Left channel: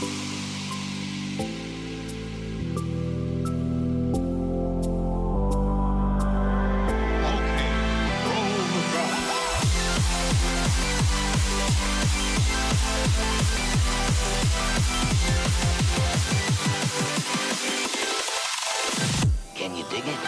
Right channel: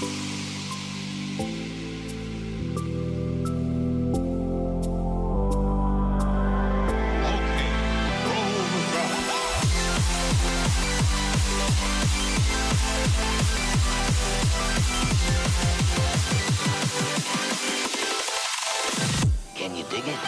Can you dig it?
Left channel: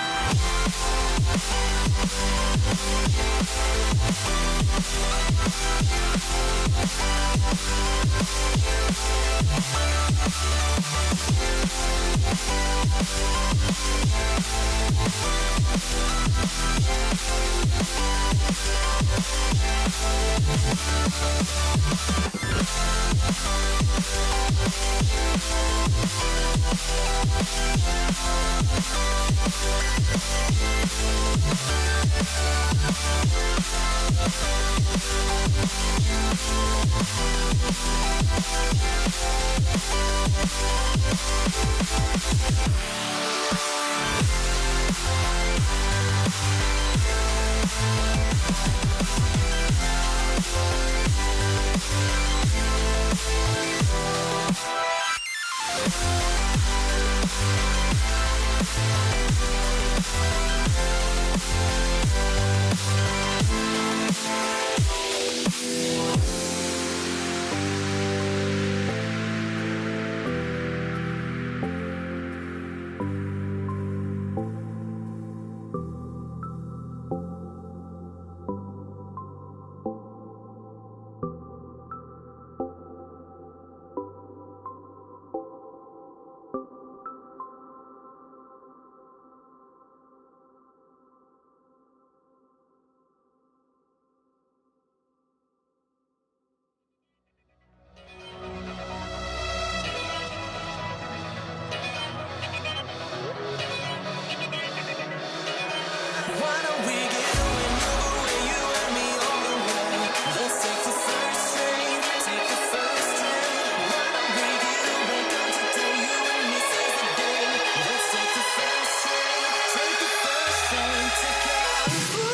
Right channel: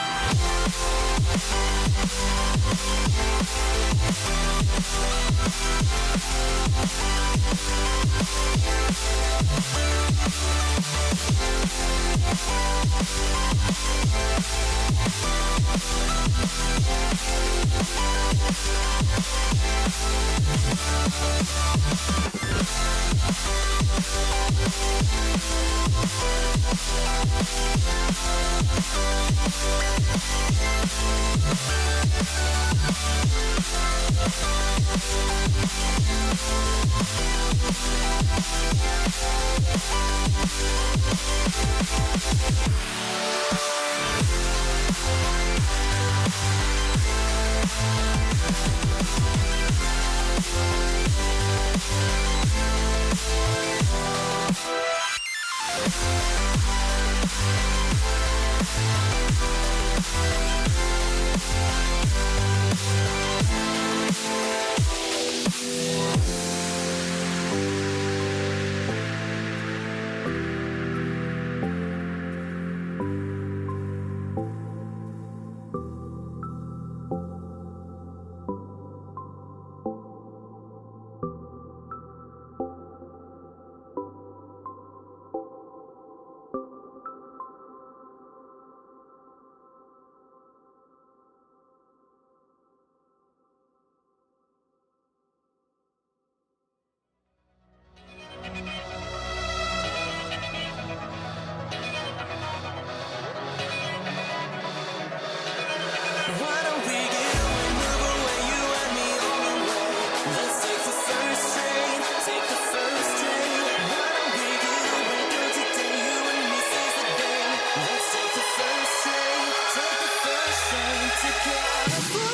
Why don't we get away, move away, you and me on the way? Let's take the first train, take the first train. Why don't we get away, go today, you and me seize the day. Let's take the first train, take the first train to California.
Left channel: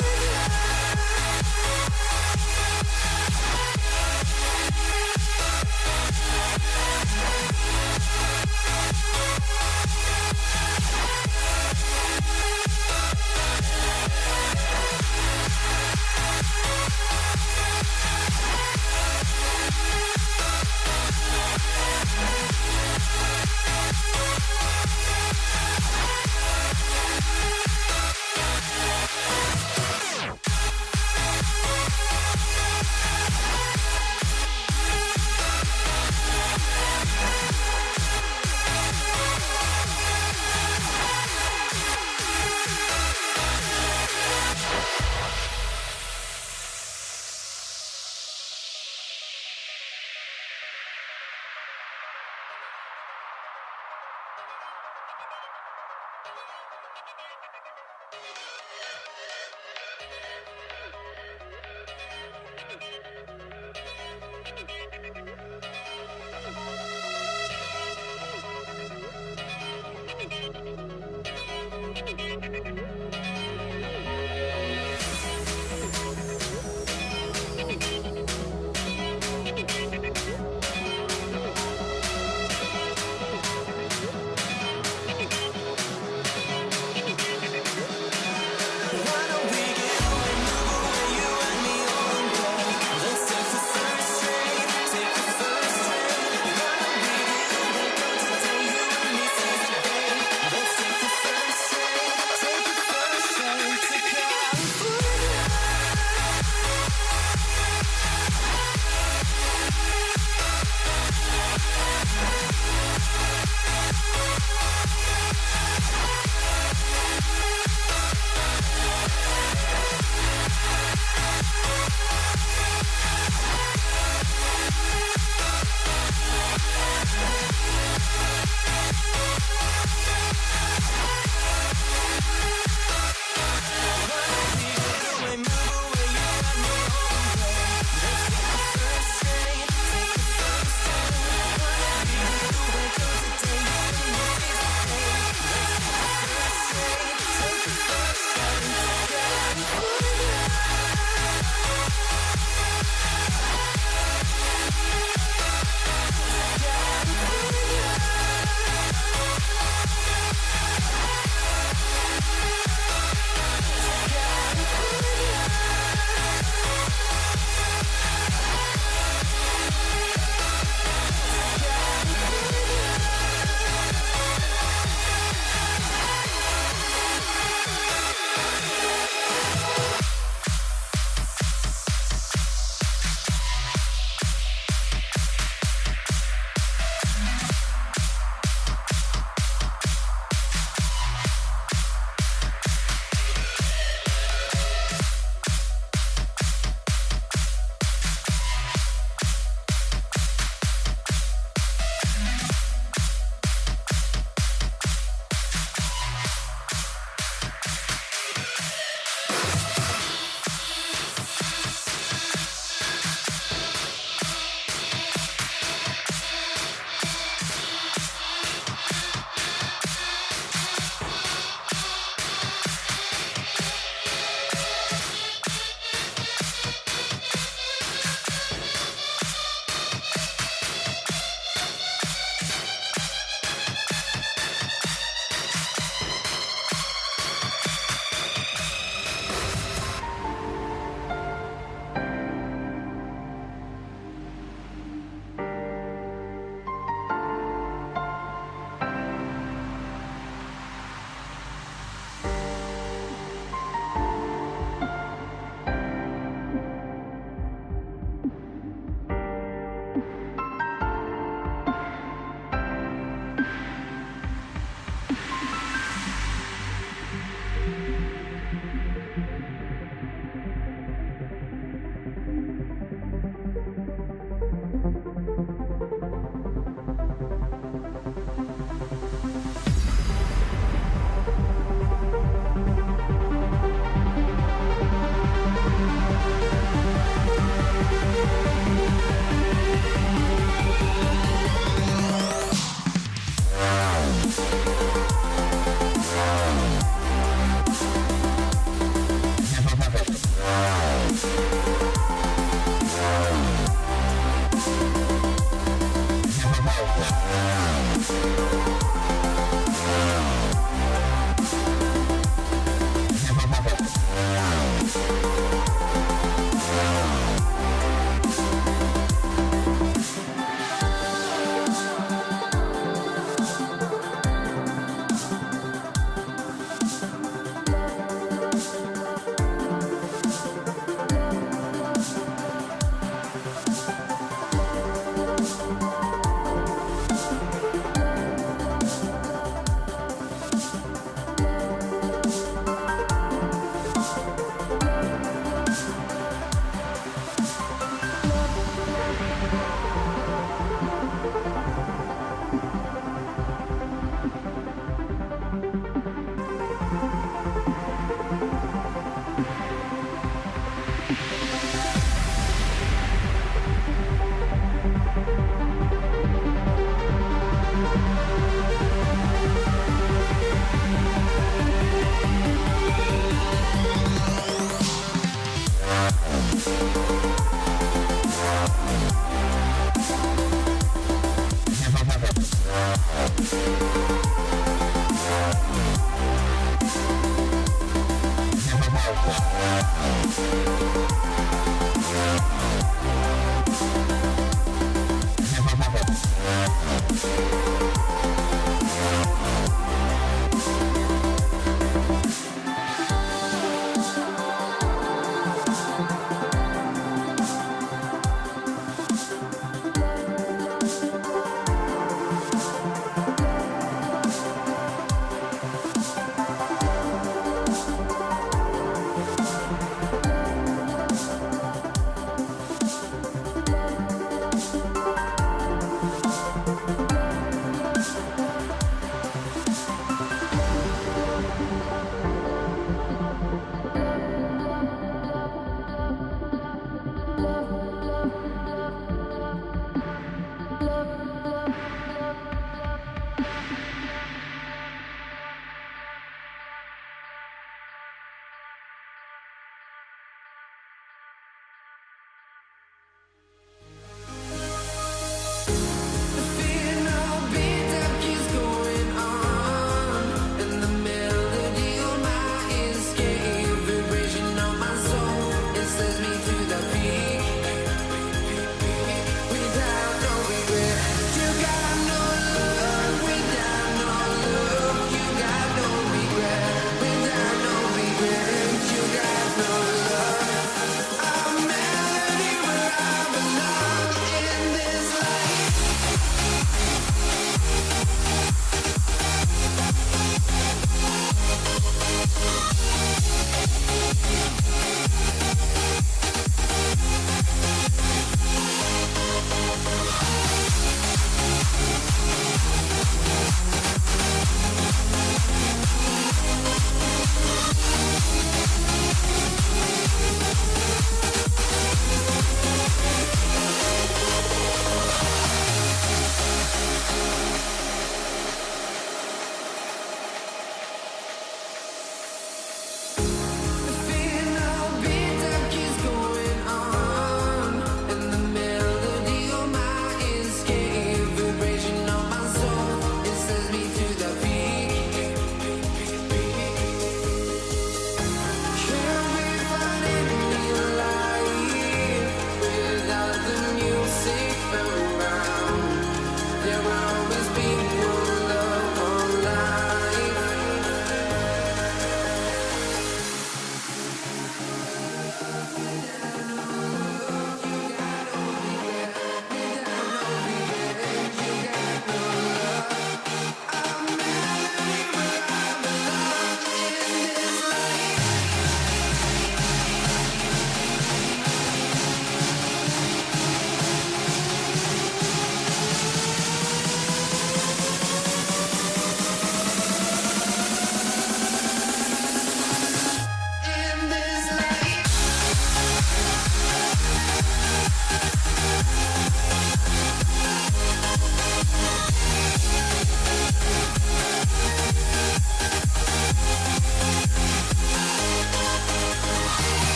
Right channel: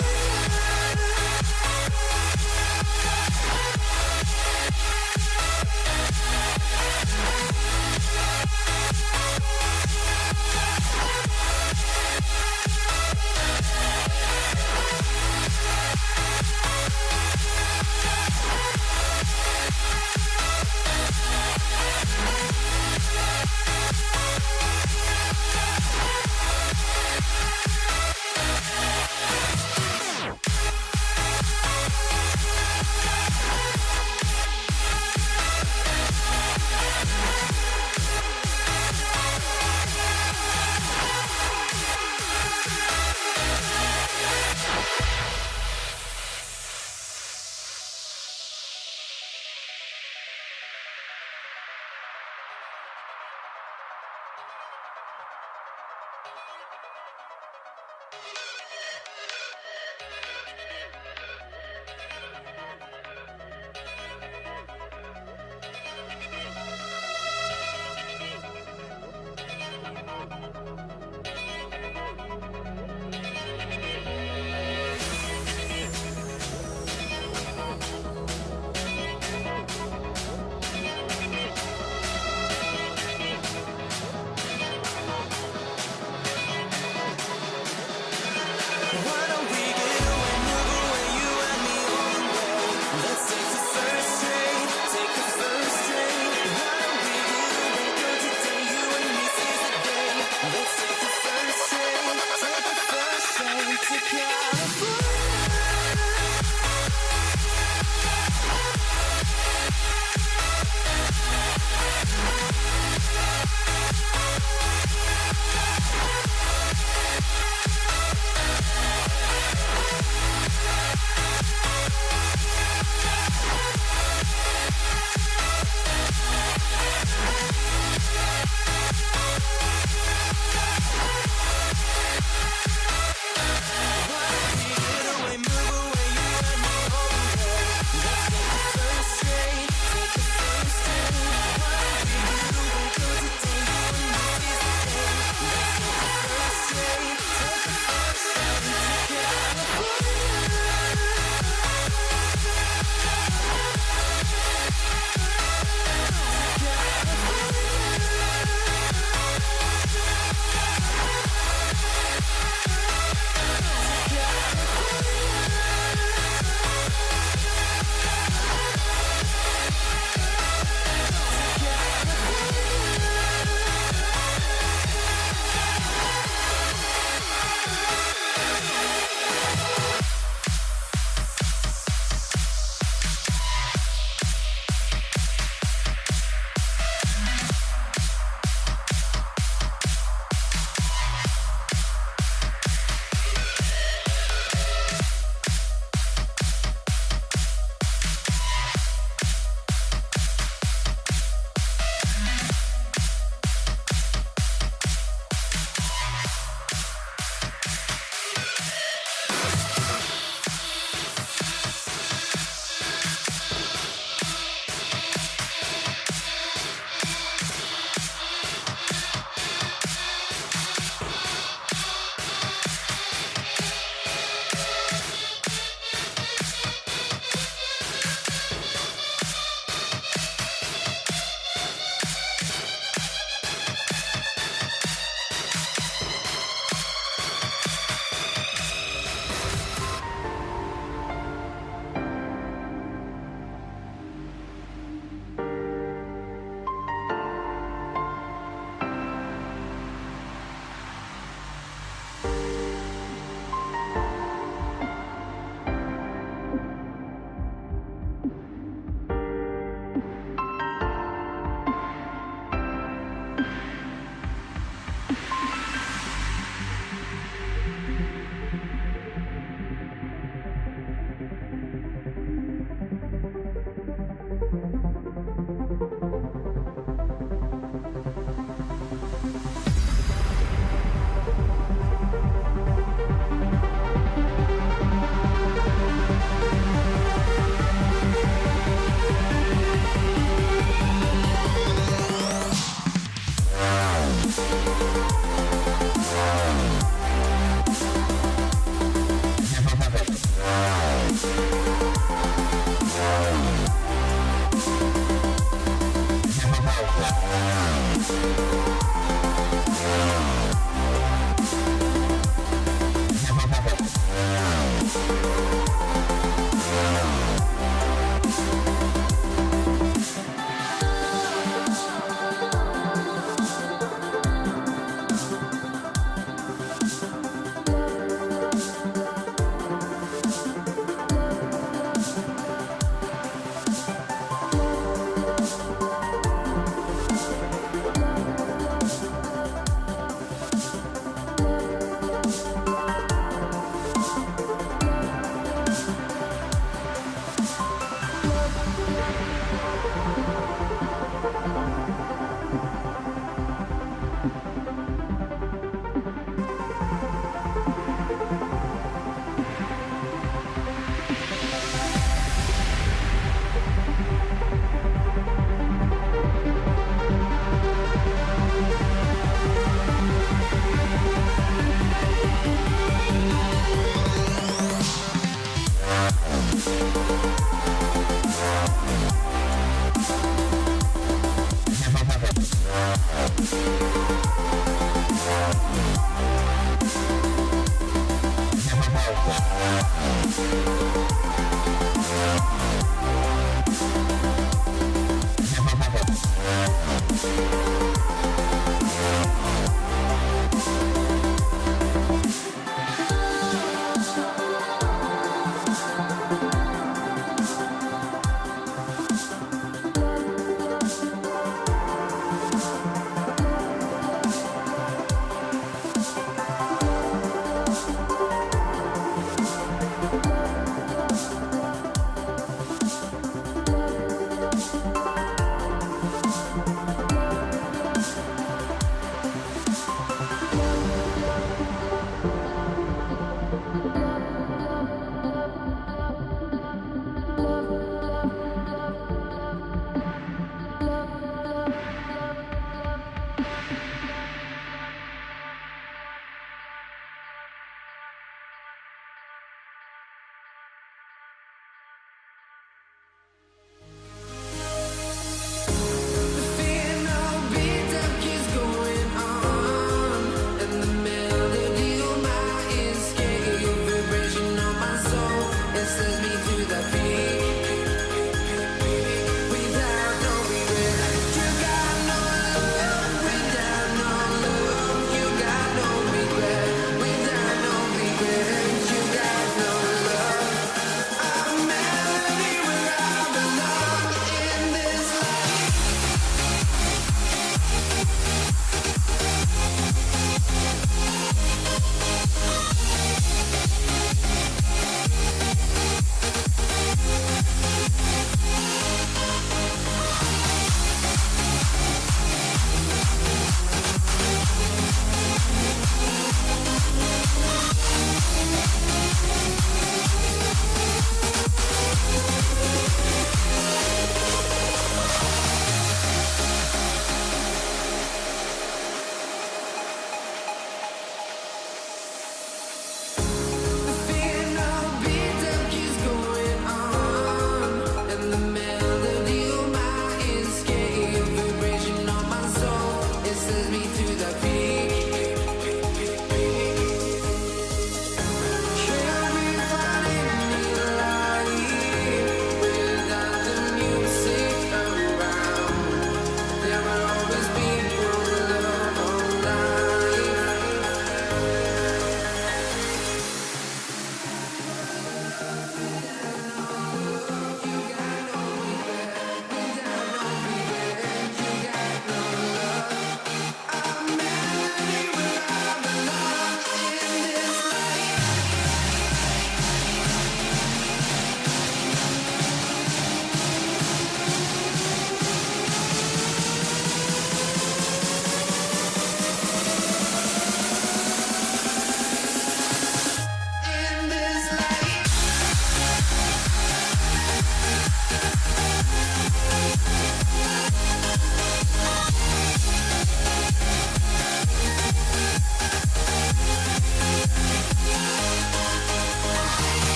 The fear no beat up keeps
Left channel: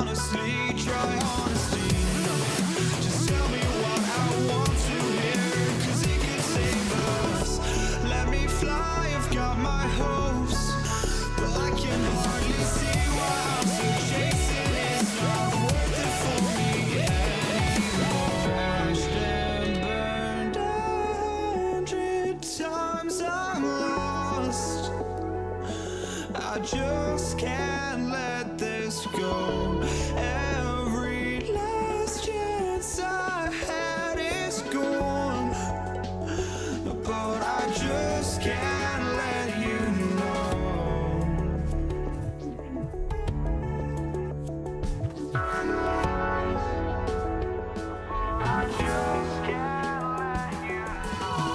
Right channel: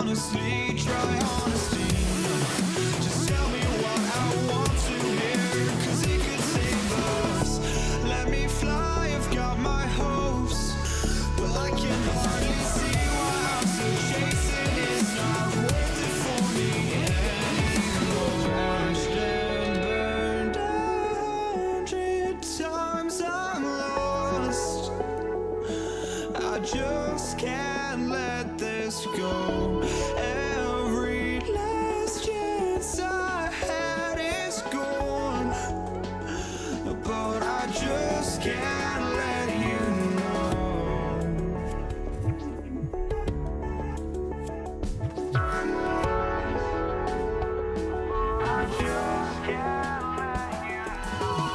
honestly try honesty. No, just tell me what I want to hear, 'cause it could save us. Let me fly, I've got my hopes, but I can hardly see why I'm still chasing. It's not worth it for me anymore. Crashed and burned 100 times, I'm lost. I just can't let this go. Every last chance I had is gone, but I just can't let you know. I just can't let you know.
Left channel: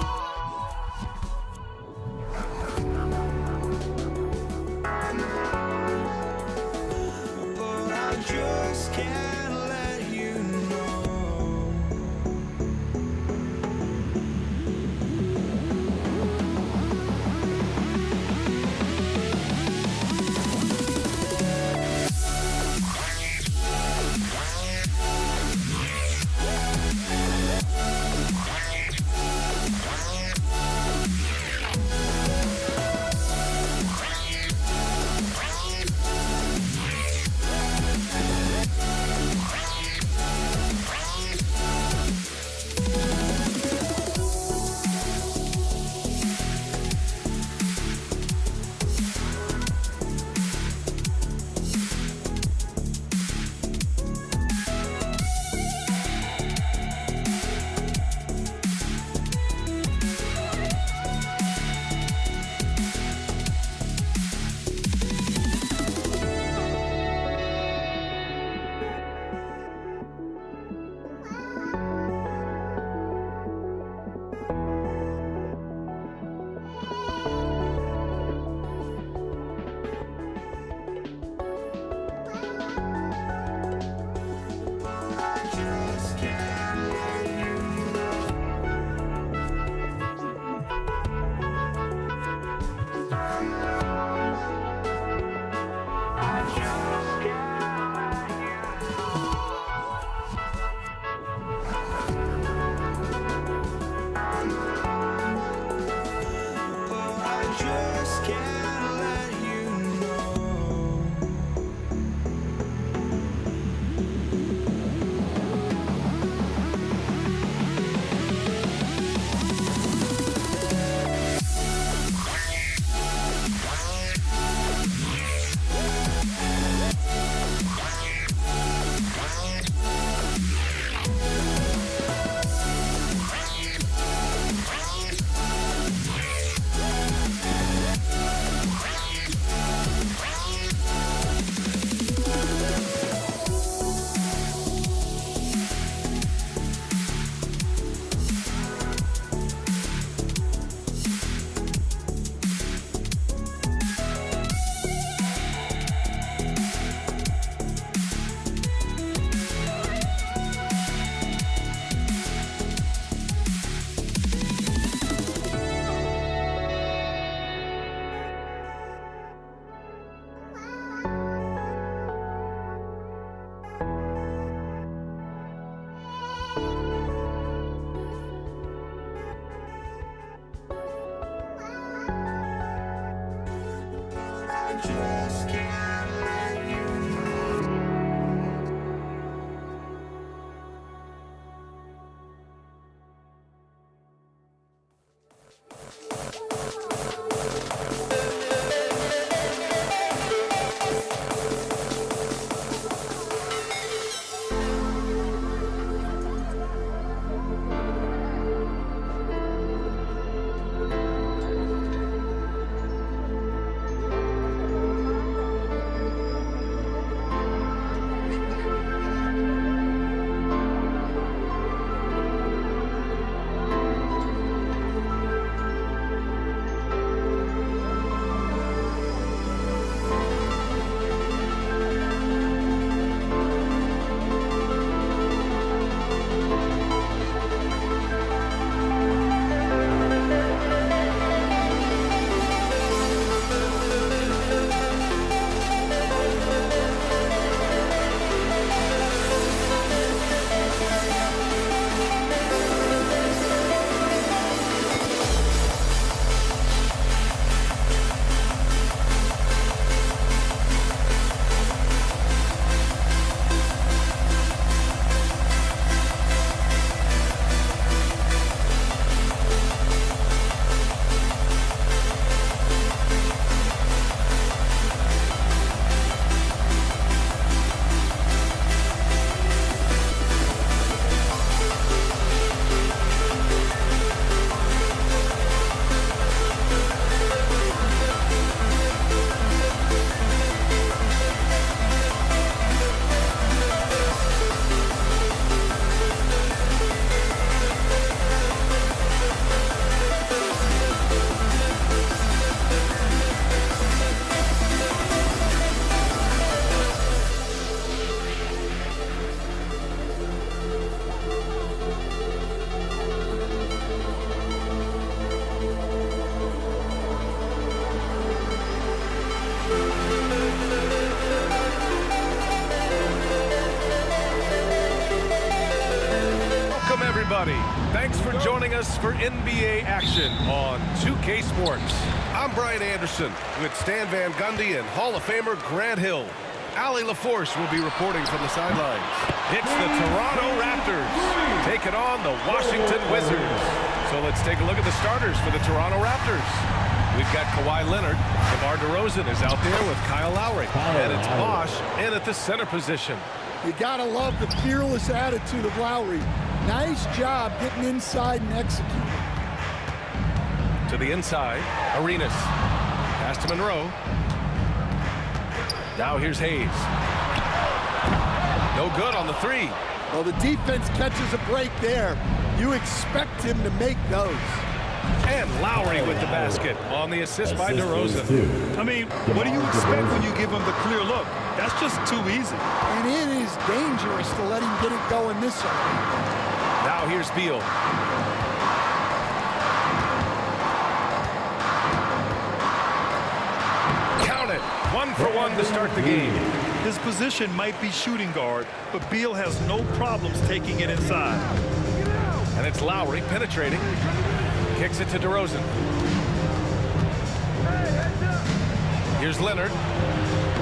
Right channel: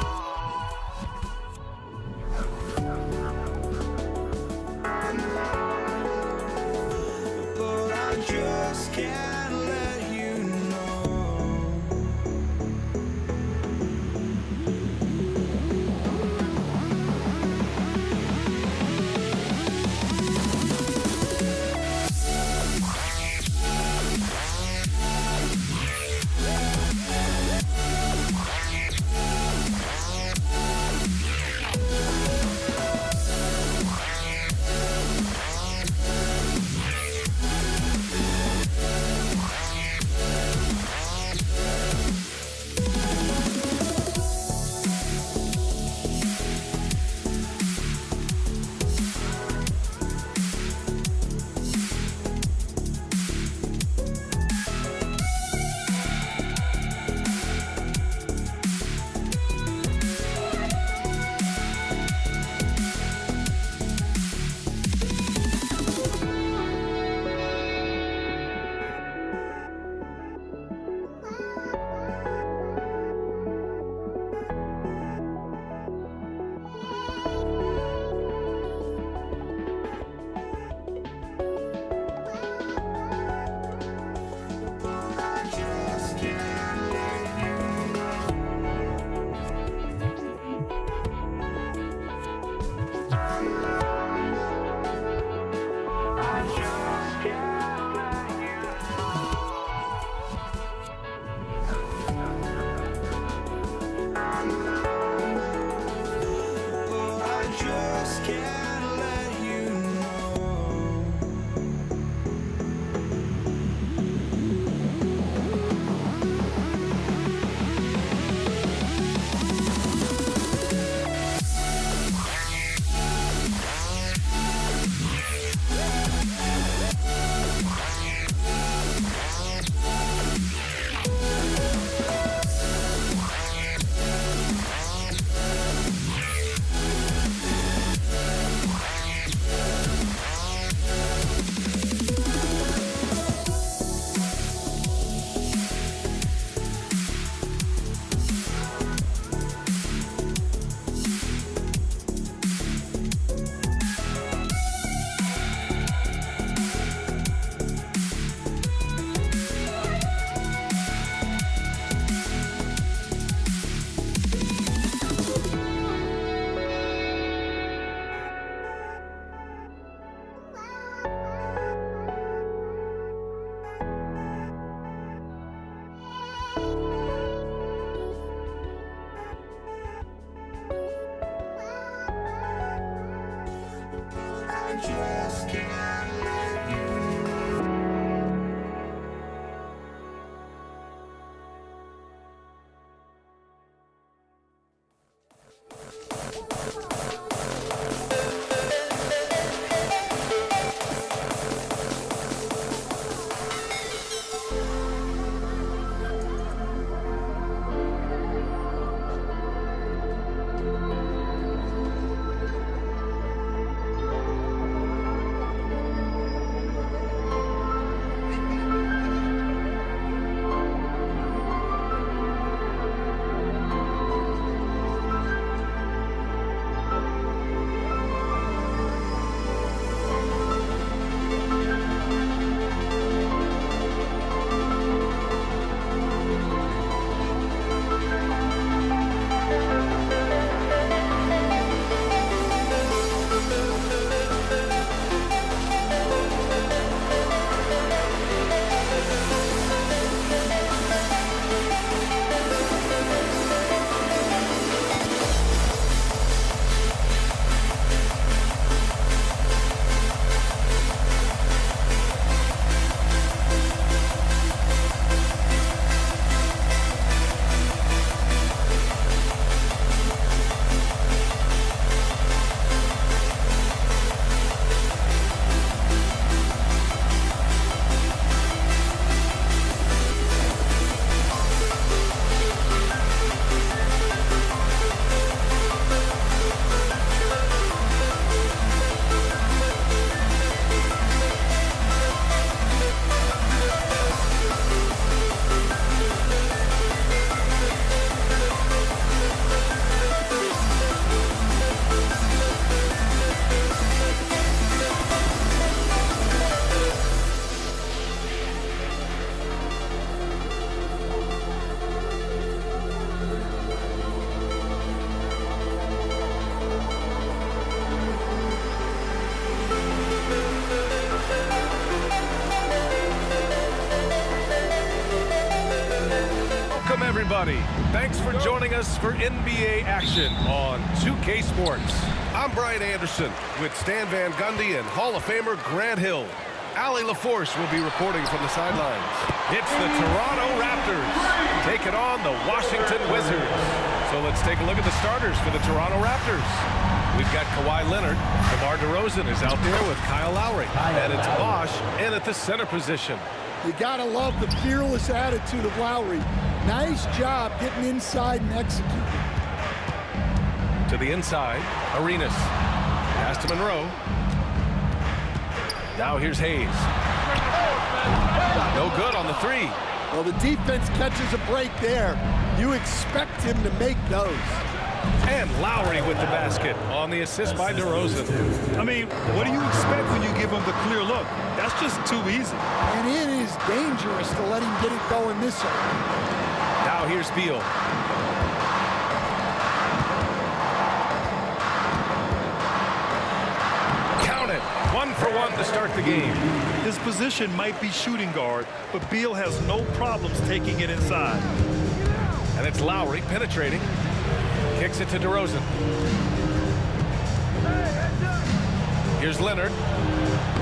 But I just can't let you know. just can't let you know. everybody. Thanks for joining us for NBA action on 2K Sports. I'm Brian Anderson with Stan Van Gundy and Hall of Famer Grant Hill. Allie LaForce will be reporting from the sidelines. It's the Toronto Raptors taking on the Washington Wizards. So let's take a look at the starters for the Toronto Raptors. We've got Kawhi Leonard. DeMar DeRozan is out there with Kyle Lowry. And it's Bosh in at the center position. You gotta love the fearless attitude of Lowry. Nice job getting inside and executing. To the inside, Arenas. Pass to Monroe. Now here's Hayes. No good on the three. Well, the defense catches a break there. You expect him to make those. And Lowry with the basket on the assist by DeRozan. I mean, what do you expect when you give him the clear look? That's just too easy. And it is dangerous to let him get it going this early. Now here's Beal. Count it. 1 for 1 to start the game. His position might be shooting guard, but Beal has no problems taking it inside. And it's Lowry penetrating. Kicks it to DeRozan. Here's Leonard.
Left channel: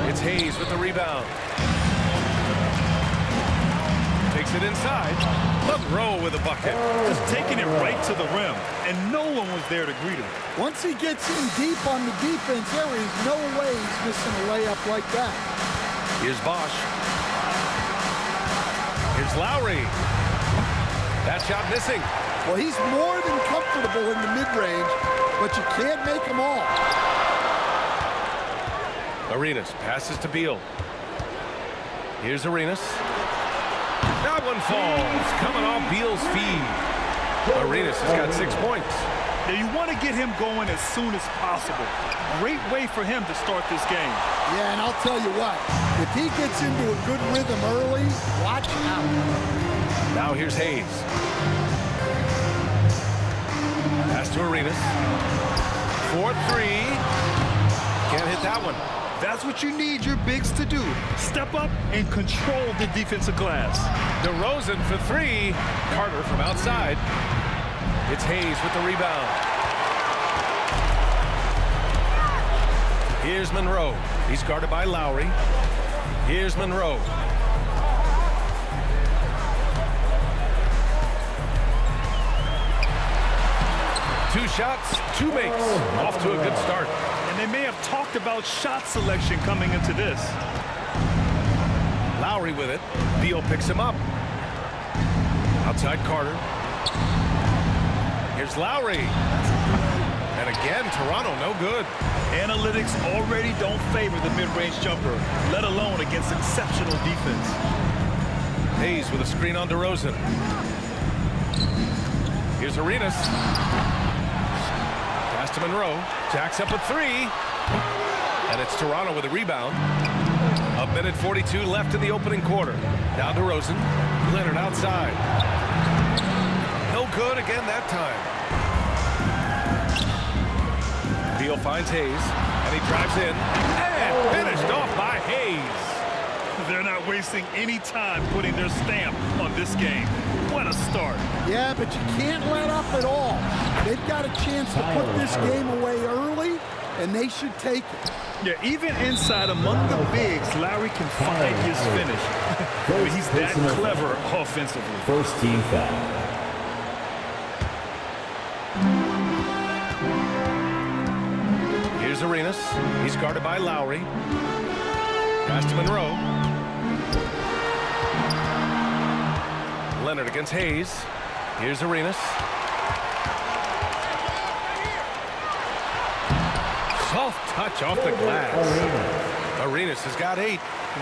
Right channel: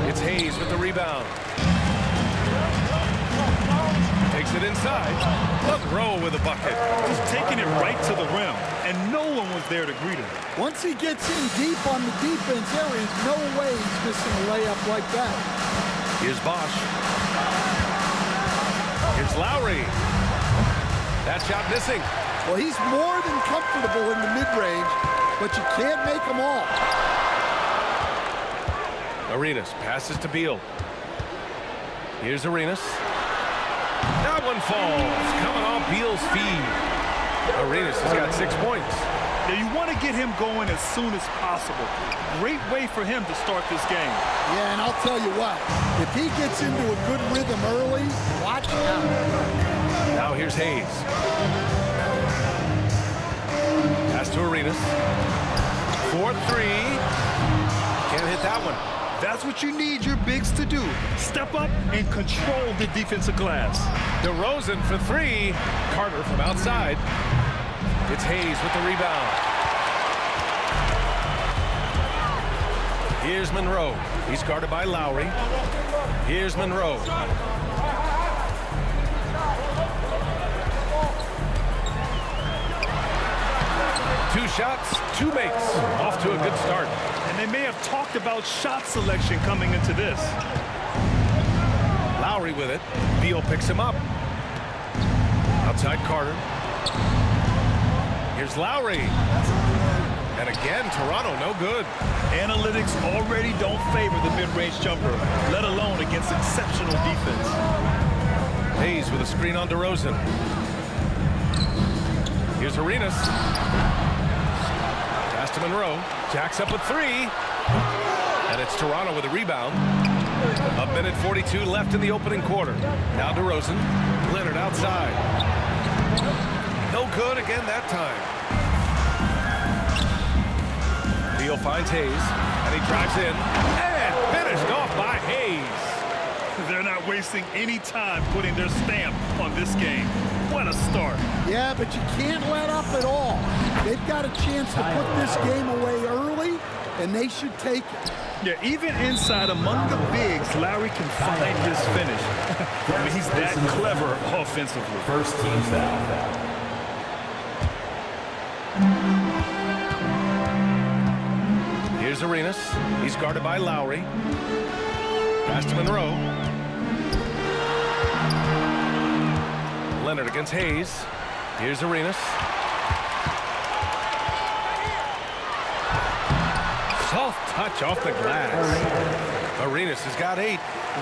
It's Hayes with the rebound. Takes it inside. Monroe with a bucket. Just taking it right to the rim, and no one was there to greet him. Once he gets in deep on the defense, there is no way he's missing a layup like that. Here's Bosh. Here's Lowry. That shot missing. Well, he's more than comfortable in the mid-range, but you can't make them all. Arenas passes to Beal. Here's Arenas. That one falls, coming off Beal's feed. Arenas has got 6 points. Now, you want to get him going as soon as possible. Great way for him to start this game. Yeah, and I'll tell you what, if he gets into a good rhythm early, watch out. Now here's Hayes. Pass to Arenas. 4-3. Can't hit that one. That's what you need your bigs to do. Step up and control the defensive glass. DeRozan for 3. Carter from outside. It's Hayes with the rebound. Here's Monroe. He's guarded by Lowry. Here's Monroe. Two shots, 2 makes. Off to a good start. And they may have talked about shot selection coming into this. Lowry with it. Beal picks him up. Outside Carter. Here's Lowry. And again, Toronto no good. Analytics already don't favor the mid-range jumper, let alone against exceptional defense. Hayes with a screen on DeRozan. Here's Arenas. Pass to Monroe. Jacks up a 3. And it's Toronto with a rebound. 1:42 left in the opening quarter. Now DeRozan. Leonard outside. No good again that time. Beal finds Hayes. And he drives in. And finished off by Hayes. They're not wasting any time putting their stamp on this game. What a start. Yeah, but you can't let up at all. They've got a chance to put this game away early, and they should take it. Yeah, even inside among the bigs, Lowry can find his finish. I mean, he's that clever offensively. First team foul. Here's Arenas. He's guarded by Lowry. Pass to Monroe. Leonard against Hayes. Here's Arenas. Soft touch off the glass. Arenas has got 8.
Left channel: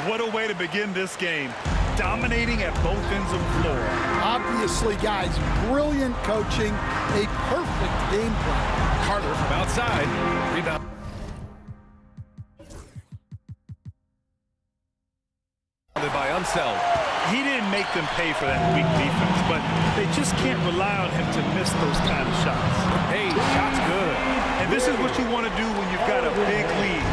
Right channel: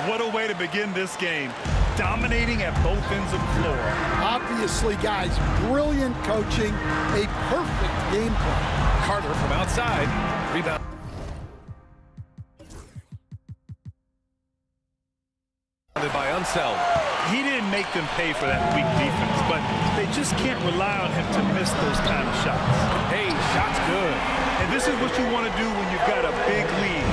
What a way to begin this game. Dominating at both ends of the floor. Obviously, guys, brilliant coaching, a perfect game plan. Carter from outside. Rebound. By Unseld. He didn't make them pay for that weak defense, but they just can't rely on him to miss those kind of shots. Hey, shot's good. And this is what you want to do when you've got a big lead.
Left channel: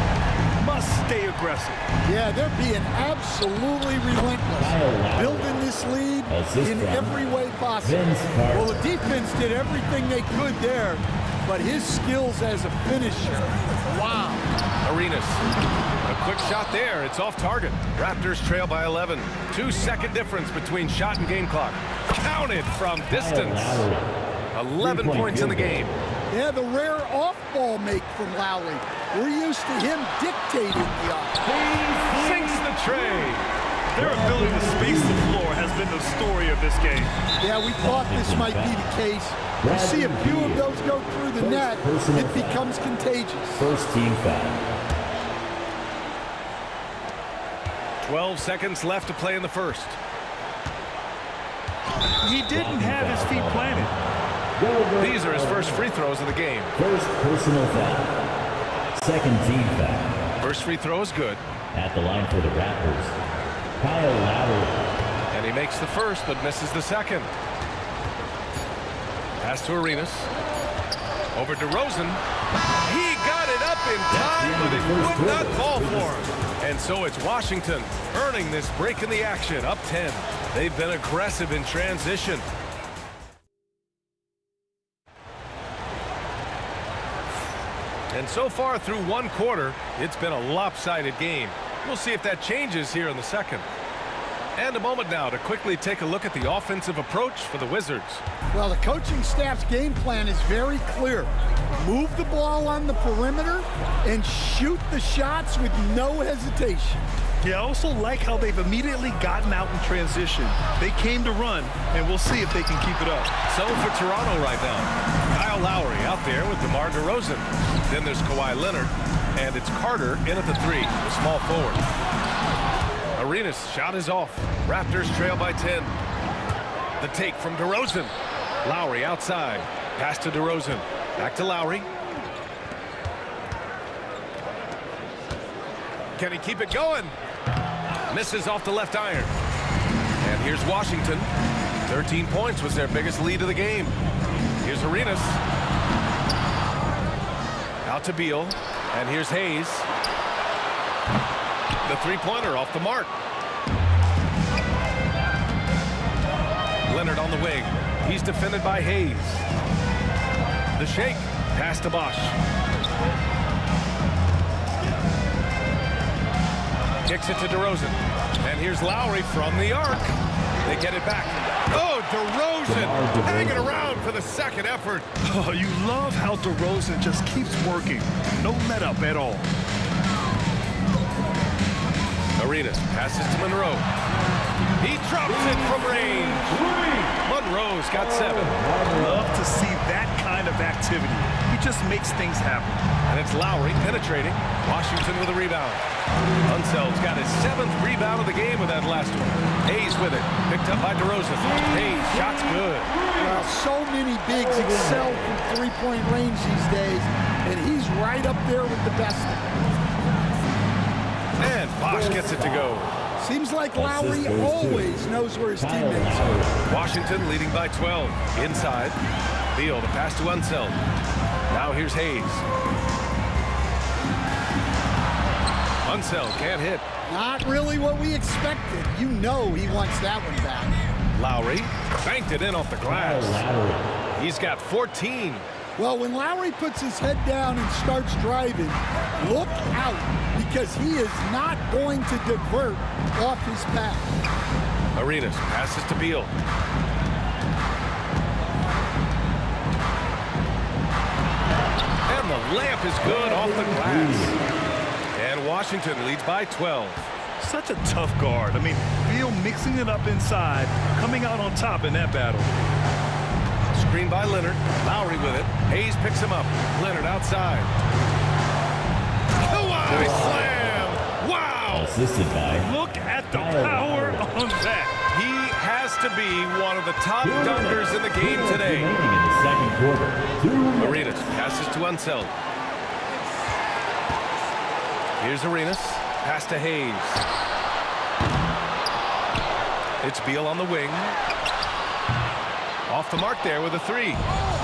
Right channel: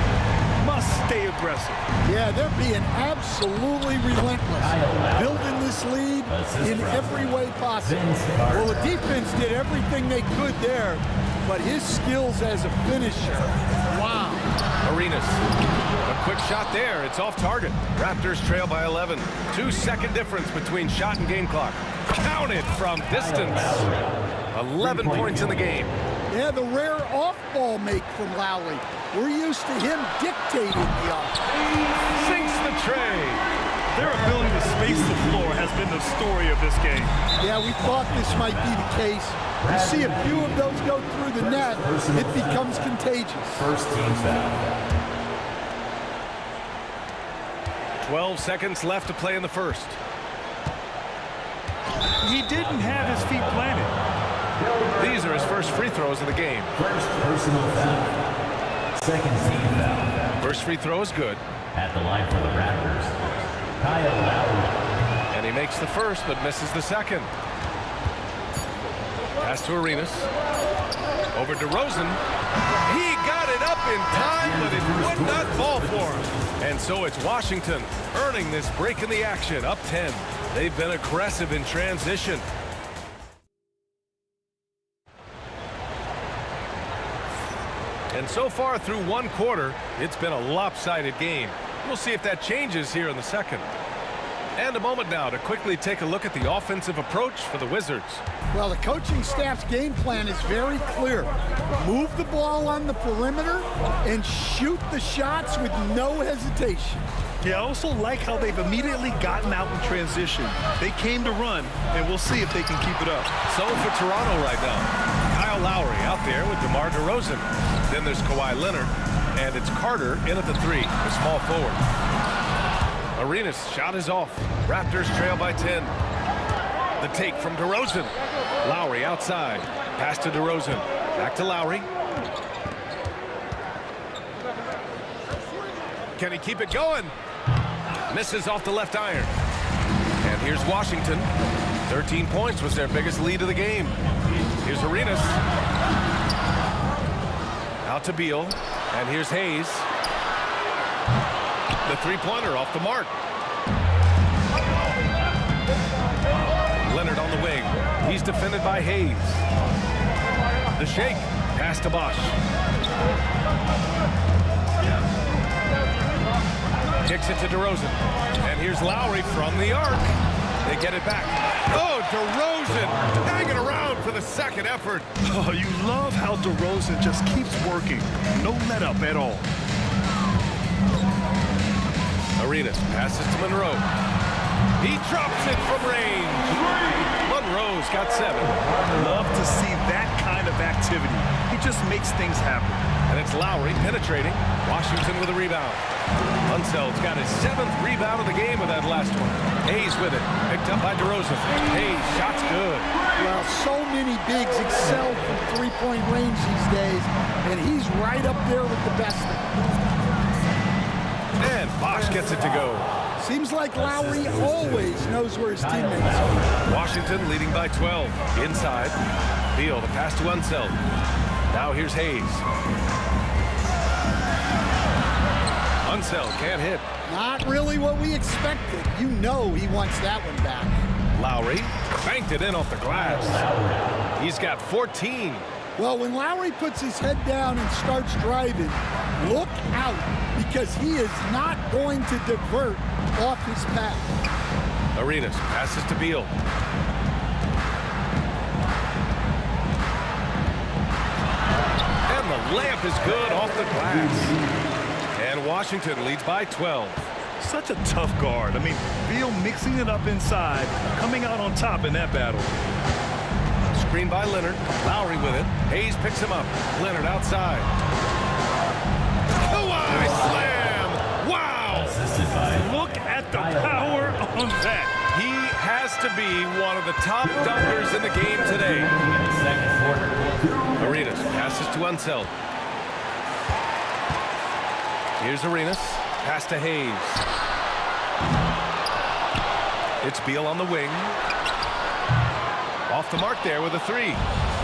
must stay aggressive. Yeah, they're being absolutely relentless, building this lead in every way possible. Well, the defense did everything they could there, but his skills as a finisher, wow. Arenas, a quick shot there. It's off target. Raptors trail by 11. 2-second difference between shot and game clock. Counted from distance. 11 points in the game. Yeah, the rare off-ball make from Lowry. We're used to him dictating the offense. Sinks the tray. Their ability to space the floor has been the story of this game. Yeah, we thought this might be the case. You see a few of those go through the net, it becomes contagious. First team foul. 12 seconds left to play in the first. He didn't have his feet planted. These are his first free throws of the game. First personal foul. Second team foul. First free throw is good. At the line for the Raptors, Kyle Lowry. And he makes the first, but misses the second. Pass to Arenas. Over to Rosen. He got it up in time, but it would not fall for him. And so it's Washington earning this break in the action, up 10. They've been aggressive in transition. And so far through one quarter, it's been a lopsided game. We'll see if that changes here in the second. And a moment now to quickly take a look at the offensive approach for the Wizards. Well, the coaching staff's game plan is very clear. Move the ball on the perimeter and shoot the shots with no hesitation. Yeah, I also like how they've immediately gotten out in transition. They came to run, and we'll see if they can keep it up. So for Toronto right now, Kyle Lowry out there with DeMar DeRozan. Then there's Kawhi Leonard, and it's Carter in at the 3, the small forward. Arenas' shot is off. Raptors trail by 10. The take from DeRozan. Lowry outside. Pass to DeRozan. Back to Lowry. Can he keep it going? Misses off the left iron. And here's Washington. 13 points was their biggest lead of the game. Here's Arenas. Out to Beal. And here's Hayes. The three-pointer off the mark. Leonard on the wing. He's defended by Hayes. The shake. Pass to Bosch. Kicks it to DeRozan. And here's Lowry from the arc. They get it back. Oh, DeRozan hanging around for the second effort. Oh, you love how DeRozan just keeps working. No let up at all. Arenas passes to Monroe. He drops it from range. Monroe's got 7. Love to see that kind of activity. He just makes things happen. And it's Lowry penetrating. Washington with a rebound. Unseld's got his 7th rebound of the game with that last one. Hayes with it. Picked up by DeRozan. Hayes, shot's good. Well, so many bigs excel from three-point range these days, and he's right up there with the best of them. And Bosch gets it to go. Seems like Lowry always knows where his teammates are. Washington leading by 12. Inside. Beal, the pass to Unseld. Now here's Hayes. Unseld can't hit. Not really what we expected. You know he wants that one back. Lowry banked it in off the glass. He's got 14. Well, when Lowry puts his head down and starts driving, look out, because he is not going to divert off his path. Arenas passes to Beal. And the layup is good off the glass. And Washington leads by 12. Such a tough guard. I mean, Beal mixing it up inside, coming out on top in that battle. Screen by Leonard. Lowry with it. Hayes picks him up. Leonard outside. Kawhi slam! Wow! Assisted by. Look at the power on that. He has to be one of the top dunkers in the game today. In the second quarter. Arenas passes to Unseld. Here's Arenas. Pass to Hayes. It's Beal on the wing. Off the mark there with a three.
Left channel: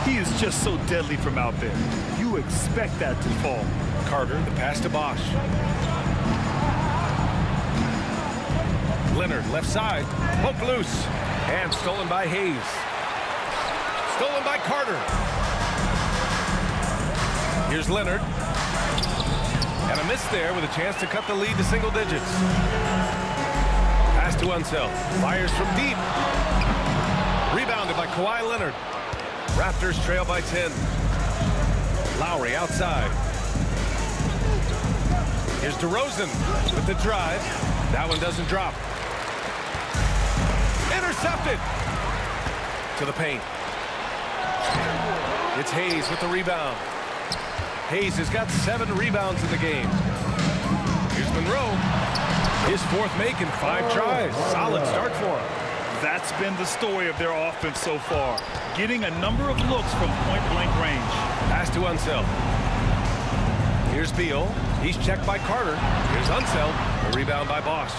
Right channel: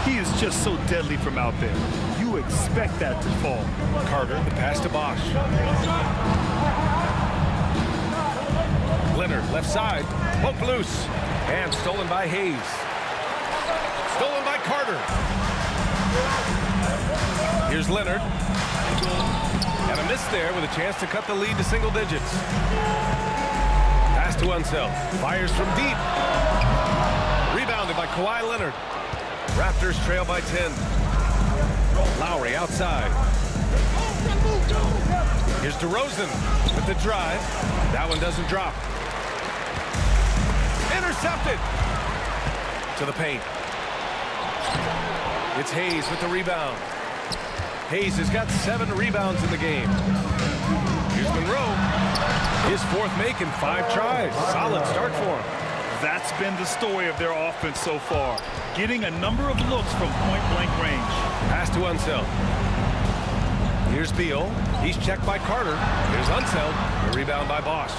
He is just so deadly from out there. You expect that to fall. Carter, the pass to Bosch. Leonard, left side. Poke loose. And stolen by Hayes. Stolen by Carter. Here's Leonard. And a miss there with a chance to cut the lead to single digits. Pass to Unseld. Fires from deep. Rebounded by Kawhi Leonard. Raptors trail by 10. Lowry outside. Here's DeRozan with the drive. That one doesn't drop. Intercepted. To the paint. It's Hayes with the rebound. Hayes has got 7 rebounds in the game. Here's Monroe. His fourth make in 5 tries. Solid start for him. That's been the story of their offense so far. Getting a number of looks from point-blank range. Pass to Unseld. Here's Beal. He's checked by Carter. Here's Unseld. The rebound by Bosch.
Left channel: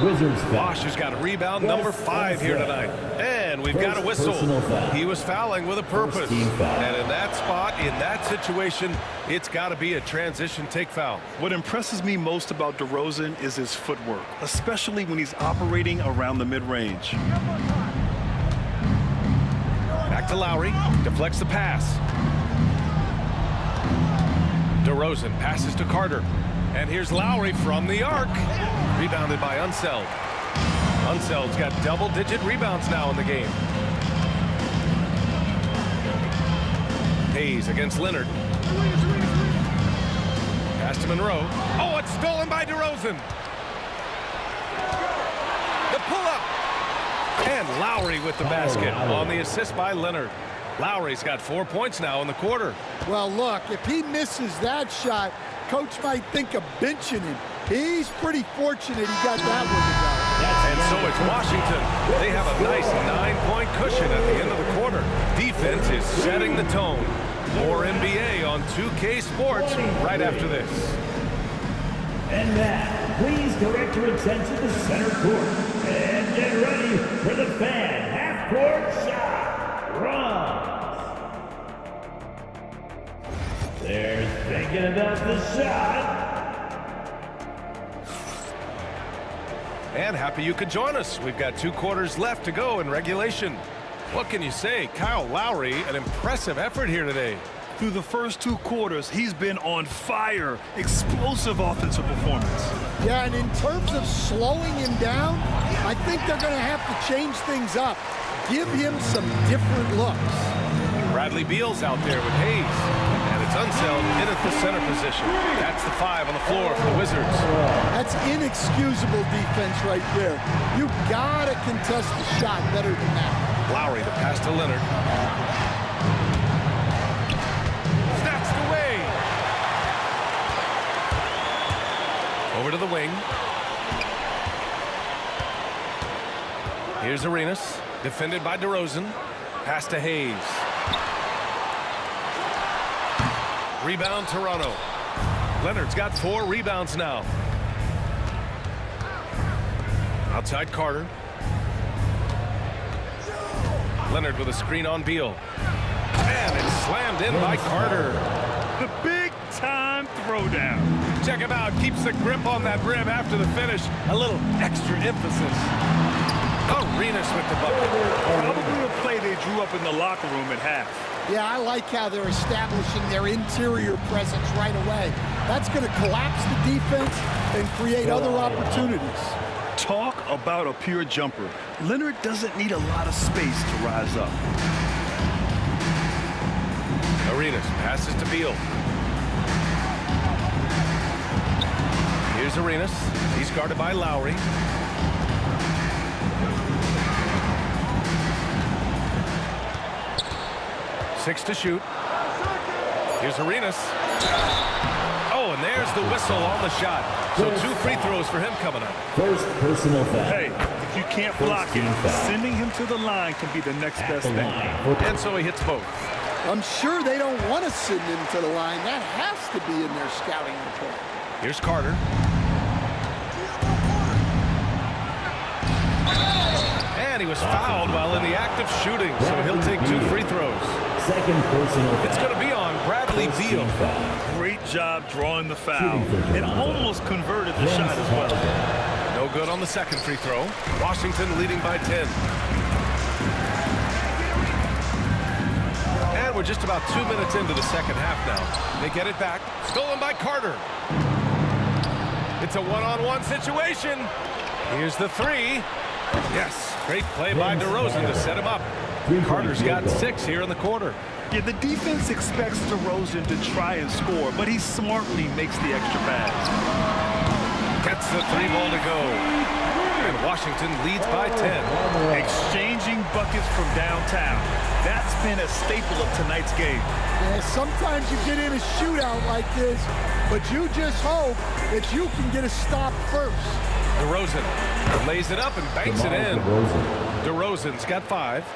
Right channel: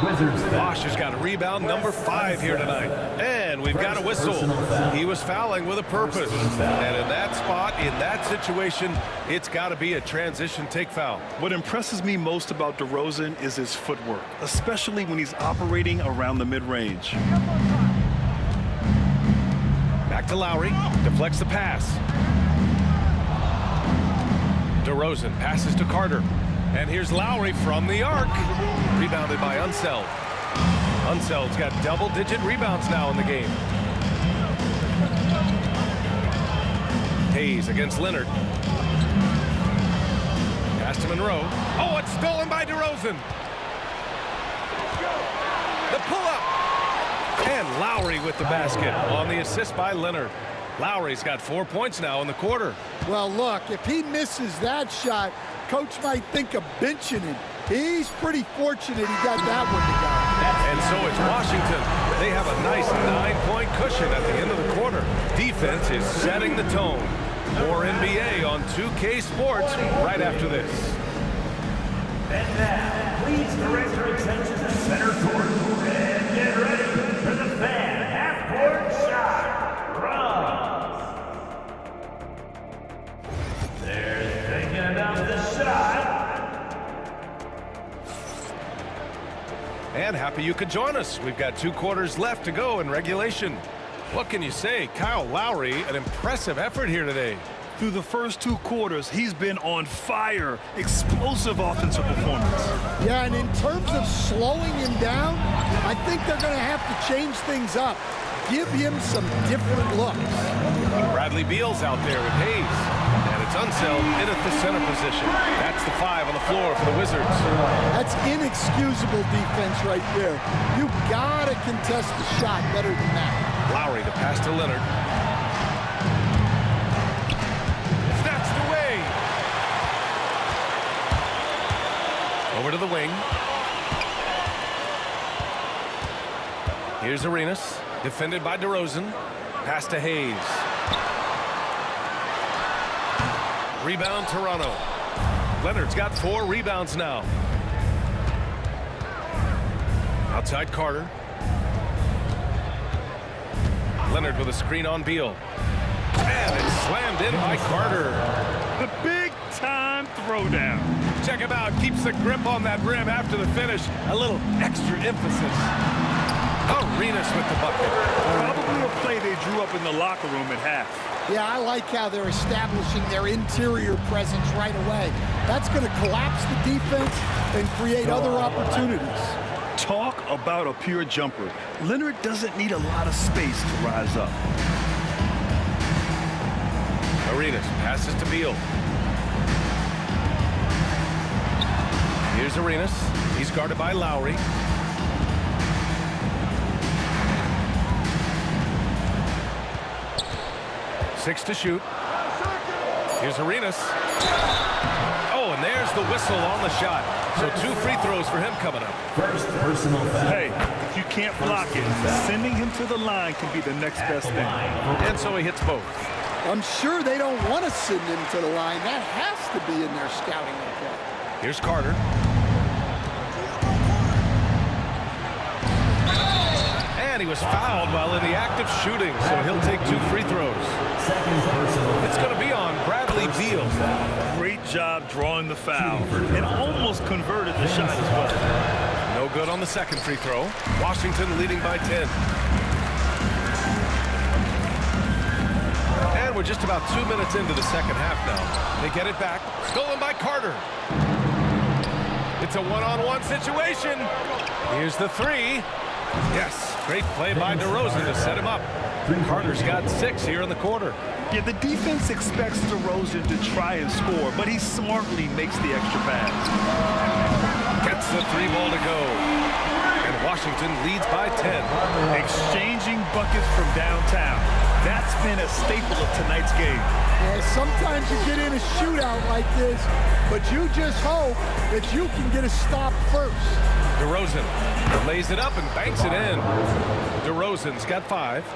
Wizards foul. Bosch has got a rebound number 5 here tonight. And we've got a whistle. He was fouling with a purpose. And in that spot, in that situation, it's got to be a transition take foul. What impresses me most about DeRozan is his footwork, especially when he's operating around the mid-range. Back to Lowry. Deflects the pass. DeRozan passes to Carter. And here's Lowry from the arc. Rebounded by Unseld. Unseld's got double-digit rebounds now in the game. Hayes against Leonard. Pass to Monroe. Oh, it's stolen by DeRozan. The pull-up. And Lowry with the basket on the assist by Leonard. Lowry's got 4 points now in the quarter. Well, look, if he misses that shot, coach might think of benching him. He's pretty fortunate he got that one to go. And so it's Washington. They have a nice 9-point cushion at the end of the quarter. Defense is setting the tone. More NBA on 2K Sports right after this. And now, please direct your attention to center court. And get ready for the fan half-court shot. Runs. They're thinking about the shot. And happy you could join us. We've got 2 quarters left to go in regulation. What can you say? Kyle Lowry, an impressive effort here today. Through the first 2 quarters, he's been on fire. Explosive offensive performance. Yeah, and in terms of slowing him down, I think they're going to have to change things up. Give him some different looks. Bradley Beal's out there with Hayes. And it's Unseld in at the center position. That's the 5 on the floor for the Wizards. That's inexcusable defense right there. You got to contest the shot better than that. Lowry, the pass to Leonard. Snatched away. Over to the wing. Here's Arenas, defended by DeRozan. Pass to Hayes. Rebound, Toronto. Leonard's got 4 rebounds now. Outside Carter. Leonard with a screen on Beal. And it's slammed in by Carter. The big-time throwdown. Check him out. Keeps the grip on that rim after the finish. A little extra emphasis. Arenas with the bucket. Probably a play they drew up in the locker room at half. Yeah, I like how they're establishing their interior presence right away. That's going to collapse the defense and create other opportunities. Talk about a pure jumper. Leonard doesn't need a lot of space to rise up. Arenas passes to Beal. Here's Arenas. He's guarded by Lowry. Six to shoot. Here's Arenas. Oh, and there's the whistle on the shot. So 2 free throws for him coming up. First personal foul. Hey, if you can't block it, sending him to the line can be the next best thing. And so he hits both. I'm sure they don't want to send him to the line. That has to be in their scouting report. Here's And he was fouled while in the act of shooting, so he'll take 2 free throws. Second personal. It's going to be on Bradley Beal. Great job drawing the foul and almost converted the shot as well. No good on the second free throw. Washington leading by 10. And we're just about 2 minutes into the second half now. They get it back. Stolen by Carter. It's a one-on-one situation. Here's the 3. Yes, great play by DeRozan to set him up. Carter's got 6 here in the quarter. Yeah, the defense expects DeRozan to try and score, but he smartly makes the extra pass. Gets the 3 ball to go. And Washington leads by 10. Exchanging buckets from downtown. That's been a staple of tonight's game. Yeah, sometimes you get in a shootout like this, but you just hope that you can get a stop first. DeRozan lays it up and banks it in. DeRozan's got 5.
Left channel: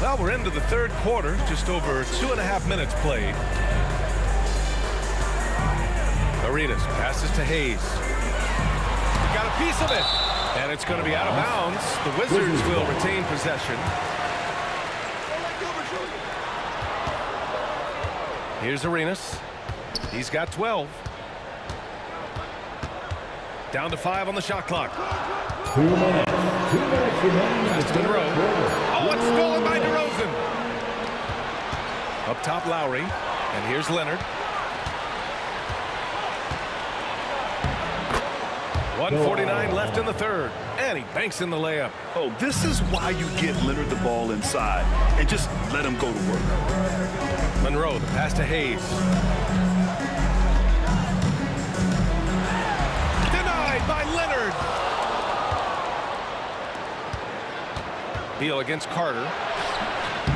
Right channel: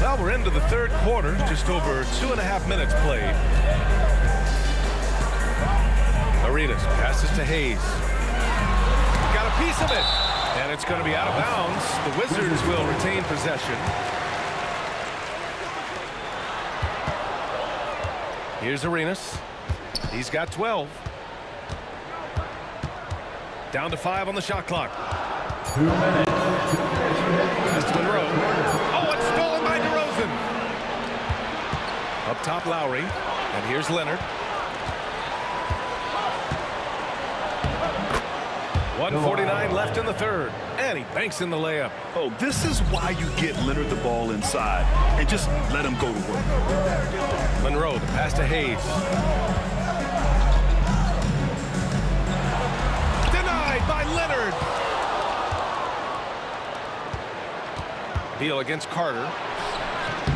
Well, we're into the third quarter, just over 2.5 minutes played. Arenas passes to Hayes. Got a piece of it, and it's going to be out of bounds. The Wizards will retain possession. Here's Arenas. He's got 12. Down to 5 on the shot clock. 2 minutes. 2 minutes remaining. Pass to Monroe. Oh, it's stolen by DeRozan. Up top, Lowry. And here's Leonard. 1:49 left in the third. And he banks in the layup. Oh, this is why you get Leonard the ball inside and just let him go to work. Monroe, the pass to Hayes. Denied by Leonard. Beal against Carter.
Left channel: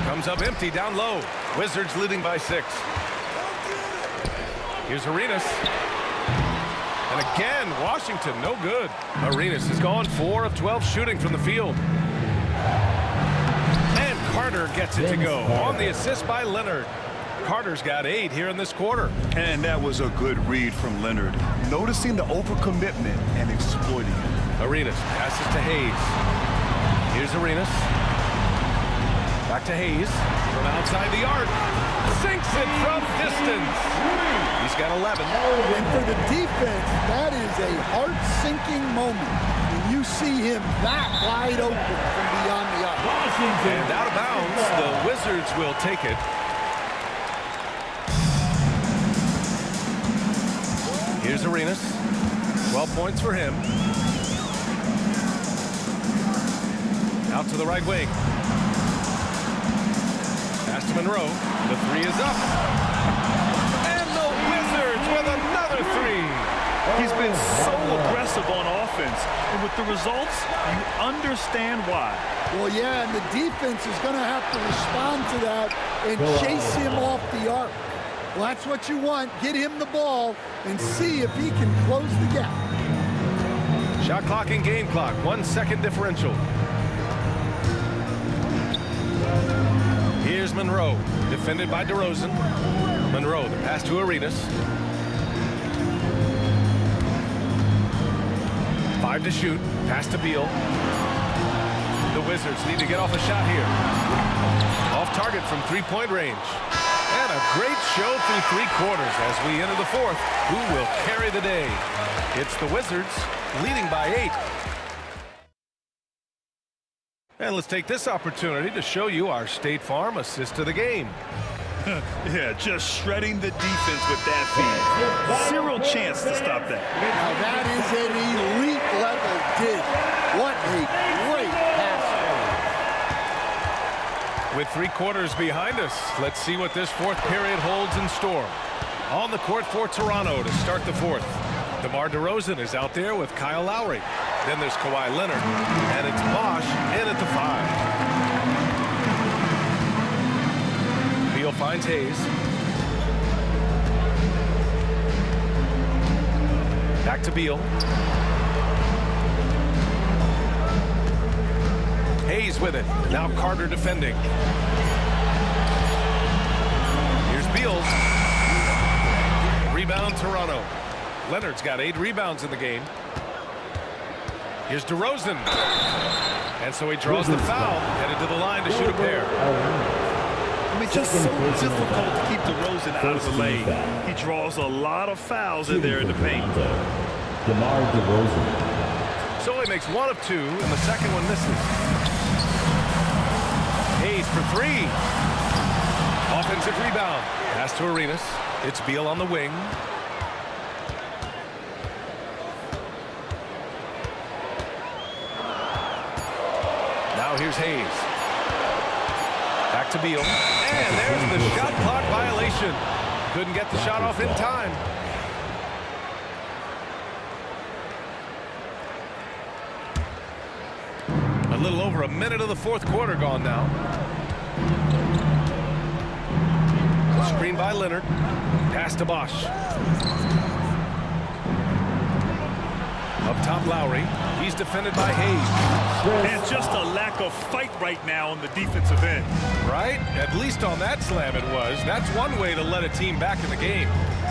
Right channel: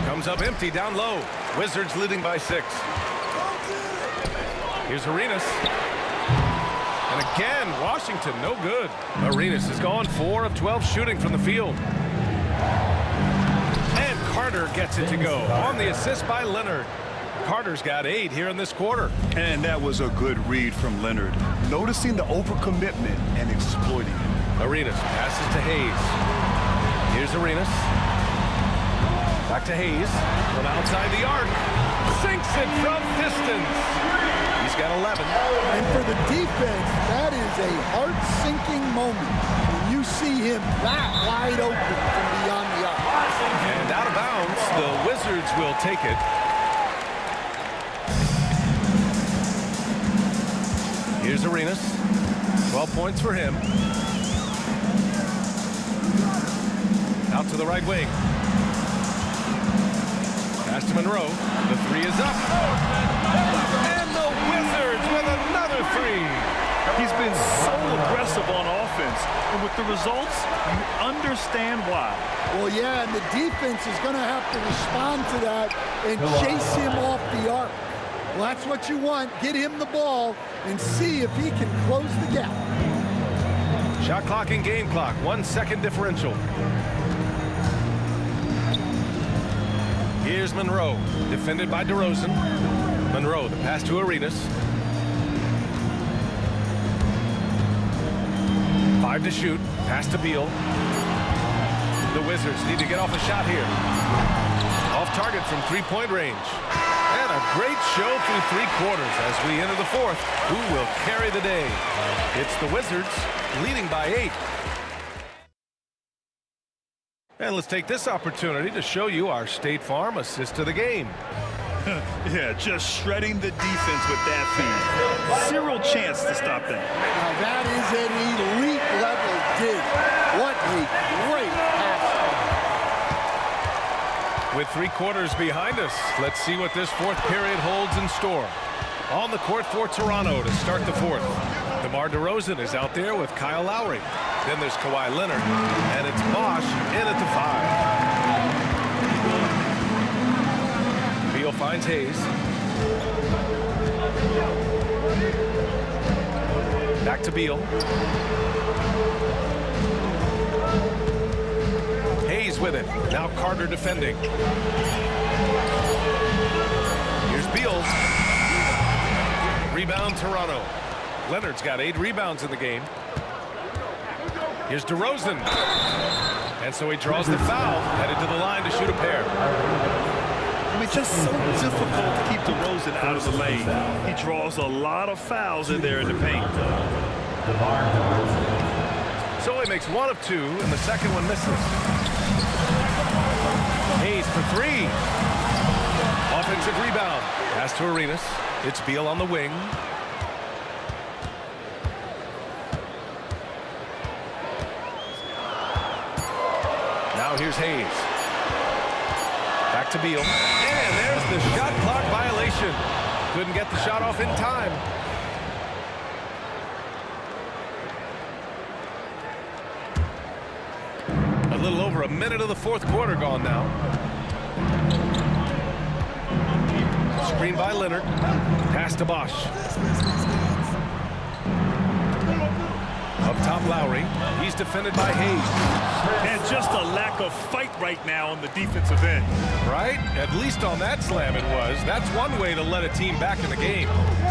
Comes up empty down low. Wizards leading by 6. Here's Arenas. And again, Washington, no good. Arenas has gone 4 of 12 shooting from the field. And Carter gets it to go on the assist by Leonard. Carter's got 8 here in this quarter. And that was a good read from Leonard, noticing the overcommitment and exploiting it. Arenas passes to Hayes. Here's Arenas. Back to Hayes from outside the arc. Sinks it from distance. He's got 11. And for the defense, that is a heart-sinking moment when you see him that wide open from beyond the arc. And out of bounds, the Wizards will take it. Here's Arenas. 12 points for him. Out to the right wing. Pass to Monroe. The 3 is up. And the Wizards with another 3. He's been so aggressive on offense, and with the results, you understand why. Well, yeah, and the defense is going to have to respond to that and chase him off the arc. Well, that's what you want. Get him the ball and see if he can close the gap. Shot clock and game clock. 1 second differential. Here's Monroe, defended by DeRozan. Monroe, the pass to Arenas. 5 to shoot. Pass to Beal. The Wizards need to get off a shot here. Off target from 3-point range. And a great show through 3 quarters as we enter the 4th. Who will carry the day? It's the Wizards leading by 8. And let's take this opportunity to show you our State Farm assist to the game. Yeah, just shredding the defense with that feed. Zero chance to stop that. Now that is an elite level dig. What a great pass. With 3 quarters behind us, let's see what this 4th period holds in store. On the court for Toronto to start the 4th. DeMar DeRozan is out there with Kyle Lowry. Then there's Kawhi Leonard, and it's Bosch in at the 5. Beal finds Hayes. Back to Beal. Hayes with it. Now Carter defending. Here's Beal. Rebound Toronto. Leonard's got 8 rebounds in the game. Here's DeRozan. And so he draws the foul, headed to the line to shoot a pair. I mean, just so difficult to keep DeRozan out of the lane. He draws a lot of fouls in there in the paint. DeMar DeRozan. So he makes 1 of 2, and the second one misses. Hayes for 3. Offensive rebound. Pass to Arenas. It's Beal on the wing. Now here's Hayes. Back to Beal. And there's the shot clock violation. Couldn't get the shot off in time. A little over a minute of the fourth quarter gone now. Screen by Leonard. Pass to Bosch. Up top, Lowry. He's defended by Hayes. And just a lack of fight right now on the defensive end. Right? At least on that slam it was. That's one way to let a team back in the game.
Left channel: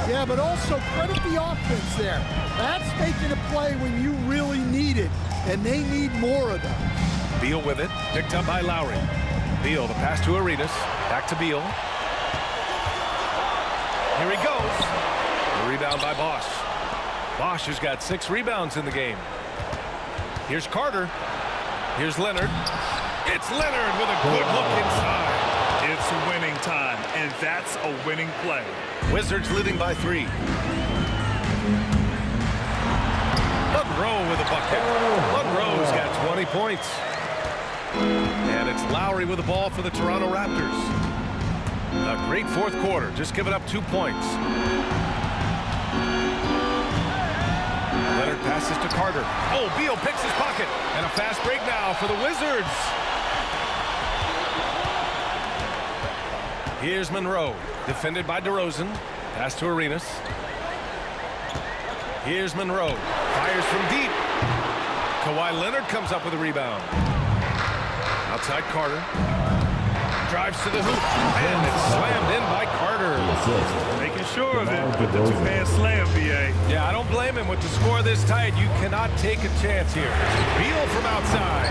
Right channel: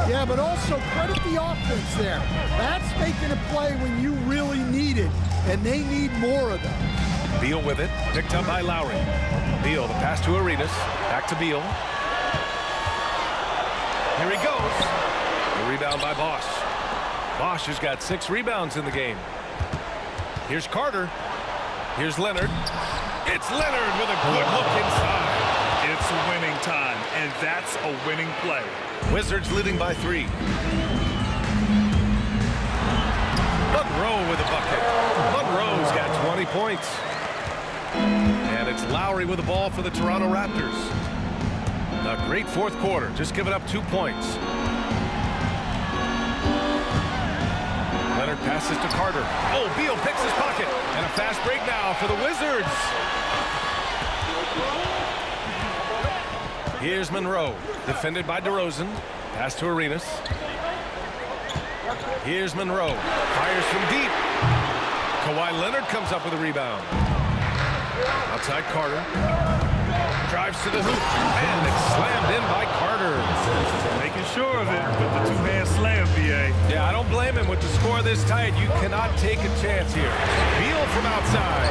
Yeah, but also credit the offense there. That's making a play when you really need it, and they need more of them. Beal with it. Picked up by Lowry. Beal, the pass to Arenas. Back to Beal. Here he goes. The rebound by Bosch. Bosch has got 6 rebounds in the game. Here's Carter. Here's Leonard. It's Leonard with a good look inside. It's winning time, and that's a winning play. Wizards leading by 3. Monroe with a bucket. Monroe's got 20 points. And it's Lowry with the ball for the Toronto Raptors. A great fourth quarter, just giving up 2 points. Leonard passes to Carter. Oh, Beal picks his pocket. And a fast break now for the Wizards. Here's Monroe, defended by DeRozan. Pass to Arenas. Here's Monroe, fires from deep. Kawhi Leonard comes up with a rebound. Outside Carter. Drives to the hoop, and it's slammed in by Carter. Making sure of it with the 2-man slam, BA. Yeah, I don't blame him with the score this tight. You cannot take a chance here. Beal from outside.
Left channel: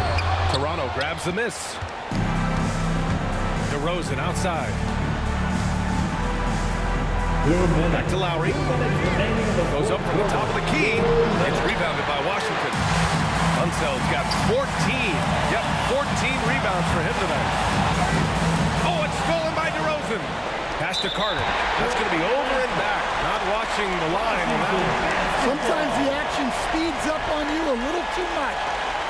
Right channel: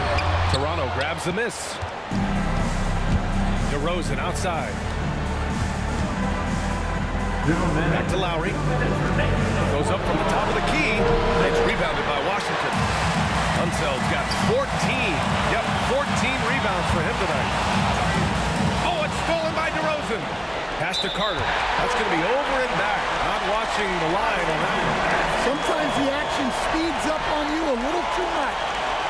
Toronto grabs the miss. DeRozan outside. Back to Lowry. Goes up from the top of the key. It's rebounded by Washington. Unseld's got 14. Yep, 14 rebounds for him tonight. Oh, it's stolen by DeRozan. Pass to Carter. That's going to be over and back. Not watching the line on that one. Sometimes the action speeds up on you a little too much.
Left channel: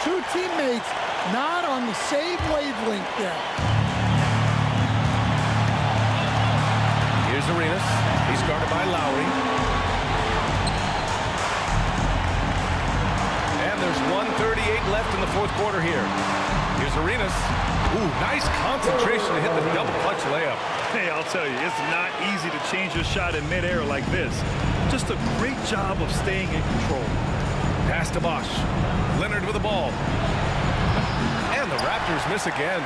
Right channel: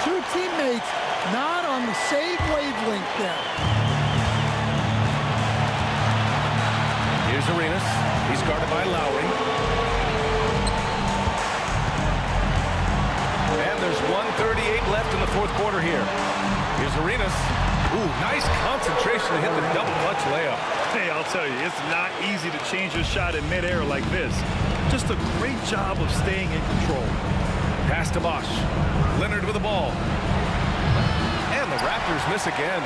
2 teammates not on the same wavelength there. Here's Arenas. He's guarded by Lowry. And there's 1:38 left in the fourth quarter here. Here's Arenas. Ooh, nice concentration to hit the double clutch layup. Hey, I'll tell you, it's not easy to change your shot in midair like this. Just a great job of staying in control. Pass to Bosch. Leonard with the ball. And the Raptors miss again.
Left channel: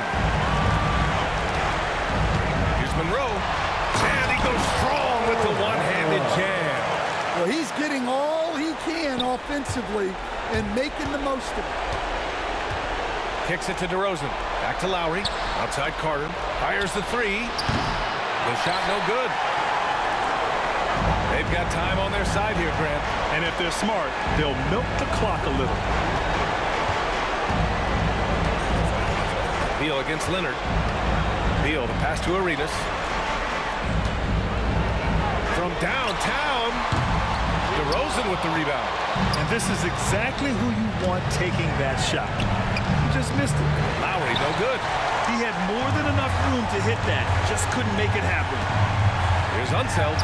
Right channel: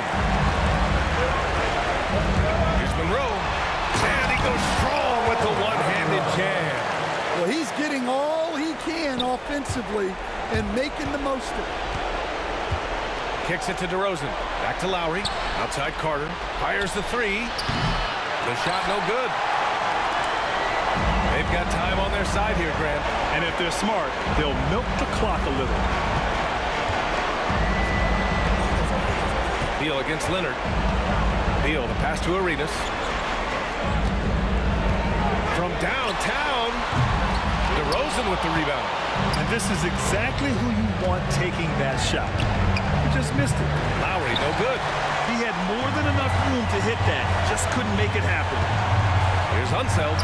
Here's Monroe. And he goes strong with the one-handed jam. Well, he's getting all he can offensively and making the most of it. Kicks it to DeRozan. Back to Lowry. Outside Carter. Fires the 3. The shot no good. They've got time on their side here, Grant. And if they're smart, they'll milk the clock a little. Beal against Leonard. Beal, the pass to Arenas. From downtown, DeRozan with the rebound. And this is exactly who you want taking that shot. He just missed it. Lowry, no good. He had more than enough room to hit that. Just couldn't make it happen. Here's Unseld.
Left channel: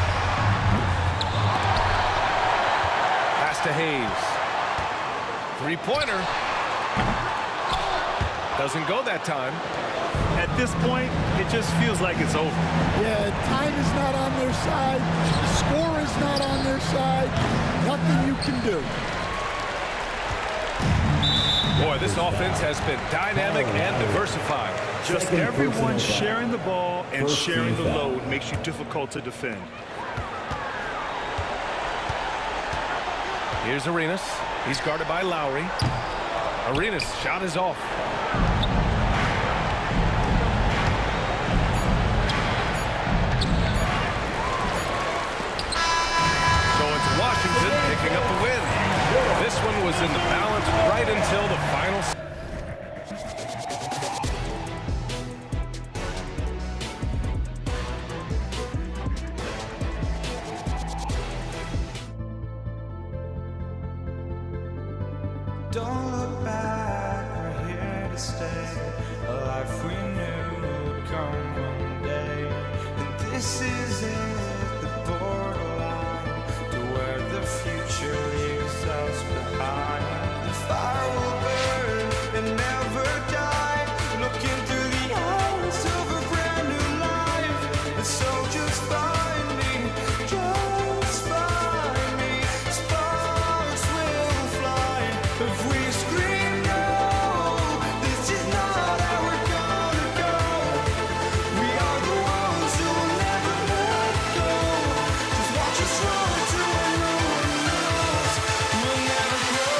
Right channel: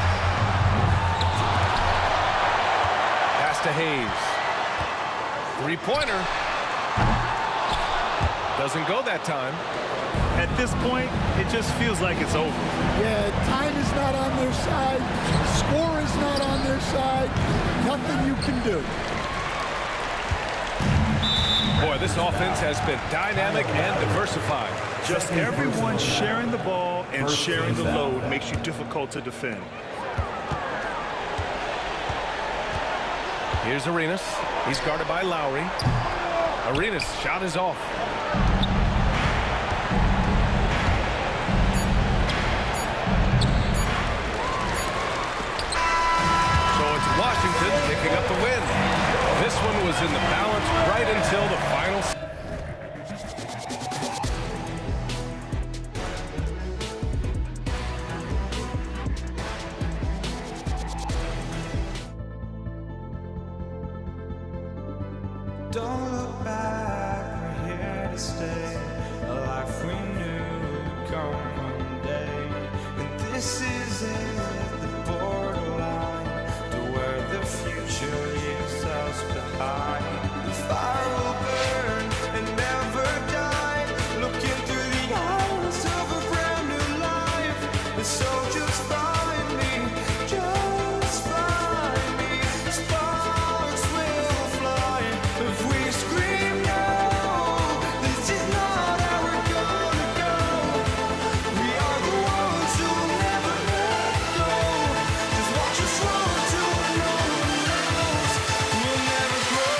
Pass to Hayes. 3-pointer. Doesn't go that time. At this point, it just feels like it's over. Yeah, time is not on their side. The score is not on their side. Nothing you can do. Boy, this offense has been dynamic and diversified. Just everyone sharing the ball and sharing the load makes you difficult to defend. Here's Arenas. He's guarded by Lowry. Arenas' shot is off. Washington picking up the win. This one was in the balance right until the final. Don't look back, we're here to stay. A life we knew would come one day. And this is it, the borderline to where the future leaves us behind. The fire will burn and never die, looking through the eyes of a brand new life. And so just find me, just find me. Sparks will fly if we scream no. This is not how we're gonna go. We are the ones who will never let go. Just watch us run to where no one knows. We'll never grow.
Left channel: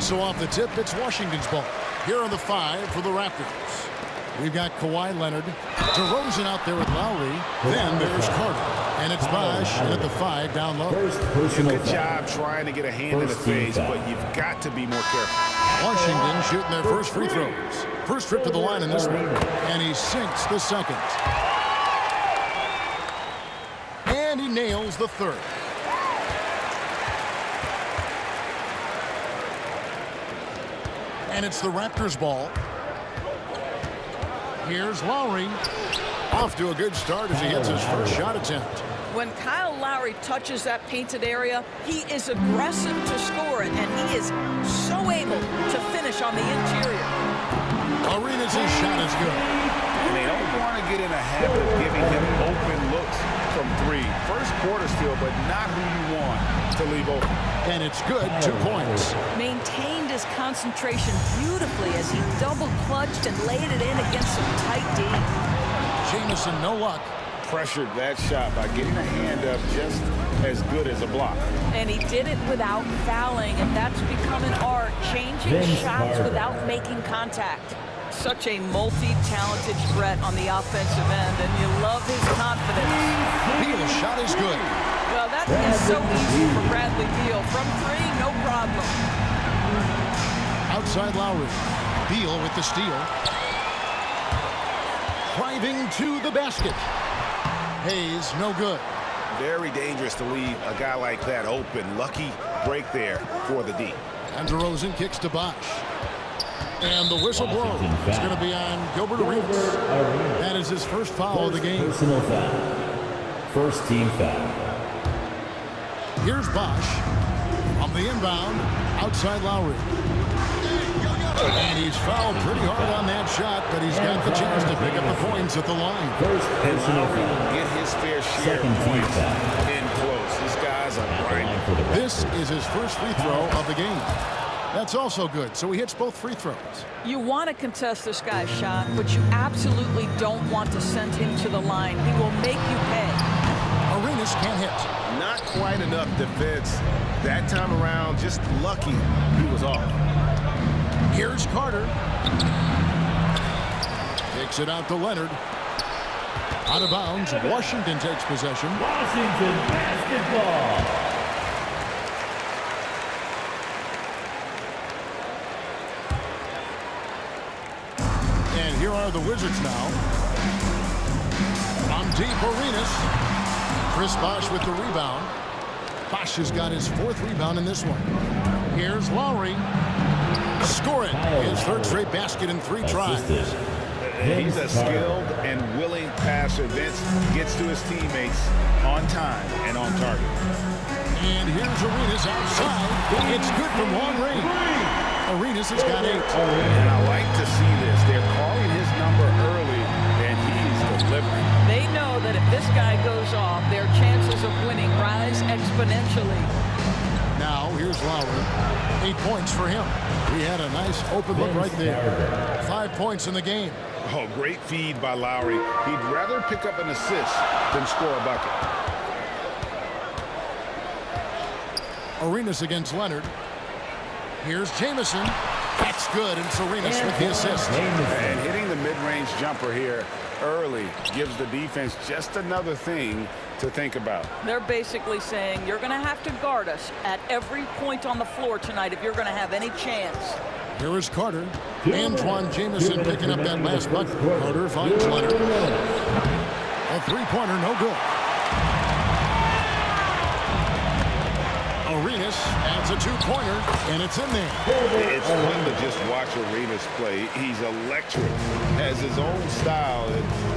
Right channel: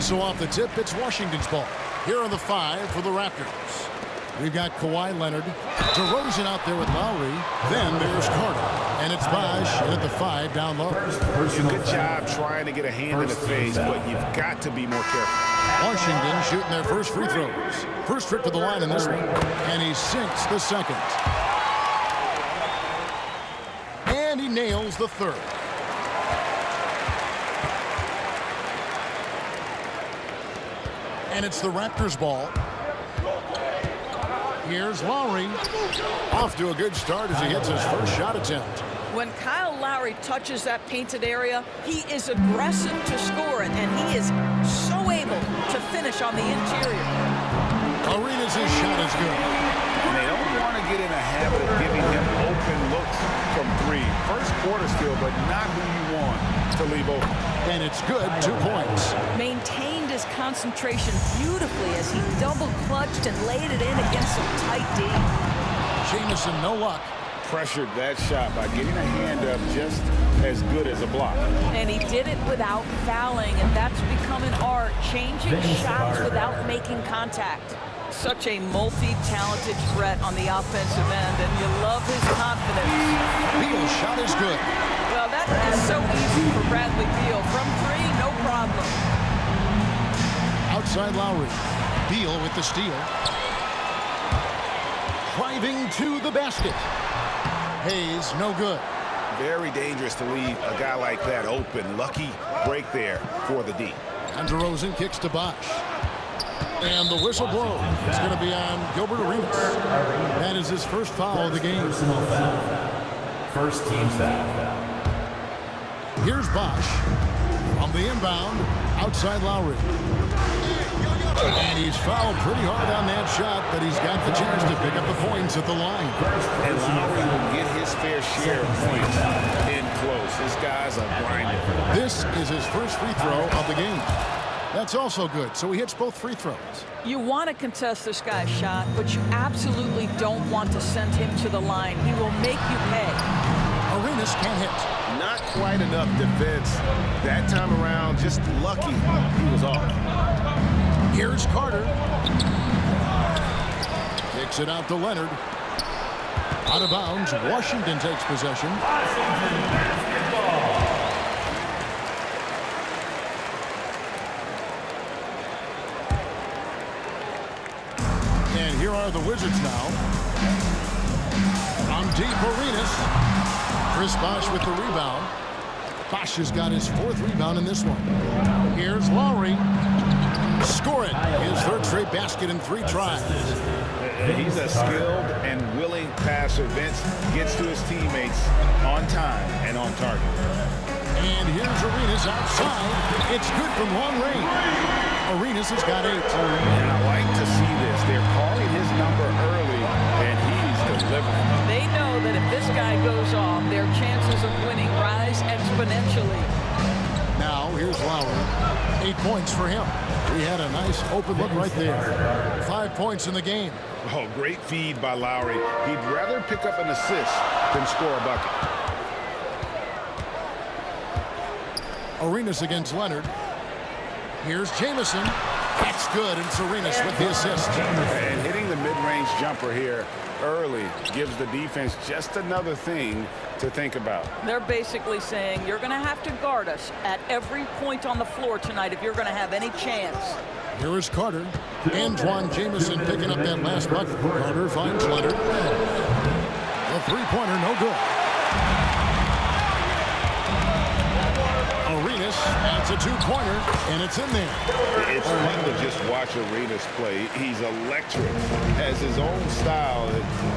So off the tip, it's Washington's ball. Here are the 5 for the Raptors. We've got Kawhi Leonard, DeRozan out there with Lowry. Then there's Carter. And it's Bosh in at the 5 down low. Good job trying to get a hand in the face, but you've got to be more careful. Washington shooting their first free throws. First trip to the line in this one. And he sinks the second. And he nails the third. And it's the Raptors' ball. Here's Lowry. Off to a good start as he hits his first shot attempt. When Kyle Lowry touches that painted area, he is aggressive to score it, and he is so able to finish on the interior. Arenas' shot is good. And they don't want to get in a habit of giving him open looks from 3. First quarter still, but not who you want to leave open. And it's good, 2 points. Maintained his concentration beautifully as he double-clutched and laid it in against some tight D. Jamison, no luck. Pressured that shot by getting a hand up just as good as a block. And he did it without fouling, and that's become an art, changing shots without making contact. Such a multi-talented threat on the offensive end, and you love his confidence. Beal's shot is good. Well, that is so easy for Bradley Beal. From 3, no problem. Outside Lowry. Beal with the steal. Driving to the basket. Hayes, no good. Very dangerous to leave a guy like that open. Lucky break there for the D. And DeRozan kicks to Bosh. And the whistle blows. It's going to be on Gilbert Arenas. That is his first foul of the game. Personal foul. First team foul. Here's Bosh on the inbound, outside Lowry. And he's fouled pretty hard on that shot, but he's got the chance to pick up the points at the line. And Lowry will get his fair share of points in close. These guys are grinding. This is his first free throw of the game. That's also good, so he hits both free throws. You want to contest this guy's shot, but you absolutely don't want to send him to the line. He will make you pay. Arenas can't hit. Not quite enough defense that time around. Just lucky he was off. Here's Carter. Kicks it out to Leonard. Out of bounds. Washington takes possession. Washington basketball. And here are the Wizards now. On deep, Arenas. Chris Bosh with the rebound. Bosch has got his 4th rebound in this one. Here's Lowry. Score it. His 3rd straight basket in 3 tries. He's a skilled and willing passer. Vince gets to his teammates on time and on target. And here's Arenas outside. It's good from long range. Arenas has got 8. And I like to see this. They're calling his number early, and he's delivering. They know that if this guy goes off, their chances of winning rise exponentially. Now here's Lowry. 8 points for him. He had a nice open look right there. 5 points in the game. Oh, great feed by Lowry. He'd rather pick up an assist than score a bucket. Arenas against Leonard. Here's Jamison. That's good, and it's Arenas with the assist. And hitting the mid-range jumper here early gives the defense just another thing to think about. They're basically saying you're going to have to guard us at every point on the floor tonight if you're going to have any chance. Here is Carter. Antoine Jamison picking up that last bucket. Carter finds Leonard. A 3-pointer, no good. Arenas adds a 2-pointer, and it's in there. It's fun to just watch Arenas play. He's electric, has his own style.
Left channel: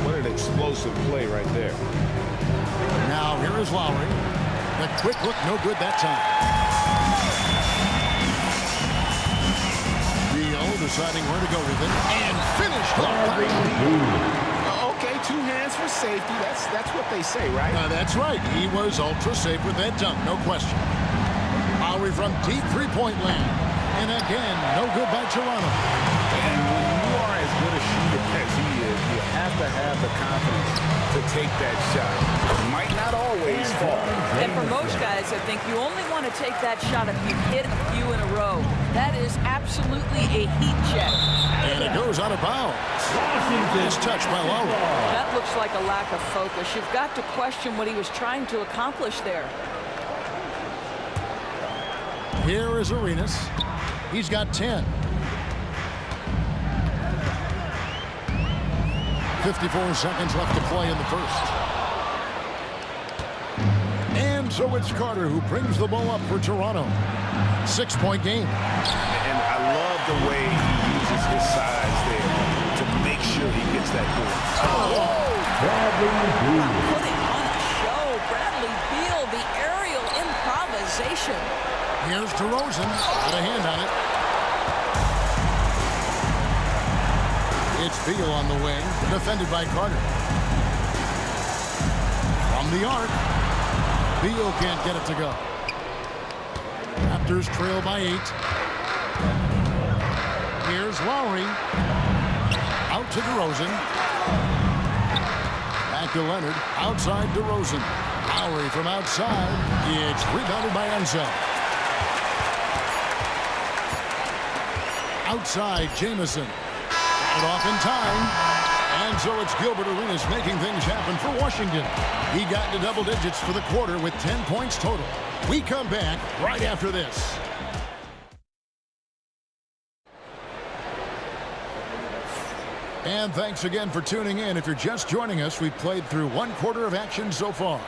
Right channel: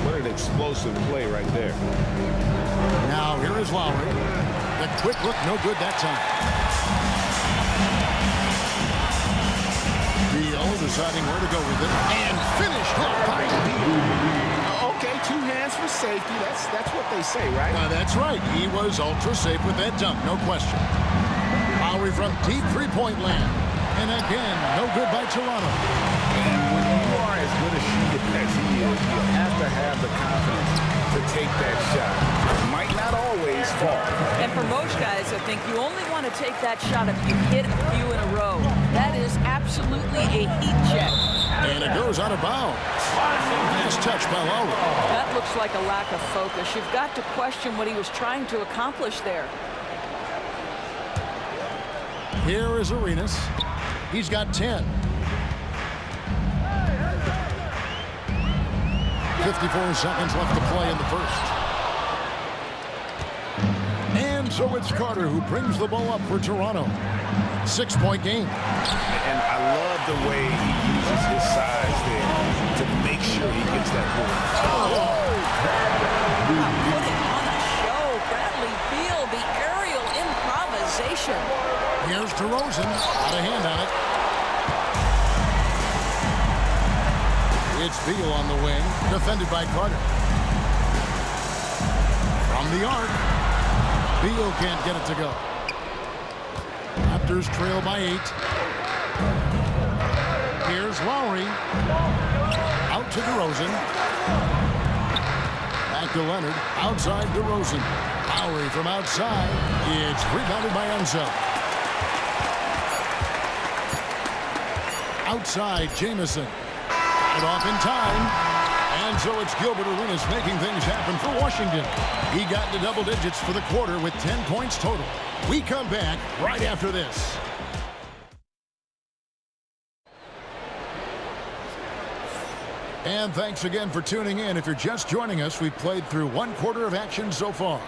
What an explosive play right there. Now here is Lowry. The quick look, no good that time. Beal deciding where to go with it, and finished off by Beal. Okay, 2 hands for safety. That's what they say, right? That's right. He was ultra safe with that dunk, no question. Lowry from deep 3-point land. And again, no good by Toronto. And when you are as good a shooter as he is, you have to have the confidence to take that shot. It might not always fall. And for most guys, I think you only want to take that shot if you hit a few in a row. That is absolutely a heat check. And it goes out of bounds. Nice touch by Lowry. That looks like a lack of focus. You've got to question what he was trying to accomplish there. Here is Arenas. He's got 10. 54 seconds left to play in the first. And so it's Carter who brings the ball up for Toronto. 6-point game. And I love the way he uses his size there to make sure he gets that ball. Putting on a show. Bradley Beal, the aerial improvisation. Here's DeRozan. Got a hand on it. It's Beal on the wing, defended by Carter. From the arc, Beal can't get it to go. Raptors trail by 8. Here's Lowry. Out to DeRozan. Back to Leonard. Outside DeRozan. Lowry from outside. It's rebounded by Enzo. Outside, Jamison. Got it off in time. And so it's Gilbert Arenas making things happen for Washington. He got into double digits for the quarter with 10 points total. We come back right after this. And thanks again for tuning in. If you're just joining us, we've played through 1 quarter of action so far.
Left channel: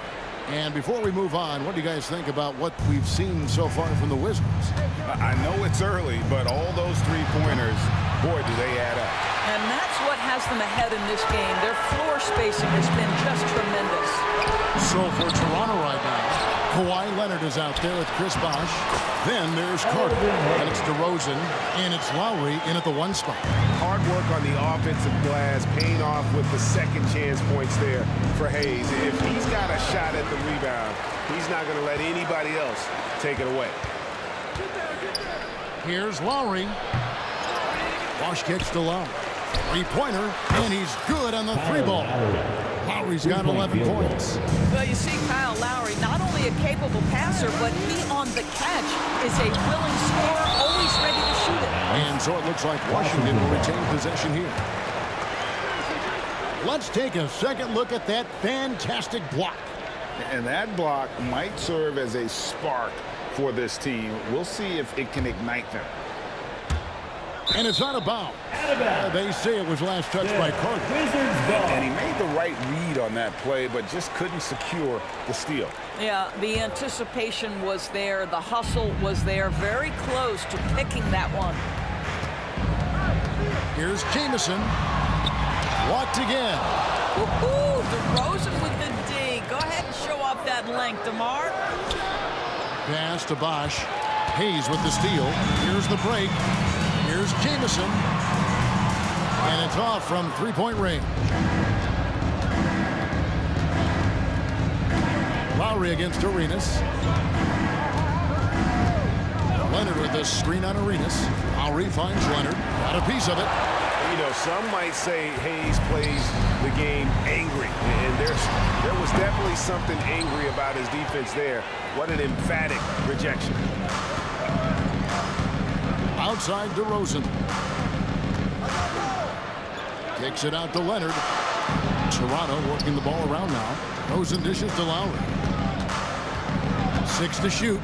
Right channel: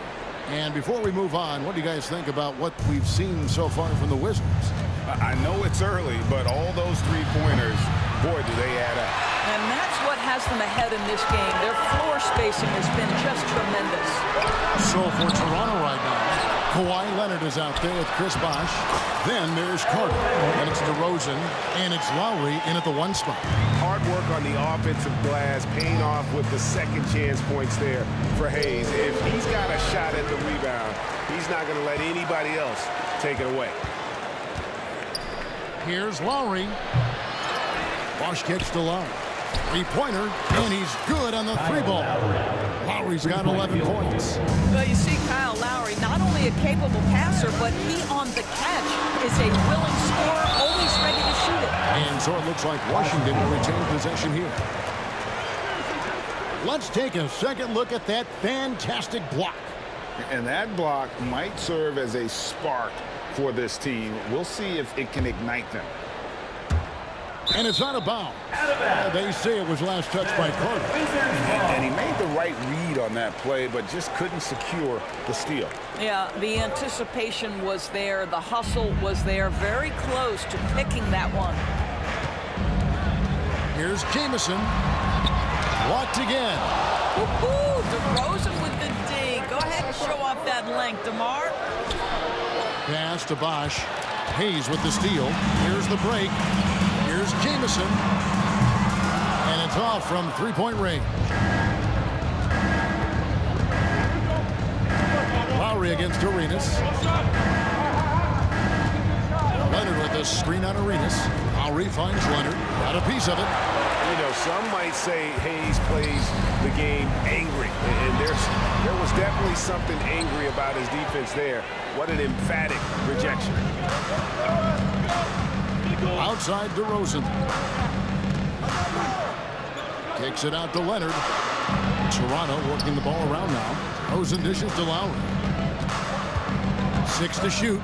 And before we move on, what do you guys think about what we've seen so far from the Wizards? I know it's early, but all those 3-pointers, boy, do they add up. And that's what has them ahead in this game. Their floor spacing has been just tremendous. So for Toronto right now, Kawhi Leonard is out there with Chris Bosh. Then there's Carter, and it's DeRozan, and it's Lowry in at the 1 spot. Hard work on the offensive glass, paying off with the second chance points there for Hayes. If he's got a shot at the rebound, he's not going to let anybody else take it away. Here's Lowry. Bosh kicks to Lowry. 3-pointer, and he's good on the 3-ball. Lowry's got 11 points. Well, you see Kyle Lowry, not only a capable passer, but he on the catch is a willing scorer, always ready to shoot it. And so it looks like Washington will retain possession here. Let's take a second look at that fantastic block. And that block might serve as a spark for this team. We'll see if it can ignite them. And it's out of bounds. They say it was last touched by Carter. And he made the right read on that play, but just couldn't secure the steal. Yeah, the anticipation was there. The hustle was there. Very close to picking that one. Here's Jamison. Blocked again. Woohoo! DeRozan with the D. Go ahead and show off that length, DeMar. Pass to Bosch. Hayes with the steal. Here's the break. Here's Jamison. And it's off from three-point range. Lowry against Arenas. Leonard with the screen on Arenas. Lowry finds Leonard. Got a piece of it. You know, some might say Hayes plays the game angry, and there was definitely something angry about his defense there. What an emphatic rejection. Outside DeRozan. Kicks it out to Leonard. Toronto working the ball around now. DeRozan dishes to Lowry. 6 to shoot.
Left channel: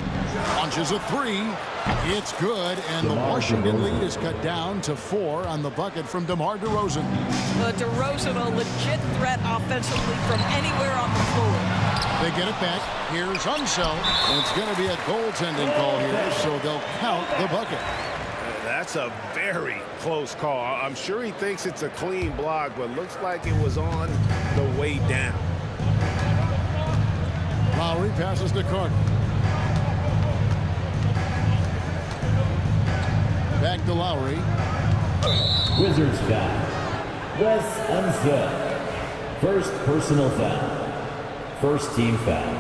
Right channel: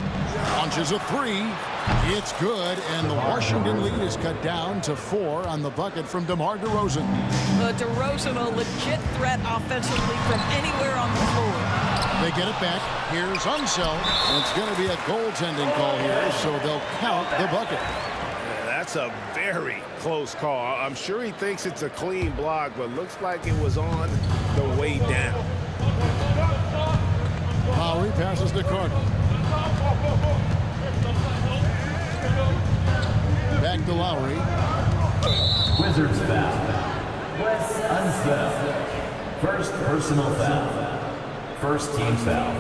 Launches a three. It's good, and the Washington lead is cut down to 4 on the bucket from DeMar DeRozan. DeRozan, a legit threat offensively from anywhere on the floor. They get it back. Here's Unseld. And it's going to be a goaltending call here, so they'll count the bucket. That's a very close call. I'm sure he thinks it's a clean block, but looks like it was on the way down. Lowry passes to Carter. Back to Lowry. Wizards foul. Wes Unseld. First personal foul. First team foul.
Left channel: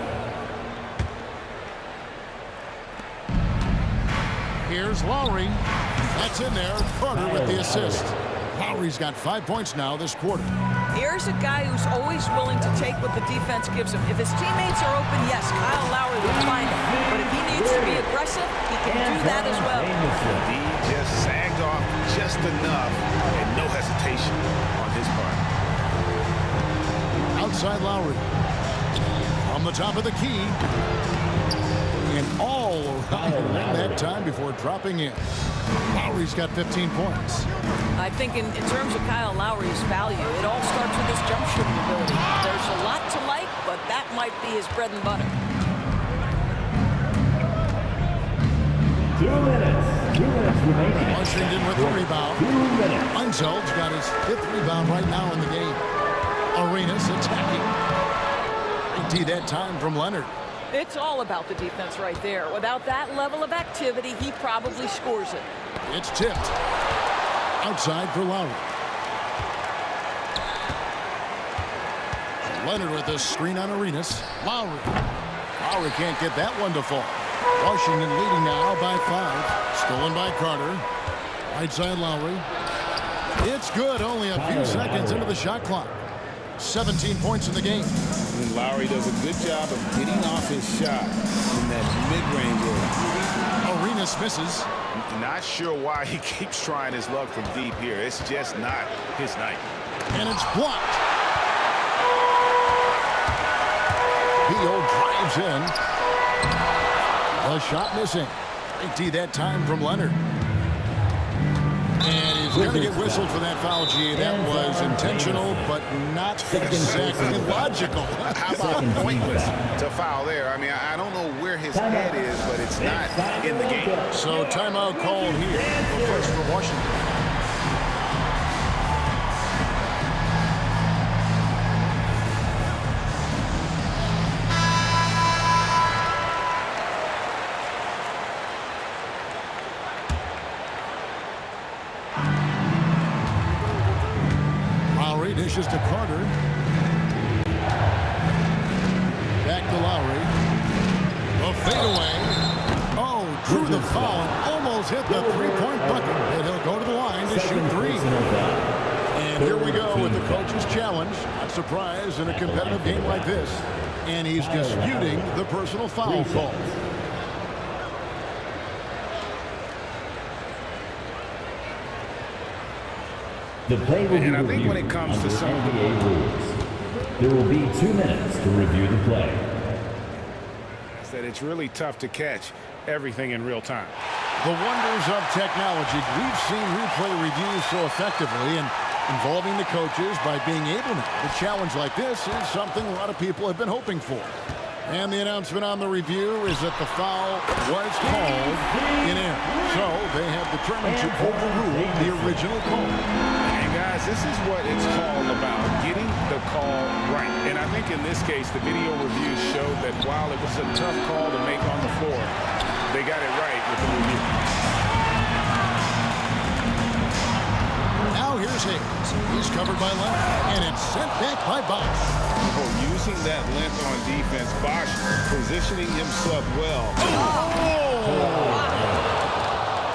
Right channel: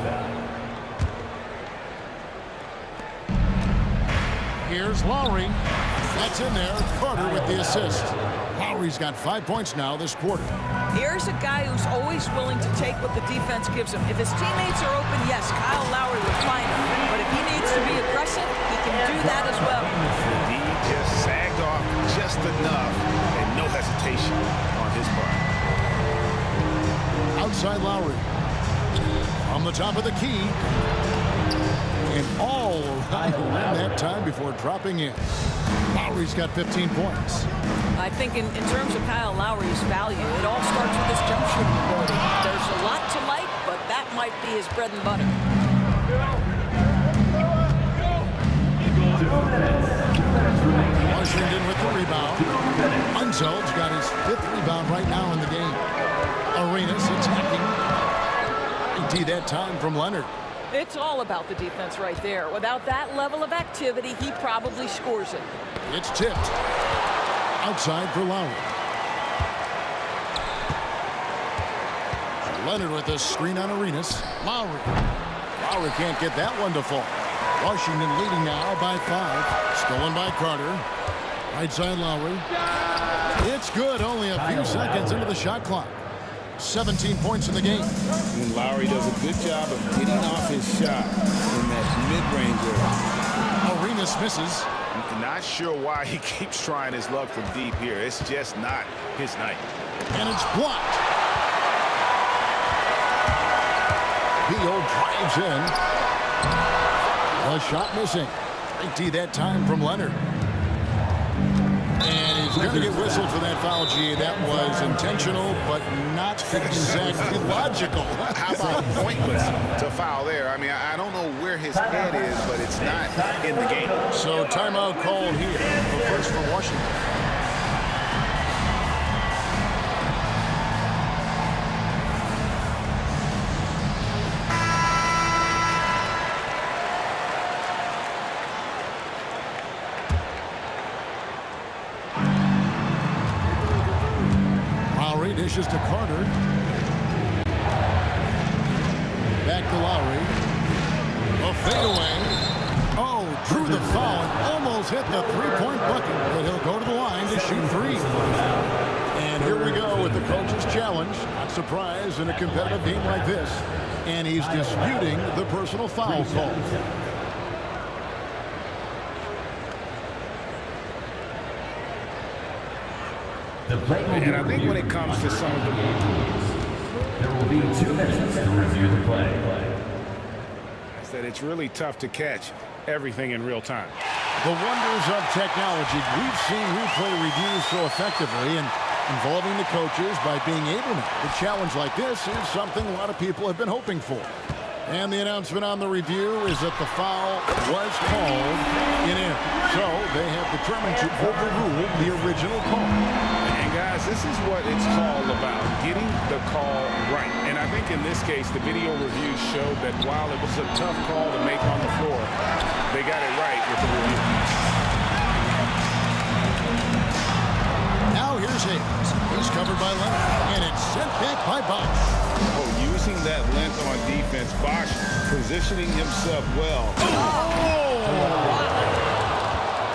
Here's Lowry. That's in there. Carter with the assist. Lowry's got 5 points now this quarter. Here's a guy who's always willing to take what the defense gives him. If his teammates are open, yes, Kyle Lowry will find him. But if he needs to be aggressive, he can do that as well. The D just sagged off just enough, and no hesitation on his part. Outside Lowry. From the top of the key. And all around the rim that time before dropping in. Lowry's got 15 points. I think in terms of Kyle Lowry's value, it all starts with his jump shooting ability. There's a lot to like, but that might be his bread and butter. 2 minutes. 2 minutes remaining. Washington with the rebound. 2 minutes. Unseld's got his 5th rebound right now in the game. Arenas attacking. IT that time from Leonard. It's all about the defense right there. Without that level of activity, he probably scores it. It's tipped. Outside for Lowry. Leonard with the screen on Arenas. Lowry. Lowry can't get that one to fall. Washington leading now by 5. Stolen by Carter. Right side Lowry. It's good. Only a few seconds into the shot clock. 17 points in the game. And Lowry does a good job of getting off his shot in that mid-range area. Arenas misses. Not sure why he keeps trying his luck from deep here. It's just not his night. And it's blocked. Beal drives in. The shot missing. Great D that time from Leonard. And he's going to get whistled for that foul, G. That was intentional, but not exactly logical. How about pointless to foul there? I mean, I don't know where his head is, but it's not in the game. So timeout called here. But first for Washington. Lowry dishes to Carter. Back to Lowry. A fadeaway. Oh, drew the foul and almost hit the three-point bucket. And he'll go to the line to shoot 3. And here we go with the coach's challenge. Not surprised in a competitive game like this. And he's disputing the personal foul call. The play will be And I think when it reviewed comes to under some of the NBA rules. There will be 2 minutes to review the play. That it's really tough to catch everything in real time. The wonders of technology. We've seen replay reviews so effectively and involving the coaches by being able now to challenge like this is something a lot of people have been hoping for. And the announcement on the review is that the foul was called in air. So they have determined to overrule the original call. And guys, this is what it's all about, getting the call right. And I think in this case, the video review showed that while it was a tough call to make on the floor, they got it right with the review. Now here's Hayes. He's covered by Leonard, and it's sent back by Bosch. Oh, using that length on defense, Bosch positioning himself well.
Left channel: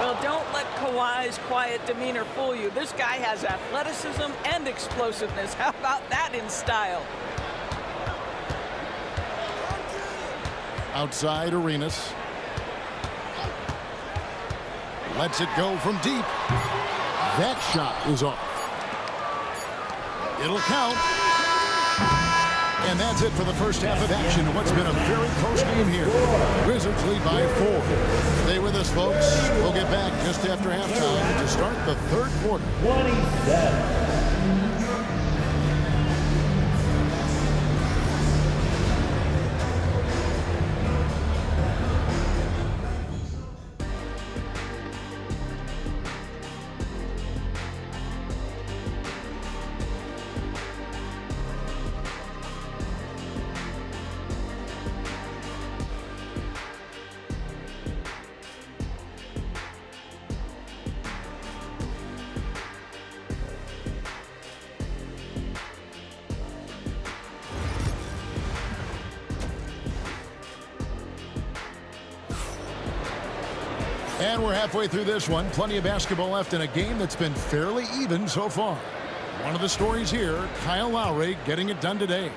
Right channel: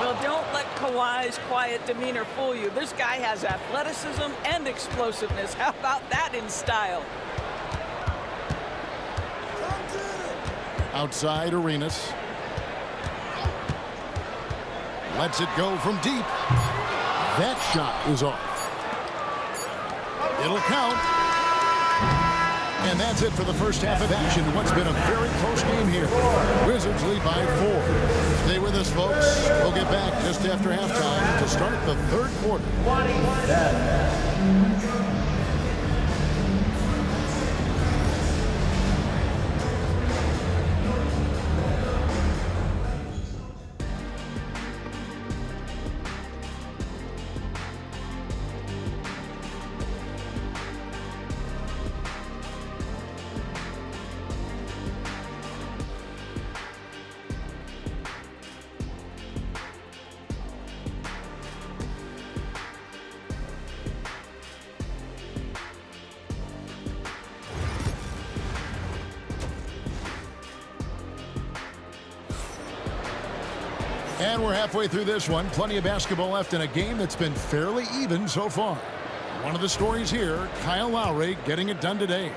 Well, don't let Kawhi's quiet demeanor fool you. This guy has athleticism and explosiveness. How about that in style? Outside Arenas. Lets it go from deep. That shot is off. It'll count. And that's it for the first half of action. What's been a very close game here. Wizards lead by 4. Stay with us, folks. We'll get back just after halftime to start the third quarter. 27. And we're halfway through this one. Plenty of basketball left in a game that's been fairly even so far. One of the stories here, Kyle Lowry getting it done today.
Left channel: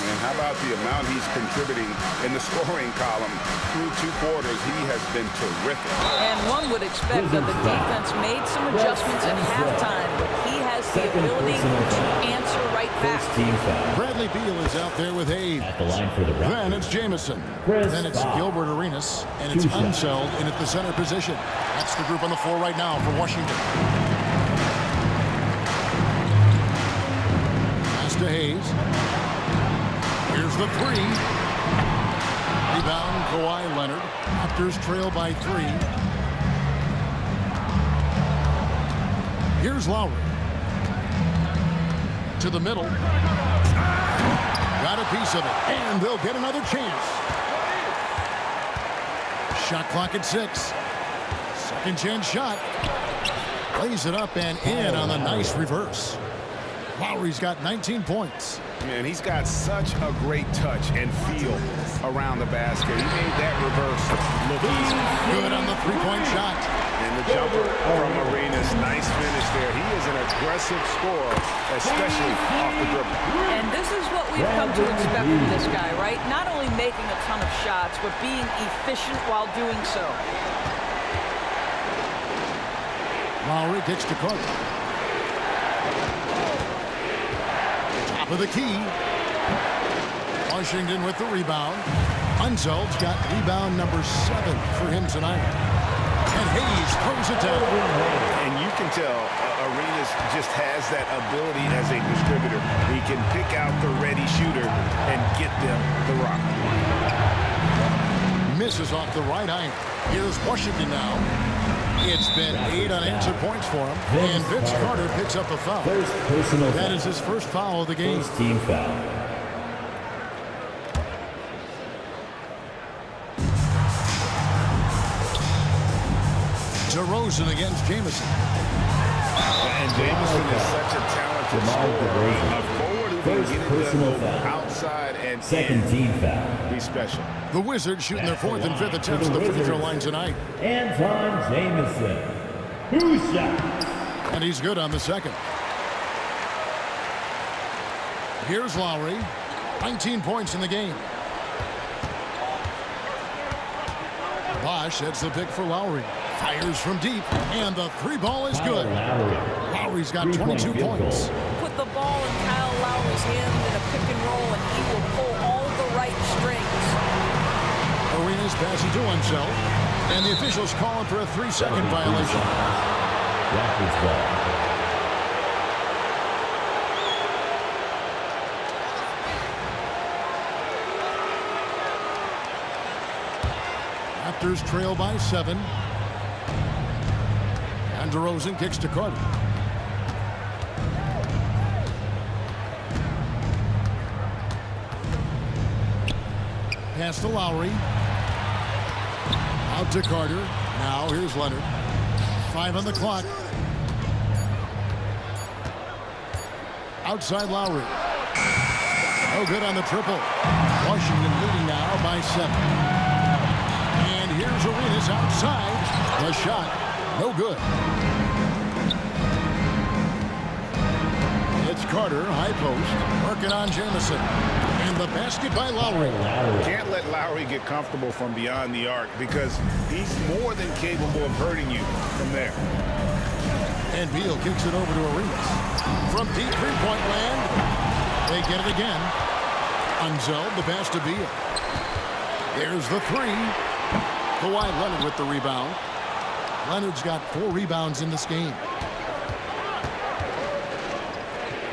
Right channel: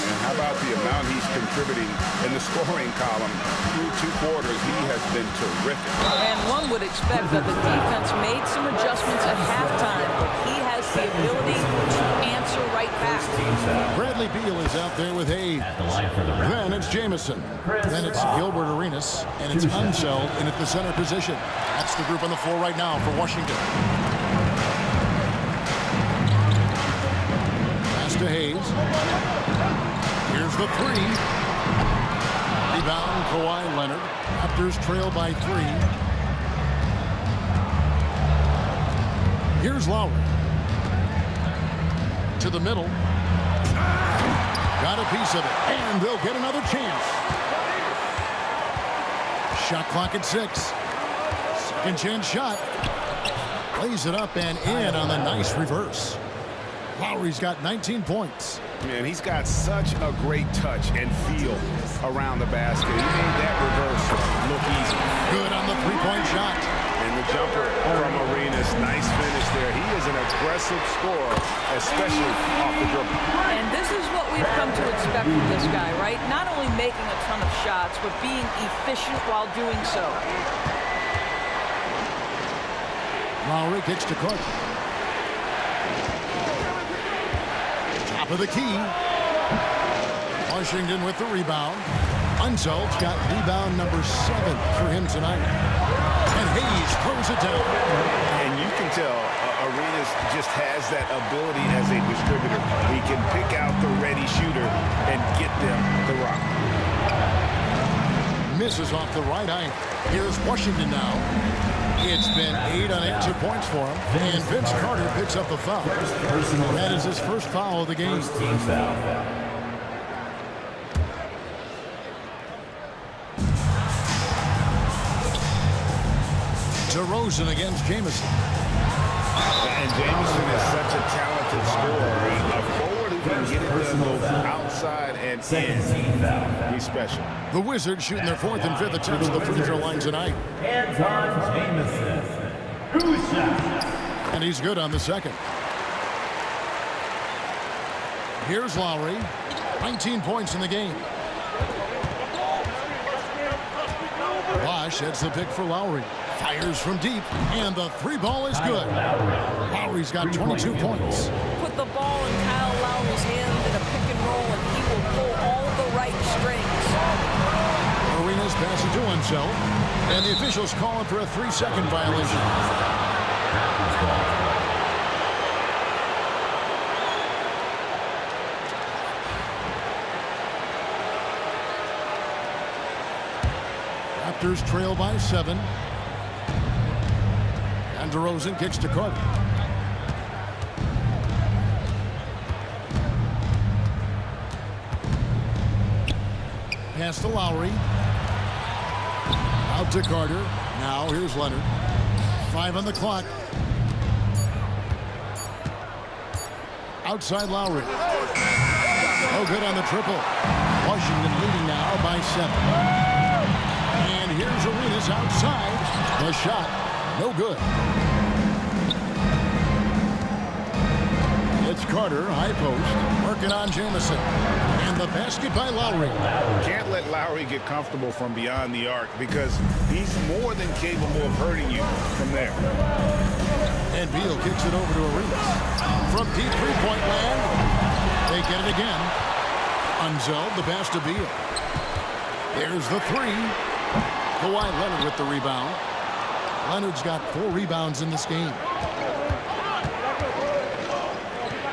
And how about the amount he's contributing in the scoring column through 2 quarters? He has been terrific. And one would expect that the defense made some adjustments at halftime, but he has the ability to answer right back. Bradley Beal is out there with Hayes. At the line for the Raptors. Then it's Jamison. Then it's Bosh. Gilbert Arenas. And it's Unseld in at the center position. That's the group on the floor right now for Washington. Pass to Hayes. Here's the 3. Rebound, Kawhi Leonard. Raptors trail by 3. Here's Lowry. To the middle. Got a piece of it. And they'll get another chance. Shot clock at 6. Second chance shot. Lays it up and in on the nice reverse. Lowry's got 19 points. Man, he's got such a great touch and feel around the basket. He made that reverse look easy. Good on the three-point shot. And the jumper from Arenas. Nice finish there. He is an aggressive scorer, especially off the dribble. And this is what we've come to expect from this guy, right? Not only making a ton of shots, but being efficient while doing so. Lowry kicks to Carter. Top of the key. Washington with the rebound. Unseld's got rebound number 7 for him tonight. And Hayes throws it down. And you can tell Arenas just has that ability as a distributor. He can pick out the ready shooter and get them the rock. Misses off the right eye. Here's Washington now. It's been 8 unanswered points for him. And Vince Carter picks up a foul. That is his first foul of the game. First team foul. DeRozan against Jamison. And Jamison is such a talented scorer. A forward who can get it done both outside and Second in. team foul. Be special. The Wizards shooting their 4th and 5th attempts at the free throw line tonight. Anton Jamison. 2 shots. And he's good on the second. Here's Lowry. 19 points in the game. Bosh heads the pick for Lowry. Fires from deep, and the 3 ball is good. Lowry's got 22 points. Put the ball in Kyle Lowry's hand in a pick and roll, and he will pull all the right strings. Arenas passes to Unseld. And the officials calling for a 3-second violation. Raptors ball. Raptors trail by 7. And DeRozan kicks to Carter. Pass to Lowry. Out to Carter. Now here's Leonard. 5 on the clock. Outside Lowry. No good on the triple. Washington leading now by 7. And here's Arenas outside. The shot. No good. It's Carter, high post. Working on Jamison. And the basket by Lowry. Can't let Lowry get comfortable from beyond the arc because he's more than capable of hurting you from there. And Beal kicks it over to Arenas. From deep three-point land, they get it again. Unzeld, the pass to Beal. There's the 3. Kawhi Leonard with the rebound. Leonard's got 4 rebounds in this game.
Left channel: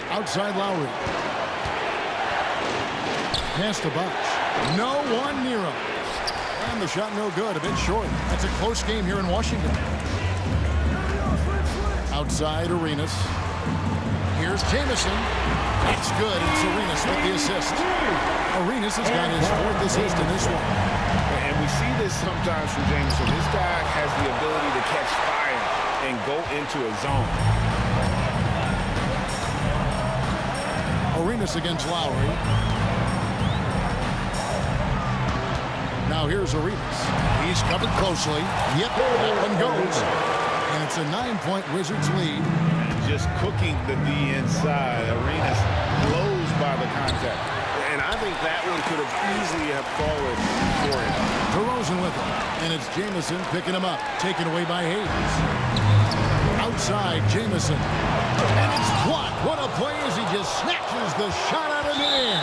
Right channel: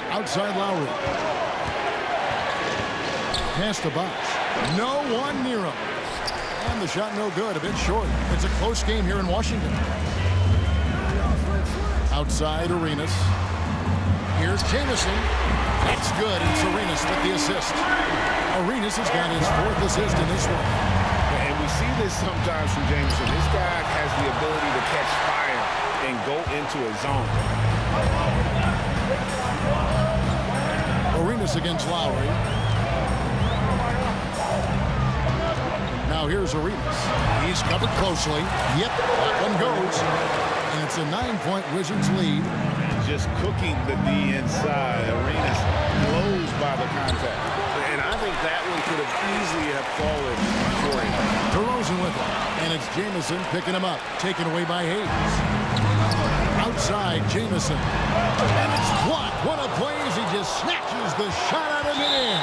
Outside Lowry. Pass to Bosh. No one near him. And the shot no good, a bit short. It's a close game here in Washington. Outside Arenas. Here's Jamison. That's good, and it's Arenas with the assist. Arenas has got his 4th assist in this one. And we see this sometimes from Jameson. This guy has the ability to catch fire and go into a zone. Arenas against Lowry. Now here's Arenas. He's covered closely. Yep, that one goes. And it's a 9-point Wizards lead. Just cooking the D inside. Arenas blows by the contact. And I think that one could have easily have fallen for him. DeRozan with it. And it's Jamison picking him up. Taken away by Hayes. Outside, Jamison. And it's blocked. What a play as he just snatches the shot out of midair.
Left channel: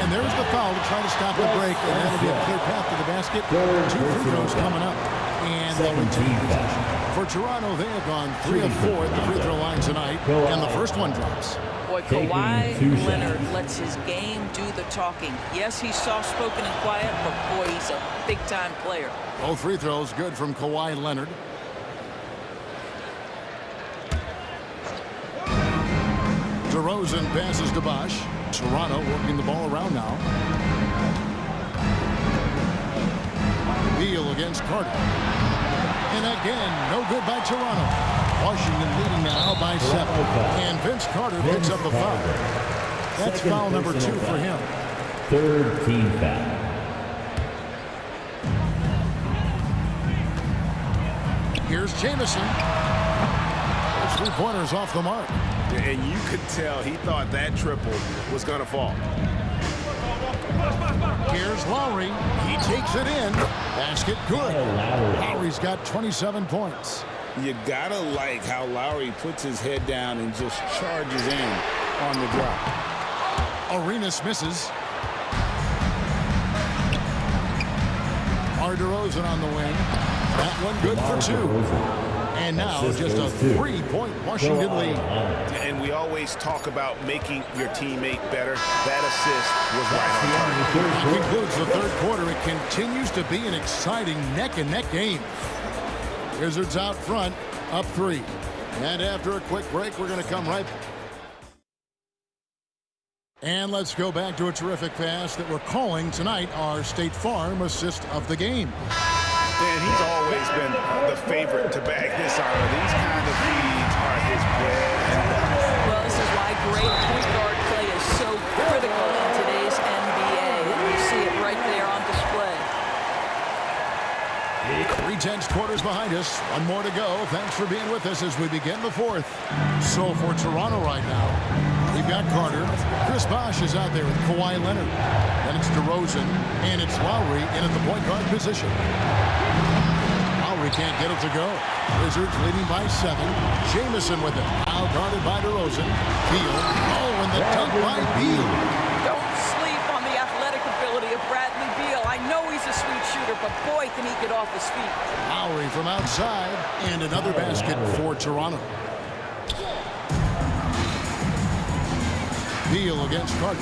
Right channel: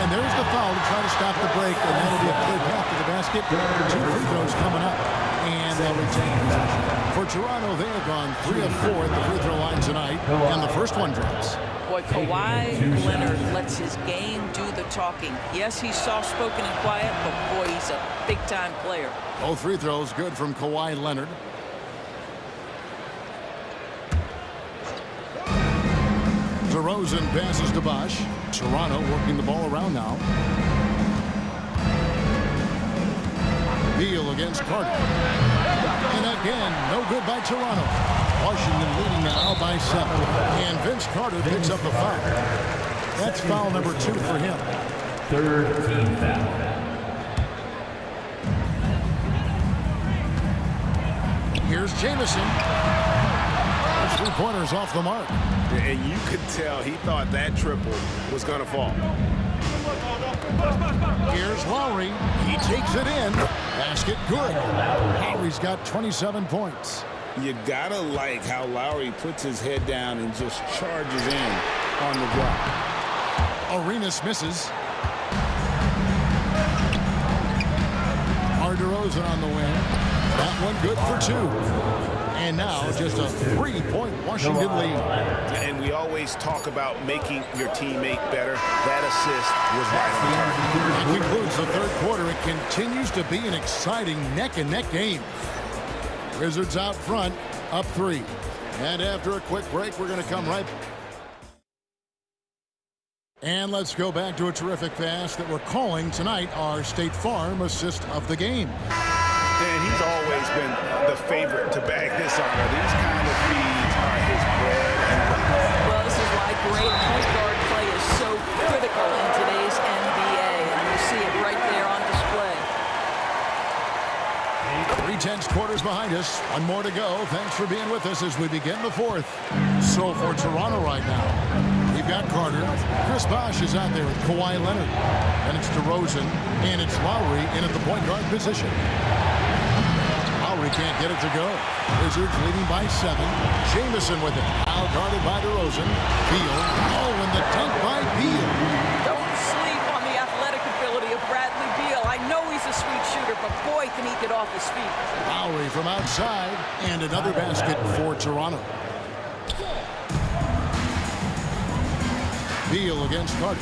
And there's the foul to try to stop the break. And that'll be a clear path to the basket. 2 free throws coming up. And they'll retain possession. For Toronto, they have gone 3 of 4 at the free throw line tonight. And the first one drops. Boy, Kawhi Leonard lets his game do the talking. Yes, he's soft-spoken and quiet, but boy, he's a big-time player. Both free throws good from Kawhi Leonard. DeRozan passes to Bosh. Toronto working the ball around now. Beal against Carter. And again, no good by Toronto. Washington leading now by 7. And Vince Carter picks up the foul. That's foul number 2 for him. 3rd team foul. Here's Jamison. Those 3-pointers off the mark. And you could tell he thought that triple was going to fall. Here's Lowry. He takes it in. Basket good. Lowry's got 27 points. You got to like how Lowry puts his head down and just charges in on the drop. Arenas misses. DeRozan on the wing. That one good for 2. And now just a 3-point Washington lead. And we always talk about making your teammate better. That assist was right on target. That concludes the 3rd quarter. It continues to be an exciting neck-and-neck game. Wizards out front, up 3. And after a quick break, we're going to come right back. And let's go back to a terrific pass that we're calling tonight our State Farm assist of the game. And he's always been the favorite to bag this honor. These kind of feeds are his bread and butter. Well, this is why great point guard play is so critical in today's NBA. And you see it right there on display. 3/10 quarters behind us. One more to go. Thanks for being with us as we begin the 4th. So for Toronto right now, we've got Carter. Chris Bosh is out there with Kawhi Leonard. Then it's DeRozan, and it's Lowry in at the point guard position. Lowry can't get it to go. Wizards leading by 7. Jamison with it. Out guarded by DeRozan. Beal. Oh, and the dunk by Beal. Don't sleep on the athletic ability of Bradley Beal. I know he's a sweet shooter, but boy, can he get off his feet. Lowry from outside, and another basket for Toronto. Beal against Carter.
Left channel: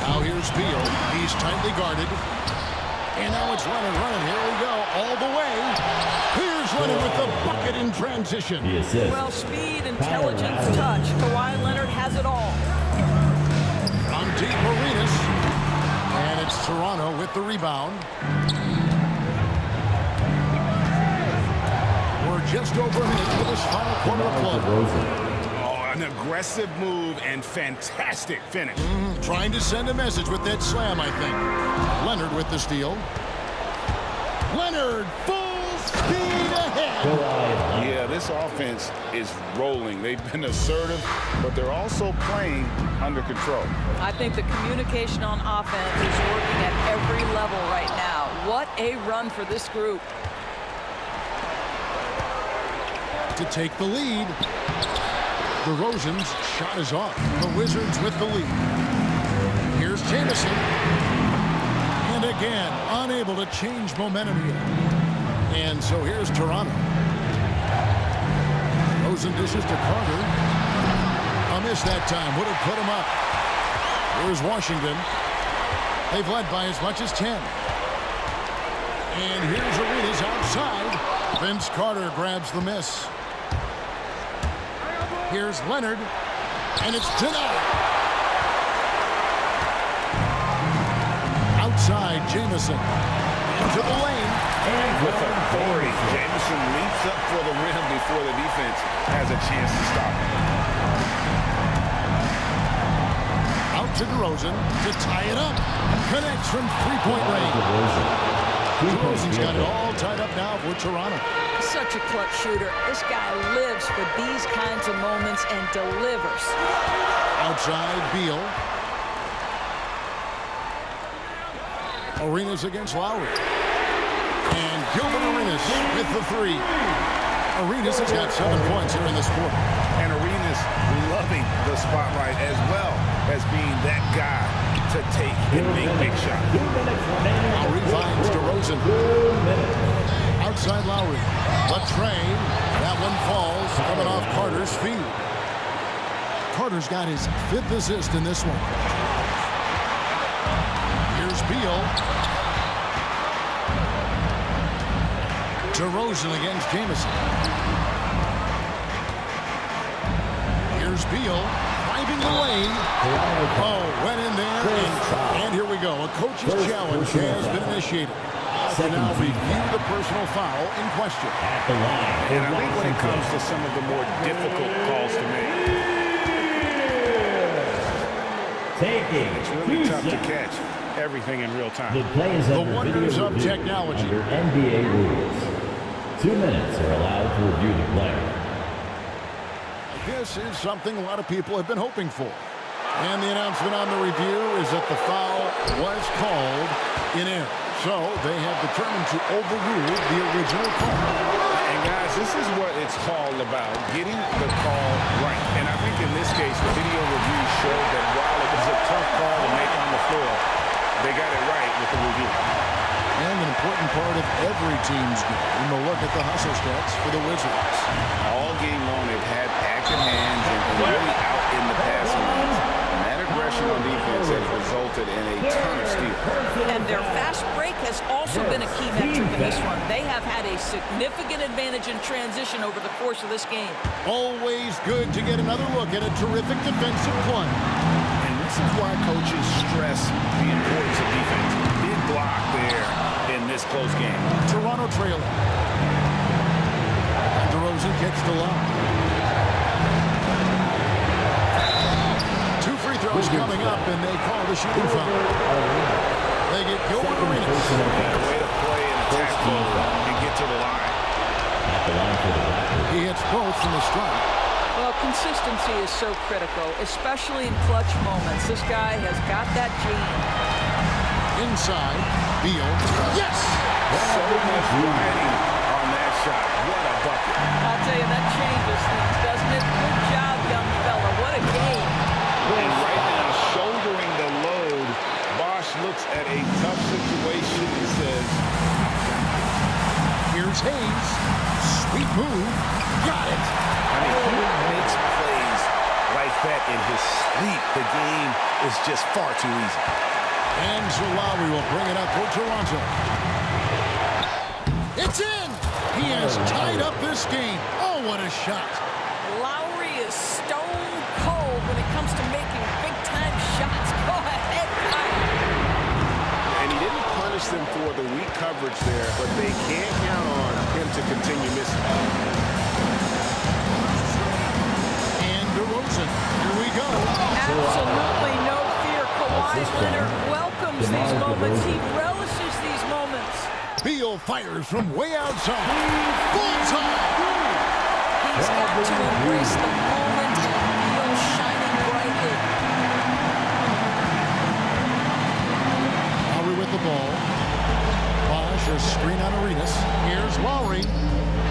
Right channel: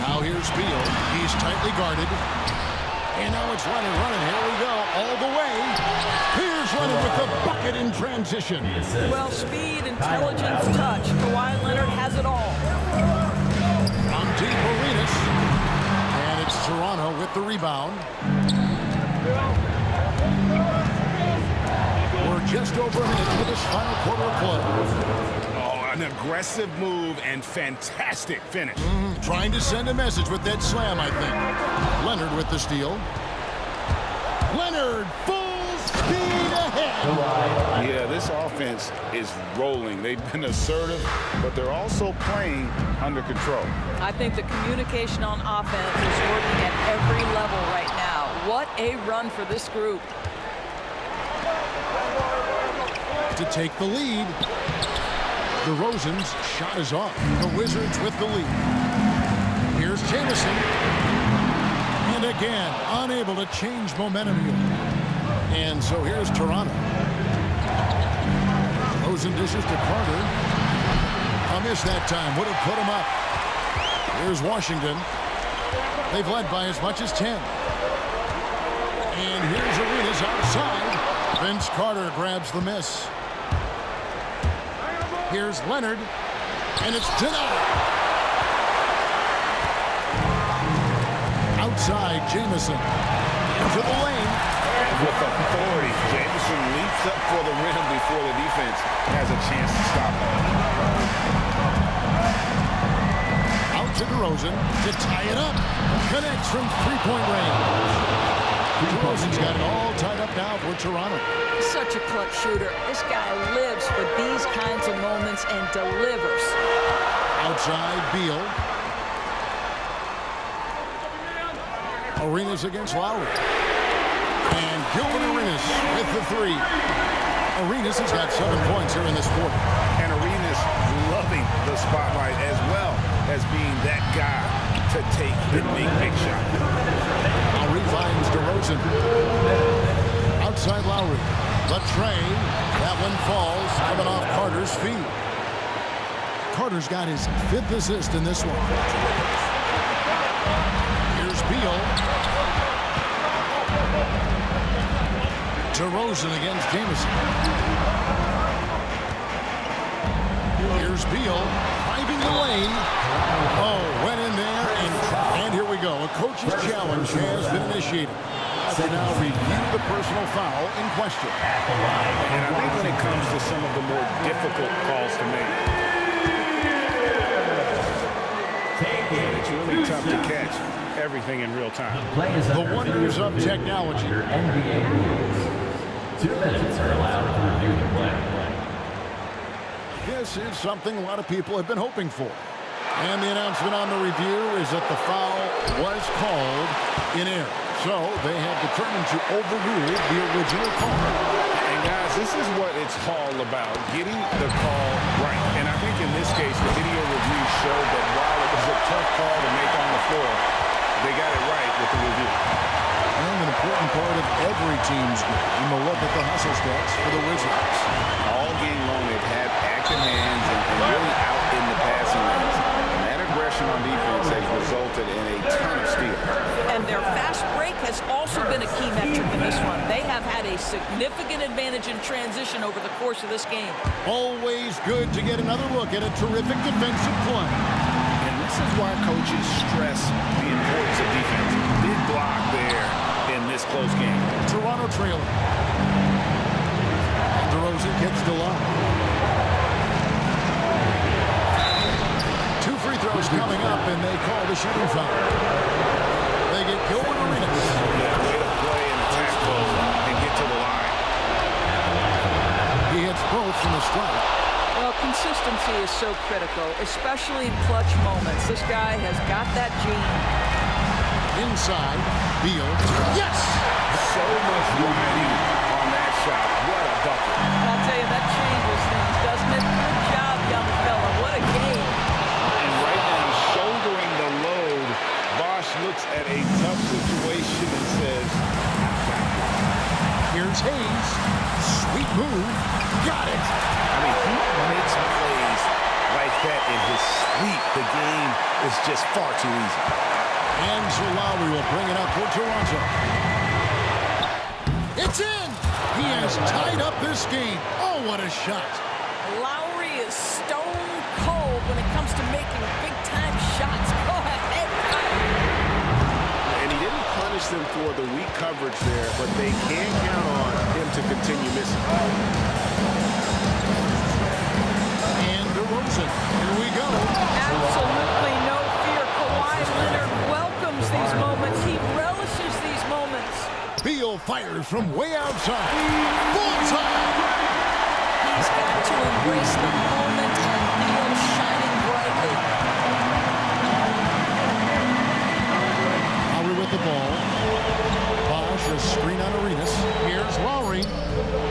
Now here's Beal. He's tightly guarded. And now it's Leonard running. Here we go. All the way. Here's Leonard with the bucket in transition. Well, speed, intelligence, touch. Kawhi Leonard has it all. From deep, Arenas. And it's Toronto with the rebound. We're just over a minute to this final quarter of play. An aggressive move and fantastic finish. Trying to send a message with that slam, I think. Leonard with the steal. Leonard, full speed ahead. Yeah, this offense is rolling. They've been assertive, but they're also playing under control. I think the communication on offense is working at every level right now. What a run for this group. To take the lead. DeRozan's shot is off. The Wizards with the lead. Here's Jamison. And again, unable to change momentum here. And so here's Toronto. DeRozan dishes to Carter. A miss that time. Would have put him up. Here's Washington. They've led by as much as 10. And here's Arenas outside. Vince Carter grabs the miss. Here's Leonard, and it's denied. Outside, Jamison. Into the lane. With authority, Jamison leaps up for the rim before the defense has a chance to stop him. Out to DeRozan to tie it up. Connects from three-point range. DeRozan's got it all tied up now for Toronto. Such a clutch shooter. This guy lives for these kinds of moments and delivers. Outside, Beal. Arenas against Lowry. And Gilbert Arenas with the three. Arenas has got 7 points here in this quarter. And Arenas loving the spotlight as well as being that guy to take and make big shots. Lowry finds DeRozan. Outside Lowry. The tray. That one falls, coming off Carter's feet. Carter's got his 5th assist in this one. Here's Beal. DeRozan against Jamison. Here's Beal. Driving the lane. Oh, went in there, and here we go. A coach's challenge has been initiated. To now review the personal foul in question. And I think when it comes to some of the more difficult calls to make, it's really tough to catch everything in real time. The wonders of technology. Under NBA rules, 2 minutes are allowed to review the play. This is something a lot of people have been hoping for. And the announcement on the review is that the foul was called in error. So they have determined to overrule the original call. And guys, this is what it's all about, getting the call right. And I think in this case, the video review showed that while it was a tough call to make on the floor, they got it right with the review. And an important part of every team's game, a look at the hustle stats for the Wizards. All game long, they've had active hands and really out in the passing lanes. And that aggression on defense has resulted in a ton of steals. And their fast break has also been a key metric in this one. They have had a significant advantage in transition over the course of this game. Always good to get another look at a terrific defensive play. And this is why coaches stress the importance of defense. Big block there in this close game. Toronto trailing. And DeRozan gets the low. 2 free throws coming up, and they call the shooting foul. They get Gilbert Arenas. Yeah, way to play in attack mode and get to the line. He hits both from the strike. Well, consistency is so critical, especially in clutch moments. This guy has got that gene. Inside, Beal. Yes! So much riding on that shot. What a bucket. I'll tell you, that changes things, doesn't it? Good job, young fella. What a game. And right now, shouldering the load looks at a tough situation and says, I've got this. Here's Hayes. Sweet move. Got it. I mean, he makes plays like that in his sleep. The game is just far too easy. And Lowry will bring it up for Toronto. It's in. He has tied up this game. Oh, what a shot. Lowry is stone cold when it comes to making big-time shots. Go ahead, Kyle. And he didn't punish them for the weak coverage there, but they can count on him to continue missing. And DeRozan. Here we go. Absolutely no fear. Kawhi Leonard welcomes these moments. He relishes these moments. Beal fires from way outside. Bullseye. He's got to embrace the moment and Beal shining brightly. Lowry with the ball. Bosh, a screen on Arenas. Here's Lowry.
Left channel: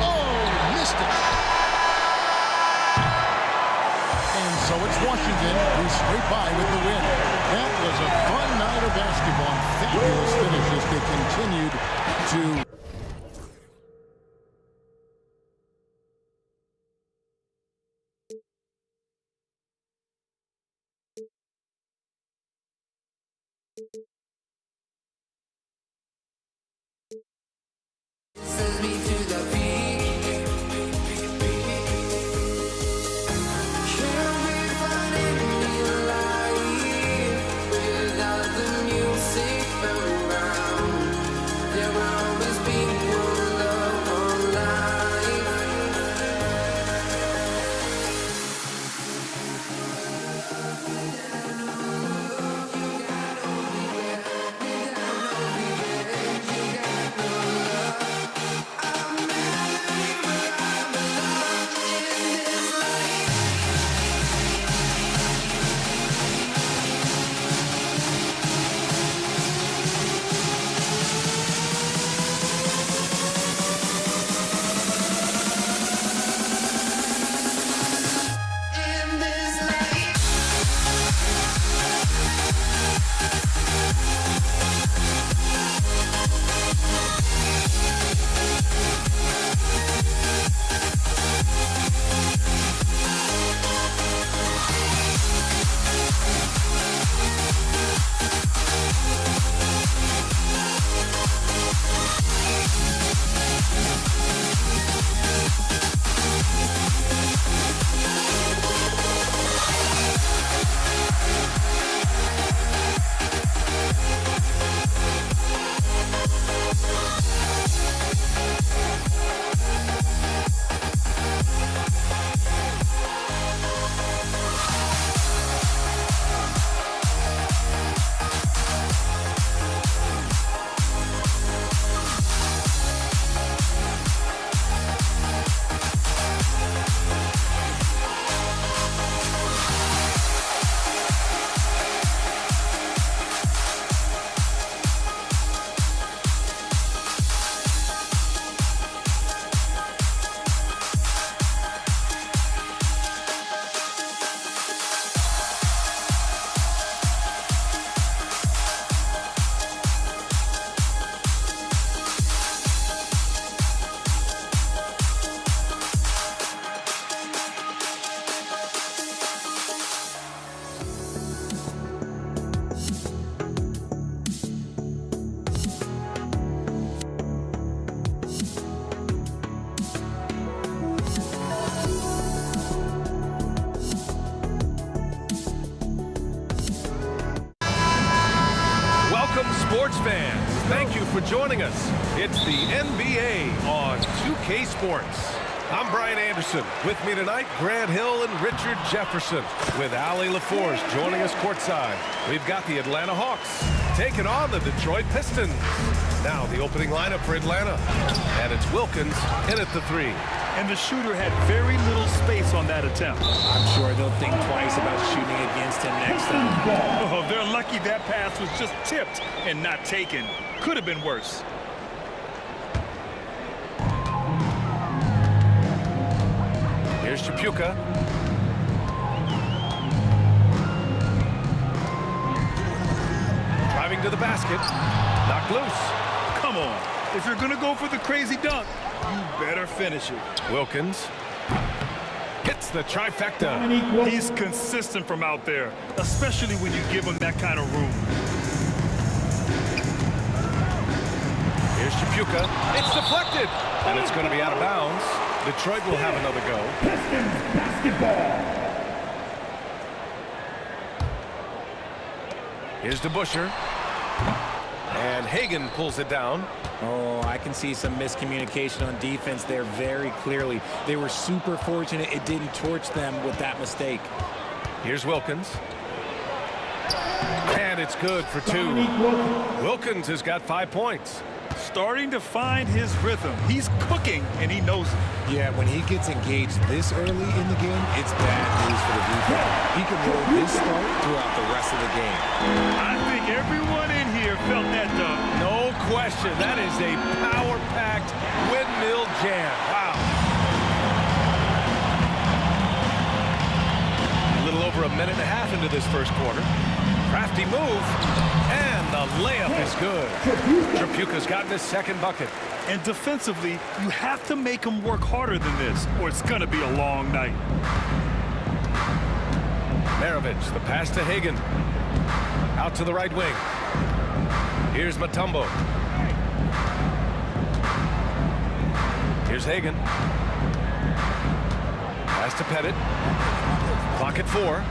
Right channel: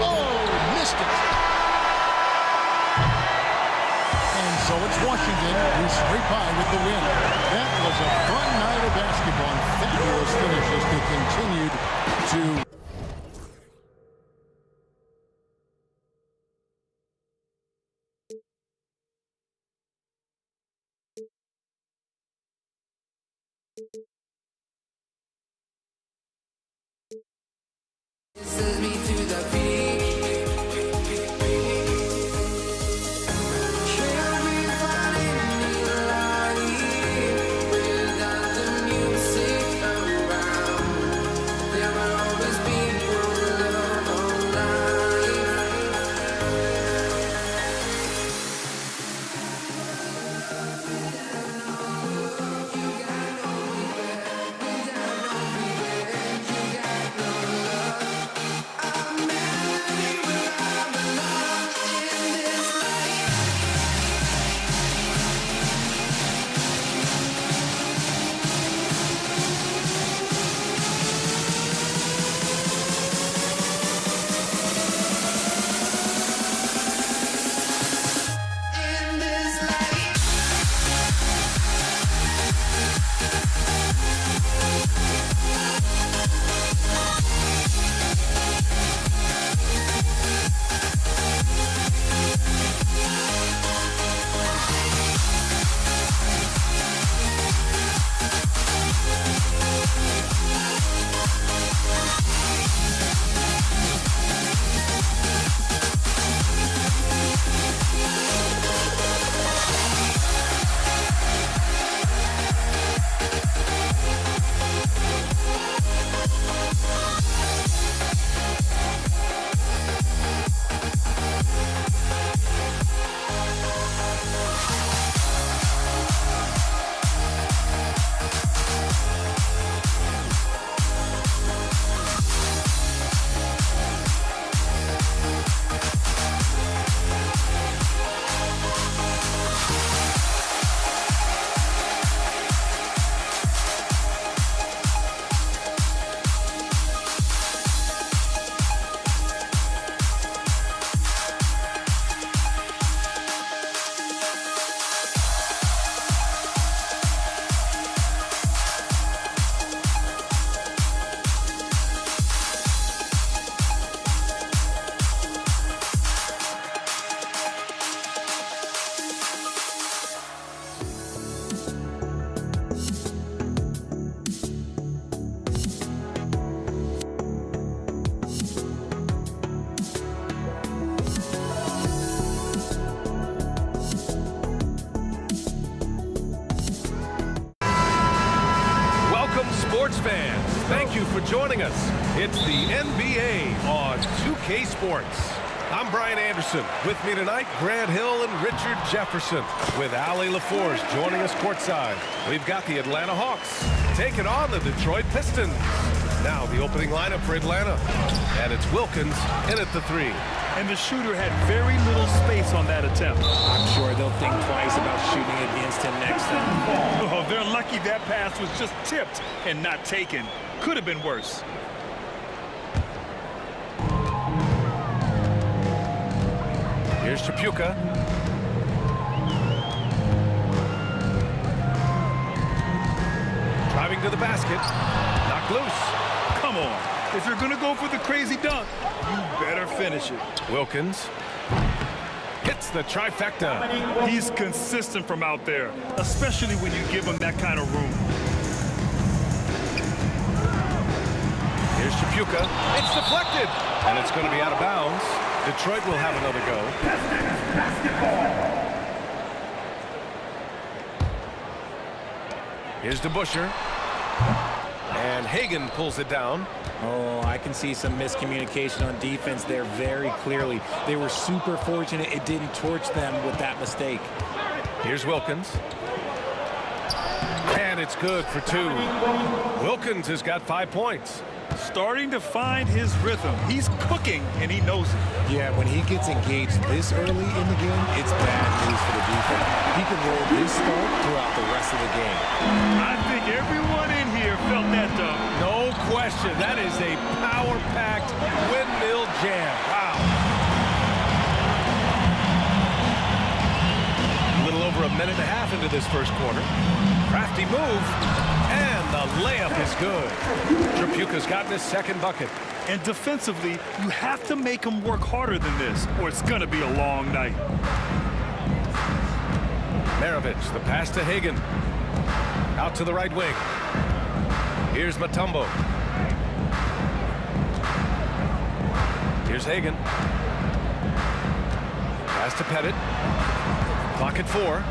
Oh, missed it. And so it's Washington who scrape by with the win. That was a fun night of basketball and fabulous finish as they continued to... Sends me to the peak. Can we find any light without the music around? There will always be one love on life. Without no love, you got no regret. Without no regret, you got no love. A melody where I belong in this life. In this life. Welcome, sports fans. Thank you for joining us. It's the NBA on 2K Sports. I'm Brian Anderson. With me tonight, Grant Hill and Richard Jefferson, with Ali LaForce joining us courtside. We've got the Atlanta Hawks taking on the Detroit Pistons. Now the opening lineup for Atlanta. And it's Wilkins in at the 3. And the shooter had very little space on that attempt. I'm sure they'll think twice about shooting against him next time. Oh, they're lucky that pass was just tipped and not taken. Could have been worse. Here's Chapuka. Driving to the basket. Knocked loose. Come on. If you're going to go for the crazy dunk, you better finish it. Wilkins hits the trifecta. He's consistent from out there, especially when you give him that kind of room. Here's Chapuka. It's deflected, and it's going to be out of bounds. Detroit will have another go. Pistons basketball. Here's DeBusschere. And Hagan pulls it down. Oh, I can see some miscommunication on defense there very clearly. They were super fortunate it didn't torch them with that mistake. Here's Wilkins. And it's good for 2. Wilkins has got 5 points. Starting to find his rhythm. He's cooking, and he knows it. Yeah, when he gets engaged this early in the game, it's bad news for the defense. He can roll this start throughout the rest of the game. I think everyone in here felt that dunk. No question. That is a power-packed windmill jam. Wow. A little over a minute and a half into this first quarter. Crafty move, and the layup is good. Trapuka's gotten his second bucket. And defensively, you have to make him work harder than this, or it's going to be a long night. Maravich, the pass to Hagan. Out to the right wing. Here's Mutombo. Here's Hagan. Pass to Pettit. Clock at 4.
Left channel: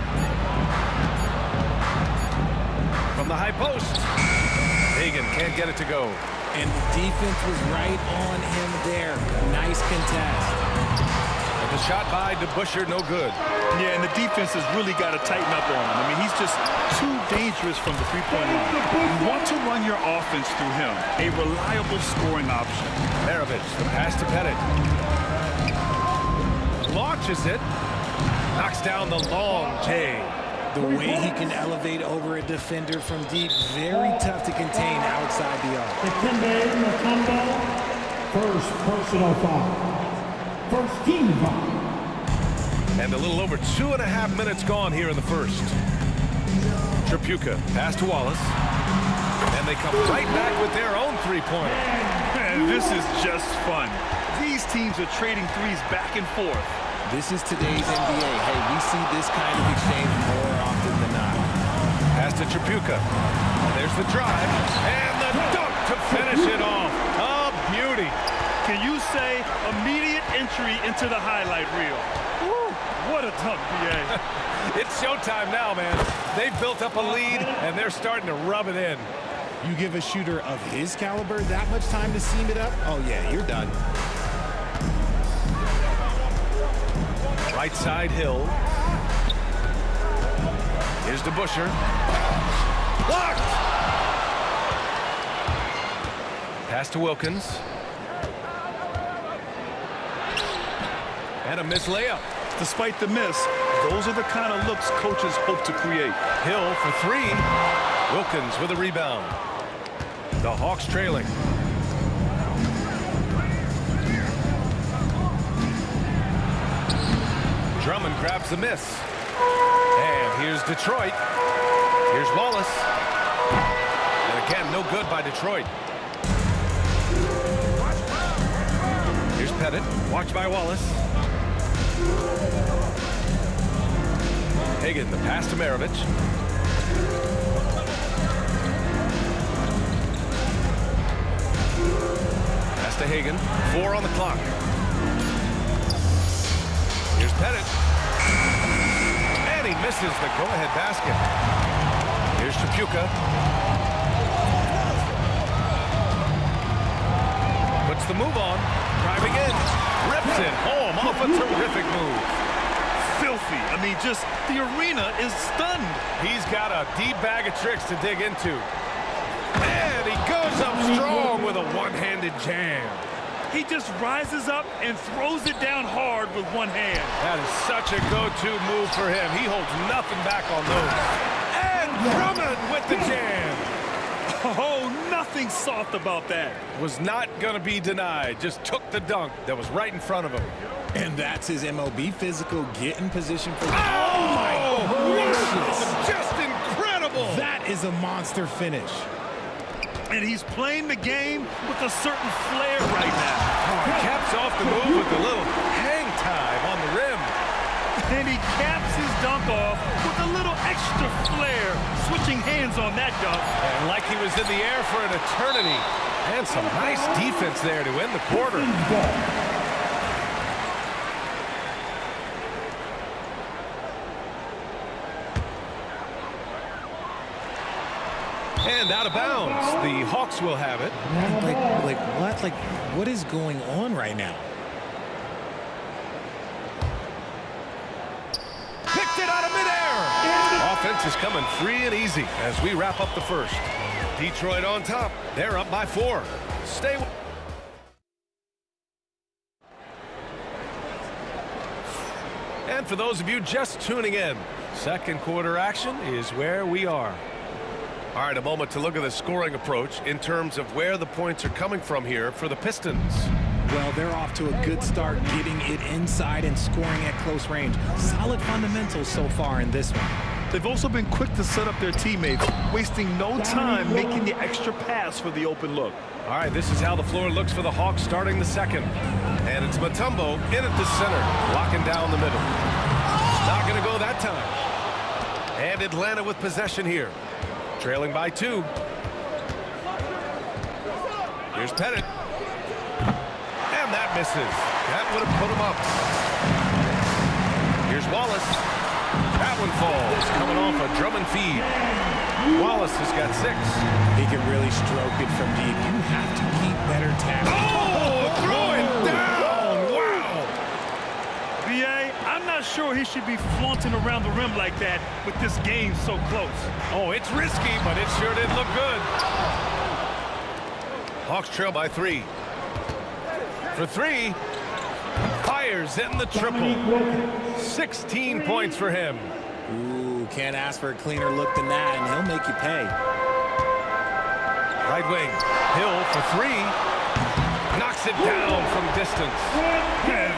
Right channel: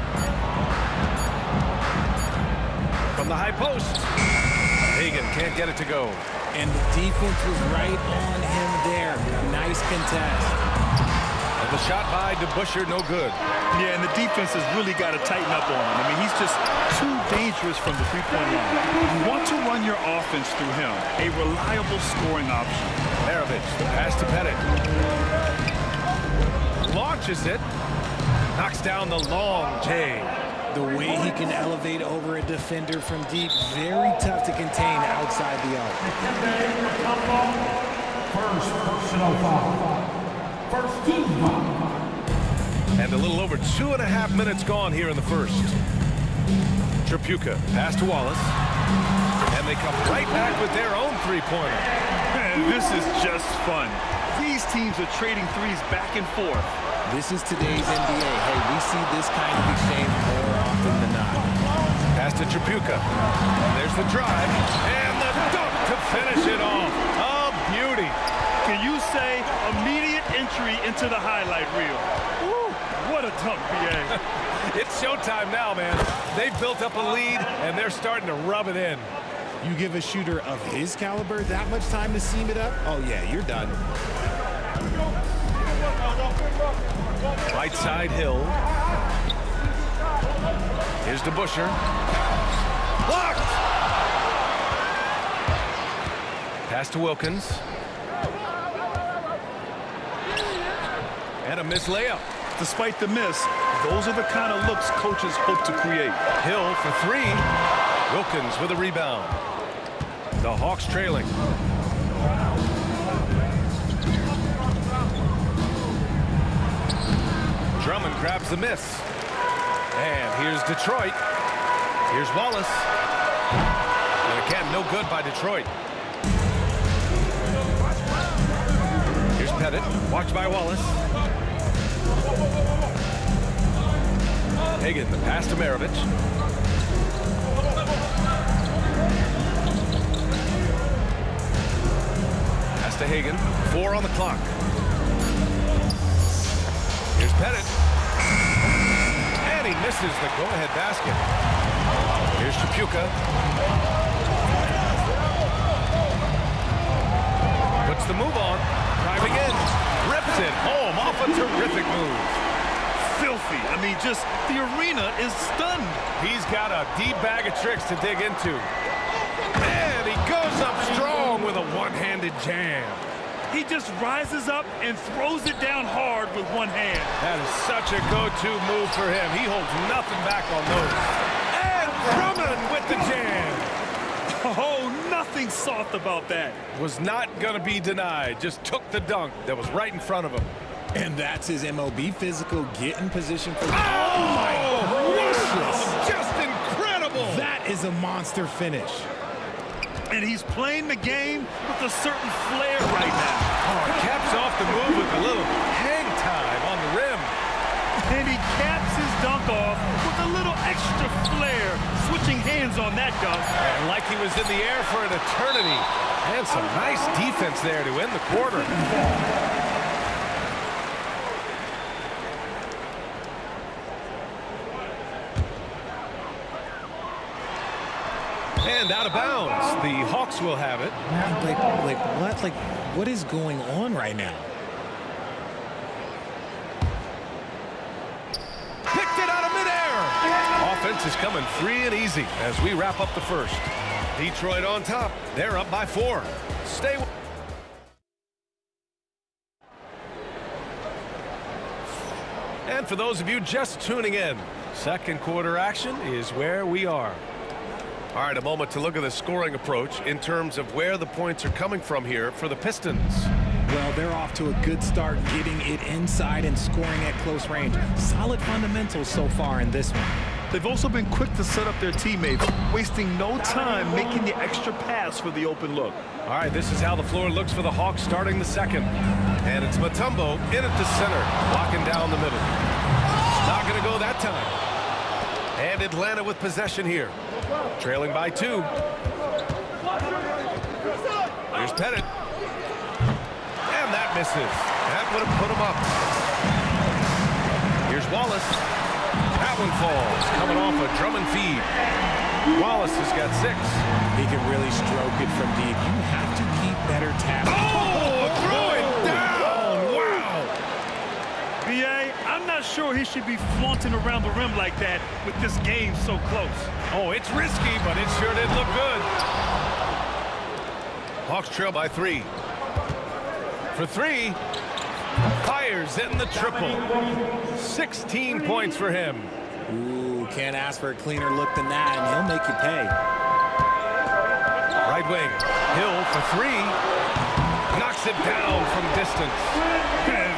From the high post. Hagan can't get it to go. And the defense was right on him there. Nice contest. And the shot by DeBusschere, no good. Yeah, and the defense has really got to tighten up on him. I mean, he's just too dangerous from the three-point line. You want to run your offense through him. A reliable scoring option. Maravich, the pass to Pettit. Launches it. Knocks down the long J. The way he can elevate over a defender from deep, very tough to contain outside the arc. First personal foul. First team foul. And a little over 2.5 minutes gone here in the first. Trapuka, pass to Wallace. And they come right back with their own three-pointer. Man, this is just fun. These teams are trading threes back and forth. This is today's NBA. Hey, we see this kind of exchange more often than not. Pass to Trapuka. There's the drive. And the dunk to finish it off. A beauty. Can you say immediate entry into the highlight reel? Woo, what a dunk, B.A. It's showtime now, man. They've built up a lead, and they're starting to rub it in. You give a shooter of his caliber that much time to seam it up? Oh, yeah, you're done. Right side, Hill. Here's DeBusschere. Blocked! Pass to Wilkins. And a missed layup. Despite the miss, those are the kind of looks coaches hope to create. Hill for 3. Wilkins with a rebound. The Hawks trailing. Drummond grabs the miss. And here's Detroit. Here's Wallace. And again, no good by Detroit. Here's Pettit. Watched by Wallace. Hagan, the pass to Maravich. Pass to Hagan. 4 on the clock. Here's Pettit. And he misses the go-ahead basket. Here's Trapuka. Puts the move on. Driving in. Rips it home off a terrific move. Filthy. I mean, just the arena is stunned. He's got a deep bag of tricks to dig into. And he goes up strong with a one-handed jam. He just rises up and throws it down hard with one hand. That is such a go-to move for him. He holds nothing back on those. And Drummond with the jam. Oh, nothing soft about that. Was not going to be denied. Just took the dunk that was right in front of him. And that's his MLB physical. Get in position for the... Oh, my gracious. Just incredible. incredible. That is a monster finish. And he's playing the game with a certain flair right now. Oh, he caps off the move with a little hang time on the rim. And he caps his dunk off with a little extra flair, switching hands on that dunk. And like he was in the air for an eternity. And some nice defense there to end the quarter. And out of bounds. The Hawks will have it. Like what? Like, what is going on right now? Picked it out of midair. Offense is coming free and easy as we wrap up the first. Detroit on top. They're up by 4. Stay with. And for those of you just tuning in, second quarter action is where we are. All right, a moment to look at the scoring approach in terms of where the points are coming from here for the Pistons. Well, they're off to a good start getting it inside and scoring at close range. Solid fundamentals so far in this one. They've also been quick to set up their teammates, wasting no time making the extra pass for the open look. All right, this is how the floor looks for the Hawks starting the second. And it's Mutombo in at the center, locking down the middle. Not going to go that time. And Atlanta with possession here. Trailing by 2. Here's Pettit. And that misses. That would have put him up. Here's Wallace. That one falls, coming off a Drummond feed. Wallace has got 6. He can really stroke it from deep. You have to keep better tapping. Oh, throw it down. Wow. B.A., I'm not sure he should be flaunting around the rim like that with this game so close. Oh, it's risky, but it sure did look good. Hawks trail by 3. For 3. Fires in the triple. 16 points for him. Ooh, can't ask for a cleaner look than that, and he'll make you pay. Right wing. Hill for 3. Knocks it down from distance.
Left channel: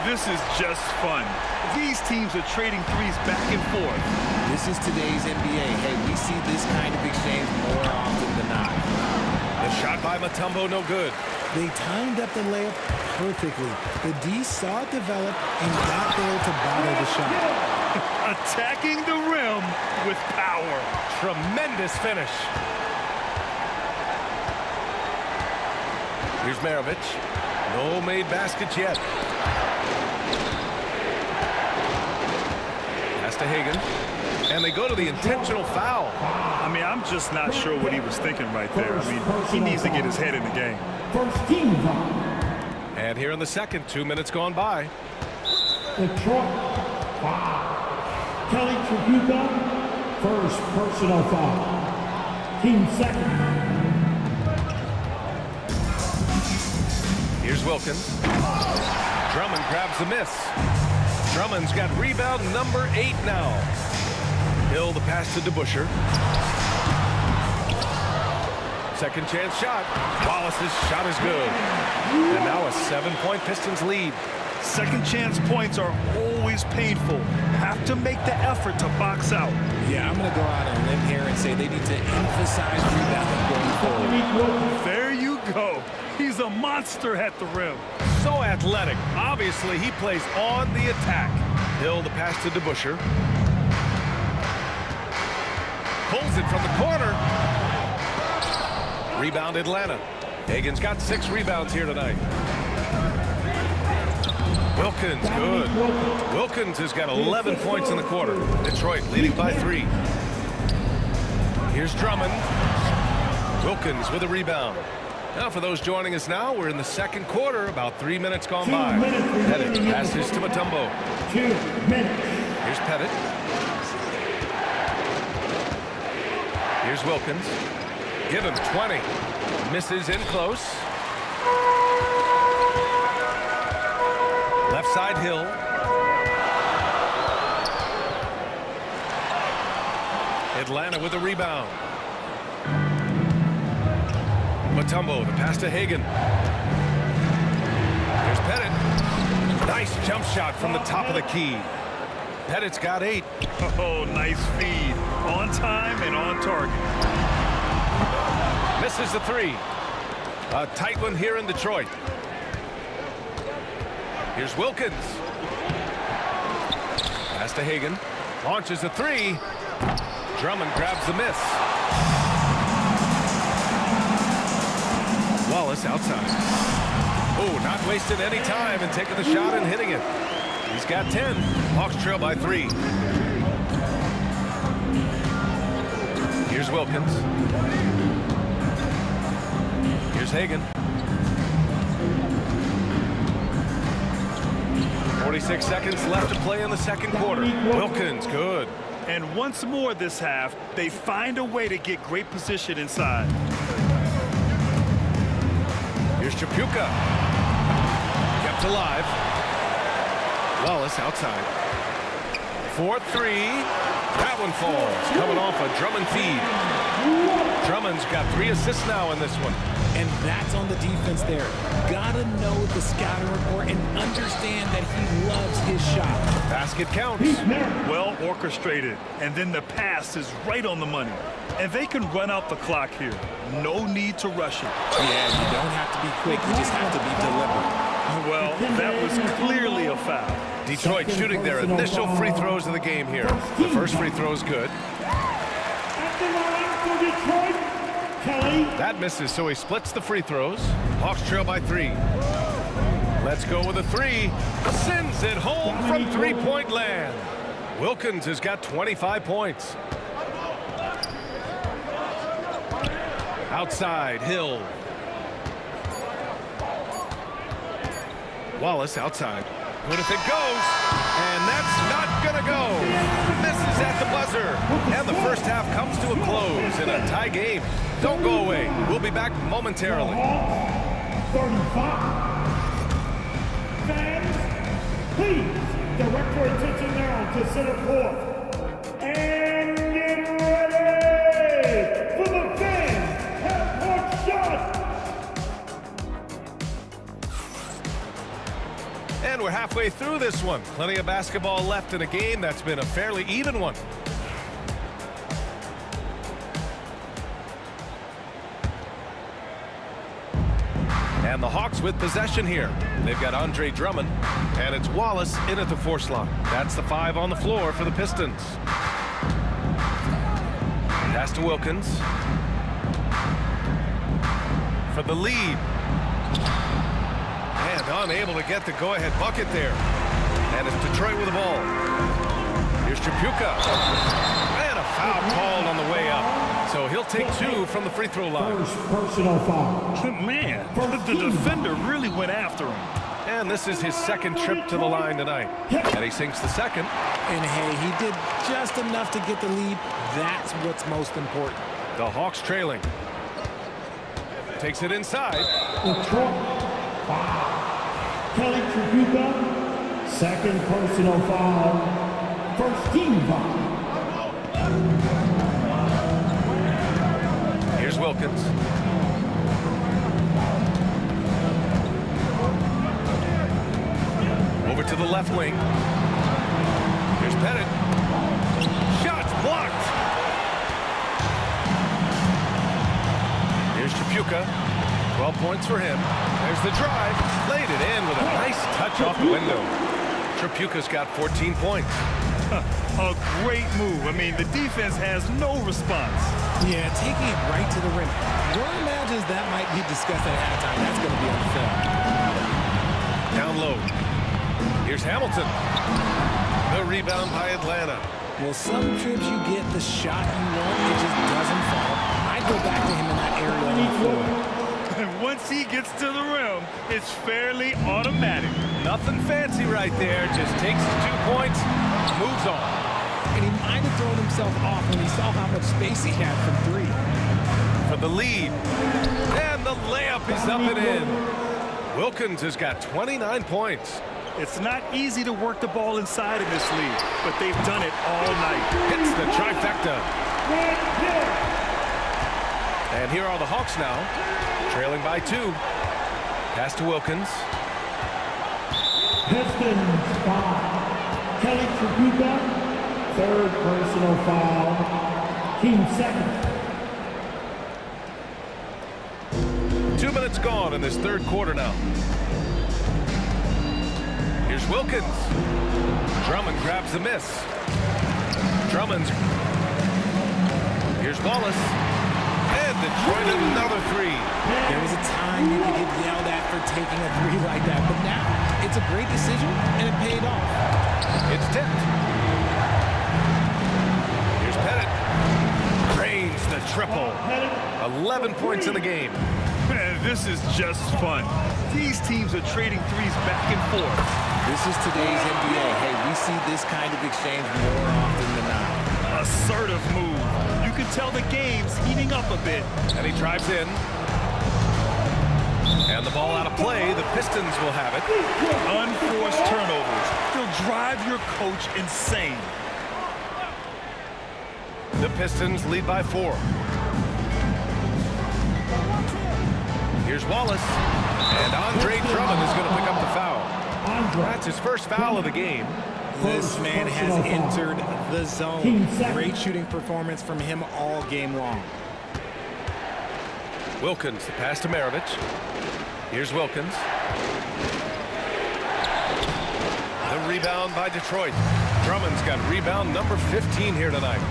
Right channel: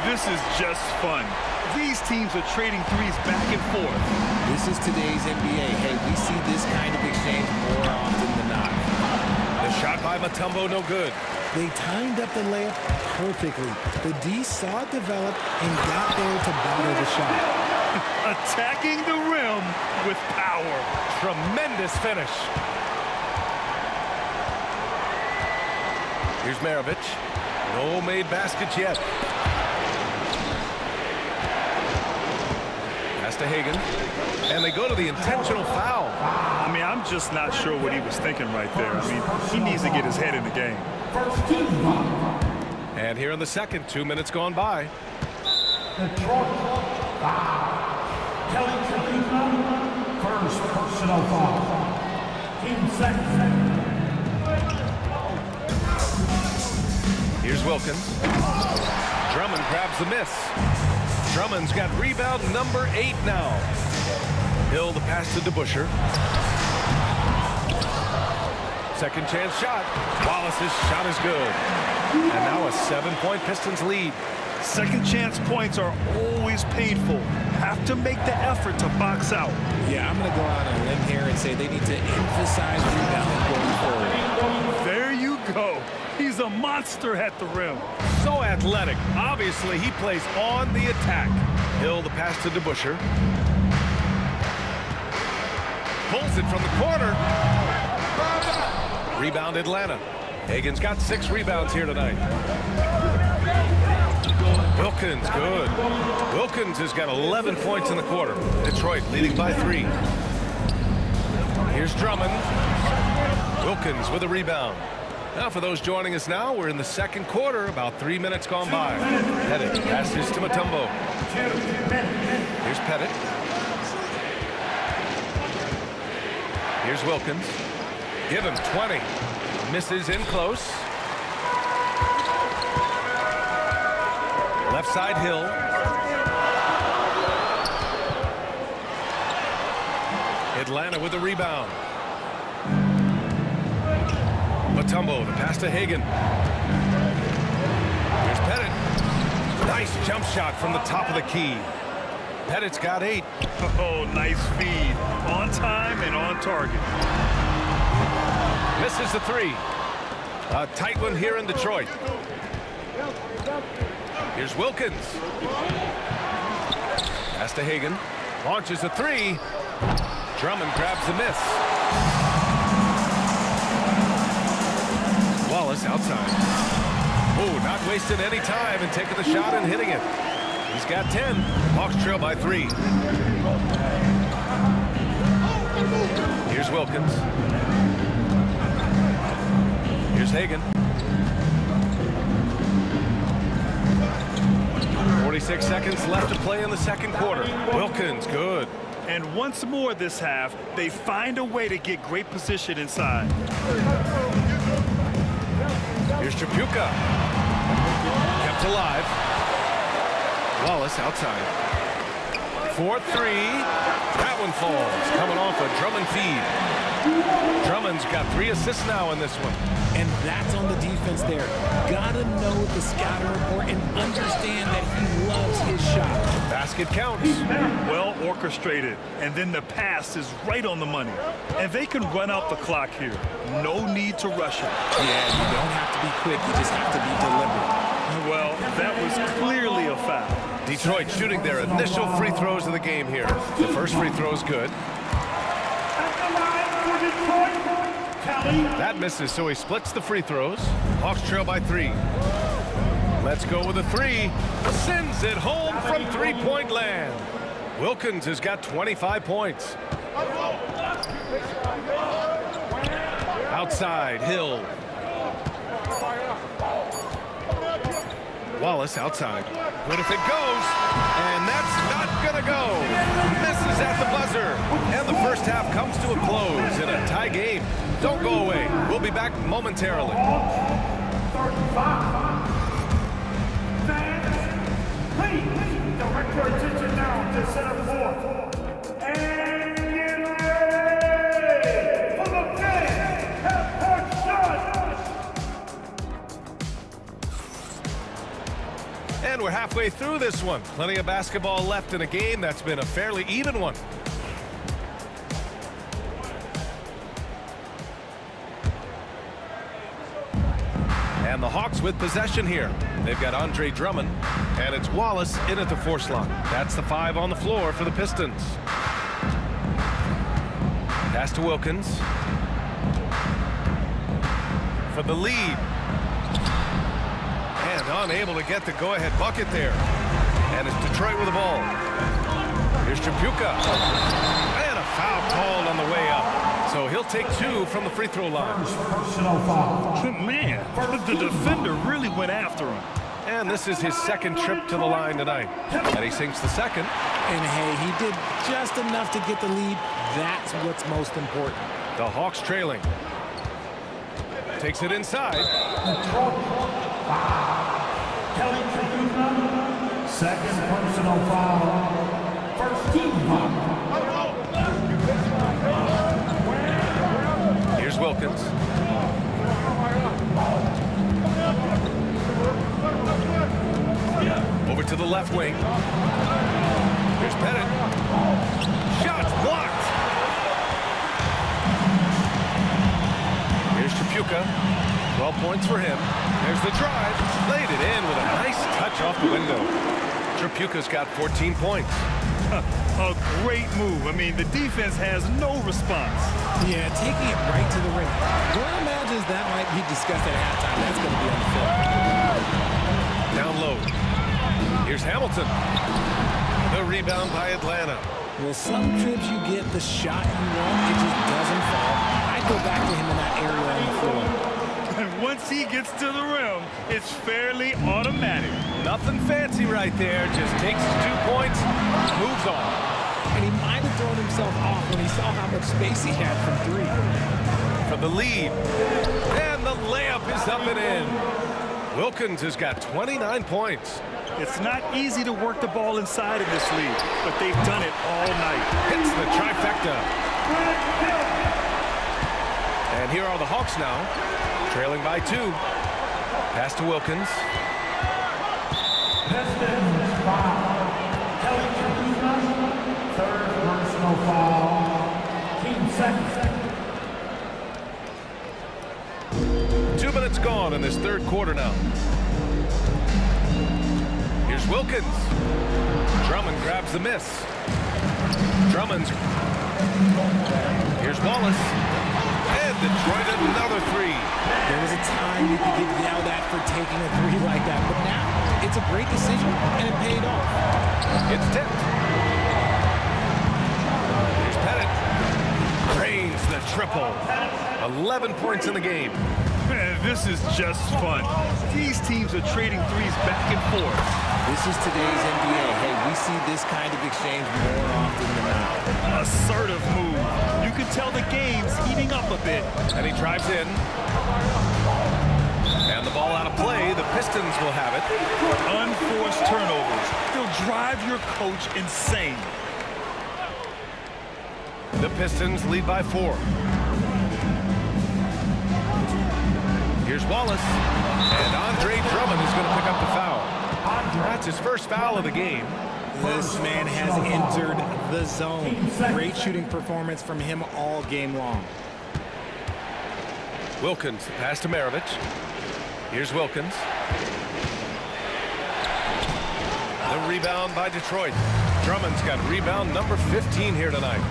This is just fun. These teams are trading threes back and forth. This is today's NBA. Hey, we see this kind of exchange more often than not. The shot by Mutombo, no good. They timed up the layup perfectly. The D saw it develop and got there to bother the shot. Attacking the rim with power. Tremendous finish. Here's Maravich. No made baskets yet. Pass to Hagan. And they go to the intentional foul. I mean, I'm just not sure what he was thinking right there. I mean, he needs to get his head in the game. And here in the second, 2 minutes gone by. Detroit, foul. Kelly Tripucka, first personal foul. Team second. Here's Wilkins. Drummond grabs the miss. Drummond's got rebound number 8 now. Hill the pass to DeBusschere. Second chance shot. Wallace's shot is good. And now a 7-point Pistons lead. Second chance points are always painful. Have to make the effort to box out. Yeah, I'm going to go out on a limb here and say they need to emphasize rebounding going forward. There you go. He's a monster at the rim. So athletic. Obviously, he plays on the attack. Hill the pass to DeBusschere. Pulls it from the corner. Rebound Atlanta. Hagan's got 6 rebounds here tonight. Wilkins, good. Wilkins has got 11 points in the quarter. Detroit leading by 3. Here's Drummond. Wilkins with a rebound. Now for those joining us now, we're in the second quarter, about 3 minutes gone by. Pettit passes to Mutombo. 2 minutes. Here's Pettit. Here's Wilkins. Give him 20. Misses in close. Left side Hill. Atlanta with a rebound. Mutombo, the pass to Hagan. Here's Pettit. Nice jump shot from the top of the key. Pettit's got 8. Oh, nice feed. On time and on target. Misses the 3. A tight one here in Detroit. Here's Wilkins. Pass to Hagan. Launches a 3. Drummond grabs the miss. Wallace outside. Oh, not wasting any time and taking the shot and hitting it. He's got 10. Hawks trail by 3. Here's Wilkins. Here's Hagan. 46 seconds left to play in the second quarter. Wilkins, good. And once more this half, they find a way to get great position inside. Here's Chapuka. Kept alive. Wallace outside. 4-3. That one falls. Coming off a Drummond feed. Drummond's got 3 assists now in this one. And that's on the defense there. Gotta know the scouting report and understand that he loves his shot. Basket counts. Well orchestrated. And then the pass is right on the money. And they can run out the clock here. No need to rush it. Yeah, you don't have to be quick. You just have to be deliberate. Well, that was clearly a foul. Detroit shooting their initial free throws of the game here. The first free throw is good. At the line for Detroit, Kelly. That misses, so he splits the free throws. Hawks trail by 3. Let's go with a 3. Sends it home from three-point land. Wilkins has got 25 points. Outside, Hill. Wallace outside. Good if it goes, and that's not gonna go. Misses at the buzzer, and the first half comes to a close in a tie game. Don't go away. We'll be back momentarily. 35. Fans, please direct your attention now to center court. And get ready for the fan half-court shot. And we're halfway through this one. Plenty of basketball left in a game that's been a fairly even one. And the Hawks with possession here. They've got Andre Drummond, and it's Wallace in at the force line. That's the 5 on the floor for the Pistons. Pass to Wilkins. For the lead. And unable to get the go-ahead bucket there. And it's Detroit with the ball. Here's Chapuka. And a foul called on the way up. So he'll take 2 from the free throw line. First personal foul. Man, the defender really went after him. And this is his second trip to the line tonight. And he sinks the second. And hey, he did just enough to get the lead. That's what's most important. The Hawks trailing. Takes it inside. Detroit, 5. Kelly Chapuka, second personal foul. First team foul. Here's Wilkins. Over to the left wing. Here's Pettit. Shots blocked. Here's Chapuka. 12 points for him. There's the drive. Laid it in with a nice touch off the window. Chapuka's got 14 points. A great move. I mean, the defense has no response. Yeah, taking it right to the rim. One imagines that might be discussed at halftime. That's going to be on the film. Down low. Here's Hamilton. The rebound by Atlanta. Well, some trips you get the shot you want, it just doesn't fall. I'd go back to him in that area on the floor. And once he gets to the rim, it's fairly automatic. Nothing fancy right there. Just takes his 2 points, moves on. And he might have thrown himself off when he saw how much space he had from 3. For the lead. And the layup is up and in. Wilkins has got 29 points. It's not easy to work the ball inside in this league, but they've done it all night. Hits the trifecta. And here are the Hawks now, trailing by 2. Pass to Wilkins. Pistons 5. Kelly Chapuka, personal foul. Team second. 2 minutes gone in this third quarter now. Here's Wilkins. Drummond grabs the miss. Drummond's. Here's Wallace. And Detroit another three. There was a time you could get yelled at for taking a three like that, but now it's a great decision, and it paid off. It's tipped. Here's Pettit. Drains the triple. 11 points in the game. Man, this is just fun. These teams are trading threes back and forth. This is today's NBA. Hey, we see this kind of exchange more often than not. Assertive move. You can tell the game's heating up a bit. And he drives in. And the ball out of play. The Pistons will have it. Unforced turnovers. They'll drive your coach insane. The Pistons lead by 4. Here's Wallace. And Andre Drummond is going to pick up the foul. That's his first foul of the game. This man has entered the zone. Great shooting performance from him all game long. Wilkins, the pass to Maravich. Here's Wilkins. The rebound by Detroit. Drummond's got rebound number 15 here tonight.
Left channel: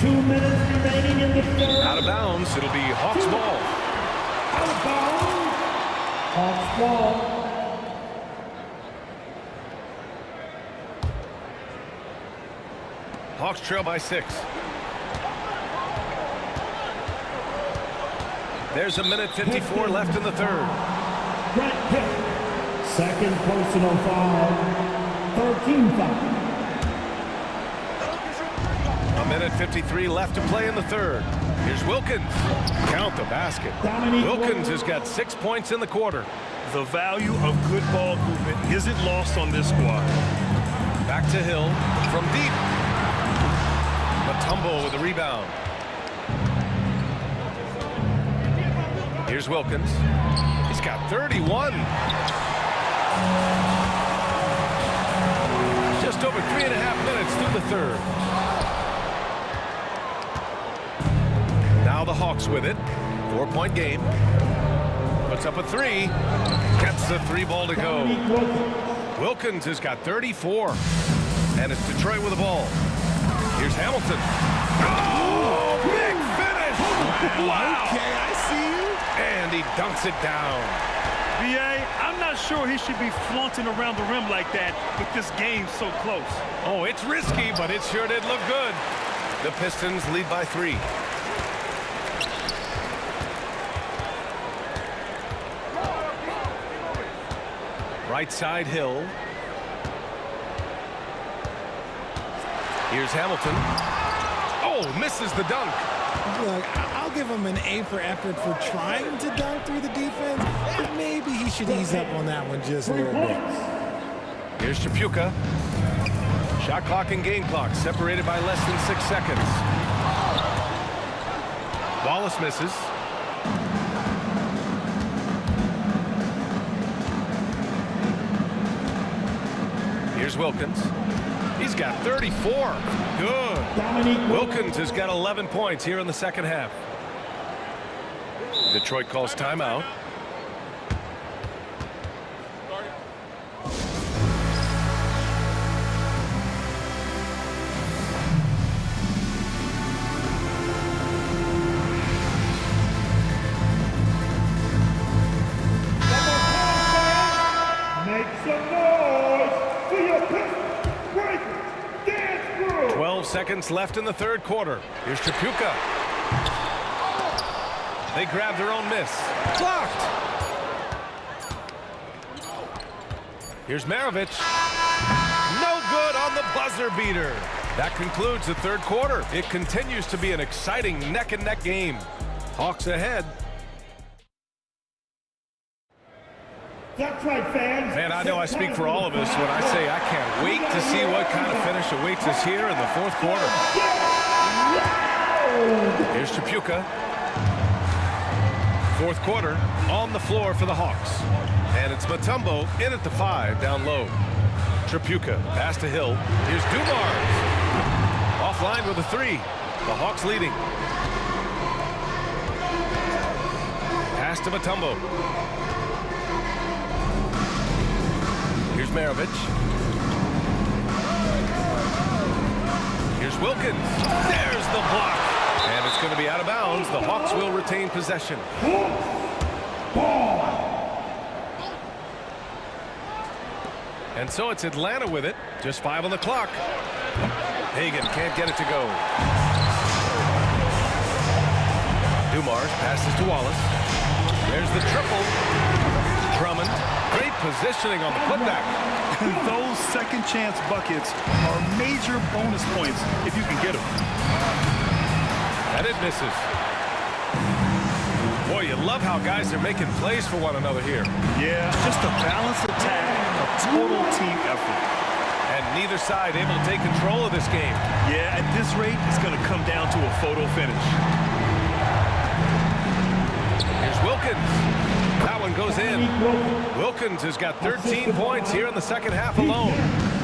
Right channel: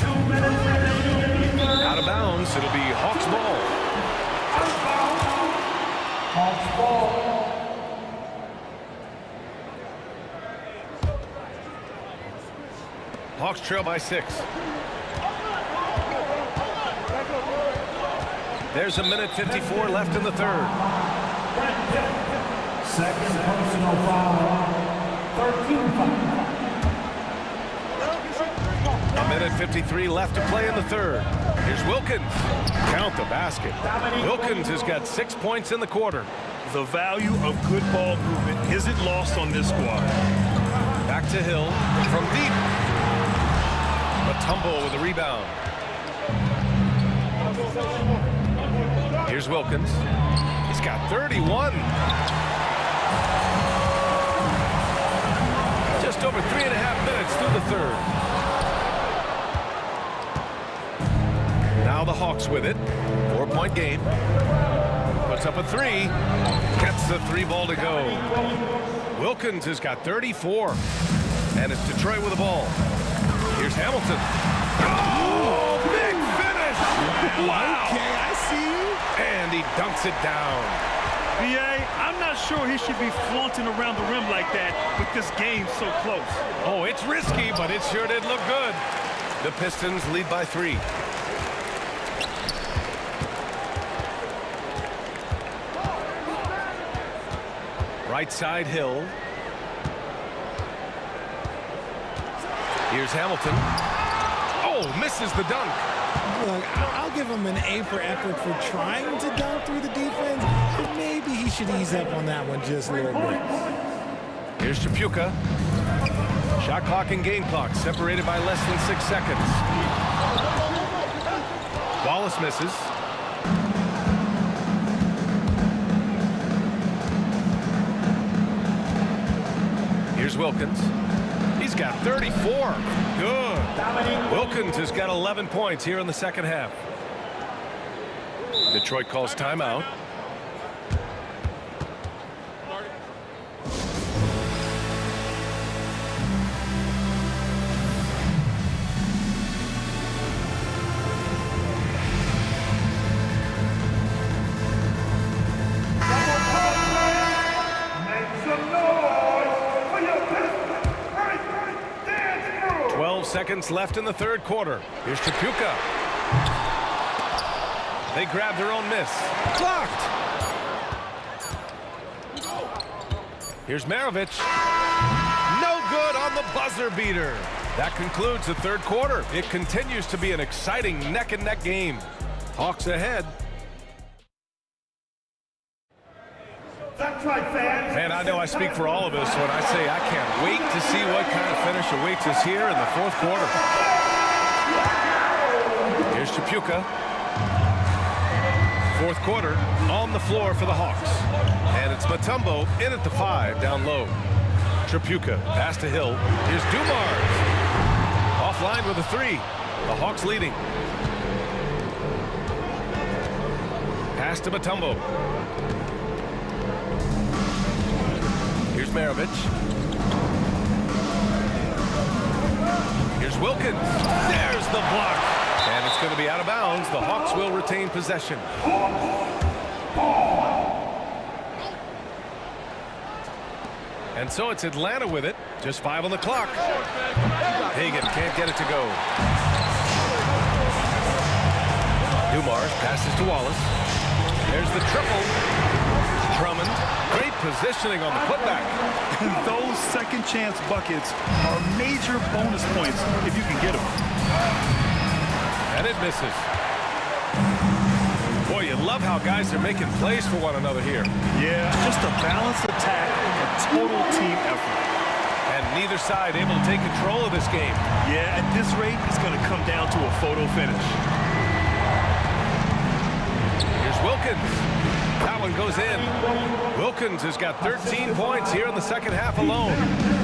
2 minutes remaining in the third. Out of bounds, it'll be Hawks ball. Out of bounds. Hawks ball. Hawks trail by 6. There's a minute 54 left in the third. Brent Hill. Second personal foul. 13 foul. A minute 53 left to play in the third. Here's Wilkins. Count the basket. Wilkins has got 6 points in the quarter. The value of good ball movement isn't lost on this squad. Back to Hill from deep. Mutombo with the rebound. Here's Wilkins. He's got 31. Just over 3.5 minutes through the third. Now the Hawks with it. 4-point game. Puts up a three. Gets the three ball to go. Wilkins has got 34. And it's Detroit with the ball. Here's Hamilton. Oh, big finish! Wow. Okay, I see you. And he dunks it down. B.A., I'm not sure he should be flaunting around the rim like that with this game so close. Oh, it's risky, but it sure did look good. The Pistons lead by 3. Right side, Hill. Here's Hamilton. Oh, misses the dunk. Look, I'll give him an A for effort for trying to dunk through the defense, but maybe he should ease up on that one just a little bit. Here's Chapuka. Shot clock and game clock separated by less than 6 seconds. Wallace misses. Here's Wilkins. He's got 34. Good. Wilkins has got 11 points here in the second half. Detroit calls timeout. Make some noise for your Pistons break dance crew. 12 seconds left in the third quarter. Here's Chapuka. They grab their own miss. Blocked. Here's Maravich. No good on the buzzer beater. That concludes the third quarter. It continues to be an exciting neck-and-neck game. Hawks ahead. That's right, fans. Man, I know I speak for all of us when I say I can't wait to see what kind of finish awaits us here in the fourth quarter. Here's Chapuka. Fourth quarter on the floor for the Hawks. And it's Mutombo in at the 5 down low. Chapuka pass to Hill. Here's Dumars. Offline with a 3. The Hawks leading. Pass to Mutombo. Here's Maravich. Here's Wilkins. There's the block. And it's going to be out of bounds. The Hawks will retain possession. And so it's Atlanta with it. Just 5 on the clock. Hagan can't get it to go. Dumars passes to Wallace. There's the triple. Drummond. Great positioning on the putback. Those second chance buckets are major bonus points if you can get them. And it misses. Boy, you love how guys are making plays for one another here. Yeah, just a balanced attack, a total team effort. And neither side able to take control of this game. Yeah, at this rate, it's going to come down to a photo finish. Here's Wilkins. That one goes in. Wilkins has got 13 points here in the second half alone.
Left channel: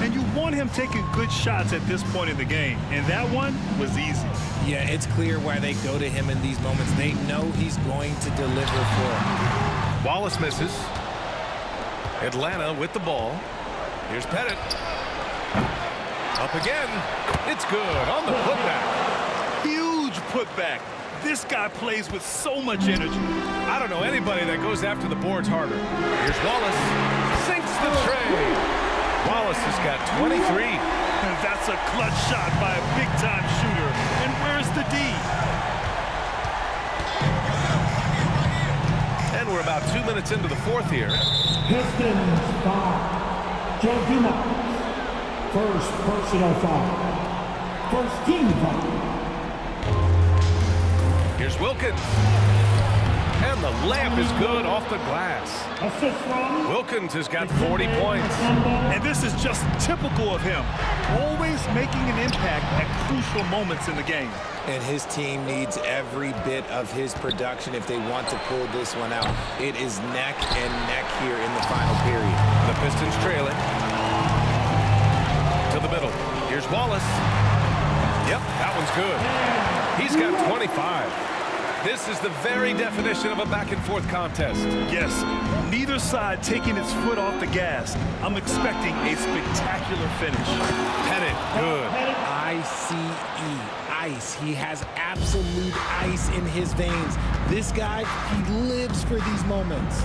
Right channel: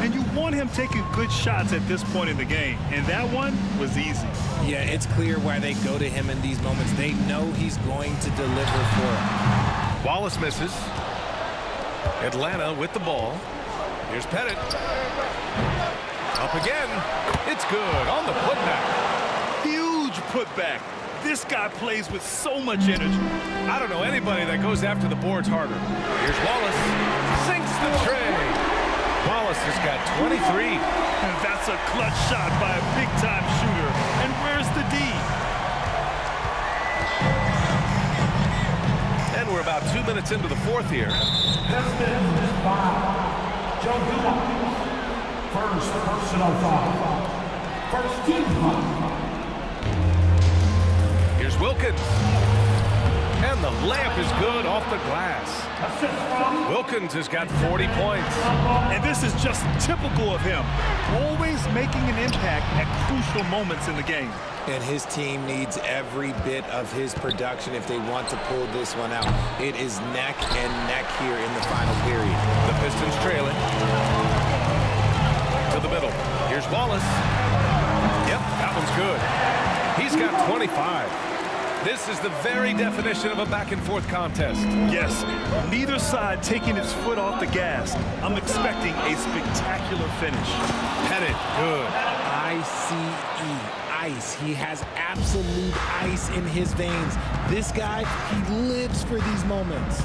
And you want him taking good shots at this point in the game. And that one was easy. Yeah, it's clear why they go to him in these moments. They know he's going to deliver for them. Wallace misses. Atlanta with the ball. Here's Pettit. Up again. It's good on the putback. Huge putback. This guy plays with so much energy. I don't know anybody that goes after the boards harder. Here's Wallace. Sinks the tray. Wallace has got 23. And that's a clutch shot by a big-time shooter. And where's the D? And we're about 2 minutes into the fourth here. Pistons 5. Joe Dumars. First personal foul. First team foul. Here's Wilkins. And the layup is good off the glass. Assist from Wilkins has got 40 points. And this is just typical of him. Always making an impact at crucial moments in the game. And his team needs every bit of his production if they want to pull this one out. It is neck and neck here in the final period. The Pistons trailing. To the middle. Here's Wallace. Yep, that one's good. He's got 25. This is the very definition of a back-and-forth contest. Yes, neither side taking its foot off the gas. I'm expecting a spectacular finish. Pettit, good. I-C-E, ice. He has absolute ice in his veins. This guy, he lives for these moments.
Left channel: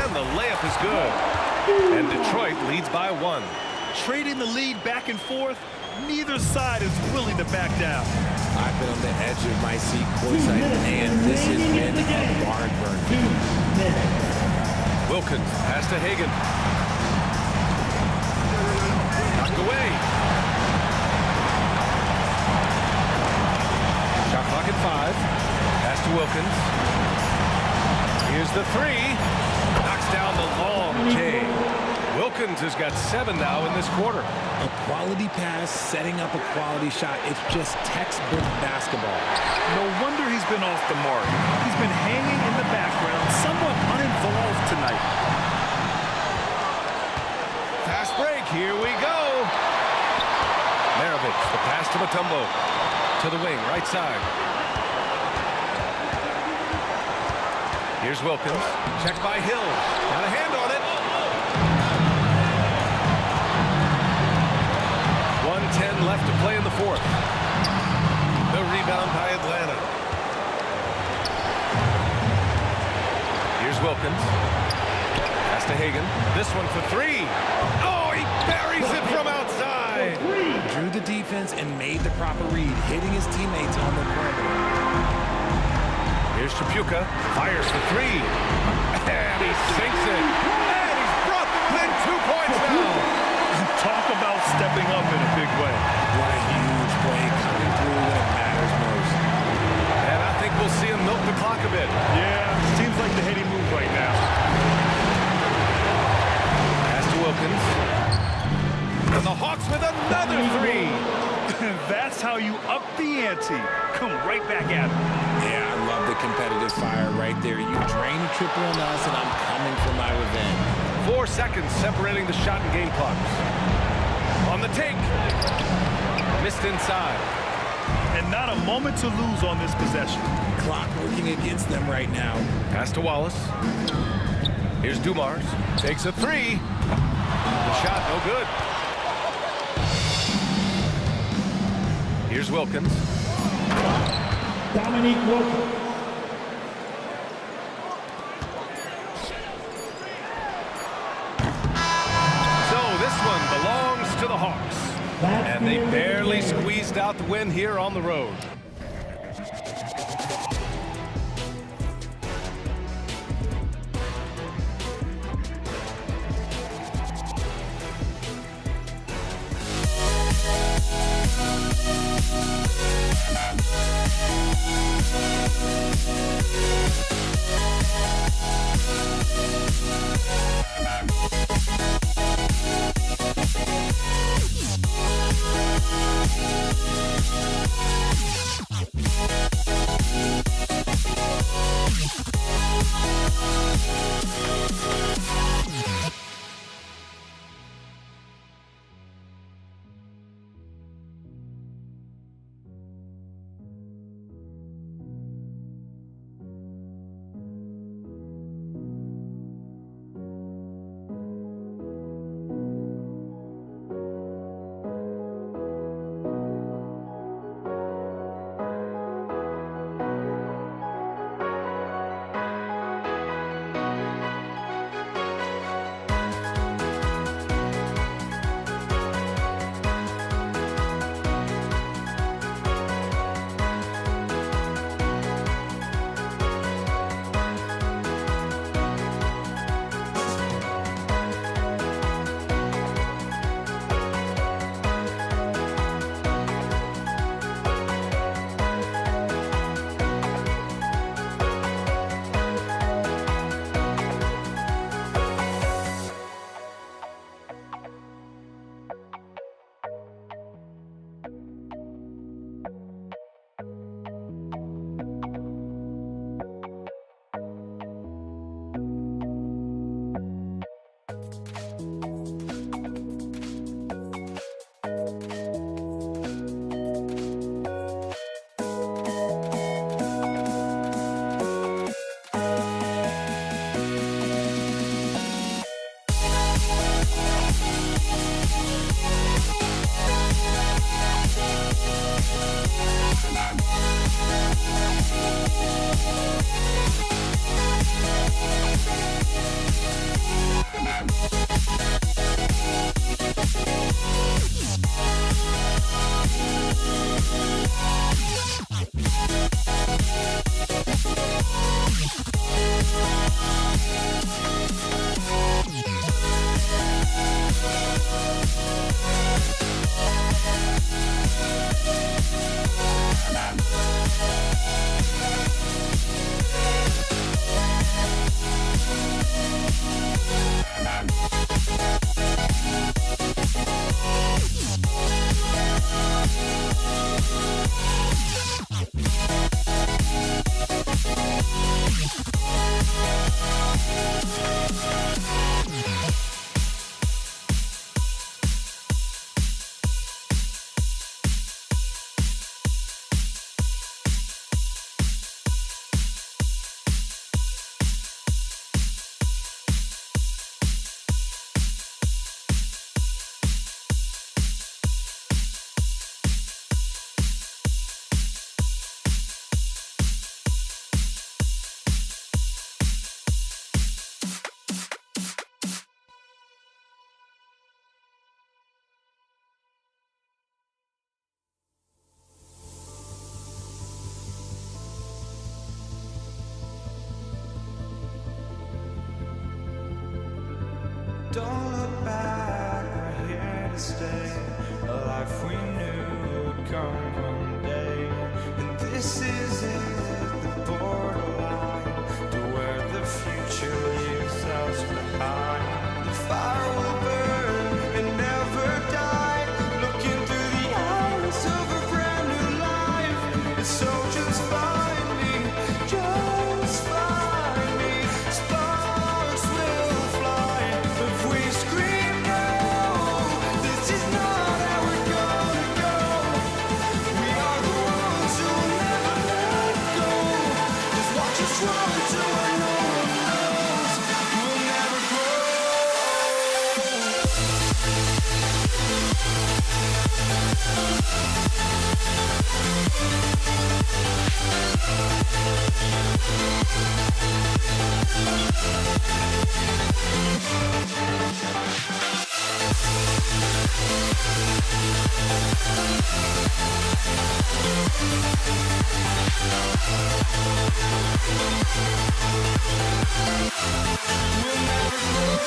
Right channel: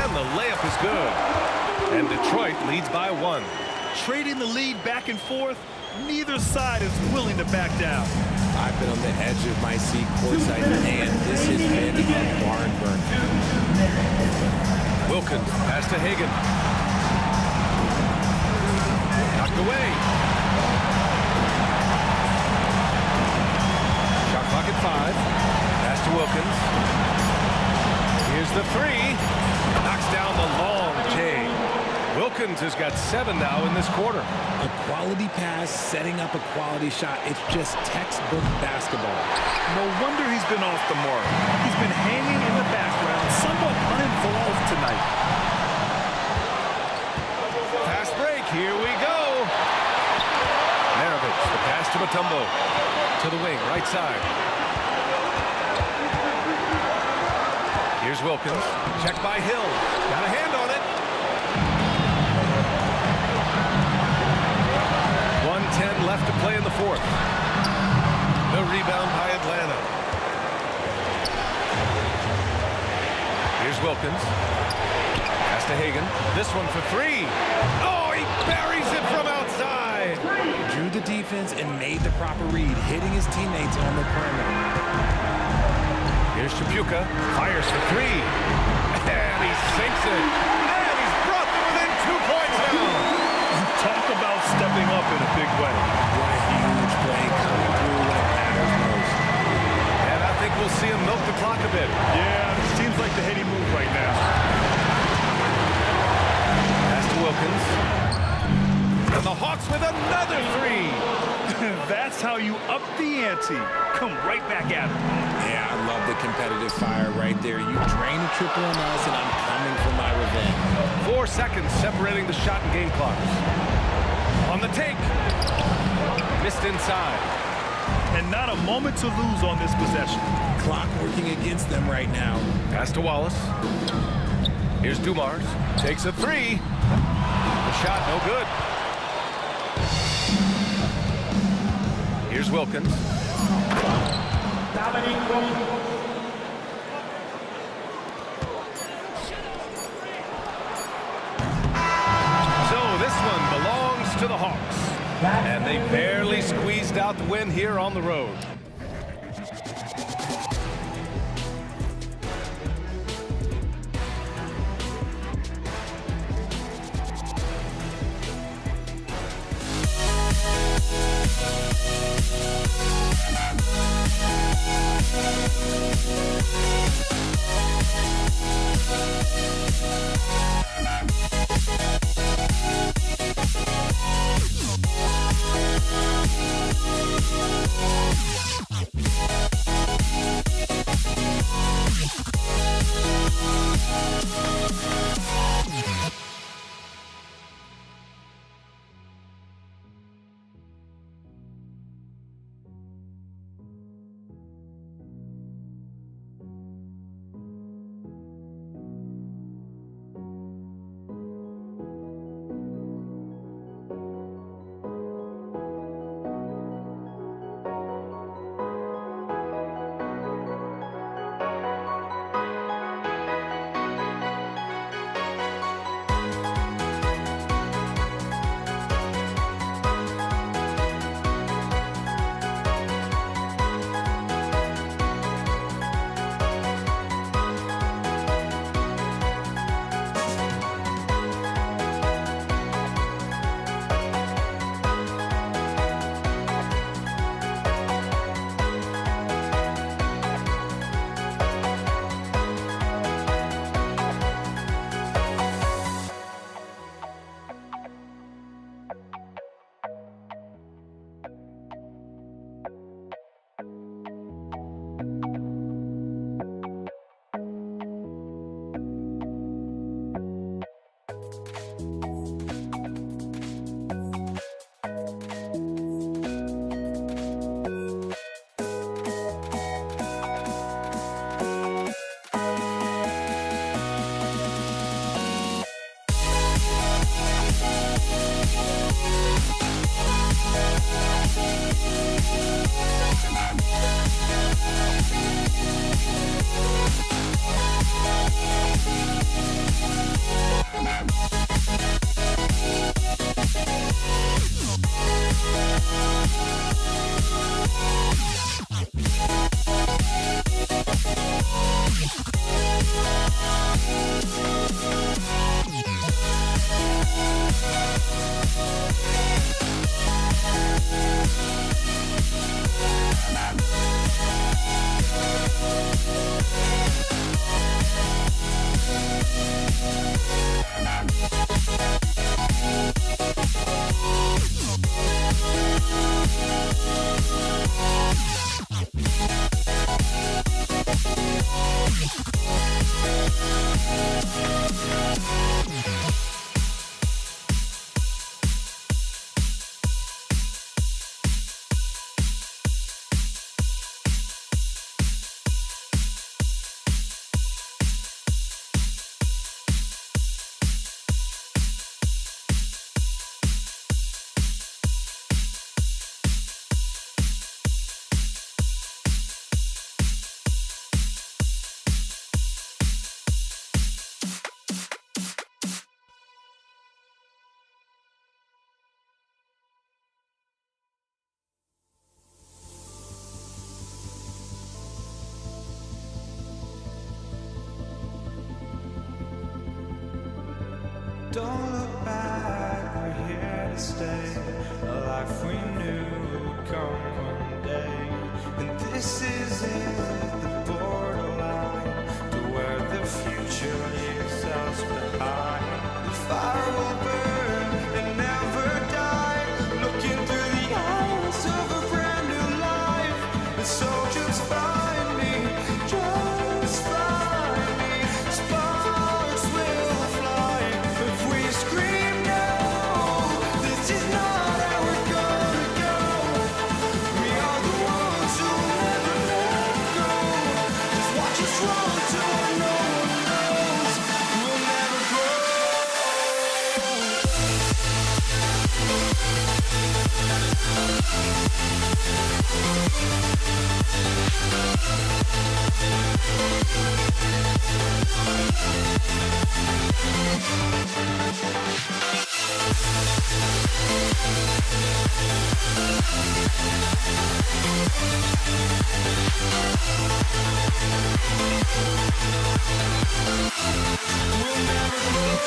And the layup is good. And Detroit leads by 1. Trading the lead back and forth, neither side is willing to back down. I've been on the edge of my seat courtside, and this has been a barn burner. Wilkins, pass to Hagan. Knocked away. Shot clock at 5. Pass to Wilkins. Here's the 3. Knocks down the long J. Wilkins has got 7 now in this quarter. A quality pass, setting up a quality shot. It's just textbook basketball. No wonder he's been off the mark. He's been hanging in the background, somewhat uninvolved tonight. Fast break, here we go. Maravich, the pass to Mutombo. To the wing, right side. Here's Wilkins. Checked by Hill. Got a hand on it. 1:10 left to play in the fourth. The rebound by Atlanta. Here's Wilkins. Pass to Hagan. This one for 3. Oh, he buries it from outside. Drew the defense and made the proper read, hitting his teammates on the perimeter. Here's Tripucka. Fires for 3. And he sinks it. And he's brought them within 2 points now. Talk about stepping up in a big way. What a huge play coming through when it matters most. And I think we'll see him milk the clock a bit. Yeah, seems like the heady move right now. Pass to Wilkins. And the Hawks with another 3. That's how you up the ante. Come right back at him. Yeah, I love the competitive fire right there. You drain a triple on us, and I'm coming for my revenge. 4 seconds separating the shot and game clocks. On the take. Missed inside. And not a moment to lose on this possession. Clock working against them right now. Pass to Wallace. Here's Dumars. Takes a three. The shot no good. Here's Wilkins. Dominique Wilkins. So this one belongs to the Hawks. And they barely squeezed out the win here on the road. Don't look back, we're here to stay. A life we knew would come one day. And this is it, the borderline to where the future leaves us behind. The fire will burn and never die, looking through the eyes of a brand new life. And so just find me, just find me. Sparks will fly if we scream no. This is not how we're gonna go. drawn to what no one knows. We'll never grow. We'll never grow.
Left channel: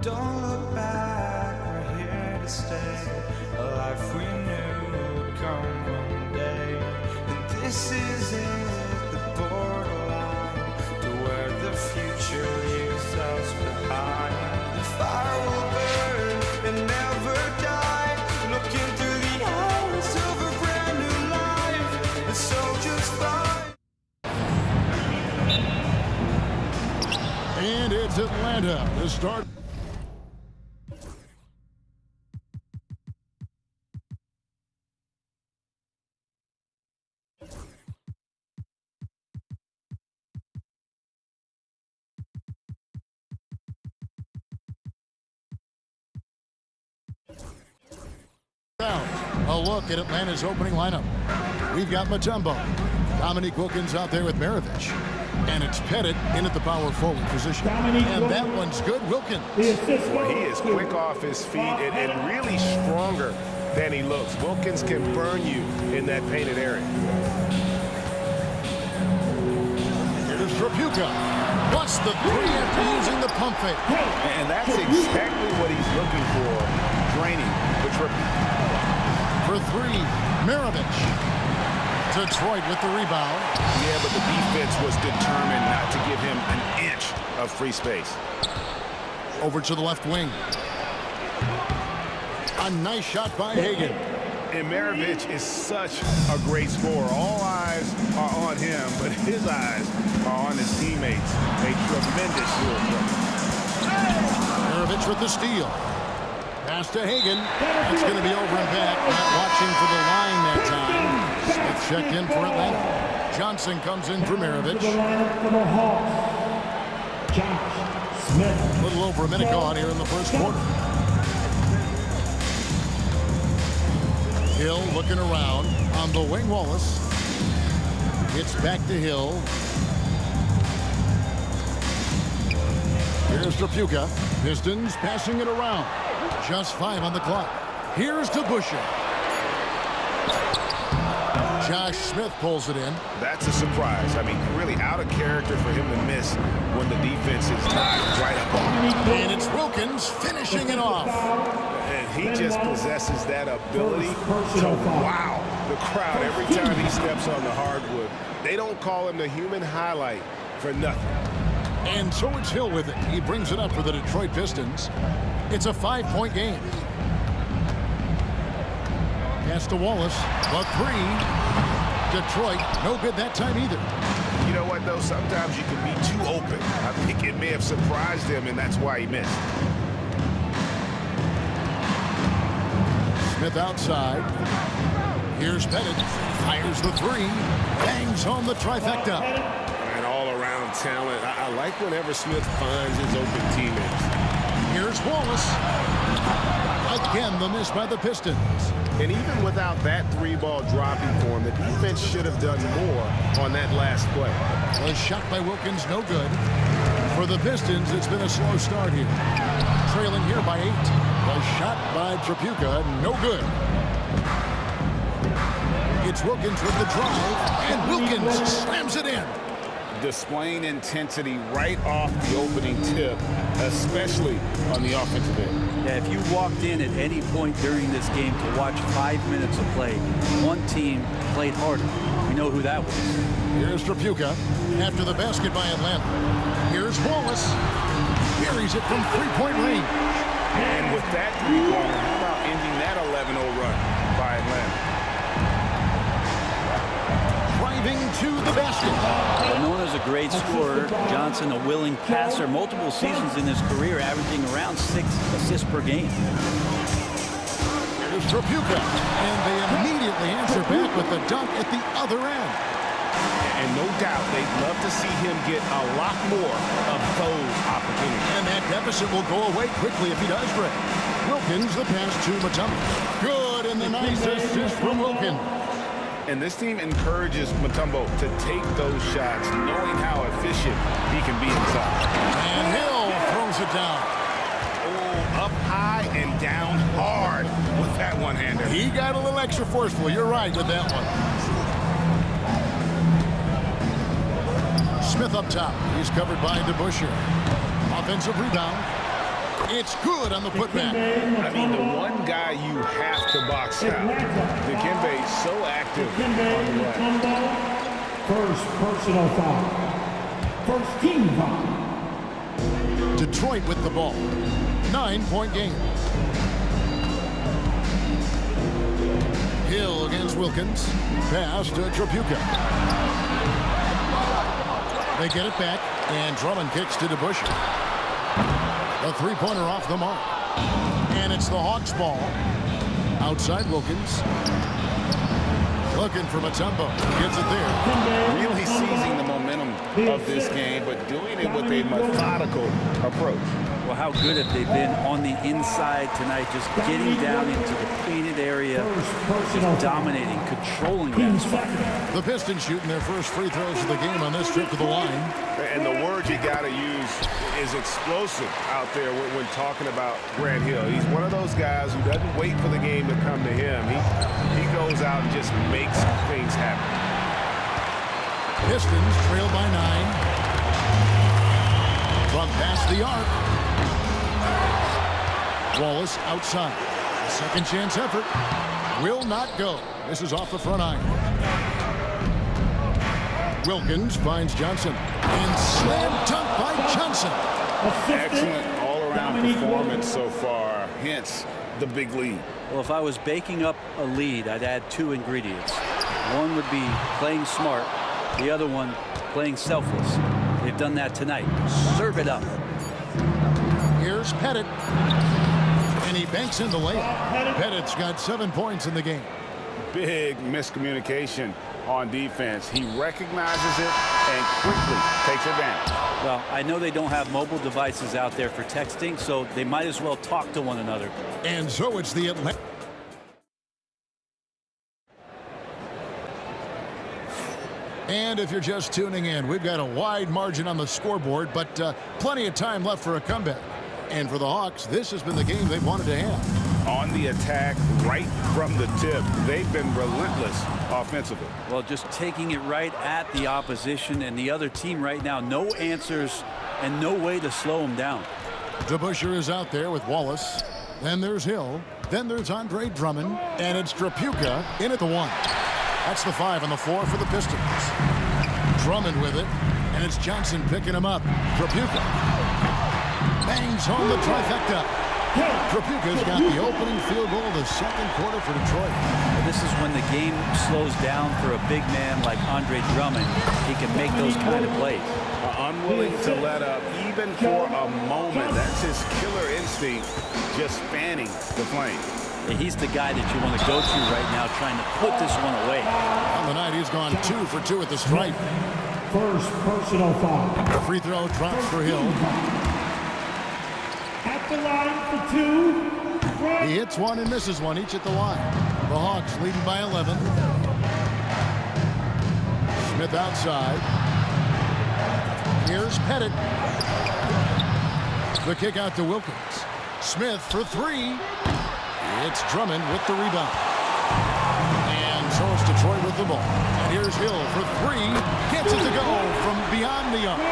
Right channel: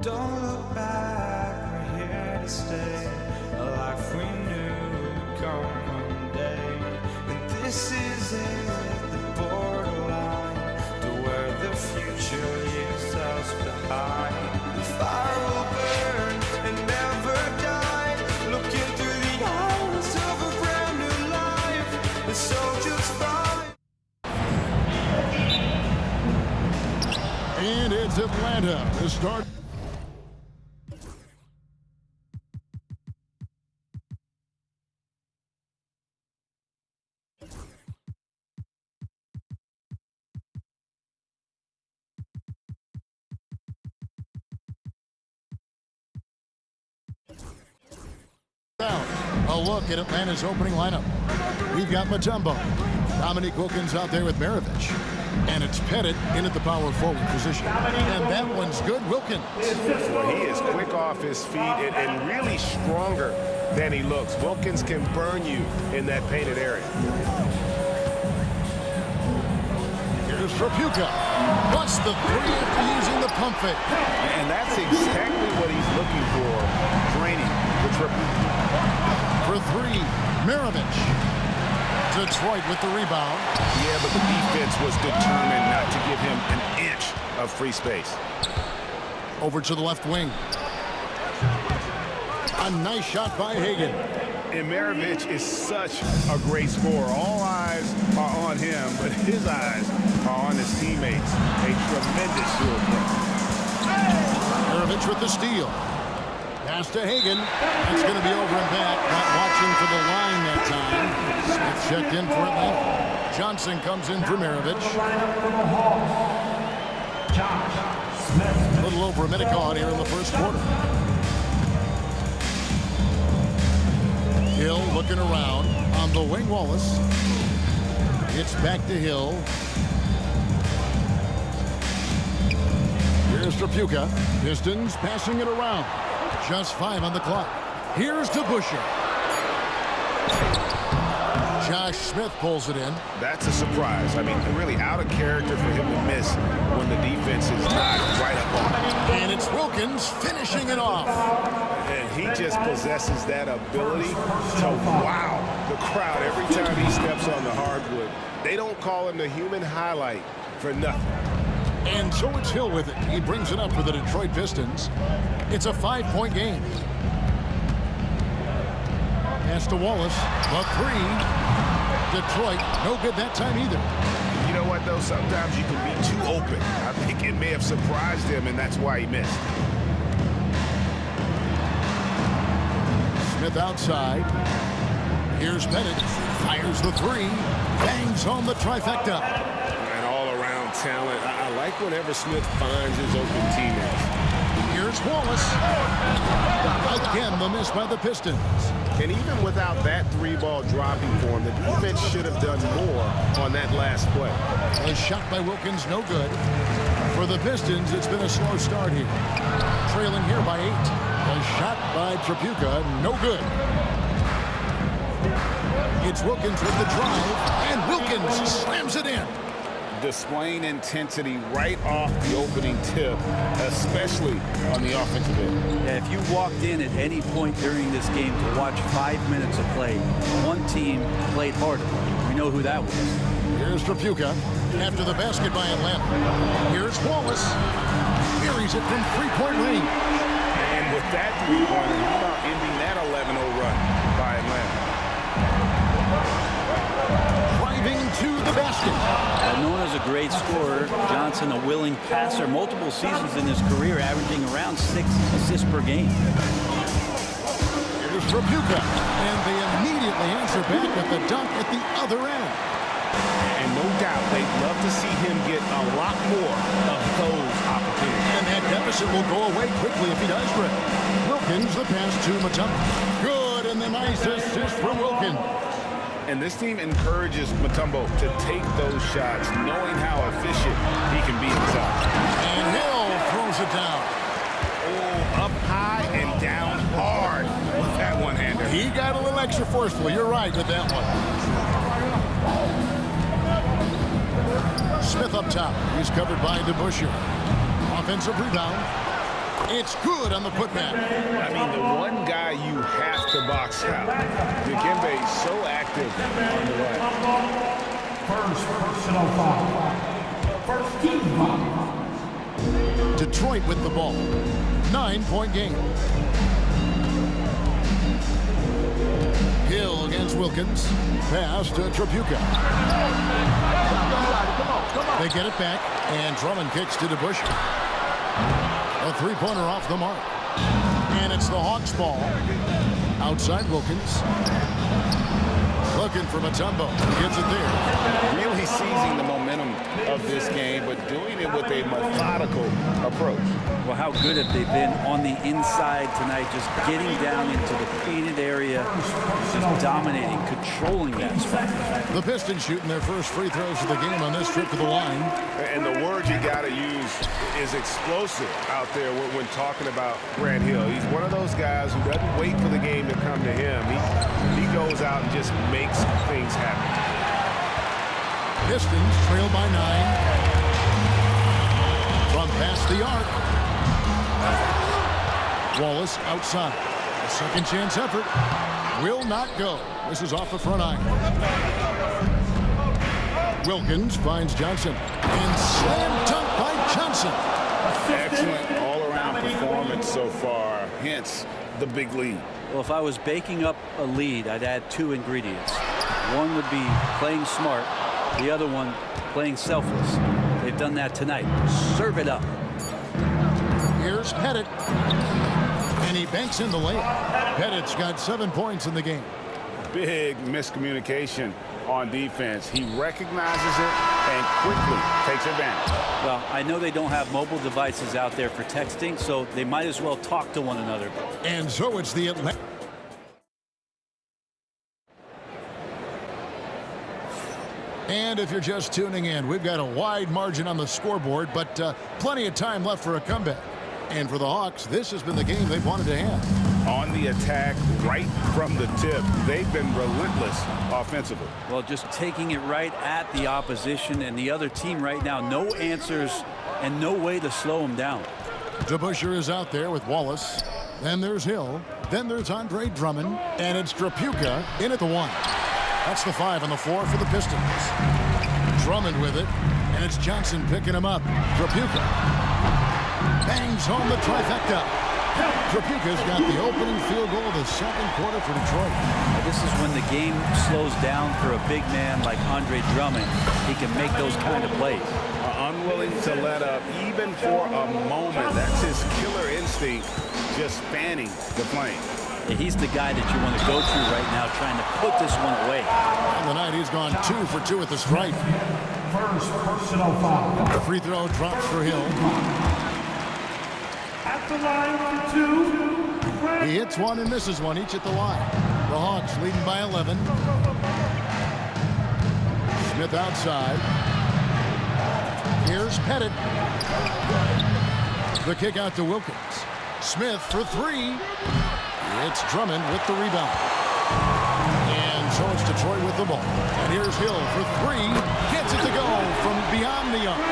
Don't look back, we're here to stay. A life we knew would come one day. And this is it, the borderline to where the future leaves us behind. The fire will burn and never die. Looking through the eyes of a brand new life. And so just fine. And it's Atlanta to start. A look at Atlanta's opening lineup. We've got Mutombo, Dominique Wilkins out there with Maravich, and it's Pettit in at the power forward position. And that one's good. Wilkins. Well, he is quick off his feet and really stronger than he looks. Wilkins can burn you in that painted area. Here's Trapuka. What's the three after using the pump fake? And that's exactly what he's looking for, draining the triple. For three, Maravich. Detroit with the rebound. Yeah, but the defense was determined not to give him an inch of free space. Over to the left wing. A nice shot by Hagan. And Maravich is such a great scorer. All eyes are on him, but his eyes are on his teammates. A tremendous dual threat. Maravich with the steal. Pass to Hagan. That's going to be over and back. Not watching for the line that time. Smith checked in for Atlanta. Johnson comes in for Maravich. For the Hawks, Josh Smith. A little over a minute gone here in the first quarter. Hill looking around on the wing. Wallace. It's back to Hill. Here's Trapuka. Pistons passing it around. Just 5 on the clock. Here's to Busher. Josh Smith pulls it in. That's a surprise. I mean, really out of character for him to miss when the defense is not right up on him. And it's Wilkins finishing it off. And he just possesses that ability to wow the crowd every time he steps on the hardwood. They don't call him the human highlight for nothing. And so it's Hill with it. He brings it up for the Detroit Pistons. It's a 5-point game. Pass to Wallace. The three. Detroit, no good that time either. You know what, though? Sometimes you can be too open. I think it may have surprised him, and that's why he missed. Smith outside. Here's Pettit. Fires the three. Bangs home the trifecta. And all-around talent. I like whenever Smith finds his open teammates. Here's Wallace. Again, the miss by the Pistons. And even without that three-ball dropping for him, the defense should have done more on that last play. A shot by Wilkins, no good. For the Pistons, it's been a slow start here. Trailing here by 8. A shot by Trapuka, no good. It's Wilkins with the drive, and Wilkins slams it in. Displaying intensity right off the opening tip, especially on the offensive end. Yeah, if you walked in at any point during this game to watch 5 minutes of play, one team played harder. We know who that was. Here's Trapuka after the basket by Atlanta. Here's Wallace. Buries it from three-point range. And with that three-pointer, how about ending that 11-0 run by Atlanta? driving to the basket. Well, known as a great scorer, Johnson a willing passer, multiple seasons in his career, averaging around 6 assists per game. Here's Trapuka, and they immediately answer back with the dunk at the other end. And no doubt they'd love to see him get a lot more of those opportunities. And that deficit will go away quickly if he does, Rick. Wilkins, the pass to Mutombo. Good, and the nice assist from Wilkins. And this team encourages Mutombo to take those shots, knowing how efficient he can be inside. And Hill throws it down. Oh, up high and down hard with that one-hander. He got a little extra forceful. You're right with that one. Smith up top. He's covered by DeBusschere. Offensive rebound. It's good on the putback. I mean, the one guy you have to box out. Dikembe so active on the right. First personal foul. First team foul. Detroit with the ball. 9-point game. Hill against Wilkins. Pass to Trapuka. They get it back, and Drummond kicks to DeBusschere. A three-pointer off the mark. And it's the Hawks' ball. Outside Wilkins. Looking for Mutombo. He gets it there. Really seizing the momentum of this game, but doing it with a methodical approach. Well, how good have they been on the inside tonight, just getting down into the painted area, just dominating, controlling that spot. The Pistons shooting their first free throws of the game on this trip to the line. And the word you got to use is explosive out there when talking about Grant Hill. He's one of those guys who doesn't wait for the game to come to him. He goes out and just makes things happen. Pistons trail by 9. From past the arc. Wallace outside. A second chance effort. Will not go. This is off the front iron. Wilkins finds Johnson. And slam dunk by Johnson. Excellent all-around performance so far, hence the big lead. Well, if I was baking up a lead, I'd add 2 ingredients. One would be playing smart. The other one, playing selfless. They've done that tonight. Serve it up. Here's Pettit. And he banks in the layup. Pettit's got 7 points in the game. Big miscommunication on defense. He recognizes it and quickly takes advantage. Well, I know they don't have mobile devices out there for texting, so they might as well talk to one another. And so it's the Atlanta. And if you're just tuning in, we've got a wide margin on the scoreboard, but plenty of time left for a comeback. And for the Hawks, this has been the game they've wanted to have. On the attack right from the tip, they've been relentless offensively. Well, just taking it right at the opposition and the other team right now. No answers and no way to slow them down. DeBusschere is out there with Wallace. Then there's Hill. Then there's Andre Drummond. And it's Trapuka in at the 1. That's the 5 on the floor for the Pistons. Drummond with it. And it's Johnson picking him up. Trapuka bangs home the trifecta. Trapuka's got the opening field goal of the second quarter for Detroit. Now, this is when the game slows down for a big man like Andre Drummond. He can make those kind of plays. Unwilling to let up even for a moment. That's his killer instinct, just fanning the flame. Yeah, he's the guy that you want to go to right now, trying to put this one away. On the night, he's gone 2 for 2 at the stripe. First personal foul. The free throw drops for Hill. At the line for 2. He hits one and misses one, each at the line. The Hawks leading by 11. Smith outside. Here's Pettit. The kick out to Wilkins. Smith for 3. It's Drummond with the rebound. And so it's Detroit with the ball. And here's Hill for 3. Gets it to go from beyond the arc.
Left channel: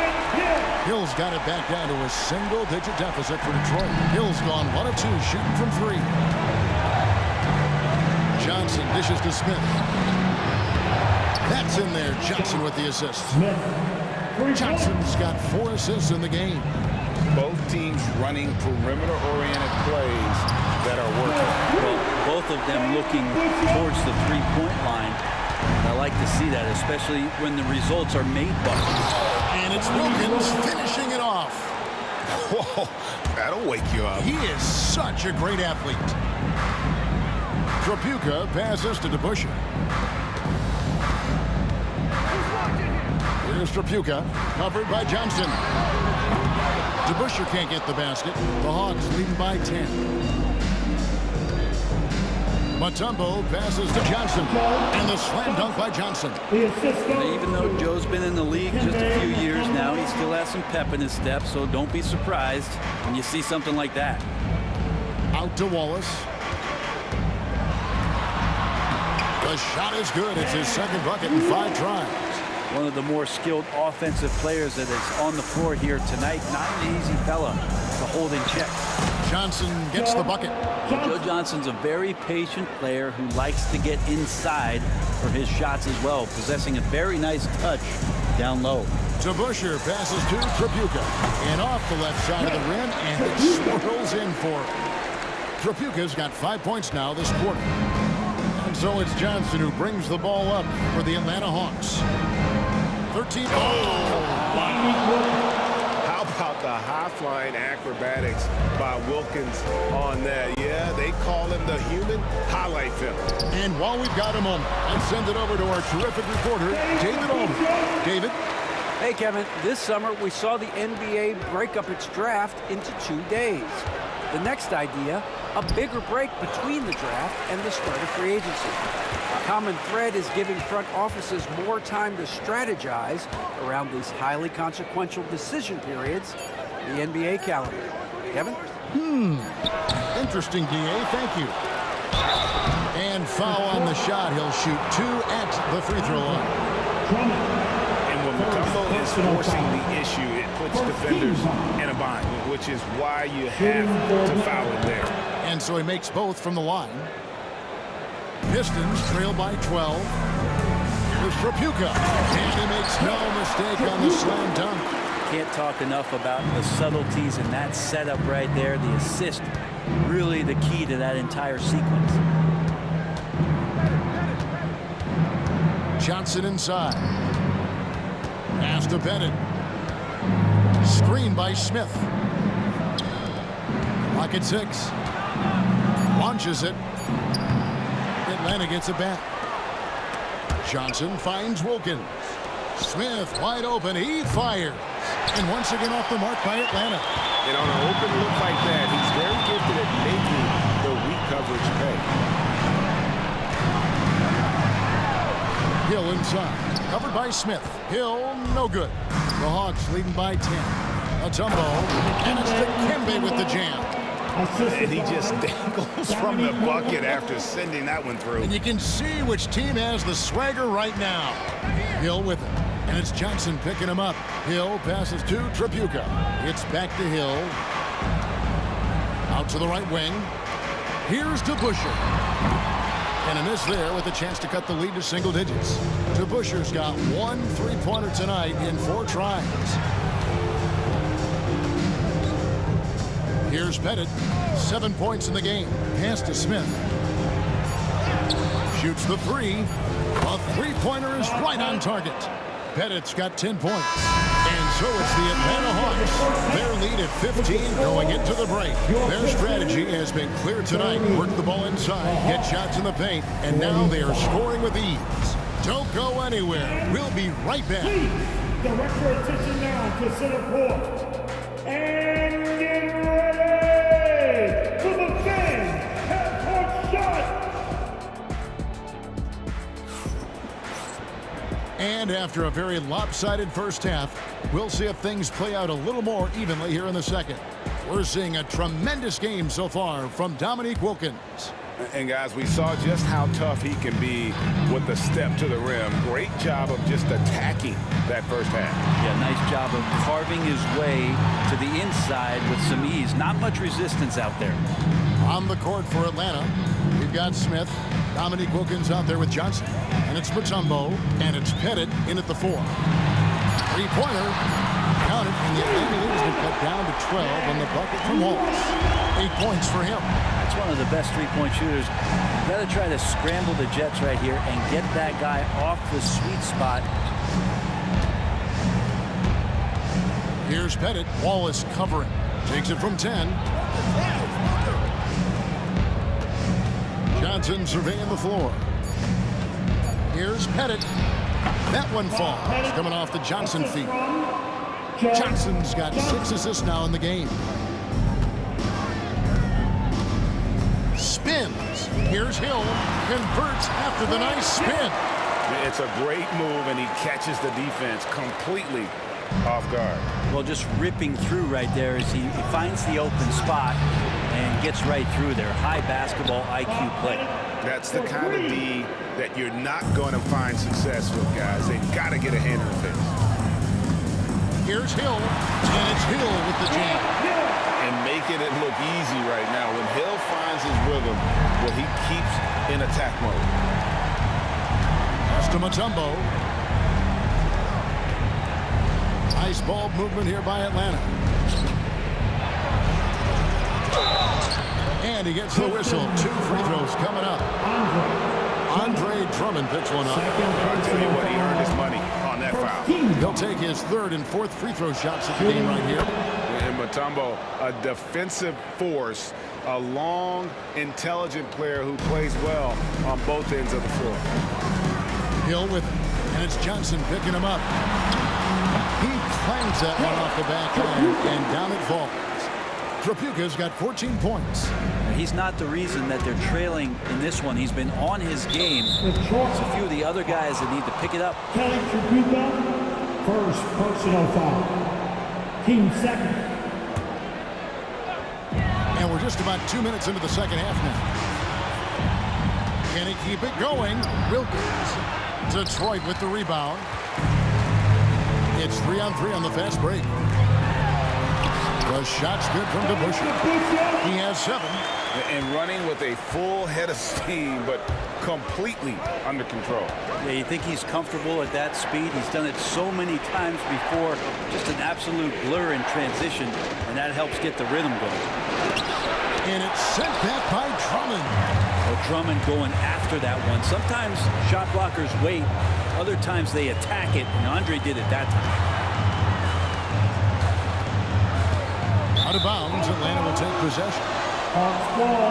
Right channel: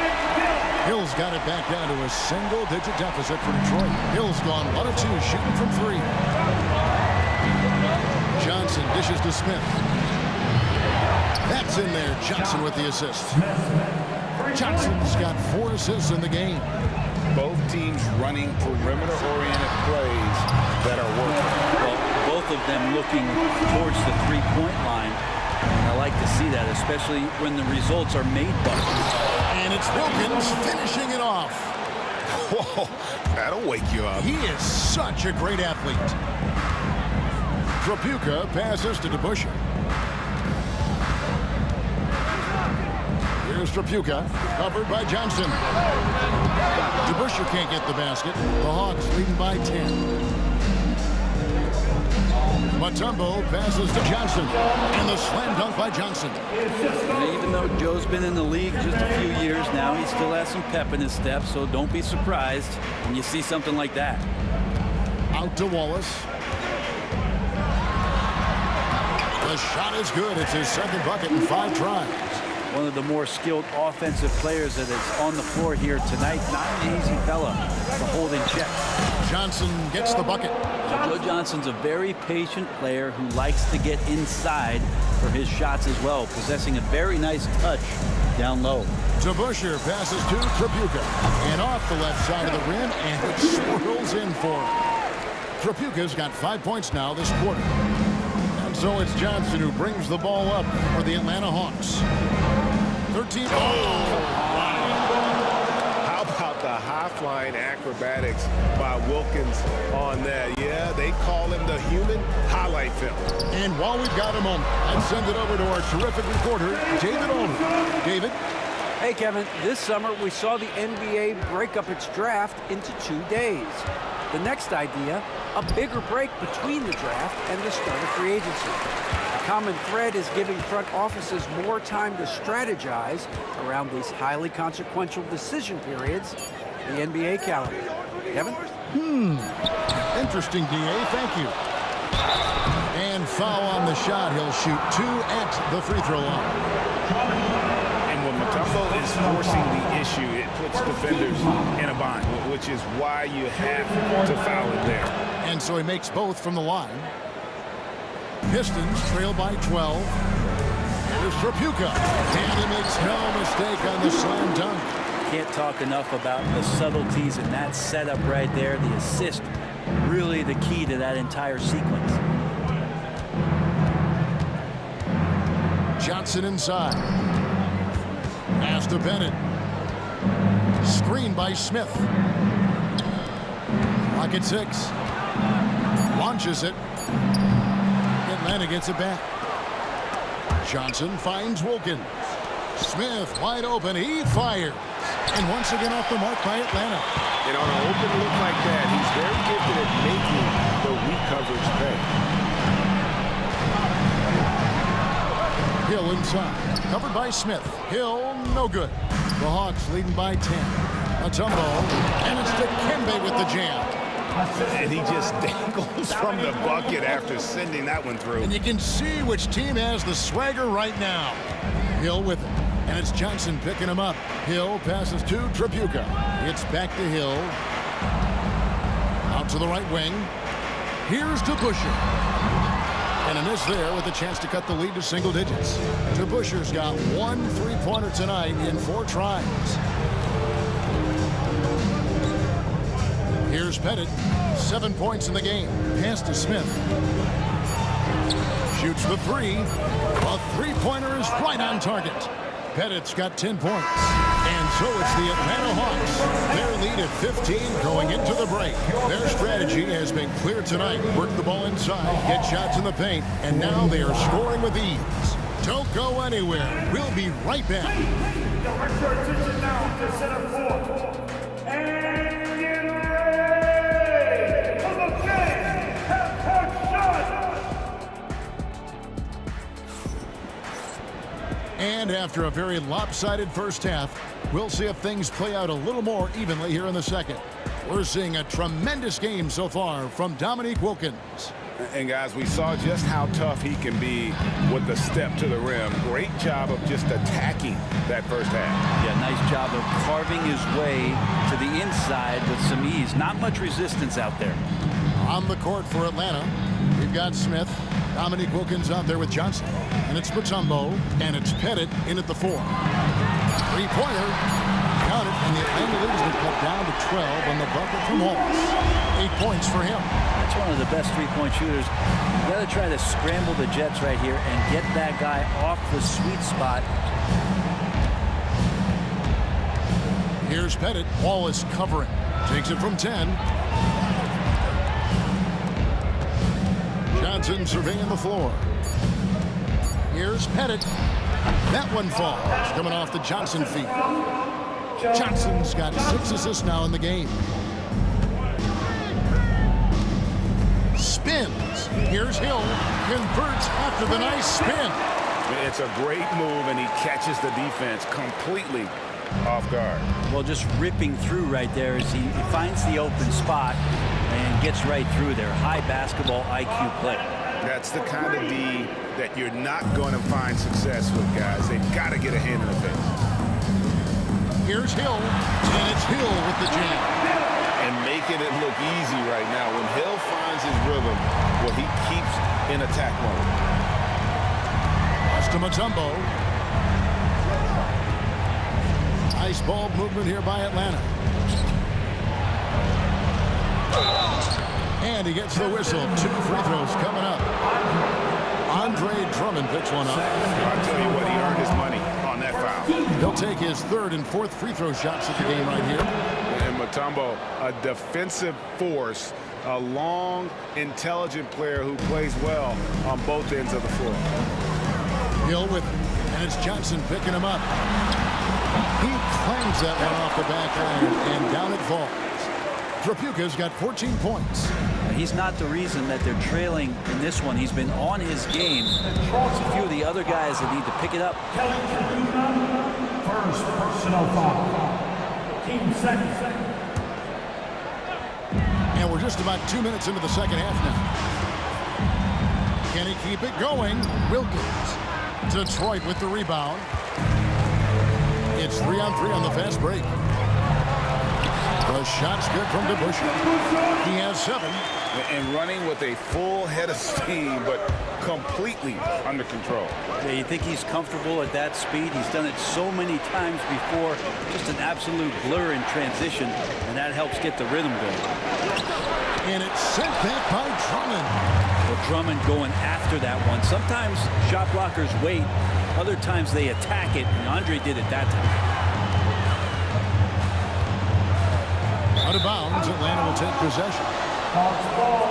Hill's got it back down to a single-digit deficit for Detroit. Hill's gone 1 of 2 shooting from 3. Johnson dishes to Smith. That's in there. Johnson with the assist. Johnson's got 4 assists in the game. Both teams running perimeter-oriented plays that are working. Well, both of them looking towards the three-point line. And I like to see that, especially when the results are made buckets. And it's Wilkins finishing it off. Whoa, that'll wake you up. He is such a great athlete. Trapuka passes to DeBusschere. Here's Trapuka, covered by Johnson. DeBusschere can't get the basket. The Hawks leading by 10. Mutombo passes to Johnson, and the slam dunk by Johnson. And even though Joe's been in the league just a few years now, he still has some pep in his step, so don't be surprised when you see something like that. Out to Wallace. The shot is good. It's his second bucket in 5 tries. One of the more skilled offensive players that is on the floor here tonight. Not an easy fella to hold in check. Johnson gets the bucket. Joe Johnson's a very patient player who likes to get inside for his shots as well, possessing a very nice touch down low. DeBusschere passes to Trapuka, and off the left side of the rim, and it swirls in for him. Trapuka's got 5 points now this quarter. And so it's Johnson who brings the ball up for the Atlanta Hawks. 13. How about the high-flying acrobatics by Wilkins on that? Yeah, they call him the human highlight film. And while we've got a moment, let's send it over to our terrific reporter, David Aldridge. David? Hey, Kevin. This summer, we saw the NBA break up its draft into 2 days. The next idea, a bigger break between the draft and the start of free agency. The common thread is giving front offices more time to strategize around these highly consequential decision periods, the NBA calendar. Kevin? Interesting, D.A. Thank you. And foul on the shot. He'll shoot 2 at the free throw line. And when Mutombo is forcing the issue, it puts defenders in a bind, which is why you have to foul him there. And so he makes both from the line. Pistons trail by 12. Here's Trapuka. And he makes no mistake on the slam dunk. Can't talk enough about the subtleties in that setup right there. The assist, really the key to that entire sequence. Johnson inside. Pass to Bennett. Screen by Smith. Clock at 6. Launches it. Atlanta gets it back. Johnson finds Wilkins. Smith wide open. He fires. And once again off the mark by Atlanta. And on an open look like that, he's very gifted at making the weak coverage pay. Hill inside. Covered by Smith. Hill, no good. The Hawks leading by 10. Mutombo. And it's Dikembe with the jam. And he just dangles from the bucket after sending that one through. And you can see which team has the swagger right now. Hill with it. And it's Johnson picking him up. Hill passes to Trapuka. It's back to Hill. Out to the right wing. Here's DeBusschere. And a miss there with a chance to cut the lead to single digits. DeBusschere's got 1 3-pointer tonight in 4 tries. Here's Pettit. 7 points in the game. Pass to Smith. Shoots the 3. A 3-pointer is right on target. Pettit's got 10 points. And so it's the Atlanta Hawks. Their lead at 15 going into the break. Their strategy has been clear tonight. Work the ball inside, get shots in the paint, and now they are scoring with ease. Don't go anywhere. We'll be right back. Direct your attention now to center court. And get ready for the fan half-court shot. And after a very lopsided first half, we'll see if things play out a little more evenly here in the second. We're seeing a tremendous game so far from Dominique Wilkins. And guys, we saw just how tough he can be with the step to the rim. Great job of just attacking that first half. Yeah, nice job of carving his way to the inside with some ease. Not much resistance out there. On the court for Atlanta, we've got Smith. Dominique Wilkins out there with Johnson. And it's Mutombo, and it's Pettit in at the 4. 3-pointer. Count it, and the Atlanta lead has been cut down to 12 on the bucket from Wallace. 8 points for him. That's one of the best 3-point shooters You got to try to scramble the Jets right here and get that guy off the sweet spot. Here's Pettit. Wallace covering. Takes it from 10. Johnson surveying the floor. Here's Pettit. That one falls. Coming off the Johnson feet. Johnson's got 6 assists now in the game. Spins. Here's Hill. Converts after the nice spin. It's a great move, and he catches the defense completely off guard. Well, just ripping through right there as he finds the open spot and gets right through there. High basketball IQ play. That's the kind of D that you're not going to find success with, guys. They've got to get a hand in the face. Here's Hill, and it's Hill with the jam. And making it look easy right now. When Hill finds his rhythm, well, he keeps in attack mode. Pass to Mutombo. Ice ball movement here by Atlanta. And he gets the whistle. 2 free throws coming up. Andre Drummond picks one up. I'll tell you what, he earned his money on that foul. He'll take his 3rd and 4th free throw shots of the game right here. And Mutombo, a defensive force, a long, intelligent player who plays well on both ends of the floor. Hill with it, and it's Johnson picking him up. He clangs that one off the back iron, and down it falls. Trapuka's got 14 points. He's not the reason that they're trailing in this one. He's been on his game. It's a few of the other guys that need to pick it up. Kelly Trapuka, first personal foul. Team second. And we're just about 2 minutes into the second half now. Can he keep it going? Wilkins. Detroit with the rebound. It's 3-on-3 on the fast break. The shot's good from DeBusschere. He has 7. And running with a full head of steam, but completely under control. Yeah, you think he's comfortable at that speed? He's done it so many times before. Just an absolute blur in transition, and that helps get the rhythm going. And it's sent back by Drummond. Well, Drummond going after that one. Sometimes shot blockers wait. Other times they attack it, and Andre did it that time. Out of bounds, Atlanta will take possession. Hawks ball.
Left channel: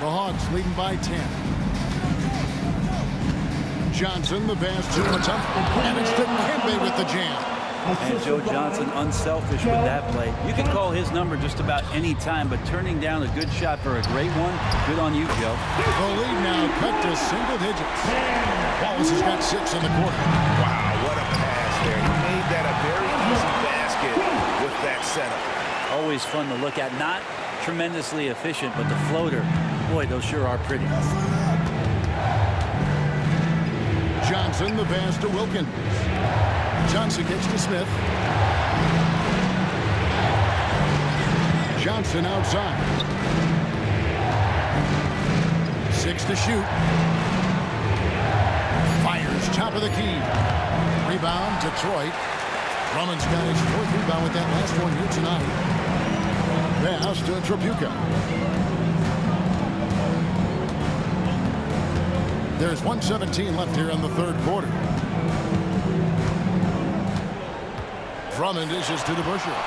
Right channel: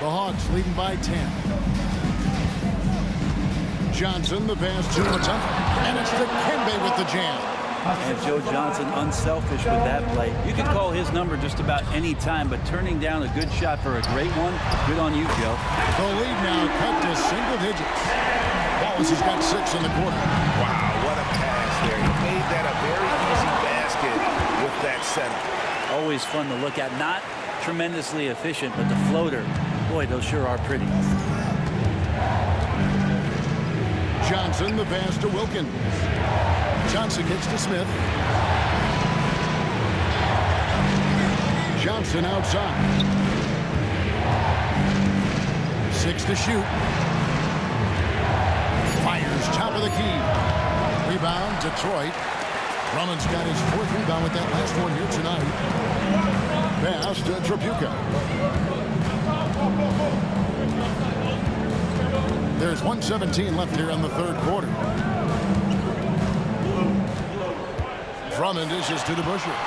The Hawks leading by 10. Johnson, the pass to Mutombo. And it's to Kembe with the jam. And Joe Johnson unselfish with that play. You can call his number just about any time, but turning down a good shot for a great one, good on you, Joe. The lead now cut to single digits. Wallace has got 6 in the quarter. Wow, what a pass there. He made that a very easy basket with that setup. Always fun to look at. Not tremendously efficient, but the floater, boy, those sure are pretty. Johnson, the pass to Wilkins. Johnson kicks to Smith. Johnson outside. 6 to shoot. Fires top of the key. Rebound, Detroit. Drummond's got his 4th rebound with that last one here tonight. Pass to Trapuka. There's 1:17 left here in the 3rd quarter. Drummond dishes to DeBusschere.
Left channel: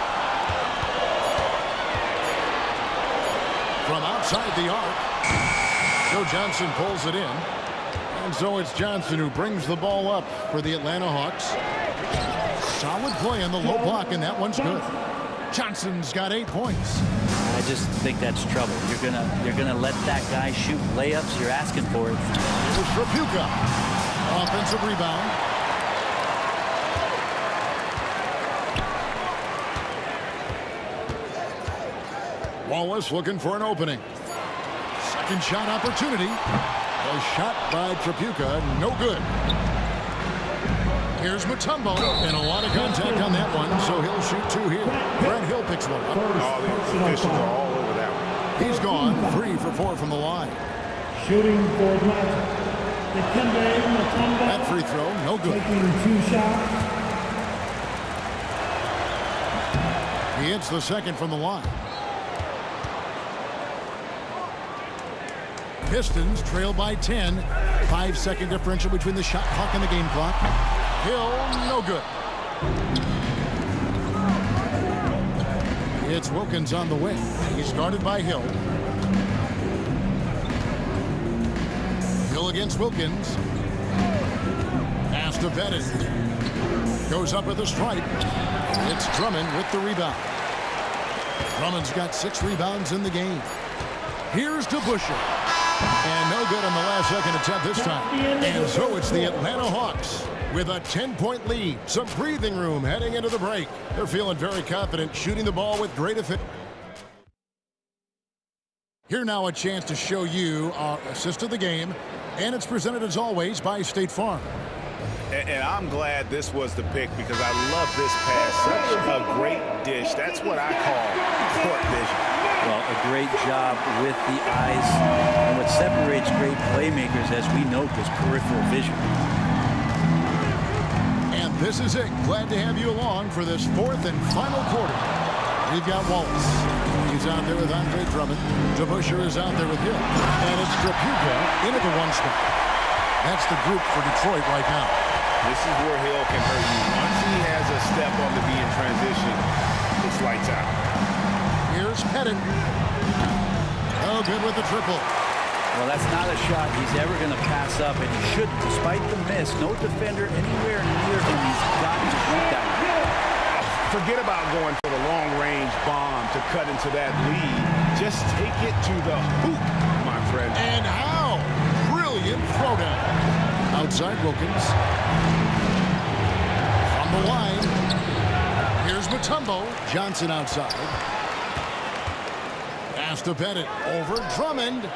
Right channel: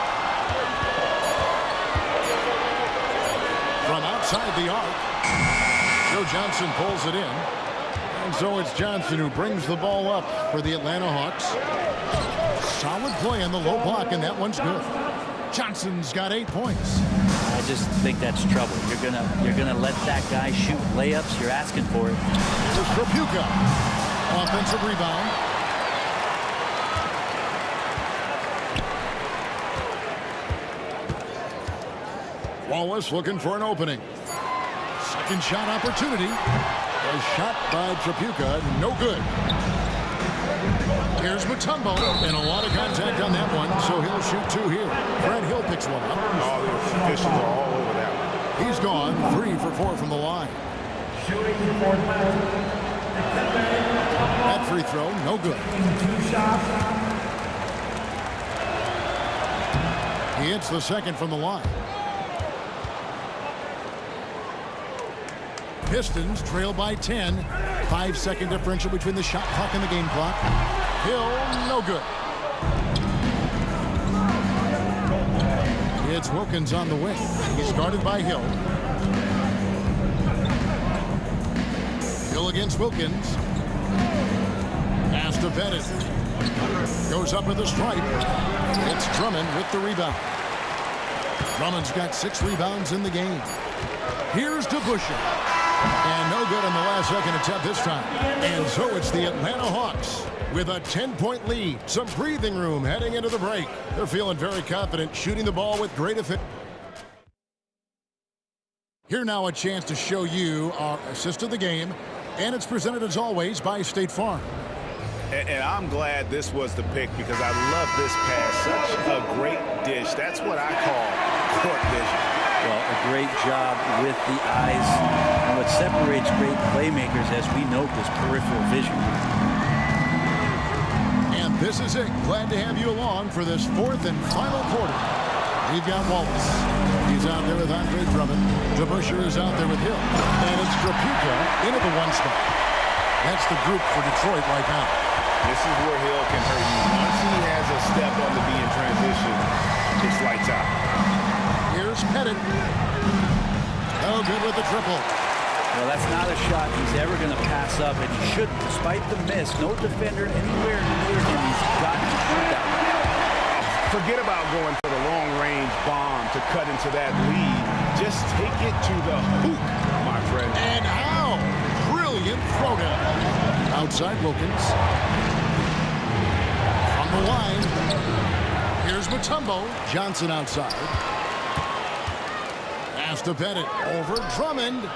From outside the arc, Joe Johnson pulls it in. And so it's Johnson who brings the ball up for the Atlanta Hawks. Solid play on the low block, and that one's good. Johnson's got 8 points. I just think that's trouble. You're gonna let that guy shoot layups. You're asking for it. Here's Trapuka. Offensive rebound. Wallace looking for an opening. Second shot opportunity. A shot by Trapuka, no good. Here's Mutombo, and a lot of contact on that one, so he'll shoot 2 here. Brad Hill picks one up. All the officials are all over that one. He's gone 3 for 4 from the line. Shooting for Atlanta. That free throw, no good. Taking 2 shots. He hits the second from the line. Pistons trail by 10. 5-second differential between the shot clock and the game clock. Hill, no good. It's Wilkins on the wing. He's guarded by Hill. Hill against Wilkins. Pass to Pettit. Goes up with a stripe. It's Drummond with the rebound. Drummond's got 6 rebounds in the game. Here's to Busher. And no good on the last second attempt this time. And so it's the Atlanta Hawks with a 10-point lead. Some breathing room heading into the break. They're feeling very confident, shooting the ball with great effect. Here now a chance to show you our assist of the game. And it's presented as always by State Farm. And I'm glad this was the pick because I love this pass. Such a great dish. That's what I call court vision. Well, a great job with the eyes. And what separates great playmakers, as we note, is peripheral vision. And this is it. Glad to have you along for this 4th and final quarter. We've got Wallace. He's out there with Andre Drummond. DeBusschere is out there with Hill. And it's Trapuka into the 1 spot. That's the group for Detroit right now. This is where Hill can hurt you. Once he has a step on the D in transition, it's lights out. Here's Pettit. Oh, good with the triple. Well, that's not a shot he's ever going to pass up, and he shouldn't. Despite the miss, no defender anywhere near him. He's got to shoot that one. Oh, forget about going for the long-range bomb to cut into that lead. Just take it to the hoop, my friend. And how? Brilliant throwdown. Outside Wilkins. From the line. Here's Mutombo. Johnson outside. Pass to Pettit. Over Drummond.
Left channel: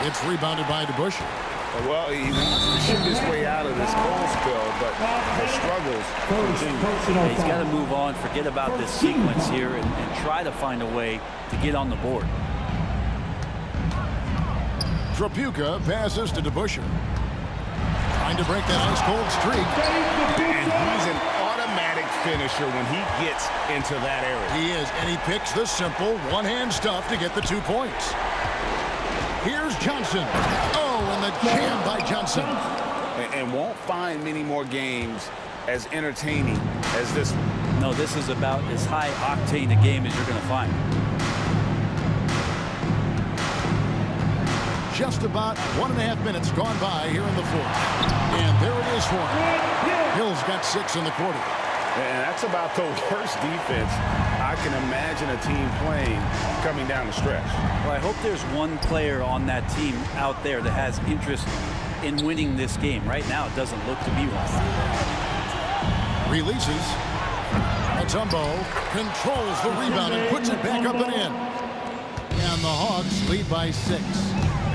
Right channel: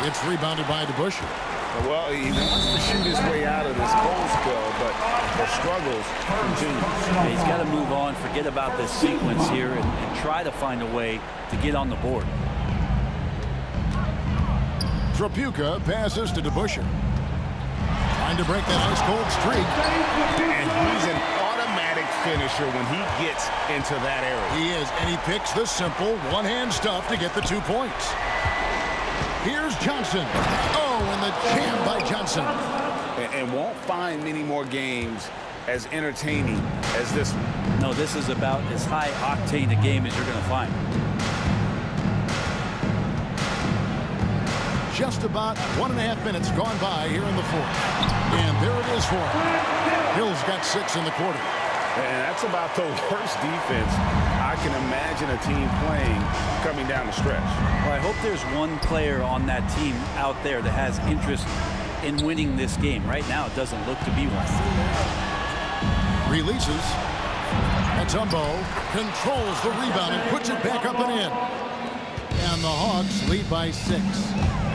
It's rebounded by DeBusschere. Well, he wants to shoot his way out of this cold spell, but the struggles continue. Yeah, he's got to move on, forget about this sequence here, and try to find a way to get on the board. Trapuka passes to DeBusschere. Trying to break that ice-cold streak. And he's an automatic finisher when he gets into that area. He is, and he picks the simple one-hand stuff to get the 2 points. Here's Johnson. Oh, and the jam by Johnson. And won't find many more games as entertaining as this one. No, this is about as high octane a game as you're going to find. Just about 1.5 minutes gone by here in the 4th. And there it is for him. Hill's got 6 in the quarter. And that's about the worst defense I can imagine a team playing coming down the stretch. Well, I hope there's one player on that team out there that has interest in winning this game. Right now, it doesn't look to be one. Releases. Mutombo controls the rebound and puts it back up and in. And the Hawks lead by 6.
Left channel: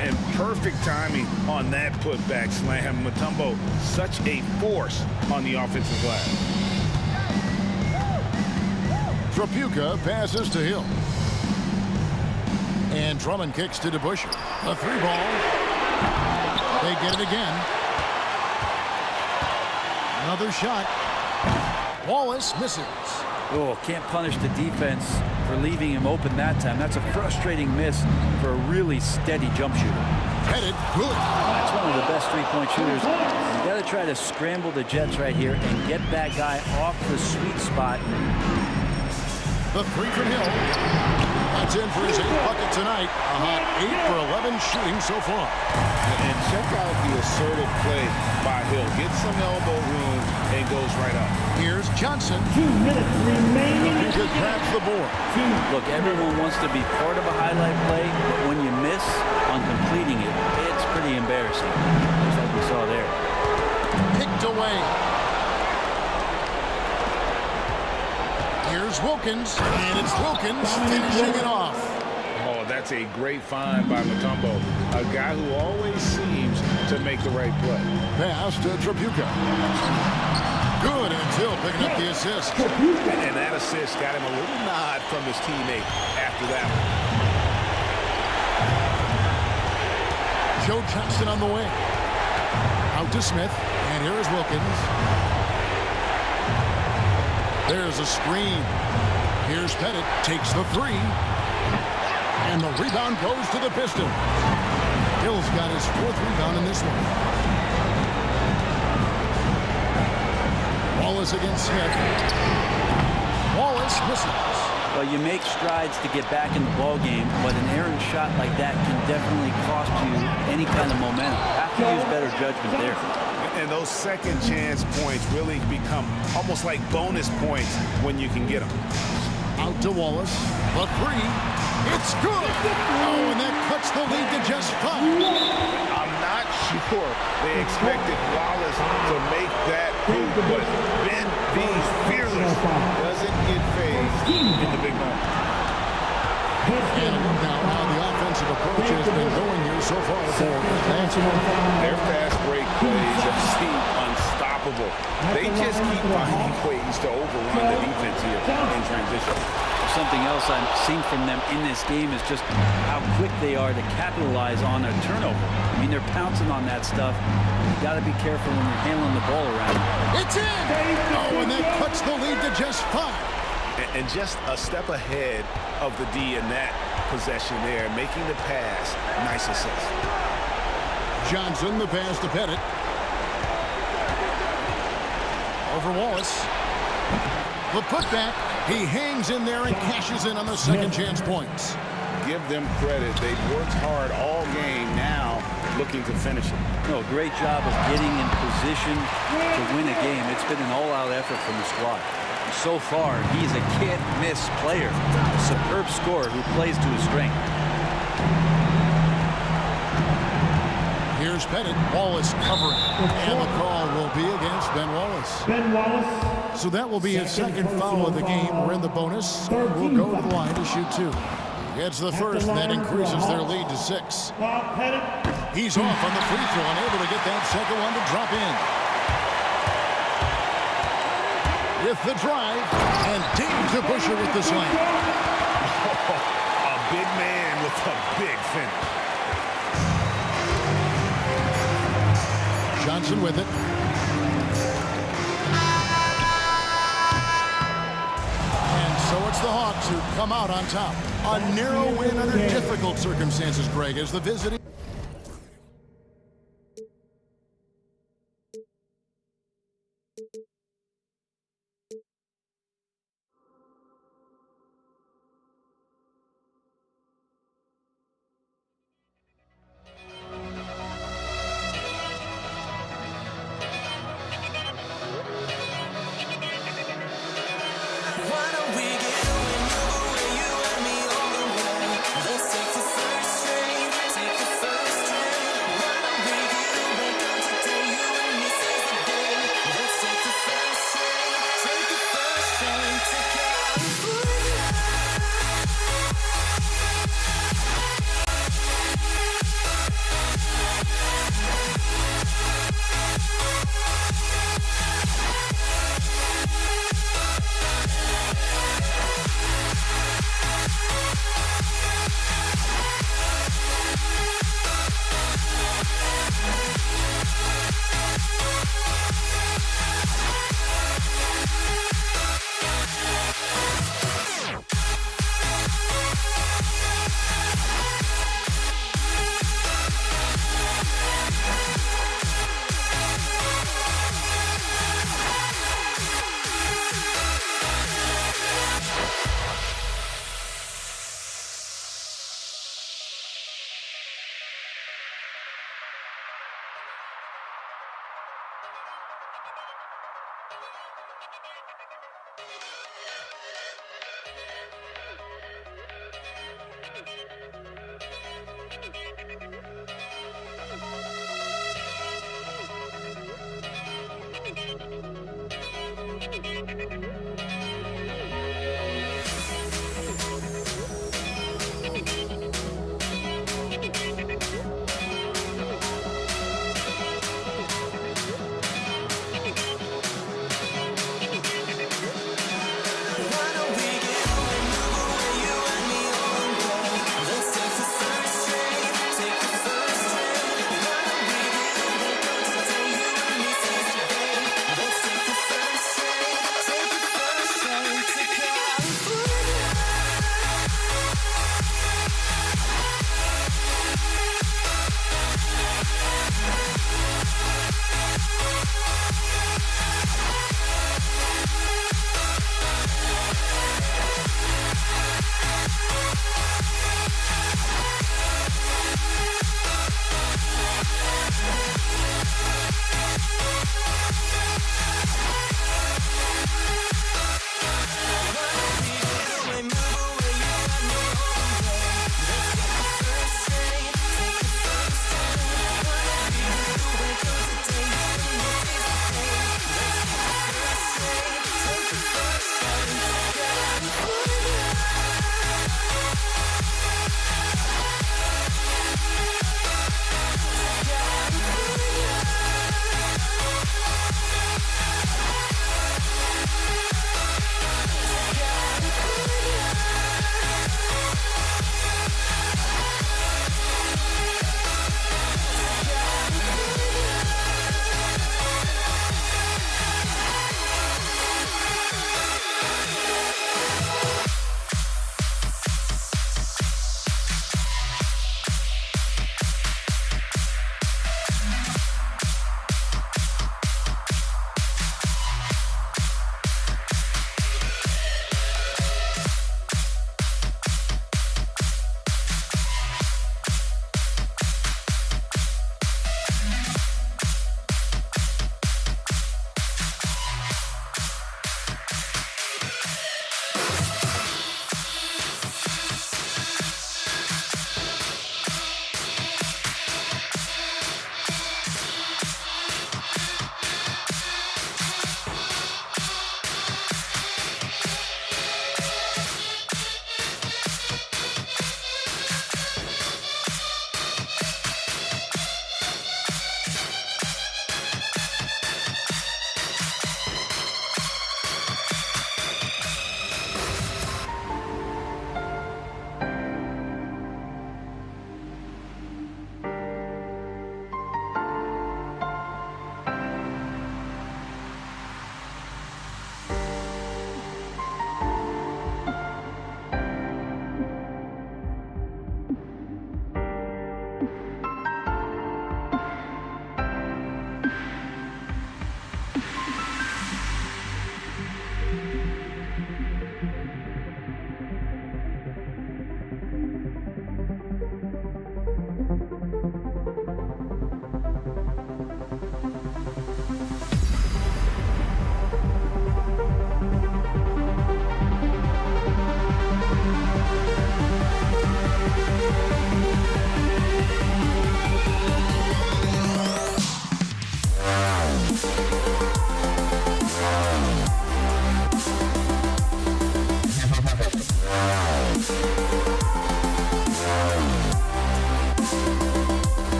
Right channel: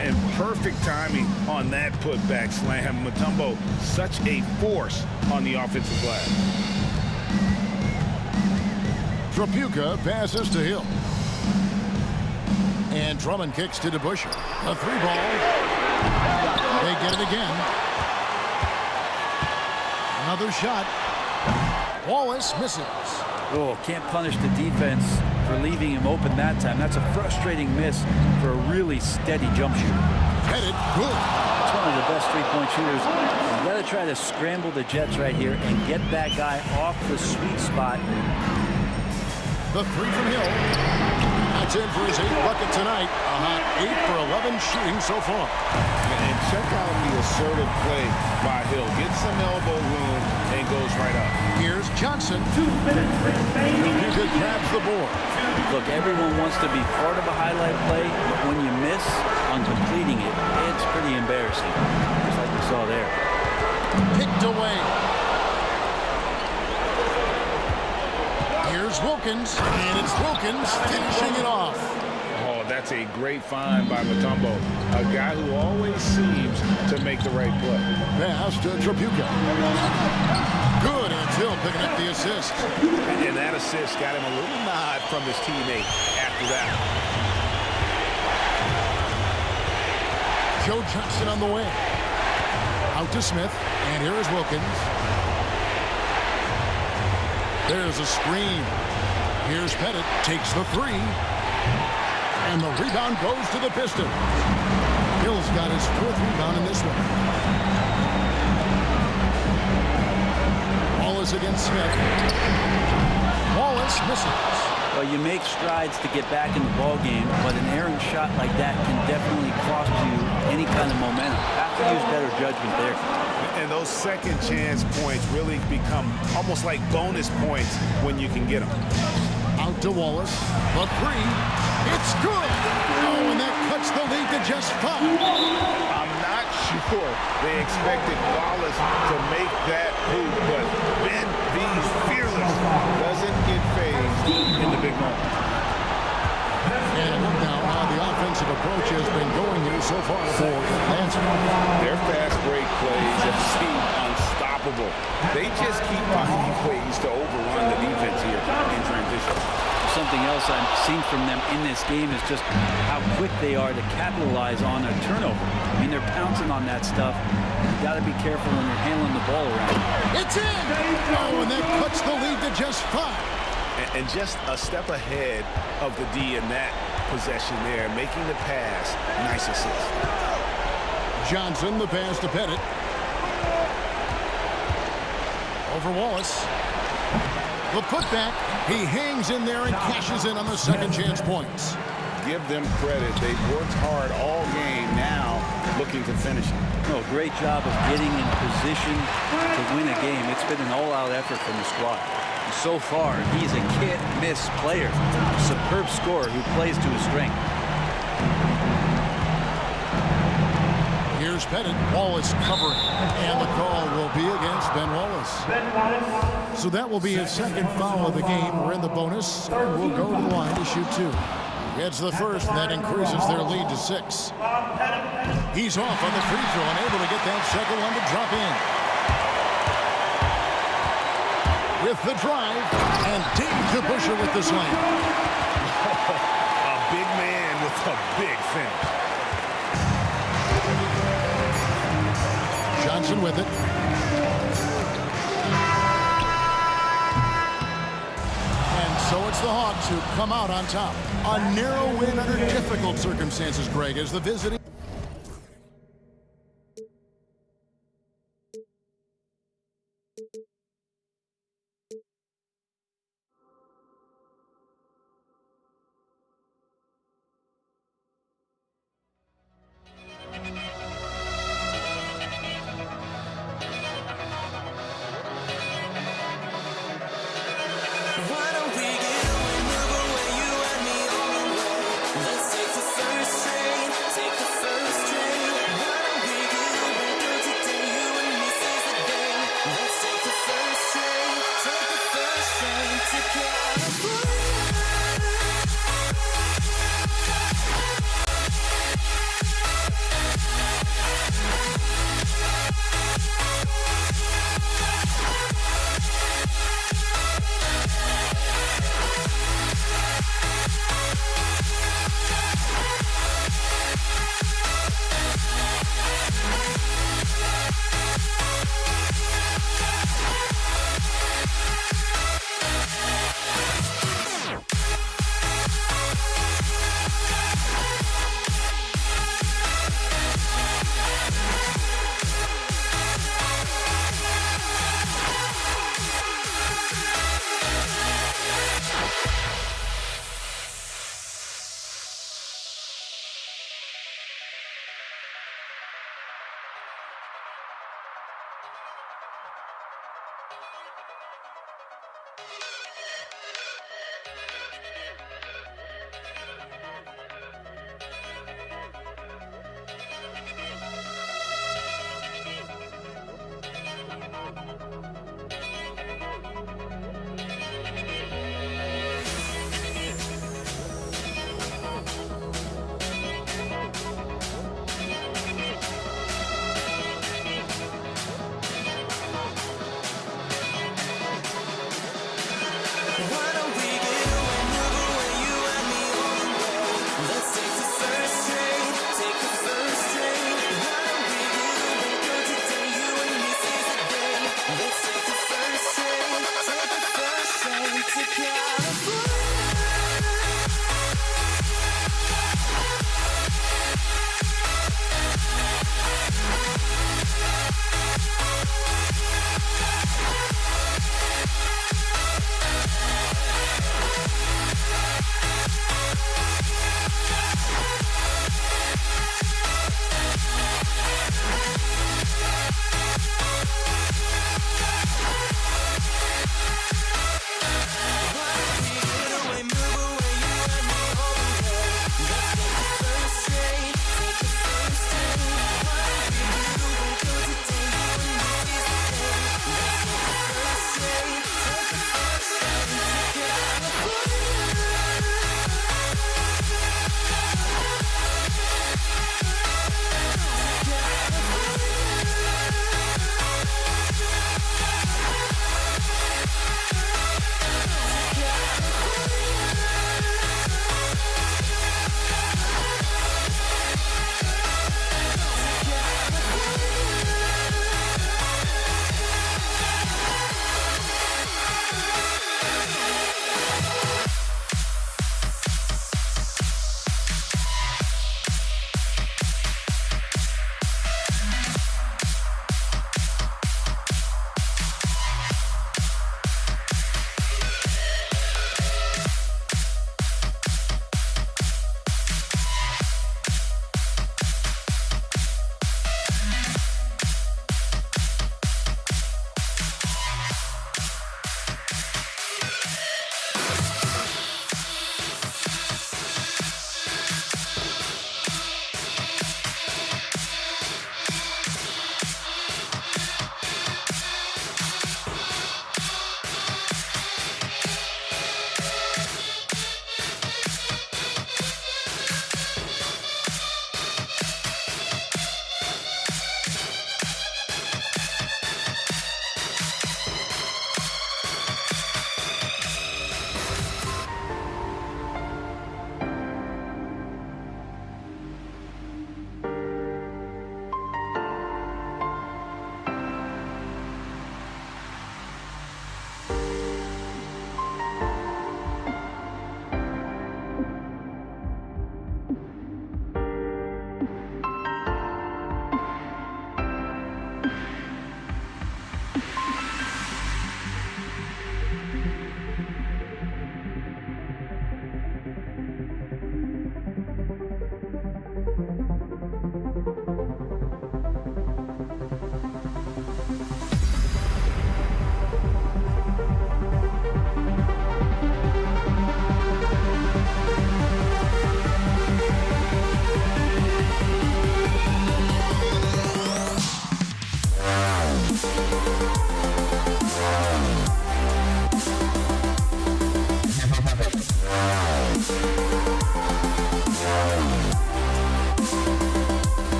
And perfect timing on that putback slam. Mutombo, such a force on the offensive glass. Trapuka passes to Hill. And Drummond kicks to DeBusschere. A 3-ball. They get it again. Another shot. Wallace misses. Oh, can't punish the defense for leaving him open that time. That's a frustrating miss for a really steady jump shooter. Headed good. That's one of the best three-point shooters. You got to try to scramble the Jets right here and get that guy off the sweet spot. The 3 from Hill. That's in for his 8th bucket tonight. A hot 8 for 11 shooting so far. And check out the assertive play by Hill. Gets some elbow room and goes right up. Here's Johnson. 2 minutes remaining. Trapuka grabs the board. Look, everyone wants to be part of a highlight play, but when you miss on completing it, it's pretty embarrassing, just like we saw there. Picked away. Here's Wilkins, and it's Wilkins finishing it off. Oh, that's a great find by Mutombo, a guy who always seems to make the right play. Pass to Trapuka. Good, and it's Hill picking up the assist. And that assist got him a little nod from his teammate after that one. Joe Johnston on the way. Out to Smith, and here is Wilkins. There's a screen. Here's Pettit, takes the three. And the rebound goes to the Pistons. Hill's got his 4th rebound in this one. Wallace against Smith. Wallace misses. Well, you make strides to get back in the ball game, but an errant shot like that can definitely cost you any kind of momentum. Have to use better judgment there. And those second chance points really become almost like bonus points when you can get them. Out to Wallace. The three. It's good. Oh, and that cuts the lead to just 5. I'm not sure they expected Wallace to make that hoop, but Ben V's fearless doesn't get phased in the big moment. And a look now how the offensive approach has been going here so far for Atlanta. Their fast break plays have seemed unstoppable. They just keep finding ways to overrun the defense here in transition. Something else I've seen from them in this game is just how quick they are to capitalize on a turnover. I mean, they're pouncing on that stuff. You got to be careful when you're handling the ball around. It's in! Oh, and that cuts the lead to just 5. And just a step ahead of the D in that possession there, making the pass. Nice assist. Johnson, the pass to Pettit. Over Wallace. The putback. He hangs in there and cashes in on the second chance points. Give them credit. They've worked hard all game, now looking to finish it. No, great job of getting in position to win a game. It's been an all-out effort from the squad. And so far, he's a can't-miss player. A superb scorer who plays to his strength. Here's Pettit. Wallace covering. And the call will be against Ben Wallace. Ben Wallace. So that will be his second foul of the game. We're in the bonus. We'll go to the line to shoot 2. He gets the first, and that increases their lead to 6. He's off on the free throw, unable to get that second one to drop in. With the drive, and Dave DeBuscher with the slam. A big man with a big finish. Johnson with it. And so it's the Hawks who come out on top. A narrow win under difficult circumstances, Greg, as the visiting. Why don't we get another way, you and me on the way? Let's take the first train, take the first train. Why don't we get back on today, you and me seize the day? Let's take the first train, take the first train to California.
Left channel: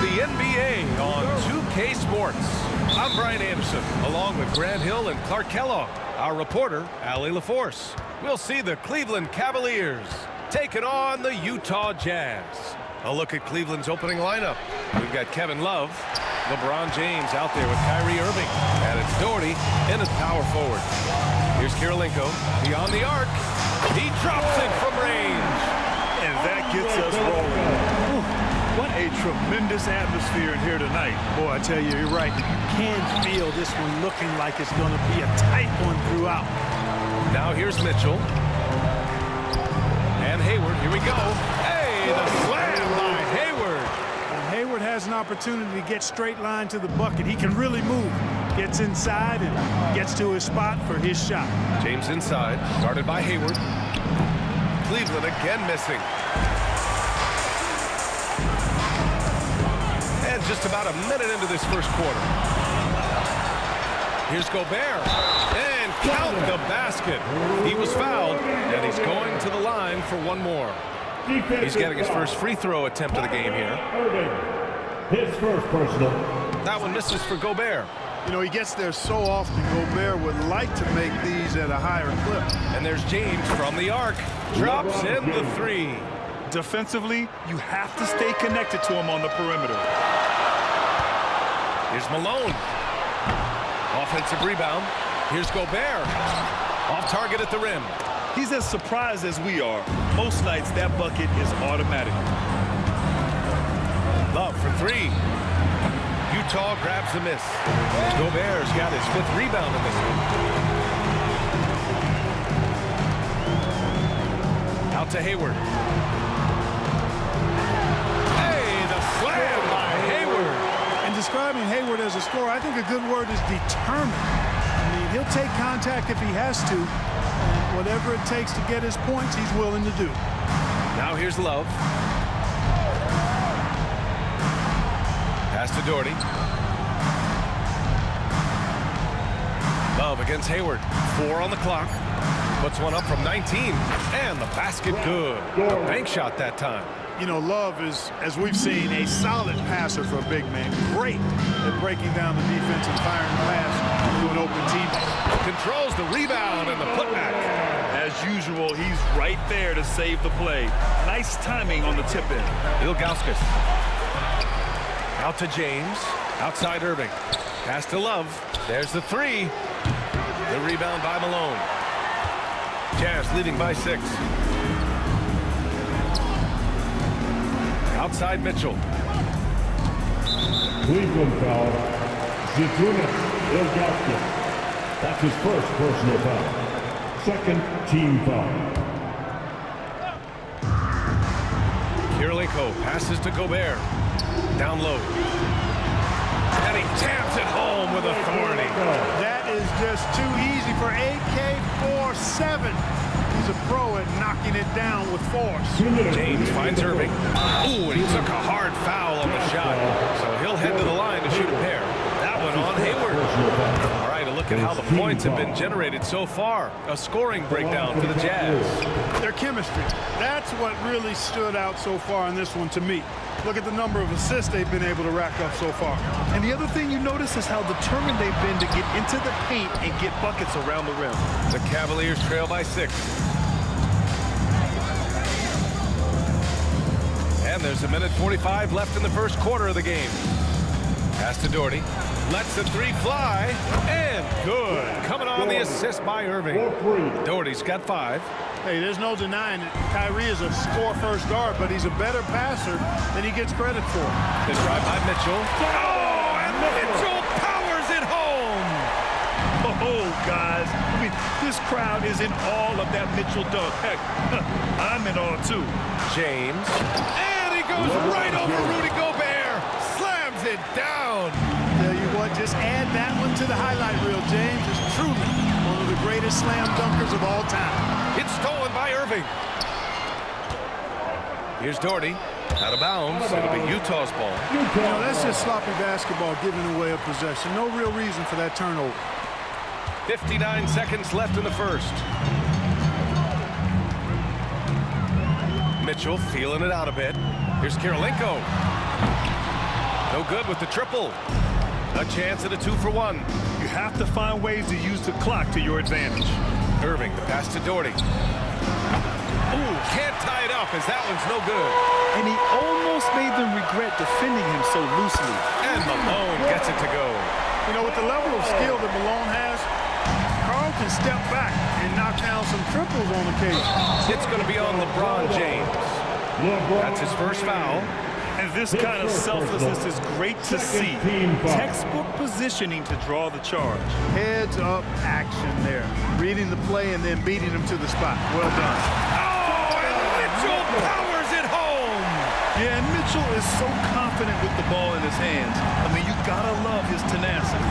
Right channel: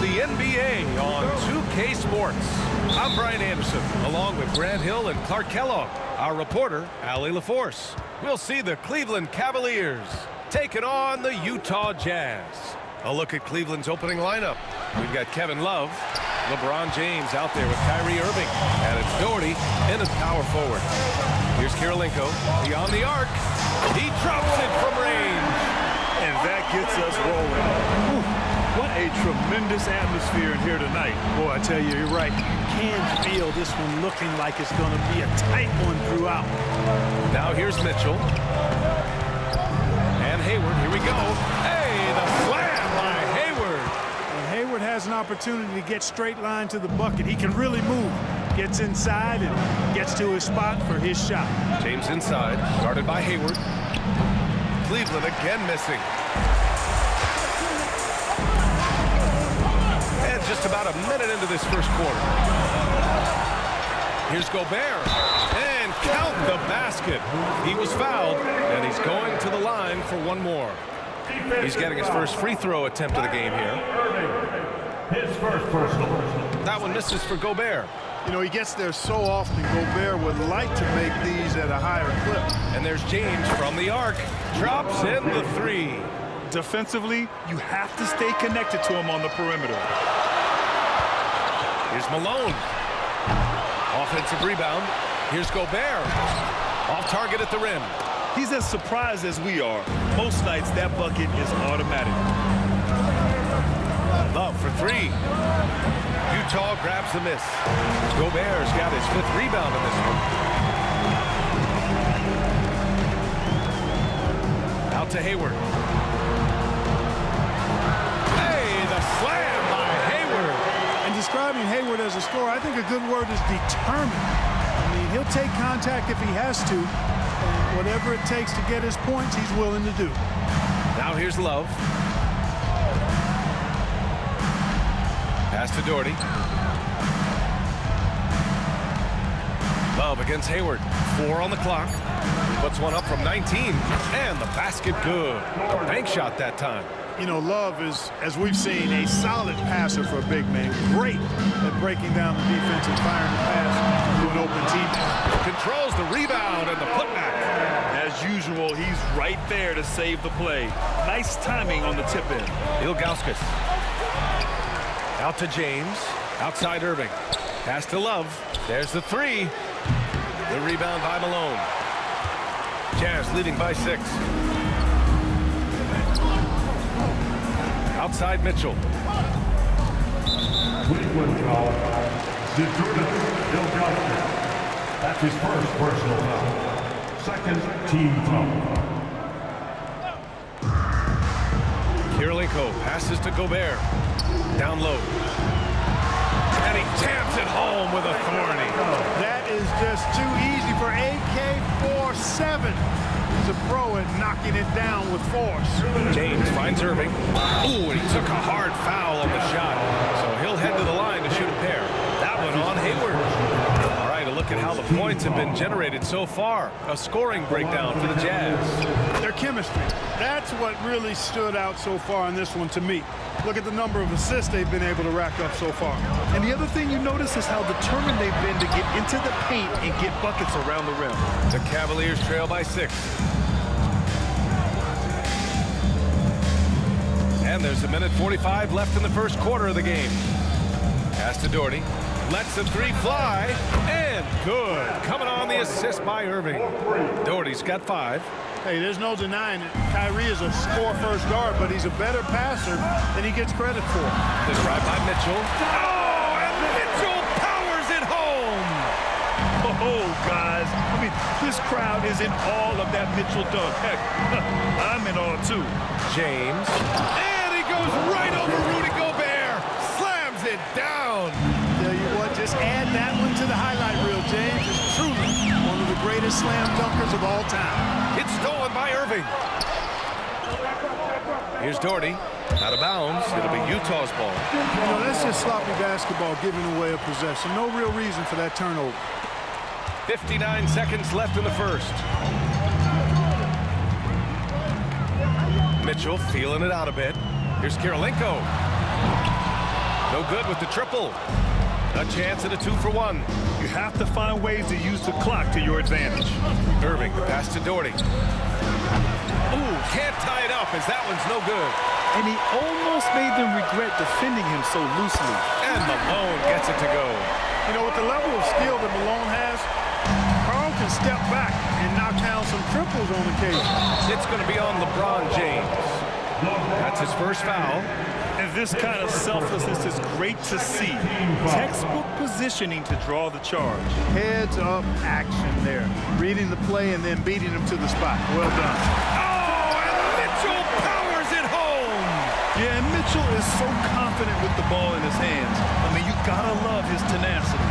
the NBA on 2K Sports. I'm Brian Anderson, along with Grant Hill and Clark Kellogg. Our reporter, Allie LaForce. We'll see the Cleveland Cavaliers taking on the Utah Jazz. A look at Cleveland's opening lineup. We've got Kevin Love, LeBron James out there with Kyrie Irving, and it's Doherty in as power forward. Here's Kirilenko beyond the arc. He drops it from range. And that gets us rolling. Whew, what a tremendous atmosphere in here tonight. Boy, I tell you, you're right. You can feel this one looking like it's going to be a tight one throughout. Now here's Mitchell. And Hayward, here we go. Hey, the slam by Hayward. When Hayward has an opportunity to get straight line to the bucket, he can really move. Gets inside and gets to his spot for his shot. James inside, guarded by Hayward. Cleveland again missing. And just about a minute into this first quarter. Here's Gobert. And count the basket. He was fouled, and he's going to the line for one more. He's getting his first free throw attempt of the game here. His first personal. That one misses for Gobert. You know, he gets there so often. Gobert would like to make these at a higher clip. And there's James from the arc. Drops in the three. Defensively, you have to stay connected to him on the perimeter. Here's Malone. Offensive rebound. Here's Gobert. Off target at the rim. He's as surprised as we are. Most nights, that bucket is automatic. Love for three. Utah grabs the miss. Gobert's got his fifth rebound in this one. Out to Hayward. Hey, the slam by Hayward. And describing Hayward as a scorer, I think a good word is determined. I mean, he'll take contact if he has to, and whatever it takes to get his points, he's willing to do. Now here's Love. Pass to Doherty. Love against Hayward. 4 on the clock. Puts one up from 19. And the basket good. A bank shot that time. You know, Love is, as we've seen, a solid passer for a big man. Great at breaking down the defense and firing the pass to an open teammate. Controls the rebound and the putback. As usual, he's right there to save the play. Nice timing on the tip in. Ilgauskas. Out to James. Outside Irving. Pass to Love. There's the three. The rebound by Malone. Jazz leading by 6. Outside Mitchell. Cleveland foul. Zydrunas Ilgauskas. That's his first personal foul. Second team foul. Kirilenko passes to Gobert. Down low. And he jams it home with authority. That is just too easy for AK-47. He's a pro at knocking it down with force. James finds Irving. Ooh, and he took a hard foul on the shot. So he'll head to the line to shoot a pair. That one on Hayward. All right, a look at how the points have been generated so far. A scoring breakdown for the Jazz. Their chemistry. That's what really stood out so far in this one to me. Look at the number of assists they've been able to rack up so far. And the other thing you notice is how determined they've been to get into the paint and get buckets around the rim. The Cavaliers trail by 6. And there's a minute 45 left in the first quarter of the game. Pass to Doherty. Lets the three fly. And good. Coming on the assist by Irving. Doherty's got 5. Hey, there's no denying it. Kyrie is a score-first guard, but he's a better passer than he gets credit for. The drive by Mitchell. Oh, and Mitchell powers it home. Oh, guys. I mean, this crowd is in awe of that Mitchell dunk. Heck, I'm in awe, too. James. And he goes right over Rudy Gobert. Slams it down. Tell you what, just add that one to the highlight reel. James is truly one of the greatest slam dunkers of all time. It's stolen by Irving. Here's Doherty. Out of bounds. It'll be Utah's ball. You know, that's just sloppy basketball giving away a possession. No real reason for that turnover. 59 seconds left in the first. Mitchell feeling it out a bit. Here's Kirilenko. No good with the triple. A chance at a 2-for-1. You have to find ways to use the clock to your advantage. Irving, the pass to Doherty. Ooh, can't tie it up as that one's no good. And he almost made them regret defending him so loosely. And Malone gets it to go. You know, with the level of skill that Malone has, Karl can step back and knock down some triples on occasion. It's going to be on LeBron James. That's his first foul. And this kind of selflessness is great to see. Textbook positioning to draw the charge. Heads-up action there. Reading the play and then beating him to the spot. Well done. Oh, and Mitchell powers it home. Yeah, and Mitchell is so confident with the ball in his hands. I mean, you gotta love his tenacity.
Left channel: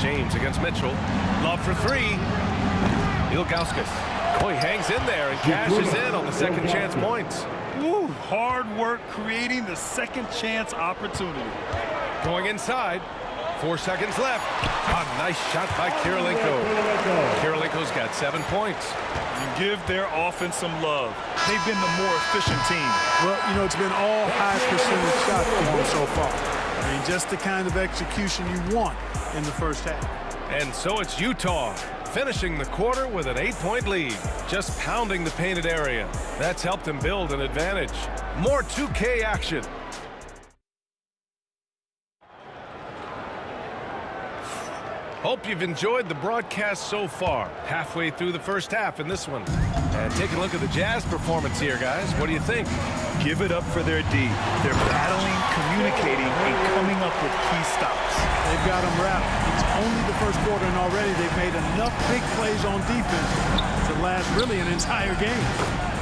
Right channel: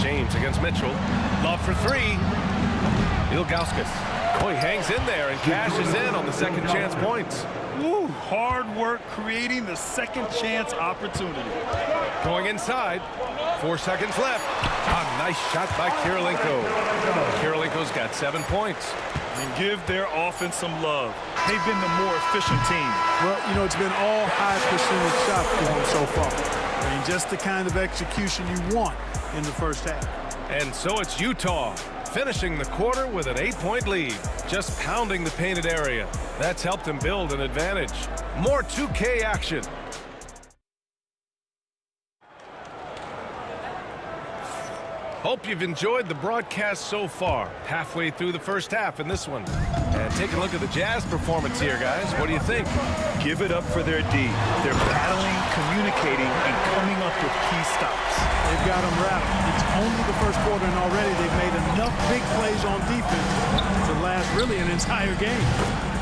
James against Mitchell. Love for three. Ilgauskas. Oh, he hangs in there and cashes in on the second chance points. Woo, hard work creating the second chance opportunity. Going inside. 4 seconds left. A nice shot by Kirilenko. Kirilenko's got 7 points. And give their offense some love. They've been the more efficient team. Well, you know, it's been all high percentage shots for him so far. I mean, just the kind of execution you want in the first half. And so it's Utah, finishing the quarter with an 8-point lead, just pounding the painted area. That's helped them build an advantage. More 2K action. Hope you've enjoyed the broadcast so far. Halfway through the first half in this one. And take a look at the Jazz performance here, guys. What do you think? Give it up for their D. They're battling, communicating, and coming up with key stops. They've got them rattled. It's only the first quarter, and already they've made enough big plays on defense to last really an entire game.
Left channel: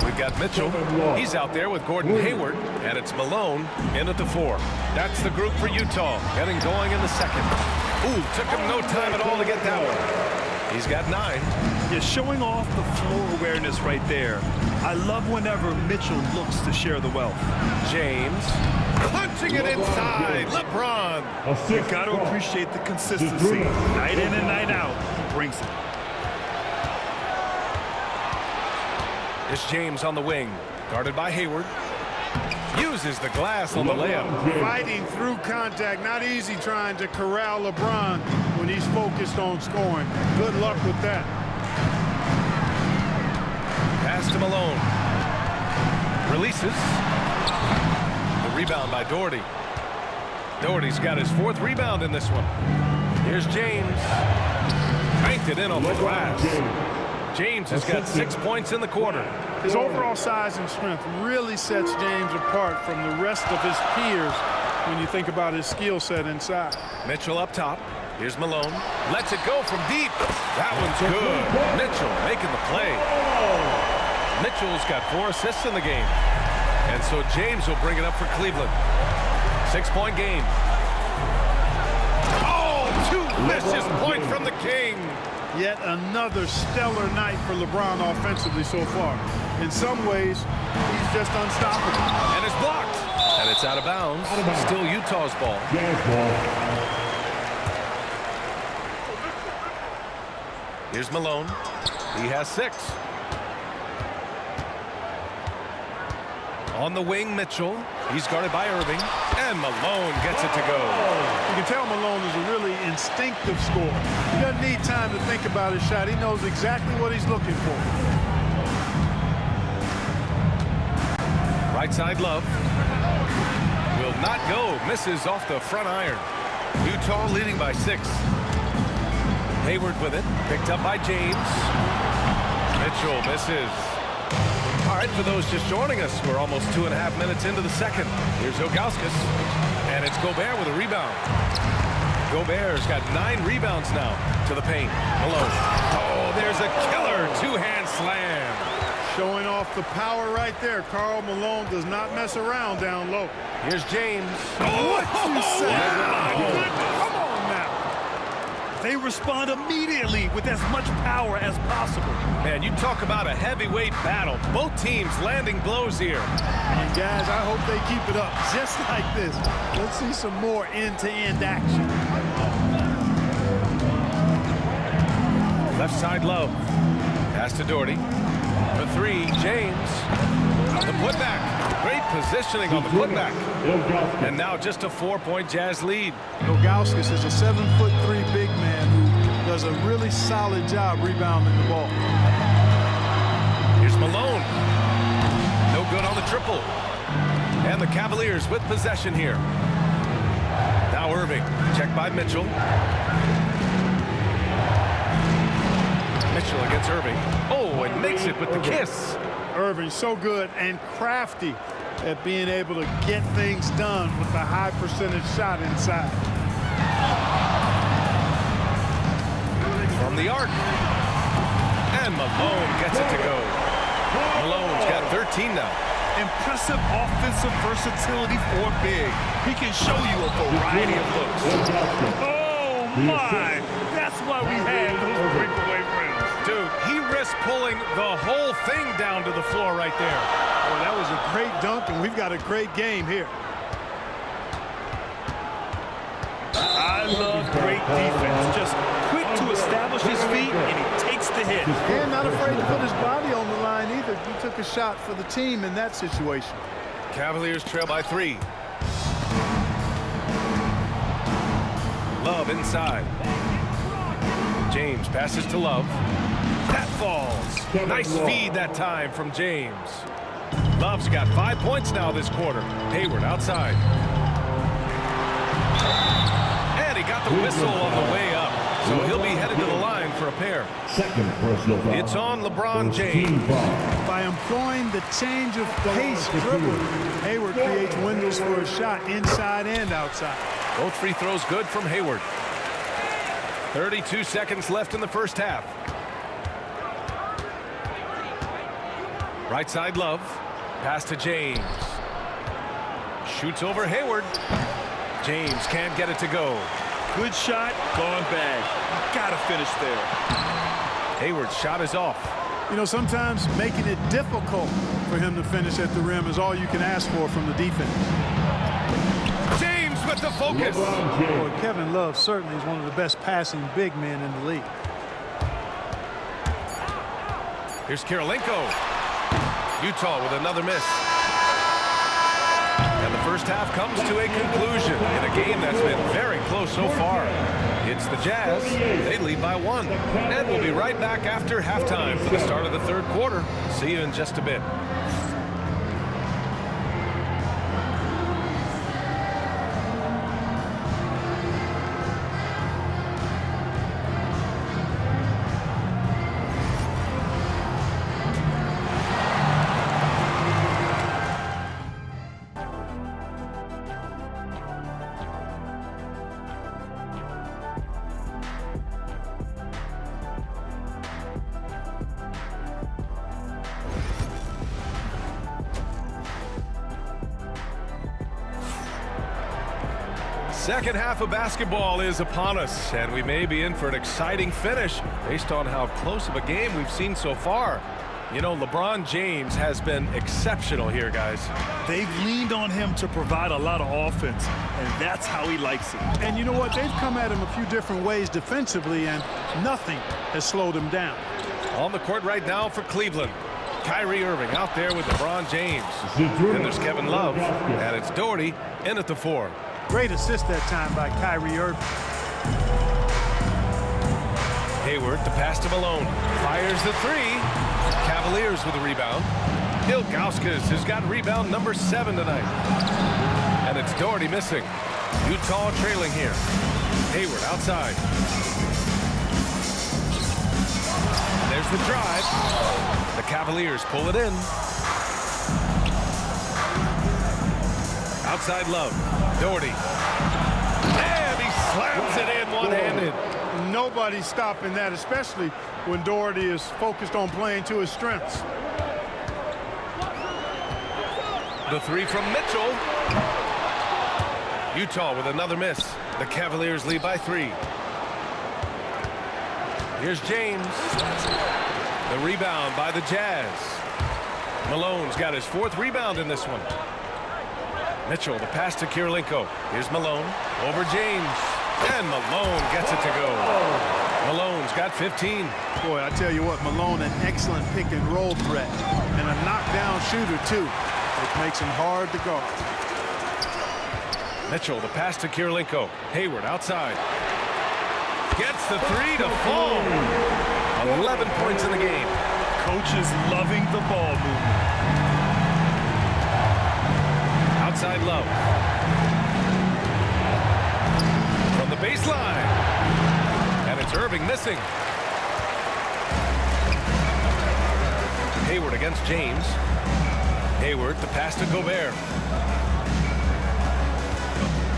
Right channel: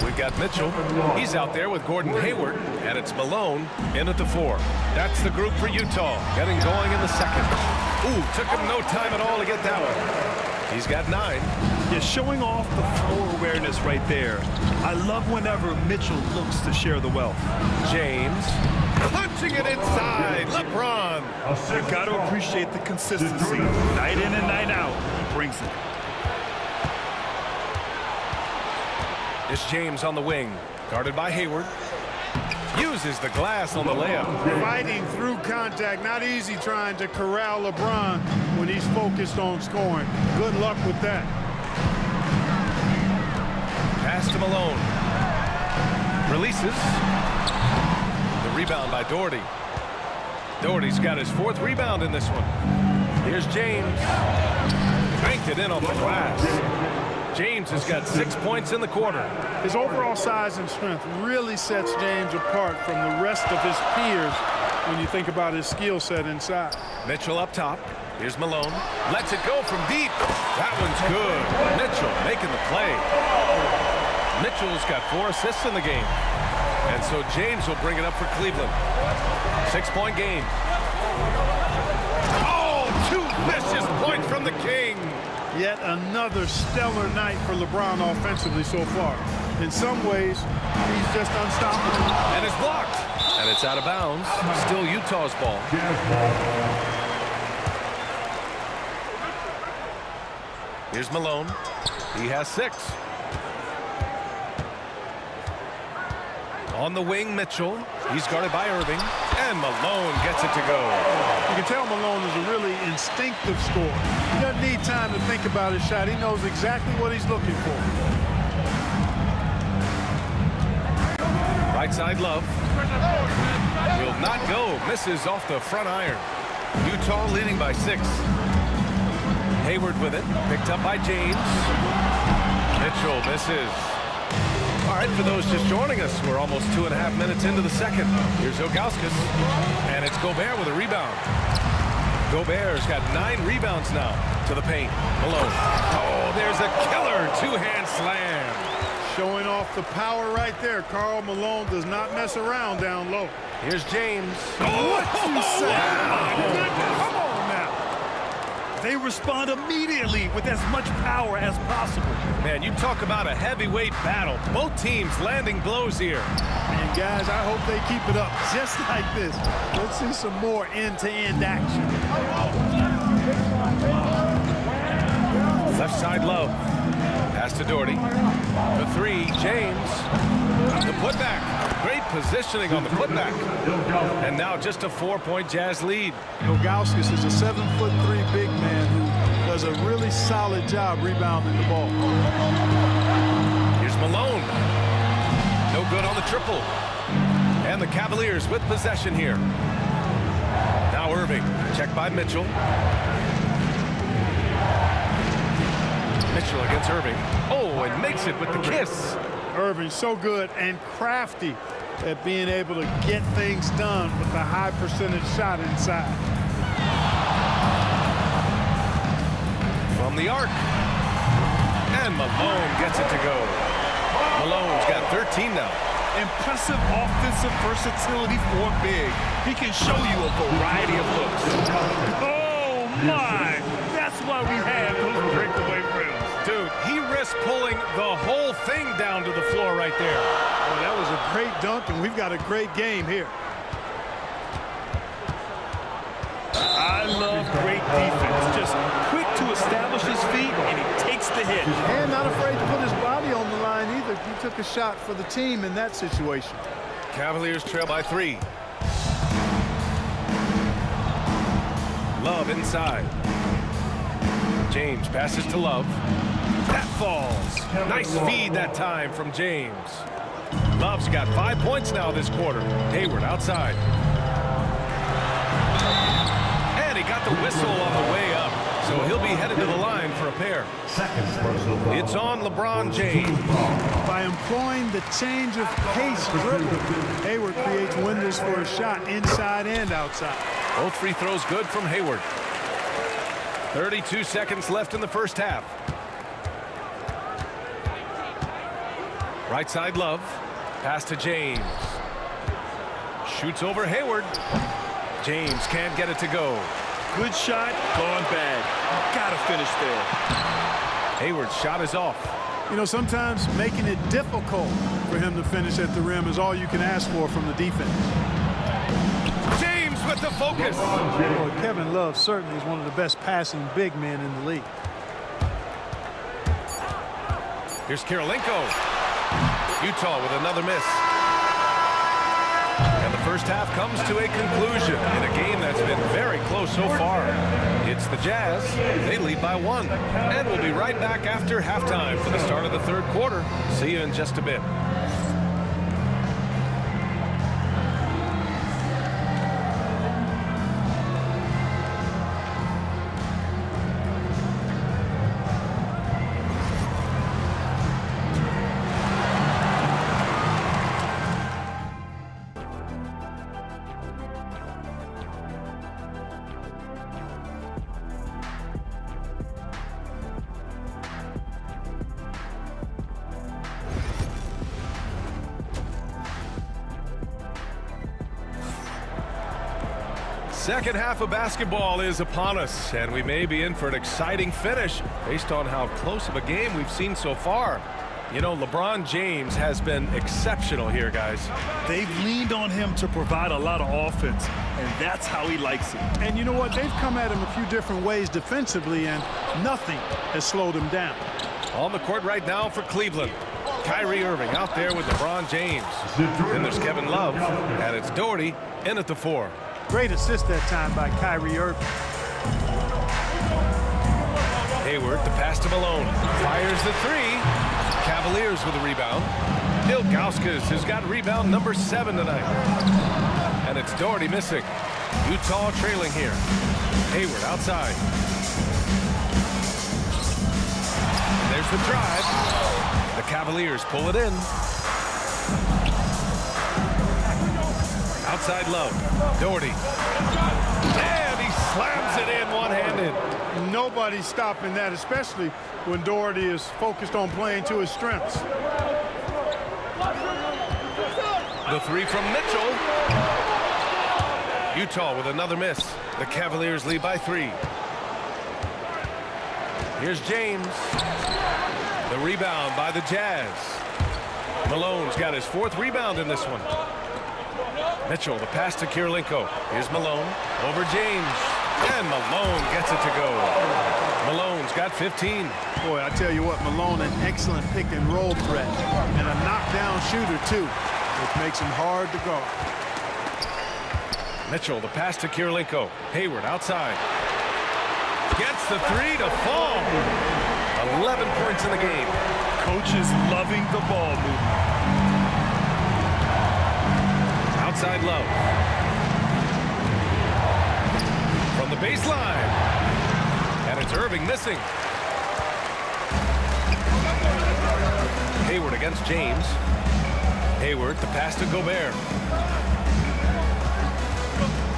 We've got Mitchell. He's out there with Gordon Hayward, and it's Malone in at the 4. That's the group for Utah, getting going in the second. Ooh, took him no time at all to get that one. He's got 9. Yeah, showing off the floor awareness right there. I love whenever Mitchell looks to share the wealth. James punching it inside. LeBron. You got to appreciate the consistency. Night in and night out, he brings it. It's James on the wing, guarded by Hayward. Uses the glass on the layup. Fighting through contact. Not easy trying to corral LeBron when he's focused on scoring. Good luck with that. Pass to Malone. Releases. The rebound by Doherty. Doherty's got his 4th rebound in this one. Here's James. Banked it in on the glass. James has got 6 points in the quarter. His overall size and strength really sets James apart from the rest of his peers when you think about his skill set inside. Mitchell up top. Here's Malone. Lets it go from deep. That one's good. Mitchell making the play. Mitchell's got 4 assists in the game. And so James will bring it up for Cleveland. 6-point game. Oh, 2 vicious points from the King. Yet another stellar night for LeBron offensively so far. In some ways, he's just unstoppable. And it's blocked. And it's out of bounds. Still Utah's ball. Here's Malone. He has 6. On the wing, Mitchell. He's guarded by Irving. And Malone gets it to go. You can tell Malone is a really instinctive scorer. He doesn't need time to think about his shot. He knows exactly what he's looking for. Right side, Love. Will not go. Misses off the front iron. Utah leading by 6. Hayward with it. Picked up by James. Mitchell misses. All right, for those just joining us, we're almost 2.5 minutes into the second. Here's Ilgauskas. And it's Gobert with a rebound. Gobert's got 9 rebounds now to the paint. Malone. Oh, there's a killer 2-hand slam. Showing off the power right there. Karl Malone does not mess around down low. Here's James. What you say? Wow. My goodness. Come on now. They respond immediately with as much power as possible. Man, you talk about a heavyweight battle. Both teams landing blows here. And guys, I hope they keep it up just like this. Let's see some more end-to-end action. Left side, Love. Pass to Doherty. The three, James. The putback. Great positioning on the putback. And now just a 4-point Jazz lead. Ilgauskas is a 7'3" big man who does a really solid job rebounding the ball. Here's Malone. No good on the triple. And the Cavaliers with possession here. Now Irving. Checked by Mitchell. Mitchell against Irving. Oh, and makes it with the kiss. Irving so good and crafty at being able to get things done with a high percentage shot inside. From the arc. And Malone gets it to go. Malone's got 13 now. Impressive offensive versatility for big. He can show you a variety of looks. Oh, my. That's why we have those breakaway rims. Dude, he risked pulling the whole thing down to the floor right there. Well, that was a great dunk, and we've got a great game here. I love great defense. Just quick to establish his feet, and he takes the hit. And not afraid to put his body on the line either. He took a shot for the team in that situation. Cavaliers trail by 3. Love inside. James passes to Love. That falls. Nice feed that time from James. Love's got 5 points now this quarter. Hayward outside. And he got the whistle on the way up. So he'll be headed to the line for a pair. Second personal foul. It's on LeBron James. By employing the change of pace dribble, Hayward creates windows for a shot inside and outside. Both free throws good from Hayward. 32 seconds left in the first half. Right side Love. Pass to James. Shoots over Hayward. James can't get it to go. Good shot, gone bad. Gotta finish there. Hayward's shot is off. You know, sometimes making it difficult for him to finish at the rim is all you can ask for from the defense. James with the focus. Boy, Kevin Love certainly is one of the best passing big men in the league. Here's Kirilenko. Utah with another miss. And the first half comes to a conclusion in a game that's been very close so far. It's the Jazz. They lead by 1. And we'll be right back after halftime for the start of the third quarter. See you in just a bit. Second half of basketball is upon us, and we may be in for an exciting finish based on how close of a game we've seen so far. You know, LeBron James has been exceptional here, guys. They've leaned on him to provide a lot of offense, and that's how he likes it. And you know what? They've come at him a few different ways defensively, and nothing has slowed him down. On the court right now for Cleveland. Kyrie Irving out there with LeBron James. Then there's Kevin Love, and it's Doherty in at the 4. Great assist that time by Kyrie Irving. Hayward, the pass to Malone. Fires the 3. Cavaliers with a rebound. Ilgauskas has got rebound number 7 tonight. And it's Doherty missing. Utah trailing here. Hayward outside. And there's the drive. The Cavaliers pull it in. Outside Love. Doherty. And he slams it in one-handed. Nobody's stopping that, especially when Doherty is focused on playing to his strengths. The 3 from Mitchell. Utah with another miss. The Cavaliers lead by 3. Here's James. The rebound by the Jazz. Malone's got his 4th rebound in this one. Mitchell, the pass to Kirilenko. Here's Malone over James. And Malone gets it to go. Malone's got 15. Boy, I tell you what, Malone, an excellent pick and roll threat and a knockdown shooter too, which makes him hard to guard. Mitchell, the pass to Kirilenko. Hayward outside. Gets the three to fall. 11 points in the game. Coach is loving the ball movement. Outside Love. From the baseline. And it's Irving missing. Hayward against James. Hayward, the pass to Gobert.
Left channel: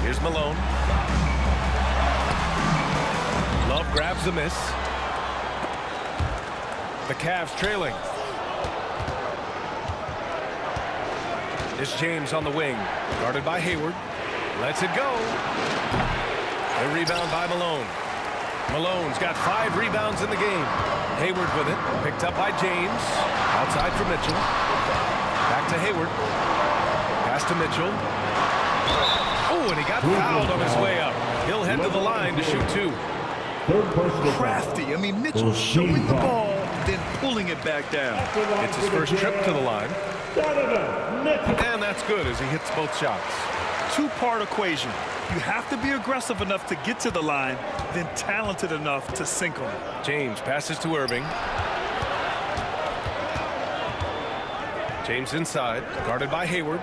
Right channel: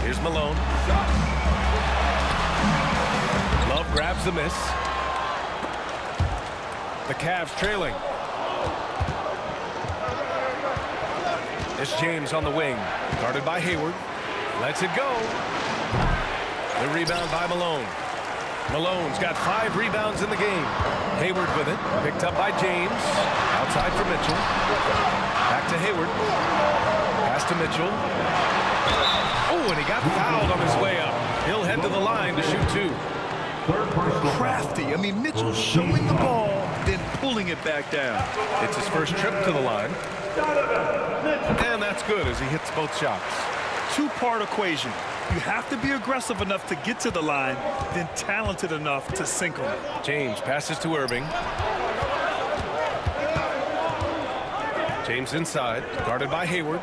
Here's Malone. Love grabs the miss. The Cavs trailing. It's James on the wing. Guarded by Hayward. Lets it go. The rebound by Malone. Malone's got 5 rebounds in the game. Hayward with it. Picked up by James. Outside for Mitchell. Back to Hayward. Pass to Mitchell. Oh, and he got fouled on his way up. He'll head to the line to shoot 2. Crafty. I mean, Mitchell showing the ball, then pulling it back down. It's his first trip to the line. And that's good as he hits both shots. Two-part equation. You have to be aggressive enough to get to the line, then talented enough to sink them. James passes to Irving. James inside, guarded by Hayward.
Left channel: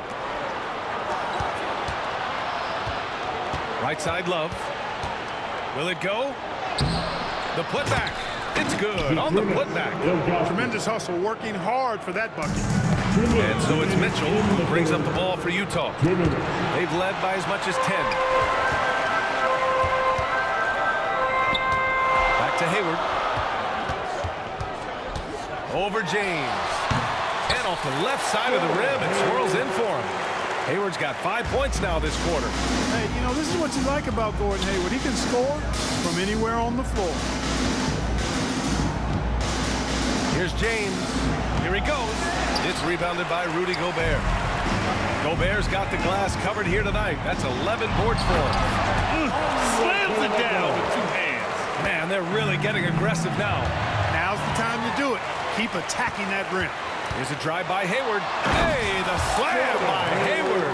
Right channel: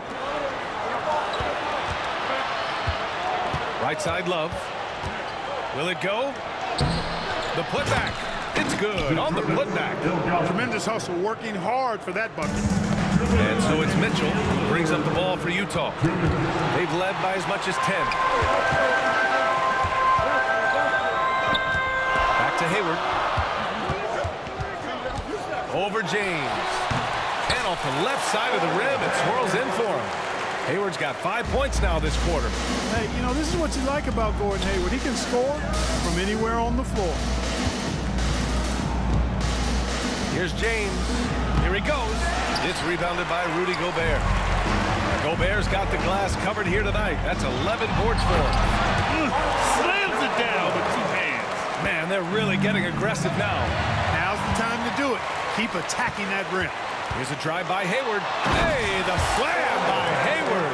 Right side Love. Will it go? The putback. It's good on the putback. Tremendous hustle, working hard for that bucket. And so it's Mitchell who brings up the ball for Utah. They've led by as much as 10. Back to Hayward. Over James. And off the left side of the rim, it swirls in for him. Hayward's got 5 points now this quarter. Hey, you know, this is what you like about Gordon Hayward. He can score from anywhere on the floor. Here's James. Here he goes. It's rebounded by Rudy Gobert. Gobert's got the glass covered here tonight. That's 11 boards for him. Slams it down with 2 hands. Man, they're really getting aggressive now. Now's the time to do it. Keep attacking that rim. Here's a drive by Hayward. Hey, the slam by Hayward.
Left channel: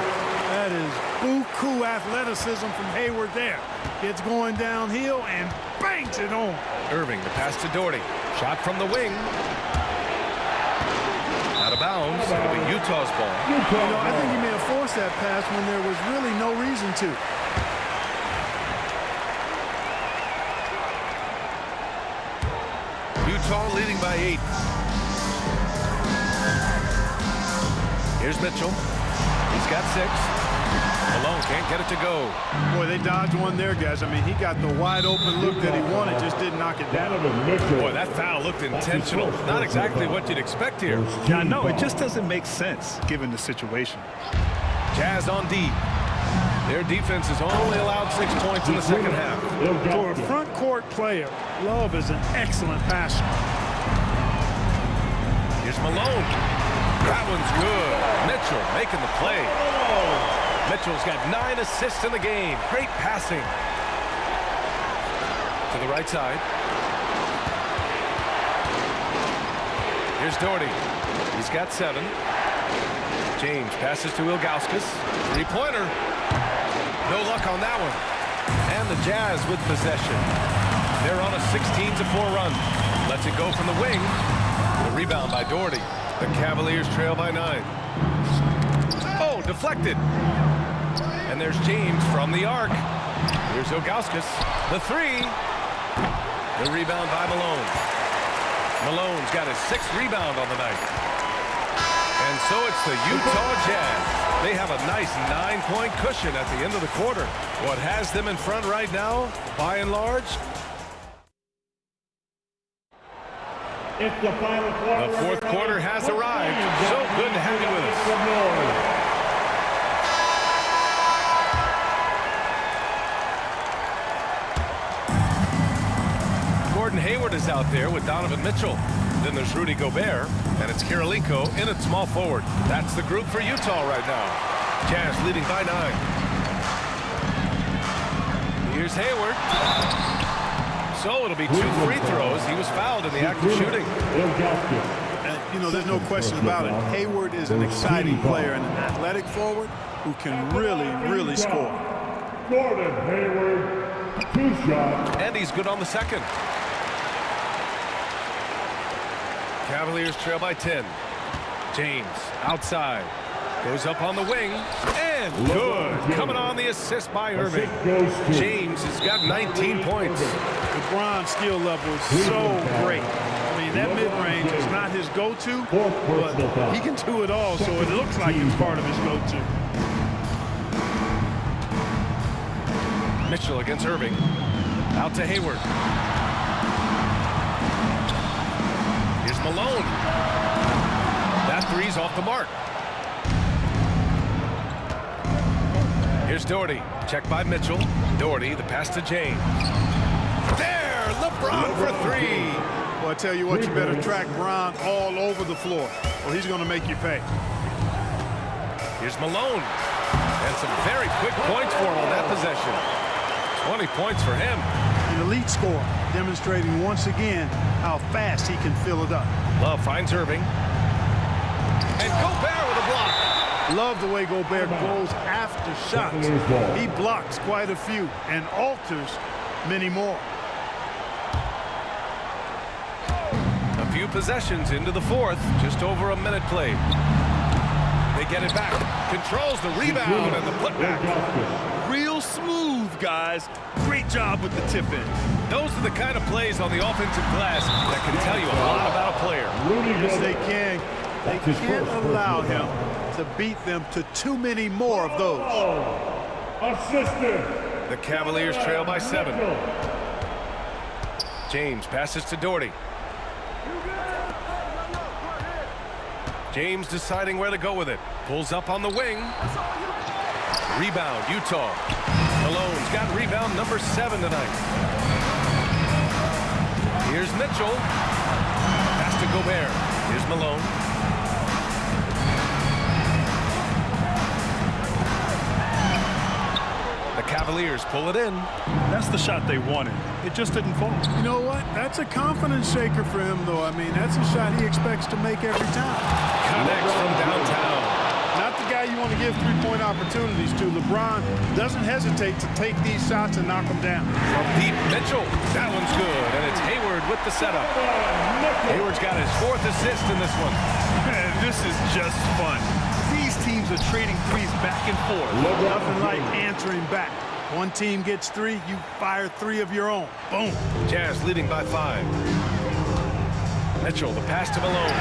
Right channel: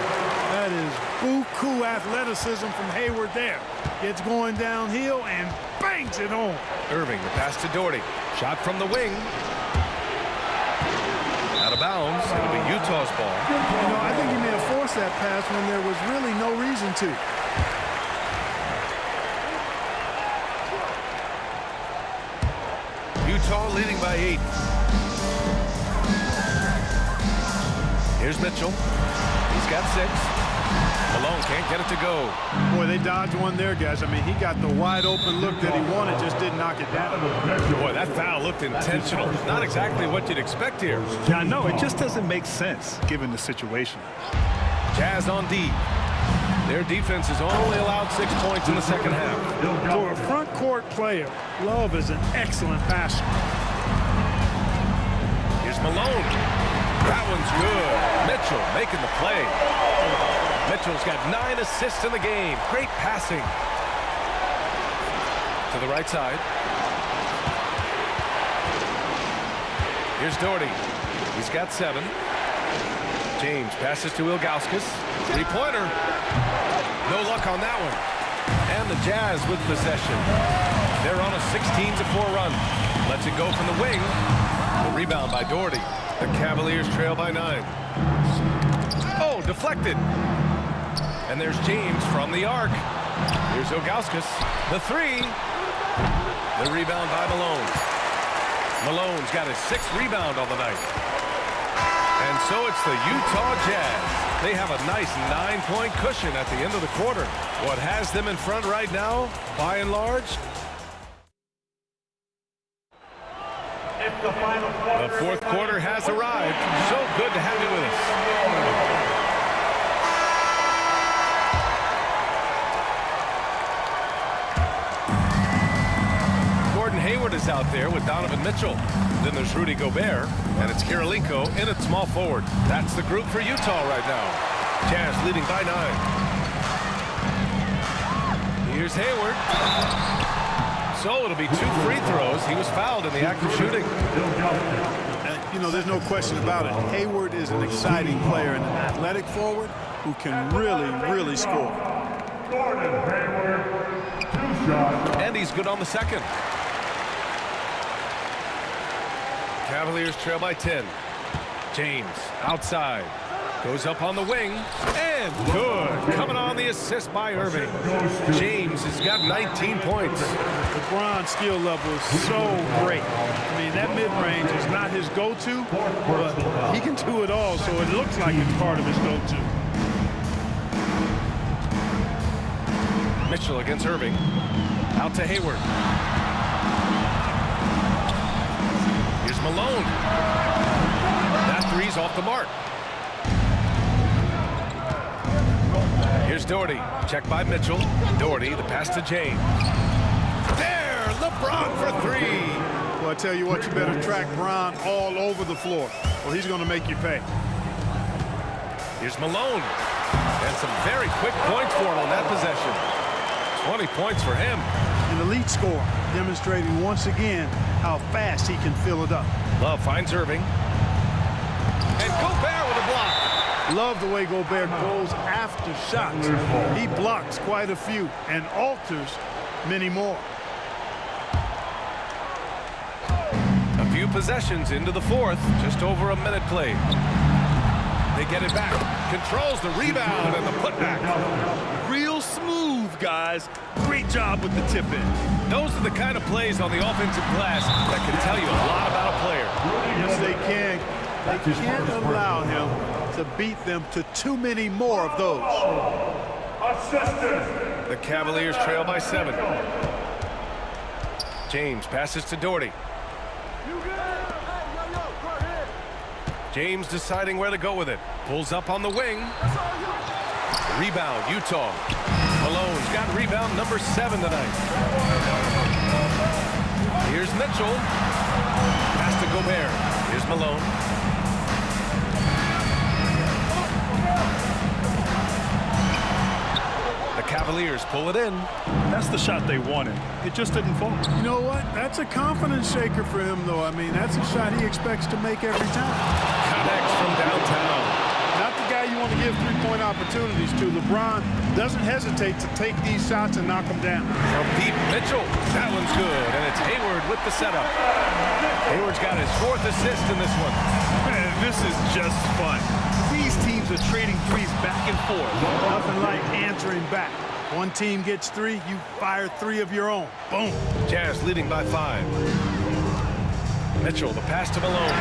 That is buku athleticism from Hayward there. Gets going downhill and bangs it home. Irving, the pass to Doherty. Shot from the wing. Out of bounds. It'll be Utah's ball. You know, I think he may have forced that pass when there was really no reason to. Utah leading by 8. Here's Mitchell. He's got 6. Malone can't get it to go. Boy, they dodged one there, guys. I mean, he got the wide open look that he wanted, just didn't knock it down. Boy, that foul looked intentional. Not exactly what you'd expect here. Yeah, I know. It just doesn't make sense given the situation. Jazz on D. Their defense has only allowed 6 points in the second half. For a front court player, Love is an excellent passer. Here's Malone. That one's good. Mitchell making the play. Mitchell's got 9 assists in the game. Great passing. To the right side. Here's Doherty. He's got 7. James passes to Ilgauskas. 3-pointer. No luck on that one. And the Jazz with possession. They're on a 16-4 run. Lets it go from the wing. The rebound by Doherty. The Cavaliers trail by 9. Oh, deflected. And there's James from the arc. Here's Ilgauskas. The 3. The rebound by Malone. Malone's got his 6th rebound on the night. And so it's the Utah Jazz. They have a nice 9-point cushion at the end of the quarter. What has them in front right now, by and large, the fourth quarter has arrived. So good to have you with us. Gordon Hayward is out there with Donovan Mitchell. Then there's Rudy Gobert, and it's Kirilenko in at small forward. That's the group for Utah right now. Jazz leading by 9. Here's Hayward. So it'll be 2 free throws. He was fouled in the act of shooting. You know, there's no question about it. Hayward is an exciting player and an athletic forward who can really score. Gordon Hayward, 2 shots. And he's good on the second. Cavaliers trail by 10. James outside. Goes up on the wing. And good. Coming on the assist by Irving. James has got 19 points. LeBron's skill level is so great. I mean, that mid-range is not his go-to, but he can do it all, so it looks like it's part of his go-to. Mitchell against Irving. Out to Hayward. Here's Malone. That three's off the mark. Here's Doherty. Check by Mitchell. Doherty, the pass to James. There, LeBron for 3. Well, I tell you what, you better track Bron all over the floor, or he's going to make you pay. Here's Malone. And some very quick points for him on that possession. 20 points for him. An elite scorer, demonstrating once again how fast he can fill it up. Love finds Irving. And Gobert with a block. Love the way Gobert goes after shots. He blocks quite a few and alters many more. A few possessions into the fourth. Just over a minute played. They get it back. Controls the rebound and the putback. Real smooth, guys. Great job with the tip-in. Those are the kind of plays on the offensive glass that can tell you a lot about a player. Yes, they can. They can't allow him to beat them to too many more of those. Assistant. The Cavaliers trail by 7. James passes to Doherty. James deciding where to go with it. Pulls up on the wing. Rebound, Utah. Malone's got rebound number 7 tonight. Here's Mitchell. Pass to Gobert. Here's Malone. The Cavaliers pull it in. That's the shot they wanted. It just didn't fall. You know what? That's a confidence shaker for him, though. I mean, that's a shot he expects to make every time. Connects from downtown. Not the guy you want to give three-point opportunities to. LeBron doesn't hesitate to take these shots and knock them down. From deep, Mitchell. That one's good, and it's Hayward with the setup. Hayward's got his 4th assist in this one. Man, this is just fun. These teams are trading threes back and forth. Nothing like answering back. One team gets 3, you fire 3 of your own. Boom. Jazz leading by 5. Mitchell, the pass to Malone.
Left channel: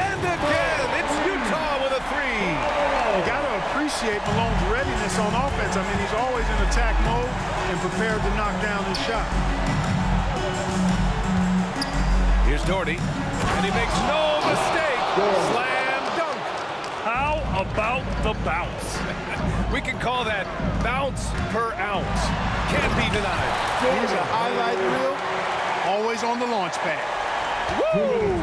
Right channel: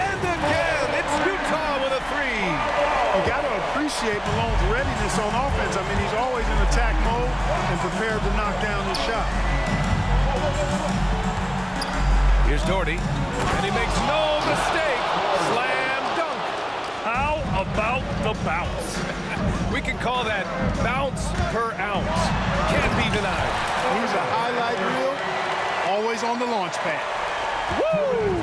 And again, it's Utah with a 3. You got to appreciate Malone's readiness on offense. I mean, he's always in attack mode and prepared to knock down his shot. Here's Doherty, and he makes no mistake. Slam dunk. How about the bounce? We can call that bounce per ounce. Can't be denied. He's a highlight reel, always on the launch pad. Woo!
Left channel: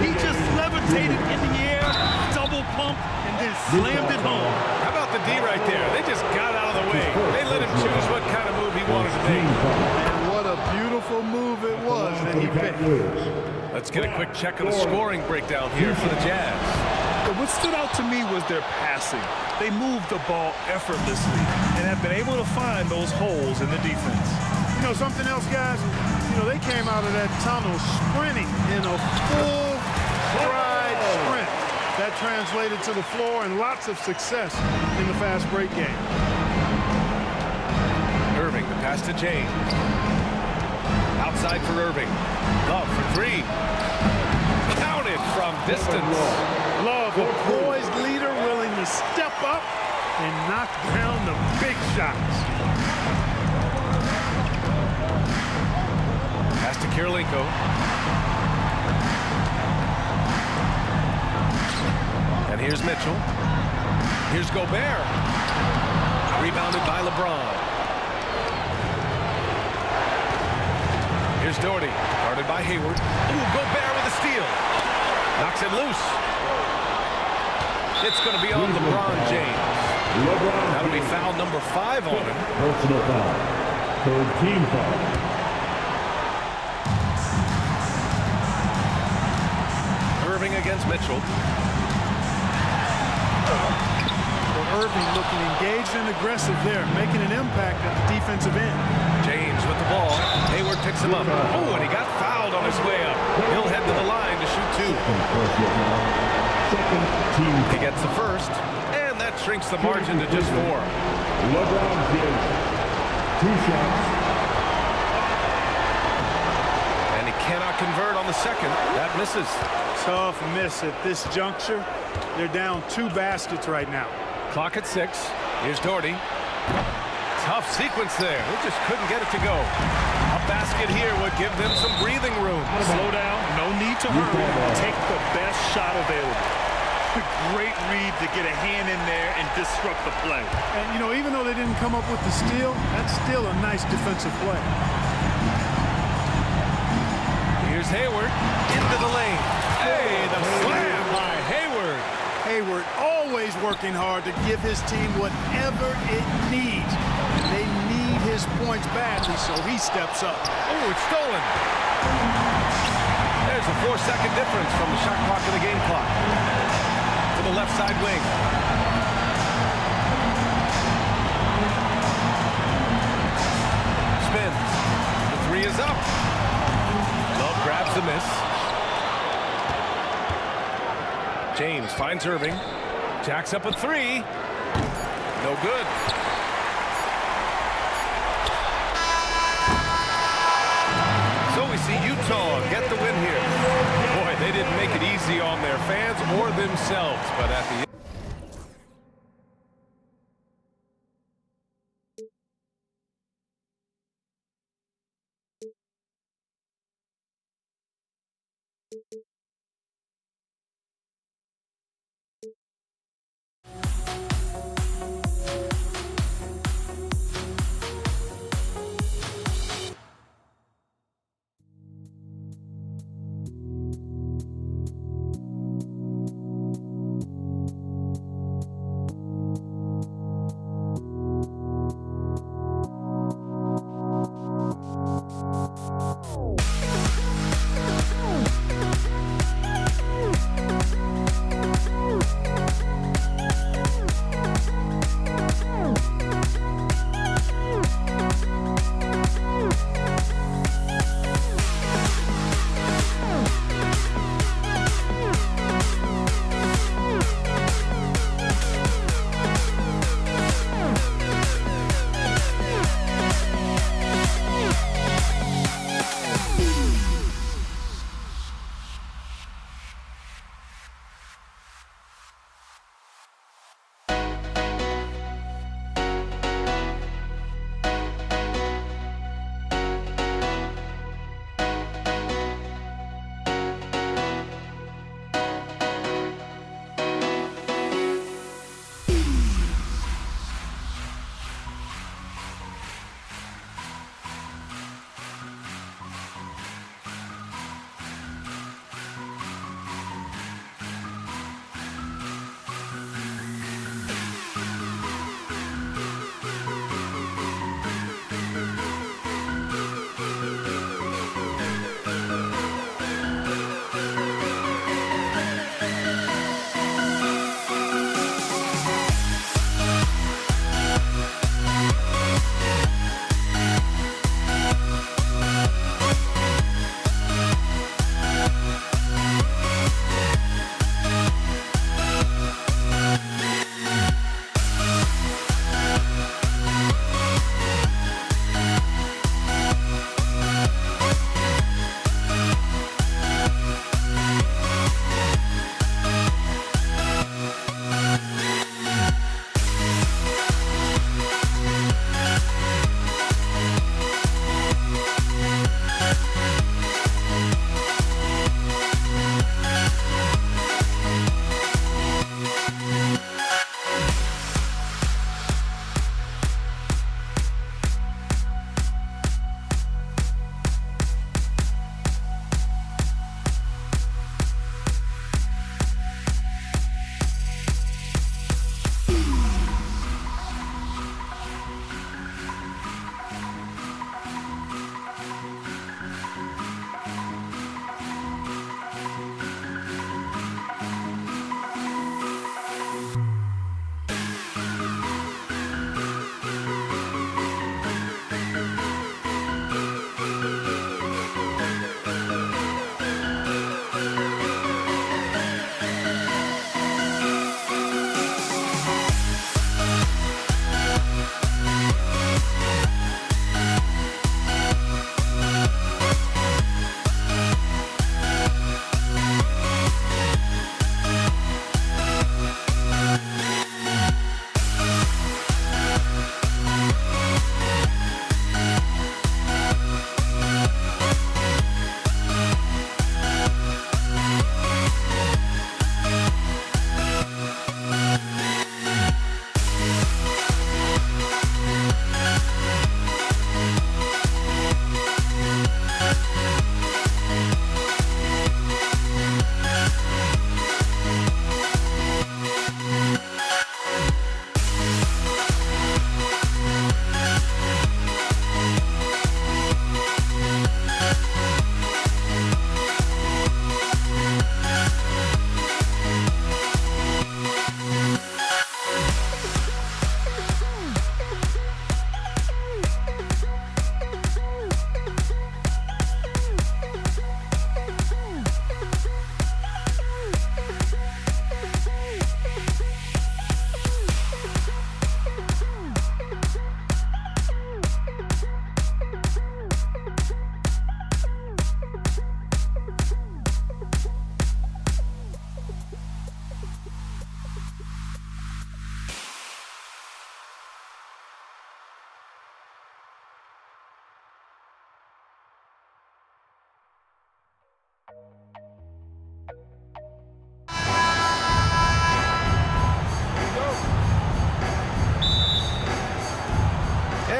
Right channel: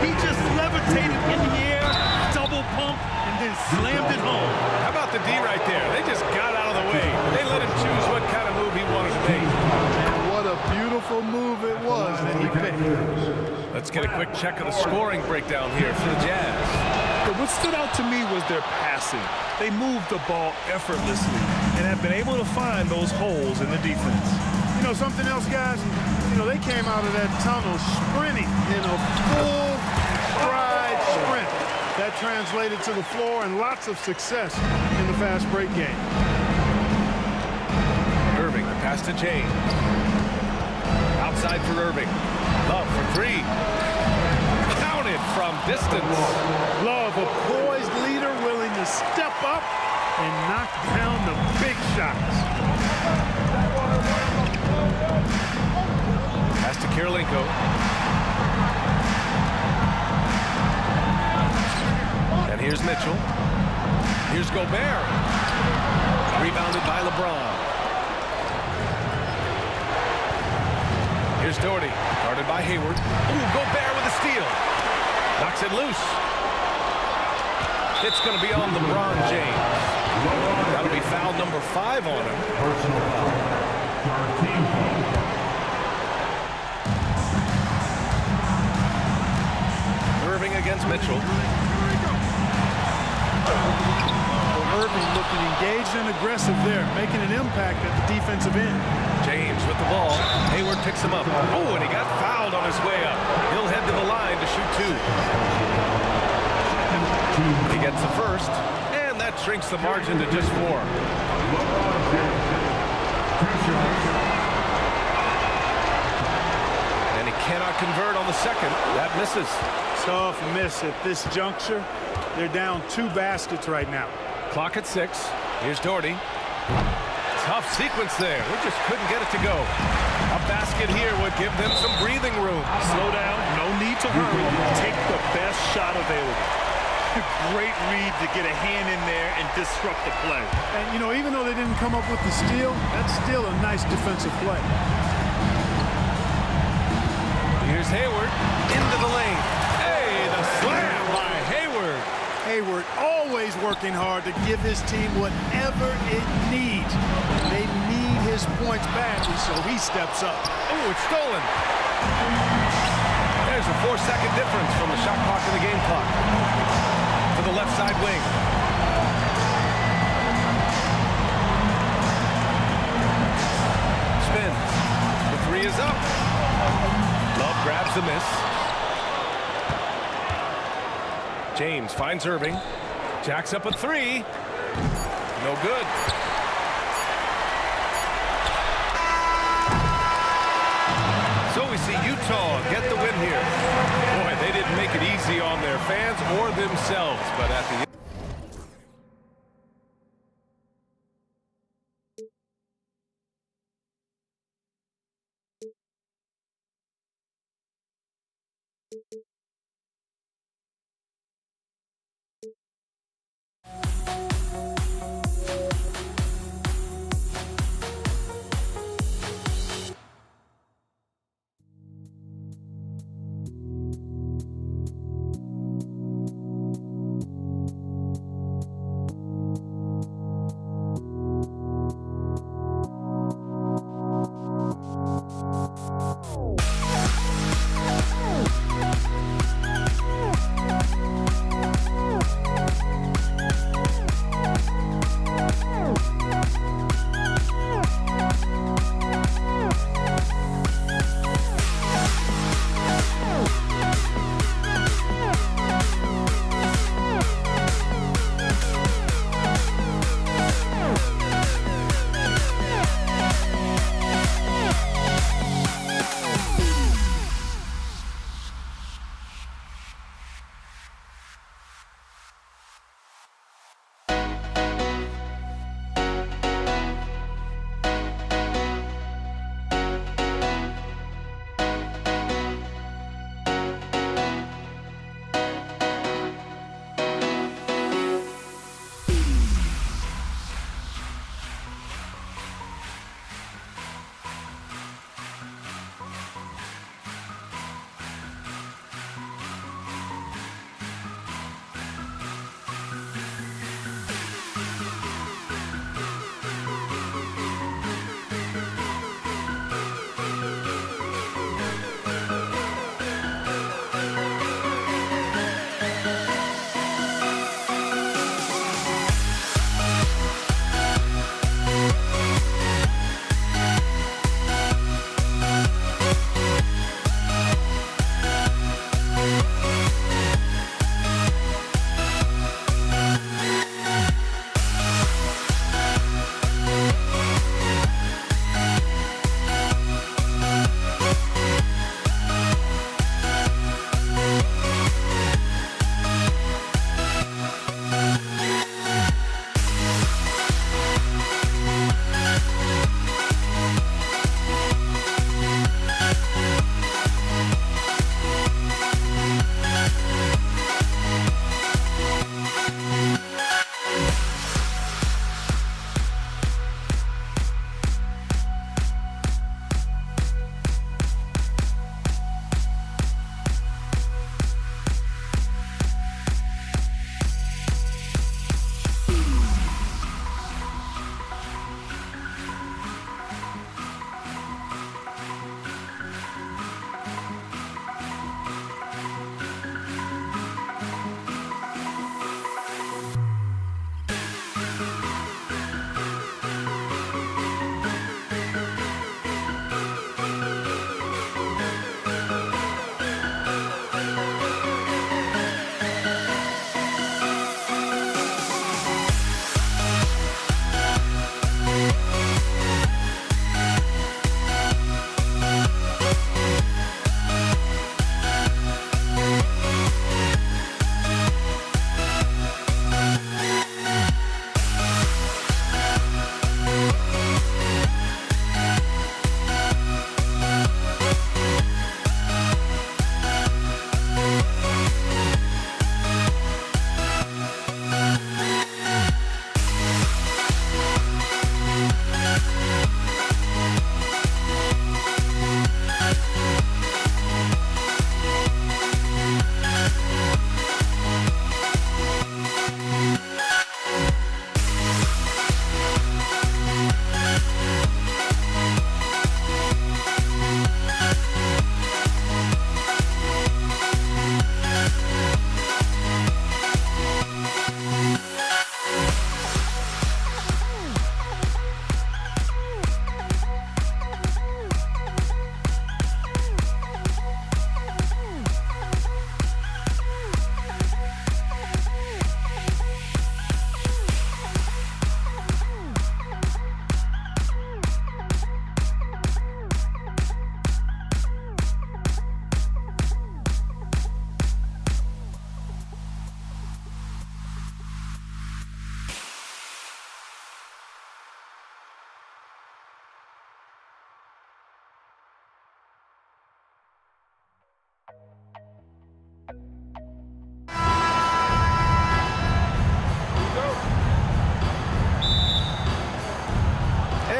He just levitated in the air, double pumped, and then slammed it home. How about the D right there? They just got out of the way. They let him choose what kind of move he wanted to make. And what a beautiful move it was that he picked. Let's get a quick check of the scoring breakdown here for the Jazz. But what stood out to me was their passing. They moved the ball effortlessly and have been able to find those holes in the defense. You know something else, guys? You know, they came out of that tunnel sprinting in a full stride sprint. That translated to the floor and lots of success in the fast break game. Irving, the pass to James. Outside for Irving. Love for 3. Counted from distance. Love, a poised leader willing to step up and knock down the big shots. Pass to Kirilenko. And here's Mitchell. Here's Gobert. Rebounded by LeBron. Here's Doherty. Guarded by Hayward. Ooh, Gobert with a steal. Knocks it loose. It's going to be on LeBron James. That'll be foul number 5 on him. Personal foul. 3rd team foul. serving against Mitchell. Well, Irving looking engaged and aggressive there, making an impact at the defensive end. James with the ball. Hayward picks him up. Oh, and he got fouled on his way up. He'll head to the line to shoot 2. He gets the first, and that shrinks the margin to just 4. LeBron James, 2 shots. And he cannot convert on the second. That misses. Tough miss at this juncture. They're down 2 baskets right now. Clock at 6. Here's Doherty. Tough sequence there. They just couldn't get it to go. A basket here would give them some breathing room. Slow down. No need to hurry. Take the best shot available. Great read to get a hand in there and disrupt the play. And, you know, even though they didn't come up with the steal, that's still a nice defensive play. Here's Hayward into the lane. Hey, the slam by Hayward. Hayward always working hard to give his team whatever it needs. And they need his points badly, so he steps up. Oh, it's stolen. There's a 4-second difference from the shot clock to the game clock. To the left side wing. Spins. The 3 is up. Love grabs the miss. James finds Irving. Jacks up a 3. No good. So we see Utah get the win here. Boy, they didn't make it easy on their fans or themselves, but at the end.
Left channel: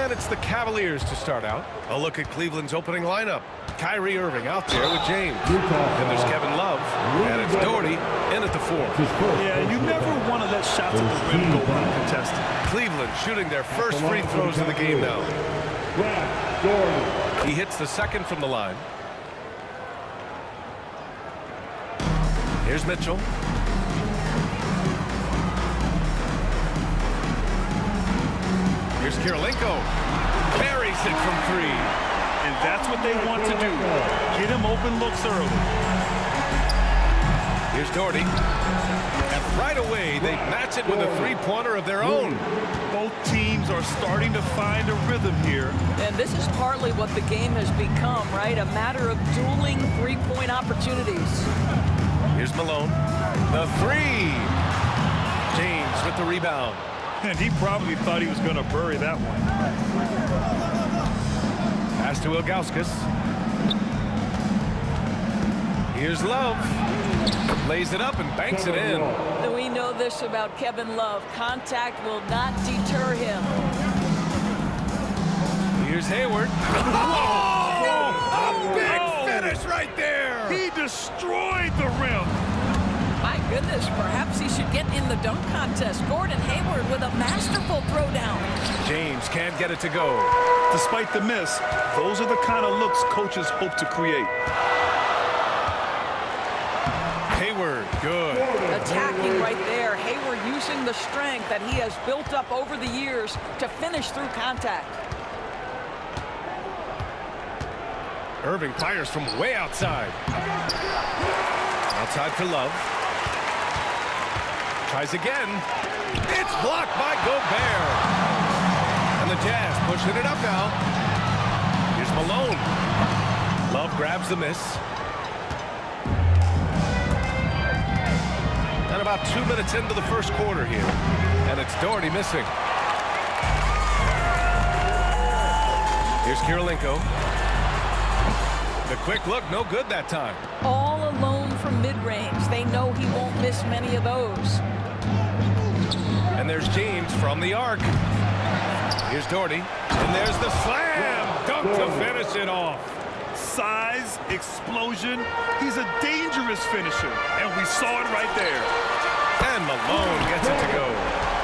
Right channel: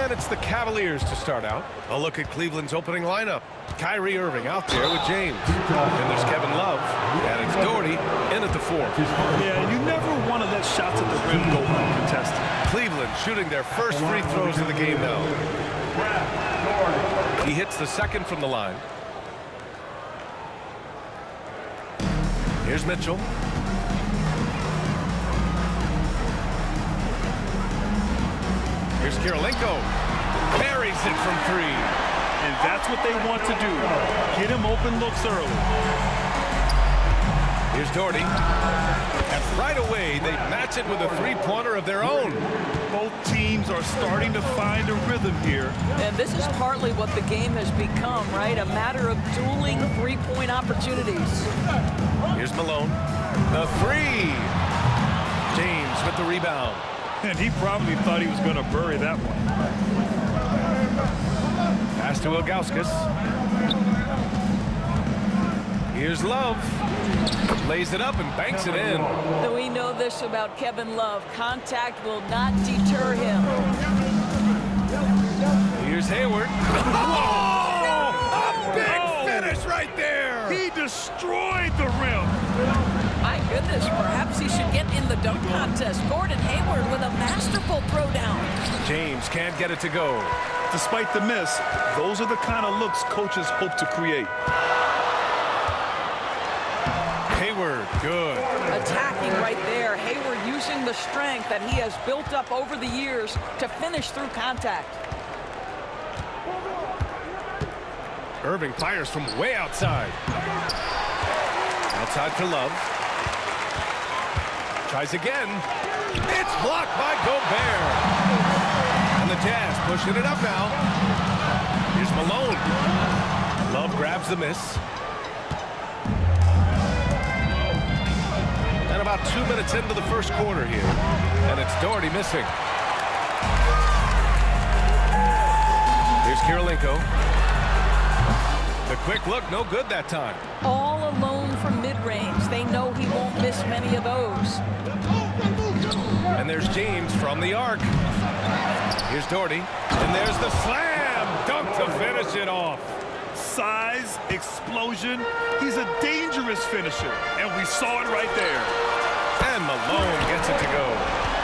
And it's the Cavaliers to start out. A look at Cleveland's opening lineup. Kyrie Irving out there with James. Then there's Kevin Love. And it's Doherty in at the 4. Yeah, you never want to let shots at the rim go uncontested. Cleveland shooting their first free throws of the game now. He hits the second from the line. Here's Mitchell. Here's Kirilenko. Buries it from 3. And that's what they want to do. Get him open looks early. Here's Doherty. And right away, they match it with a three-pointer of their own. Both teams are starting to find a rhythm here. And this is partly what the game has become, right? A matter of dueling three-point opportunities. Here's Malone. The 3. James with the rebound. And he probably thought he was going to bury that one. Pass to Ilgauskas. Here's Love. Lays it up and banks it in. We know this about Kevin Love. Contact will not deter him. Here's Hayward. Oh! A big finish right there! He destroyed the rim. My goodness, perhaps he should get in the dunk contest. Gordon Hayward with a masterful throwdown. James can't get it to go. Despite the miss, those are the kind of looks coaches hope to create. Hayward, good. Attacking right there. Hayward using the strength that he has built up over the years to finish through contact. Irving fires from way outside. Outside for Love. Tries again. It's blocked by Gobert. And the Jazz pushing it up now. Here's Malone. Love grabs the miss. And about 2 minutes into the first quarter here. And it's Doherty missing. Here's Kirilenko. The quick look, no good that time. All alone from mid-range. They know he won't miss many of those. And there's James from the arc. Here's Doherty. And there's the slam dunk to finish it off. Size, explosion. He's a dangerous finisher. And we saw it right there. And Malone gets it to go.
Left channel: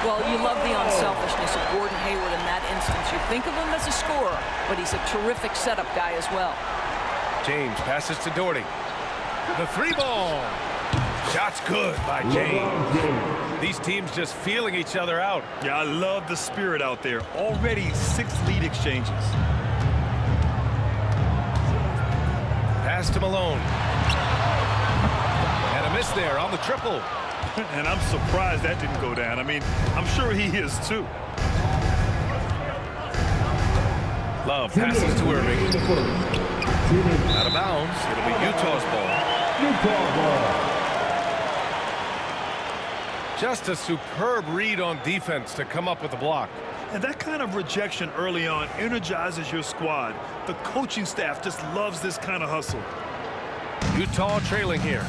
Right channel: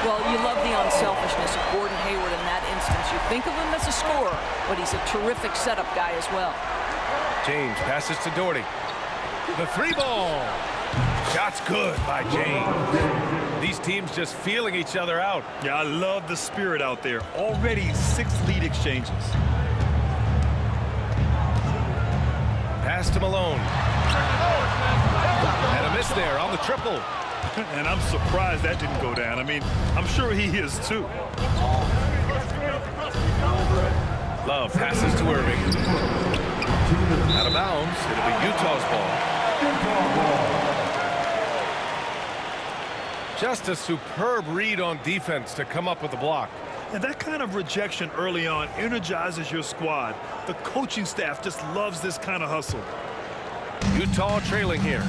Well, you love the unselfishness of Gordon Hayward in that instance. You think of him as a scorer, but he's a terrific setup guy as well. James passes to Doherty. The 3-ball. Shot's good by James. These teams just feeling each other out. Yeah, I love the spirit out there. Already 6 lead exchanges. Pass to Malone. And a miss there on the triple. And I'm surprised that didn't go down. I mean, I'm sure he is too. Love passes to Irving. Out of bounds. It'll be Utah's ball. Just a superb read on defense to come up with the block. And that kind of rejection early on energizes your squad. The coaching staff just loves this kind of hustle. Utah trailing here.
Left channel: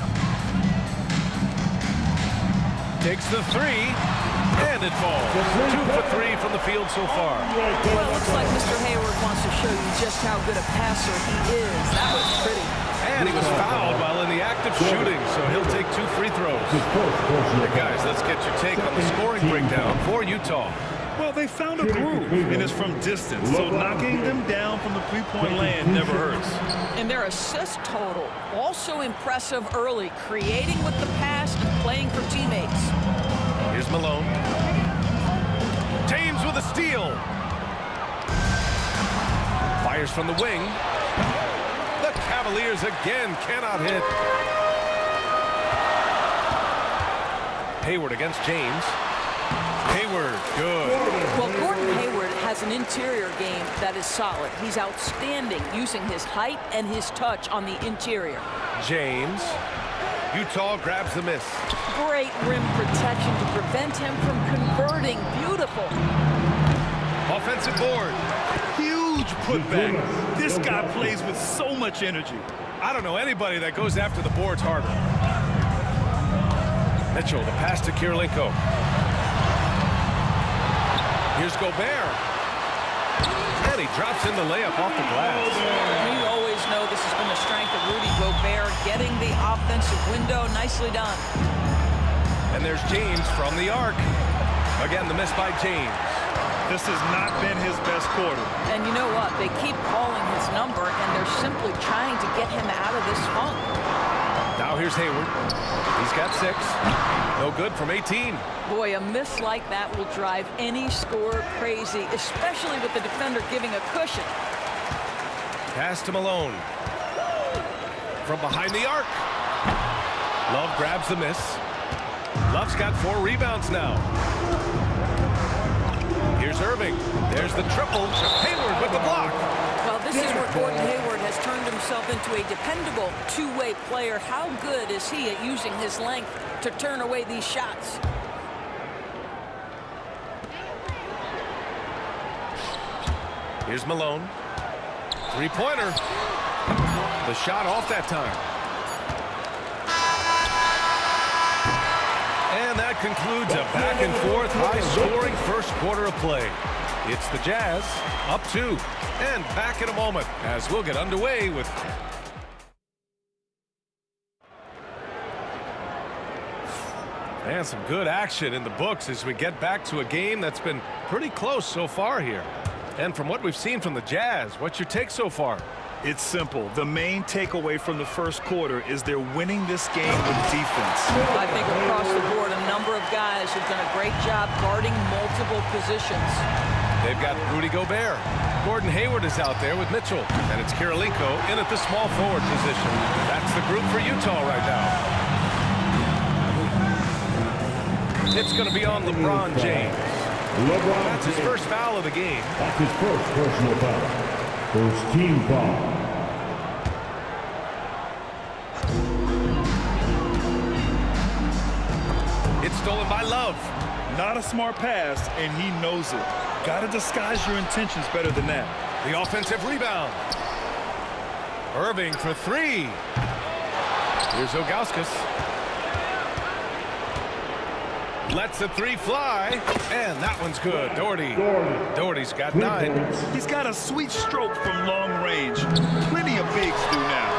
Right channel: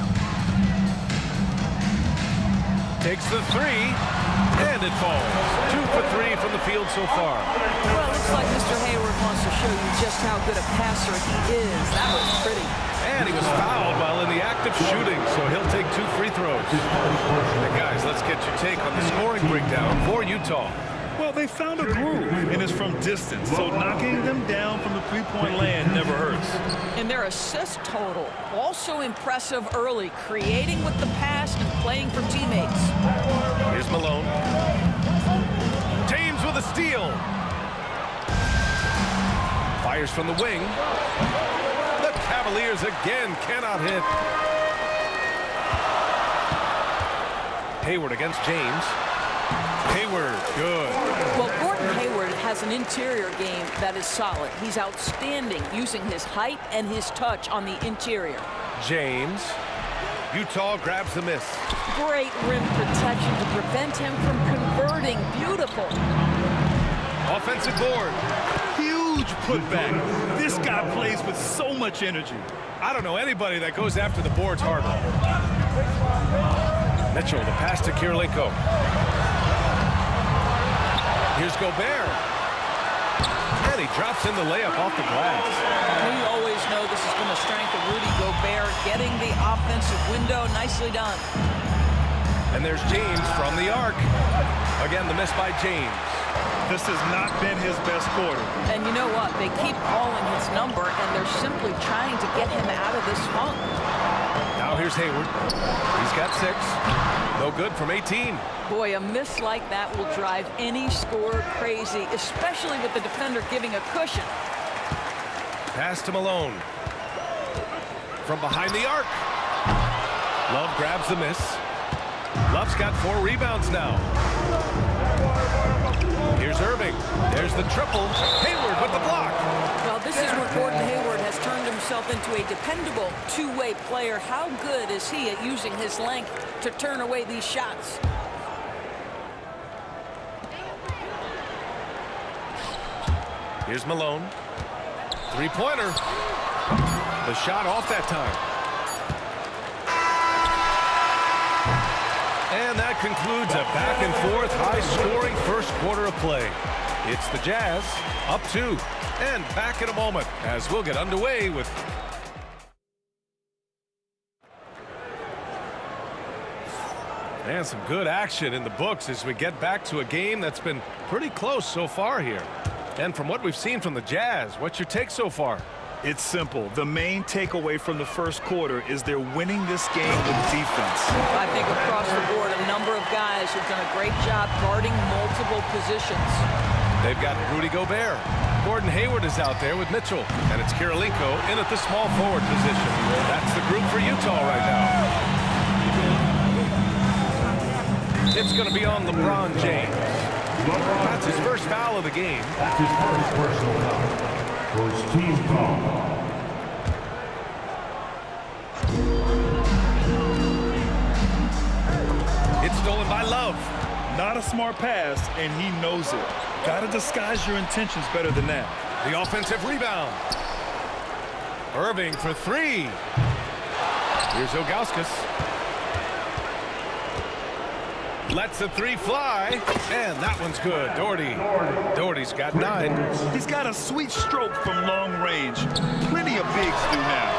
Takes the 3, and it falls. 2 for 3 from the field so far. Well, it looks like Mr. Hayward wants to show you just how good a passer he is. That was pretty. And he was fouled while in the act of shooting, so he'll take 2 free throws. Hey guys, let's get your take on the scoring breakdown for Utah. Well, they found a groove, and it's from distance, so knocking them down from the three-point land never hurts. And their assist total, also impressive early, creating with the pass and playing for teammates. Here's Malone. James with a steal. Fires from the wing. The Cavaliers again cannot hit. Hayward against James. Hayward, good. Well, Gordon Hayward has an interior game that is solid. He's outstanding using his height and his touch on the interior. James. Utah grabs the miss. Great rim protection to prevent him from converting. Beautiful. Offensive board. Huge putback. This guy plays with so much energy. I don't know anybody that goes after the boards harder. Mitchell, the pass to Kirilenko. Here's Gobert. And he drops in the layup off the glass. We always know this has been a strength of Rudy Gobert, getting the offensive window. Nicely done. And there's James from the arc. Again, the miss by James. This has not been his best quarter. And you know what? They keep calling his number, and they're simply trying to get him out of this funk. Now here's Hayward. He's got 6. No good from 18. Boy, a miss like that will drive any scorer crazy, especially with the defender giving a cushion. Pass to Malone. From behind the arc. Love grabs the miss. Love's got 4 rebounds now. Here's Irving. There's the triple. Hayward with the block. Well, this is where Gordon Hayward has turned himself into a dependable two-way player. How good is he at using his length to turn away these shots? Here's Malone. Three-pointer. The shot off that time. And that concludes a back-and-forth, high-scoring first quarter of play. It's the Jazz, up 2, and back in a moment as we'll get underway with... And some good action in the books as we get back to a game that's been pretty close so far here. And from what we've seen from the Jazz, what's your take so far? It's simple. The main takeaway from the first quarter is they're winning this game with defense. I think across the board, a number of guys who've done a great job guarding multiple positions. They've got Rudy Gobert. Gordon Hayward is out there with Mitchell. And it's Kirilenko in at the small forward position. That's the group for Utah right now. It's going to be on LeBron James. That's his first foul of the game. That's his first personal foul. First team foul. It's stolen by Love. Not a smart pass, and he knows it. Got to disguise your intentions better than that. The offensive rebound. Irving for 3. Here's Ilgauskas. Lets the 3 fly, and that one's good. Doherty's got 9. He's got a sweet stroke from long range. Plenty of bigs do now.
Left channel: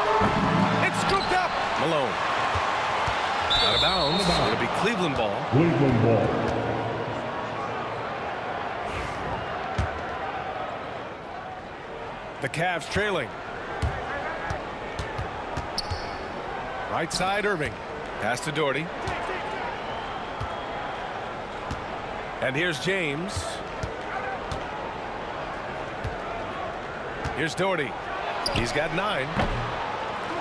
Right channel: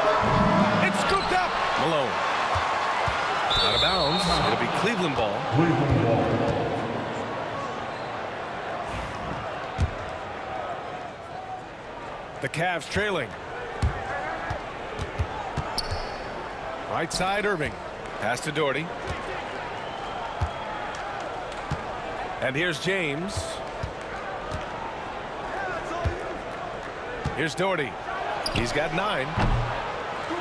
It's scooped up. Malone. Out of bounds. It'll be Cleveland ball. Cleveland ball. The Cavs trailing. Right side, Irving. Pass to Doherty. And here's James. Here's Doherty. He's got 9.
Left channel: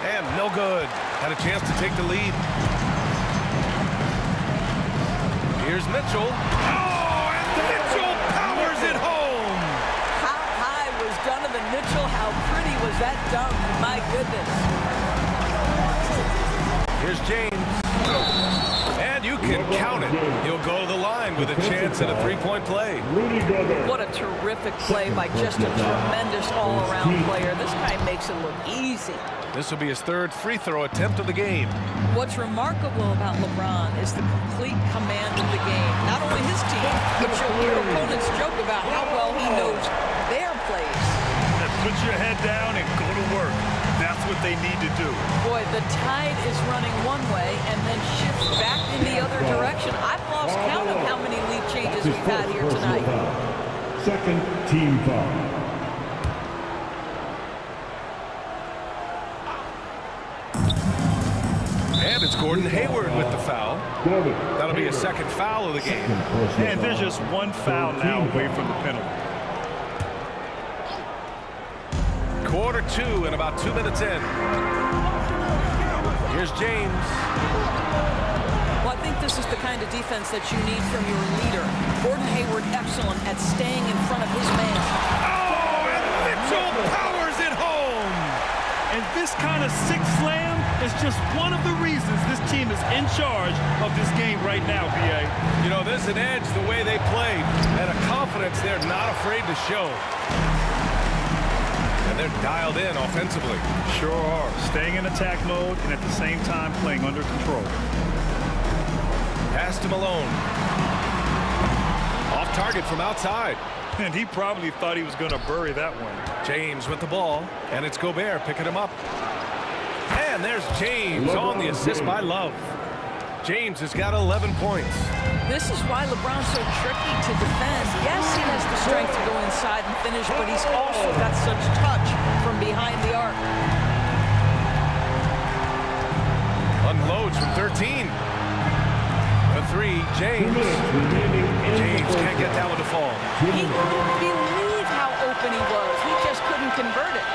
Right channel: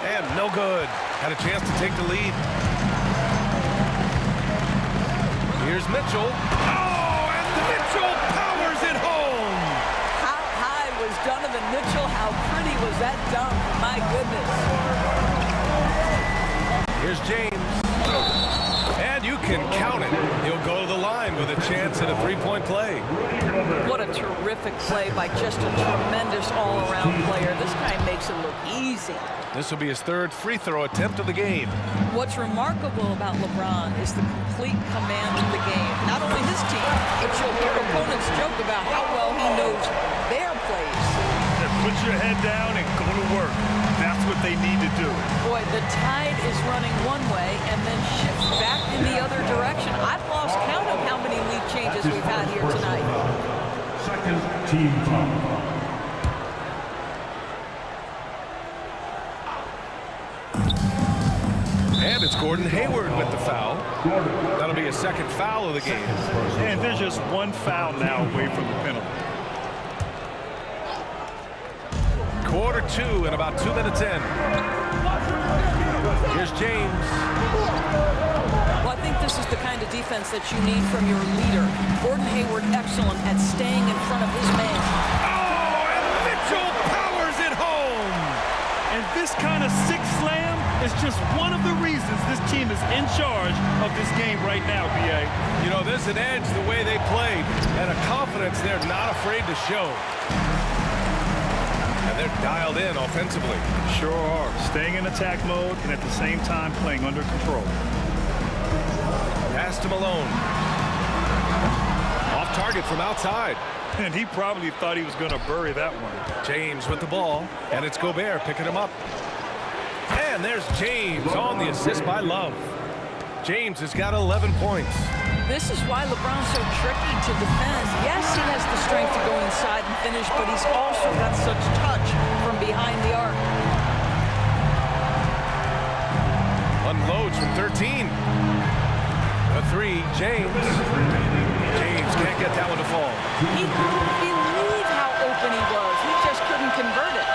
And no good. Had a chance to take the lead. Here's Mitchell. Oh, and Mitchell powers it home. How high was Donovan Mitchell? How pretty was that dunk? My goodness. Here's James. And you can count it. He'll go to the line with a chance at a 3-point play. What a terrific play by just a tremendous all-around player. This guy makes it look easy. This will be his 3rd free throw attempt of the game. What's remarkable about LeBron is the complete command of the game. Not only his team, but you'll hear opponents joke about how well he knows their plays. Put your head down and go to work. That's what they need to do. Boy, the tide is running one way and then shifts back in the other direction. I've lost count of how many lead changes we've had here tonight. Second team foul. And it's Gordon Hayward with the foul. That'll be a 2nd foul of the game. And there's just one foul now away from the penalty. Quarter 2 and about 2 minutes in. Here's James. Well, I think this is the kind of defense that you need from your leader. Gordon Hayward excellent at staying in front of his man. Oh, and Mitchell powers it home. And this kind of sick slam is just one of the reasons this team is in charge of this game right now, B.A. You know, there's an edge the way they play and a confidence they're not afraid to show. And they're dialed in offensively. Sure are. Staying in attack mode and at the same time playing under control. Pass to Malone. Off target from outside. And he probably thought he was going to bury that one. James with the ball, and it's Gobert picking him up. And there's James on the assist by Love. James has got 11 points. This is why LeBron's so tricky to defend. Yes, he has the strength to go inside and finish, but he's also got such touch from behind the arc. Unloads from 13. A three, James. James can't get that one to fall. He couldn't believe how open he was. He just couldn't convert it.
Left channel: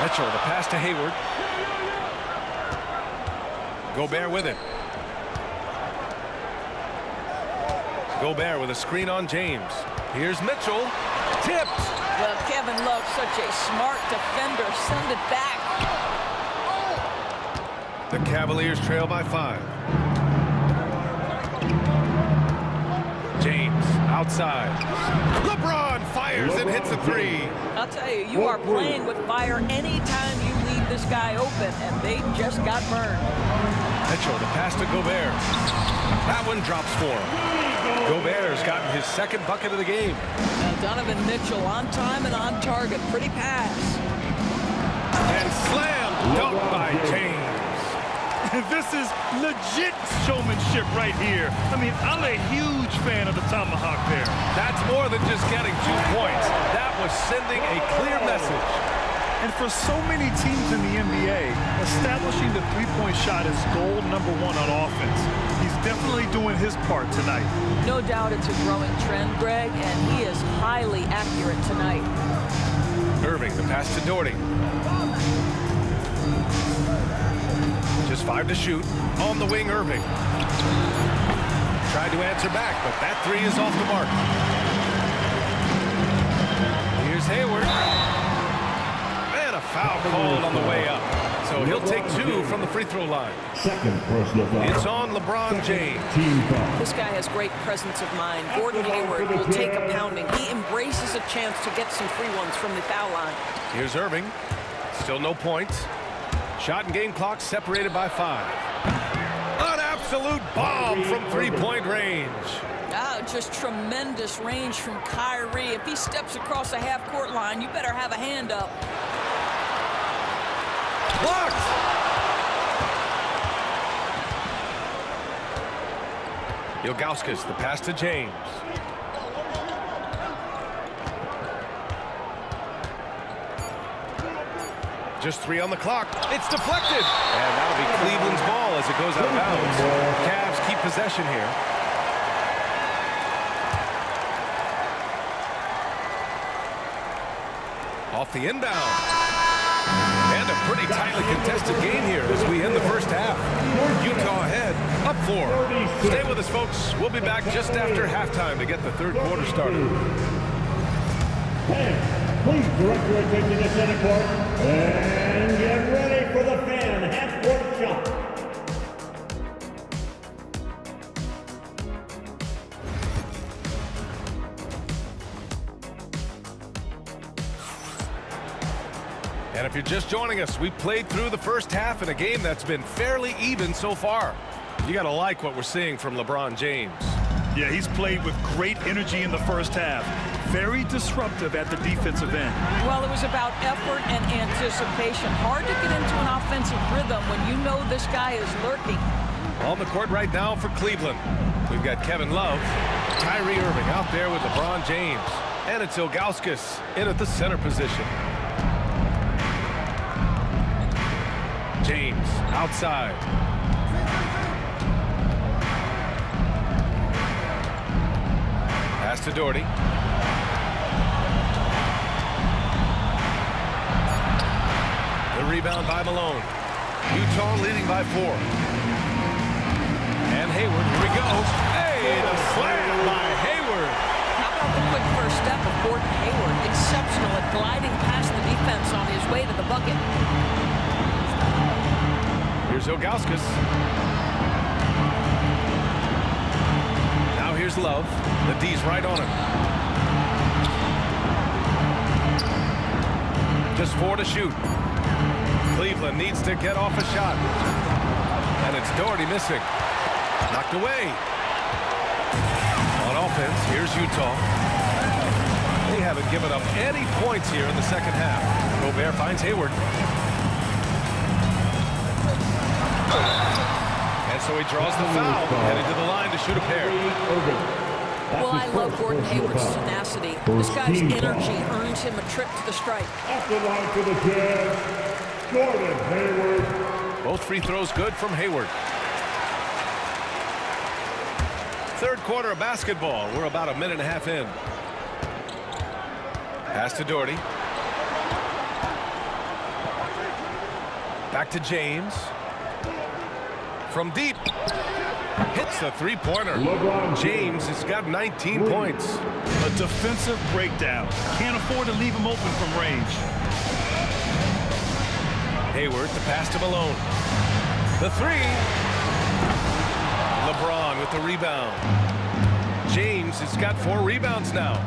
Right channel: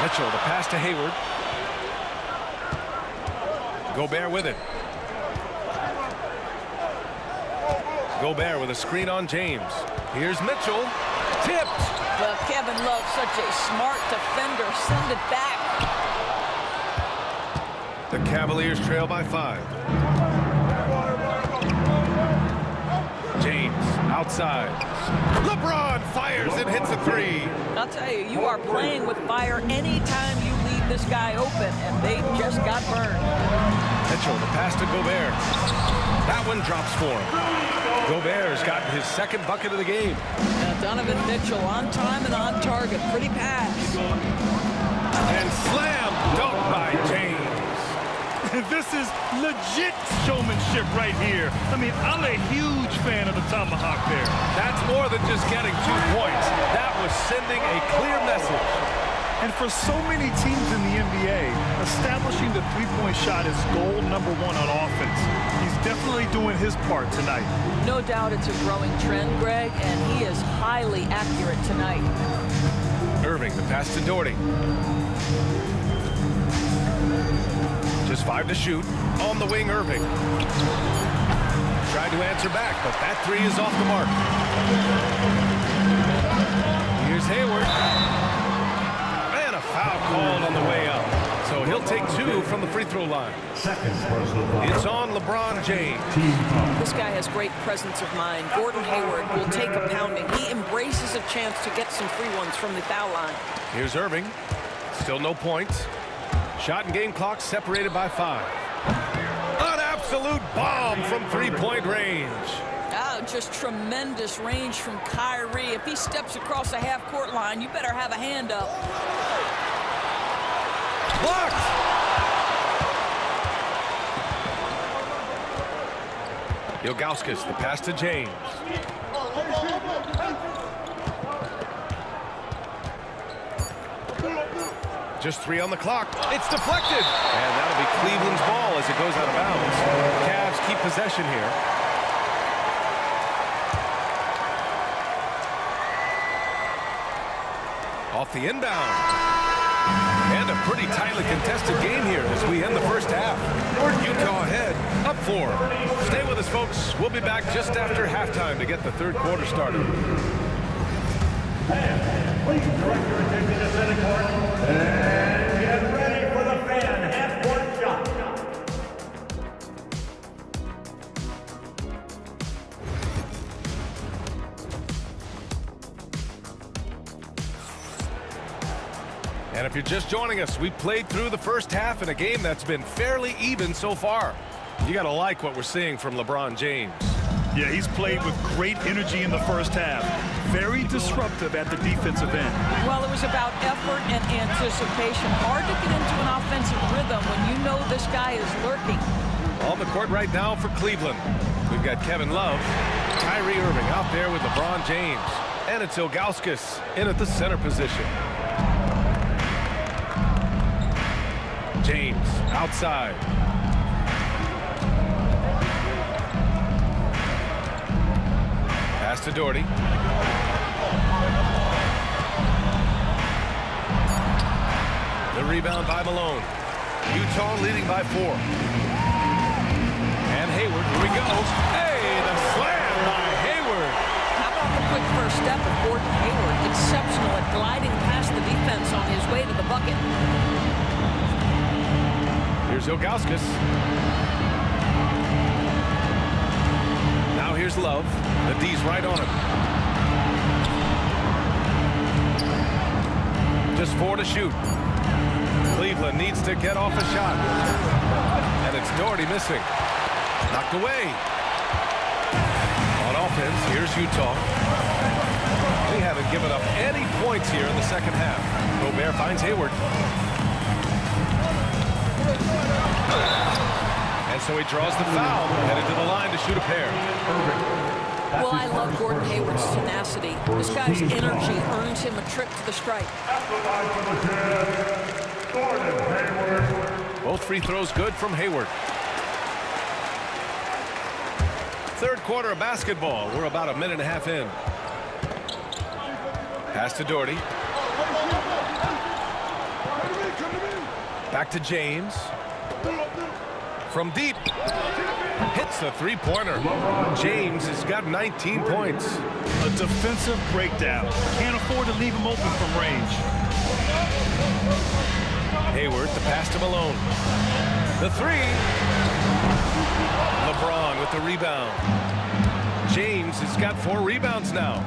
Mitchell, the pass to Hayward. Gobert with it. Gobert with a screen on James. Here's Mitchell. Tipped. Well, Kevin Love, such a smart defender. Send it back. The Cavaliers trail by 5. James outside. LeBron fires and hits a three. I'll tell you, you are playing with fire anytime you leave this guy open, and they just got burned. Mitchell, the pass to Gobert. That one drops for him. Gobert's gotten his second bucket of the game. Now Donovan Mitchell on time and on target. Pretty pass. And slam dunk by James. This is legit showmanship right here. I mean, I'm a huge fan of the tomahawk there. That's more than just getting 2 points. That was sending a clear message. And for so many teams in the NBA, establishing the three-point shot is goal number 1 on offense. He's definitely doing his part tonight. No doubt it's a growing trend, Greg, and he is highly accurate tonight. Irving, the pass to Doherty. Just 5 to shoot. On the wing, Irving. Tried to answer back, but that three is off the mark. Here's Hayward. And a foul called on the way up. So he'll take 2 from the free throw line. Second personal foul. It's on LeBron James. Team foul. This guy has great presence of mind. Gordon Hayward will take a pounding. He embraces a chance to get some free ones from the foul line. Here's Irving. Still no points. Shot and game clock separated by 5. An absolute bomb from three-point range. Oh, just tremendous range from Kyrie. If he steps across the half-court line, you better have a hand up. Blocked. Ilgauskas, the pass to James. Just 3 on the clock. It's deflected. And that'll be Cleveland's ball as it goes out of bounds. Cavs keep possession here. Off the inbound. And a pretty tightly contested game here as we end the first half. Utah ahead, up 4. Stay with us, folks. We'll be back just after halftime to get the third quarter started. Please direct your attention to center court and get ready for the fan half-court shot. And if you're just joining us, we played through the first half in a game that's been fairly even so far. You got to like what we're seeing from LeBron James. Yeah, he's played with great energy in the first half. Very disruptive at the defensive end. Well, it was about effort and anticipation. Hard to get into an offensive rhythm when you know this guy is lurking. On the court right now for Cleveland, we've got Kevin Love, Kyrie Irving out there with LeBron James, and it's Ilgauskas in at the center position. James outside. Pass to Doherty. The rebound by Malone. Utah leading by 4. And Hayward, here we go. Hey, the slam by Hayward. How about the quick first step of Gordon Hayward? Exceptional at gliding past the defense on his way to the bucket. Here's Ilgauskas. Now here's Love. The D's right on him. Just 4 to shoot. Cleveland needs to get off a shot. And it's Doherty missing. Knocked away. On offense, here's Utah. They haven't given up any points here in the second half. Gobert finds Hayward. And so he draws the foul, headed to the line to shoot a pair. Well, I love Gordon Hayward's tenacity. This guy's energy earns him a trip to the stripe. At the line for the Jazz, Gordon Hayward. Both free throws good from Hayward. Third quarter of basketball. We're about a minute and a half in. Pass to Doherty. Back to James. From deep. Hits the three-pointer. James has got 19 points. A defensive breakdown. Can't afford to leave him open from range. Hayward, the pass to Malone. The three. LeBron with the rebound. James has got 4 rebounds now.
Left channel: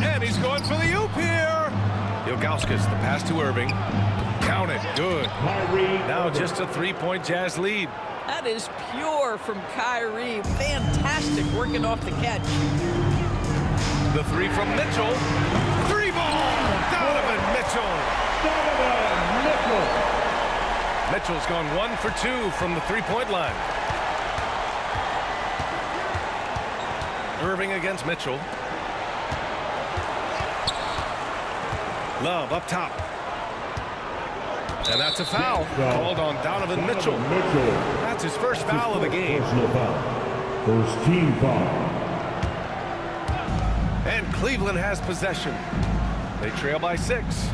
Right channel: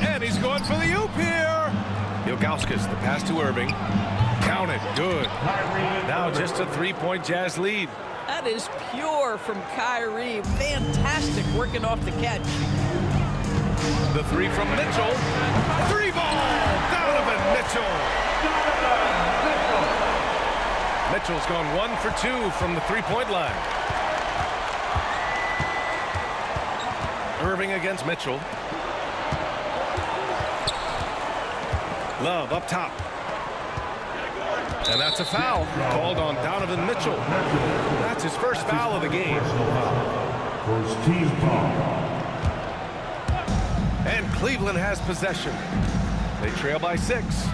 And he's going for the oop here. Ilgauskas, the pass to Irving. Count it. Good. Now just a 3-point Jazz lead. That is pure from Kyrie. Fantastic working off the catch. The three from Mitchell. 3-ball. Donovan Mitchell. Mitchell's gone 1 for 2 from the 3-point line. Irving against Mitchell. Love up top. And that's a foul called on Donovan Mitchell. That's his first foul of the game. First team foul. And Cleveland has possession. They trail by 6.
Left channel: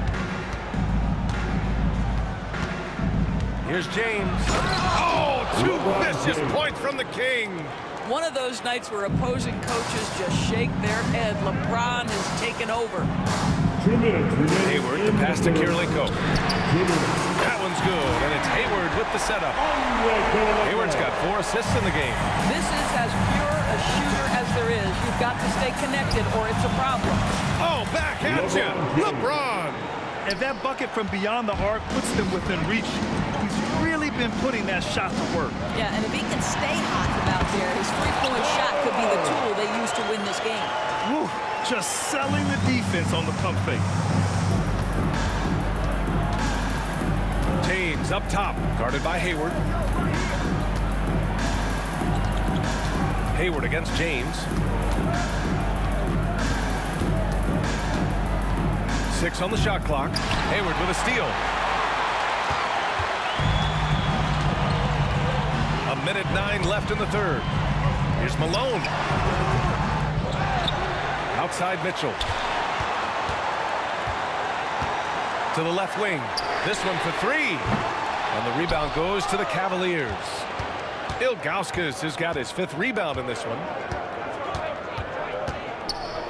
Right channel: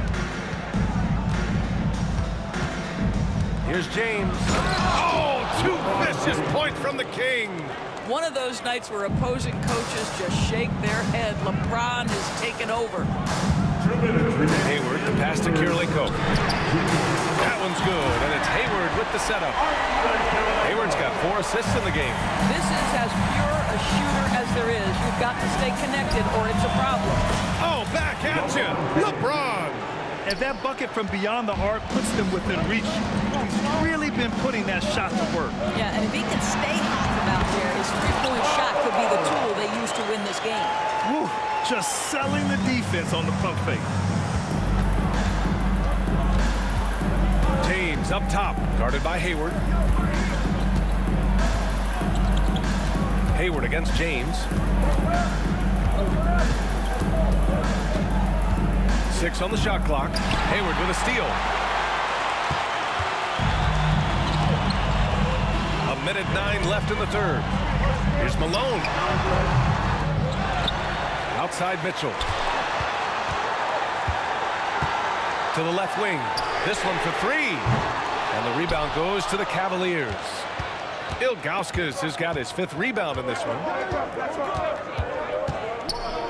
Here's James. Oh, 2 vicious points from the King. One of those nights where opposing coaches just shake their head. LeBron has taken over. 2 minutes remaining. Hayward, the pass to Kirilenko. That one's good, and it's Hayward with the setup. Hayward's got 4 assists in the game. This is as pure a shooter as there is. You've got to stay connected or it's a problem. Oh, back at you. LeBron. And that bucket from beyond the arc puts them within reach. He's really been putting that shot to work. Yeah, and if he can stay hot from out there, his 3-point shot could be the tool they use to win this game. Woo, just selling the defense on the pump fake. James up top, guarded by Hayward. Hayward against James. 6 on the shot clock. Hayward with a steal. A minute 9 left in the third. Here's Malone. Outside Mitchell. To the left wing. This one for 3. And the rebound goes to the Cavaliers. Ilgauskas has got his 5th rebound in this one.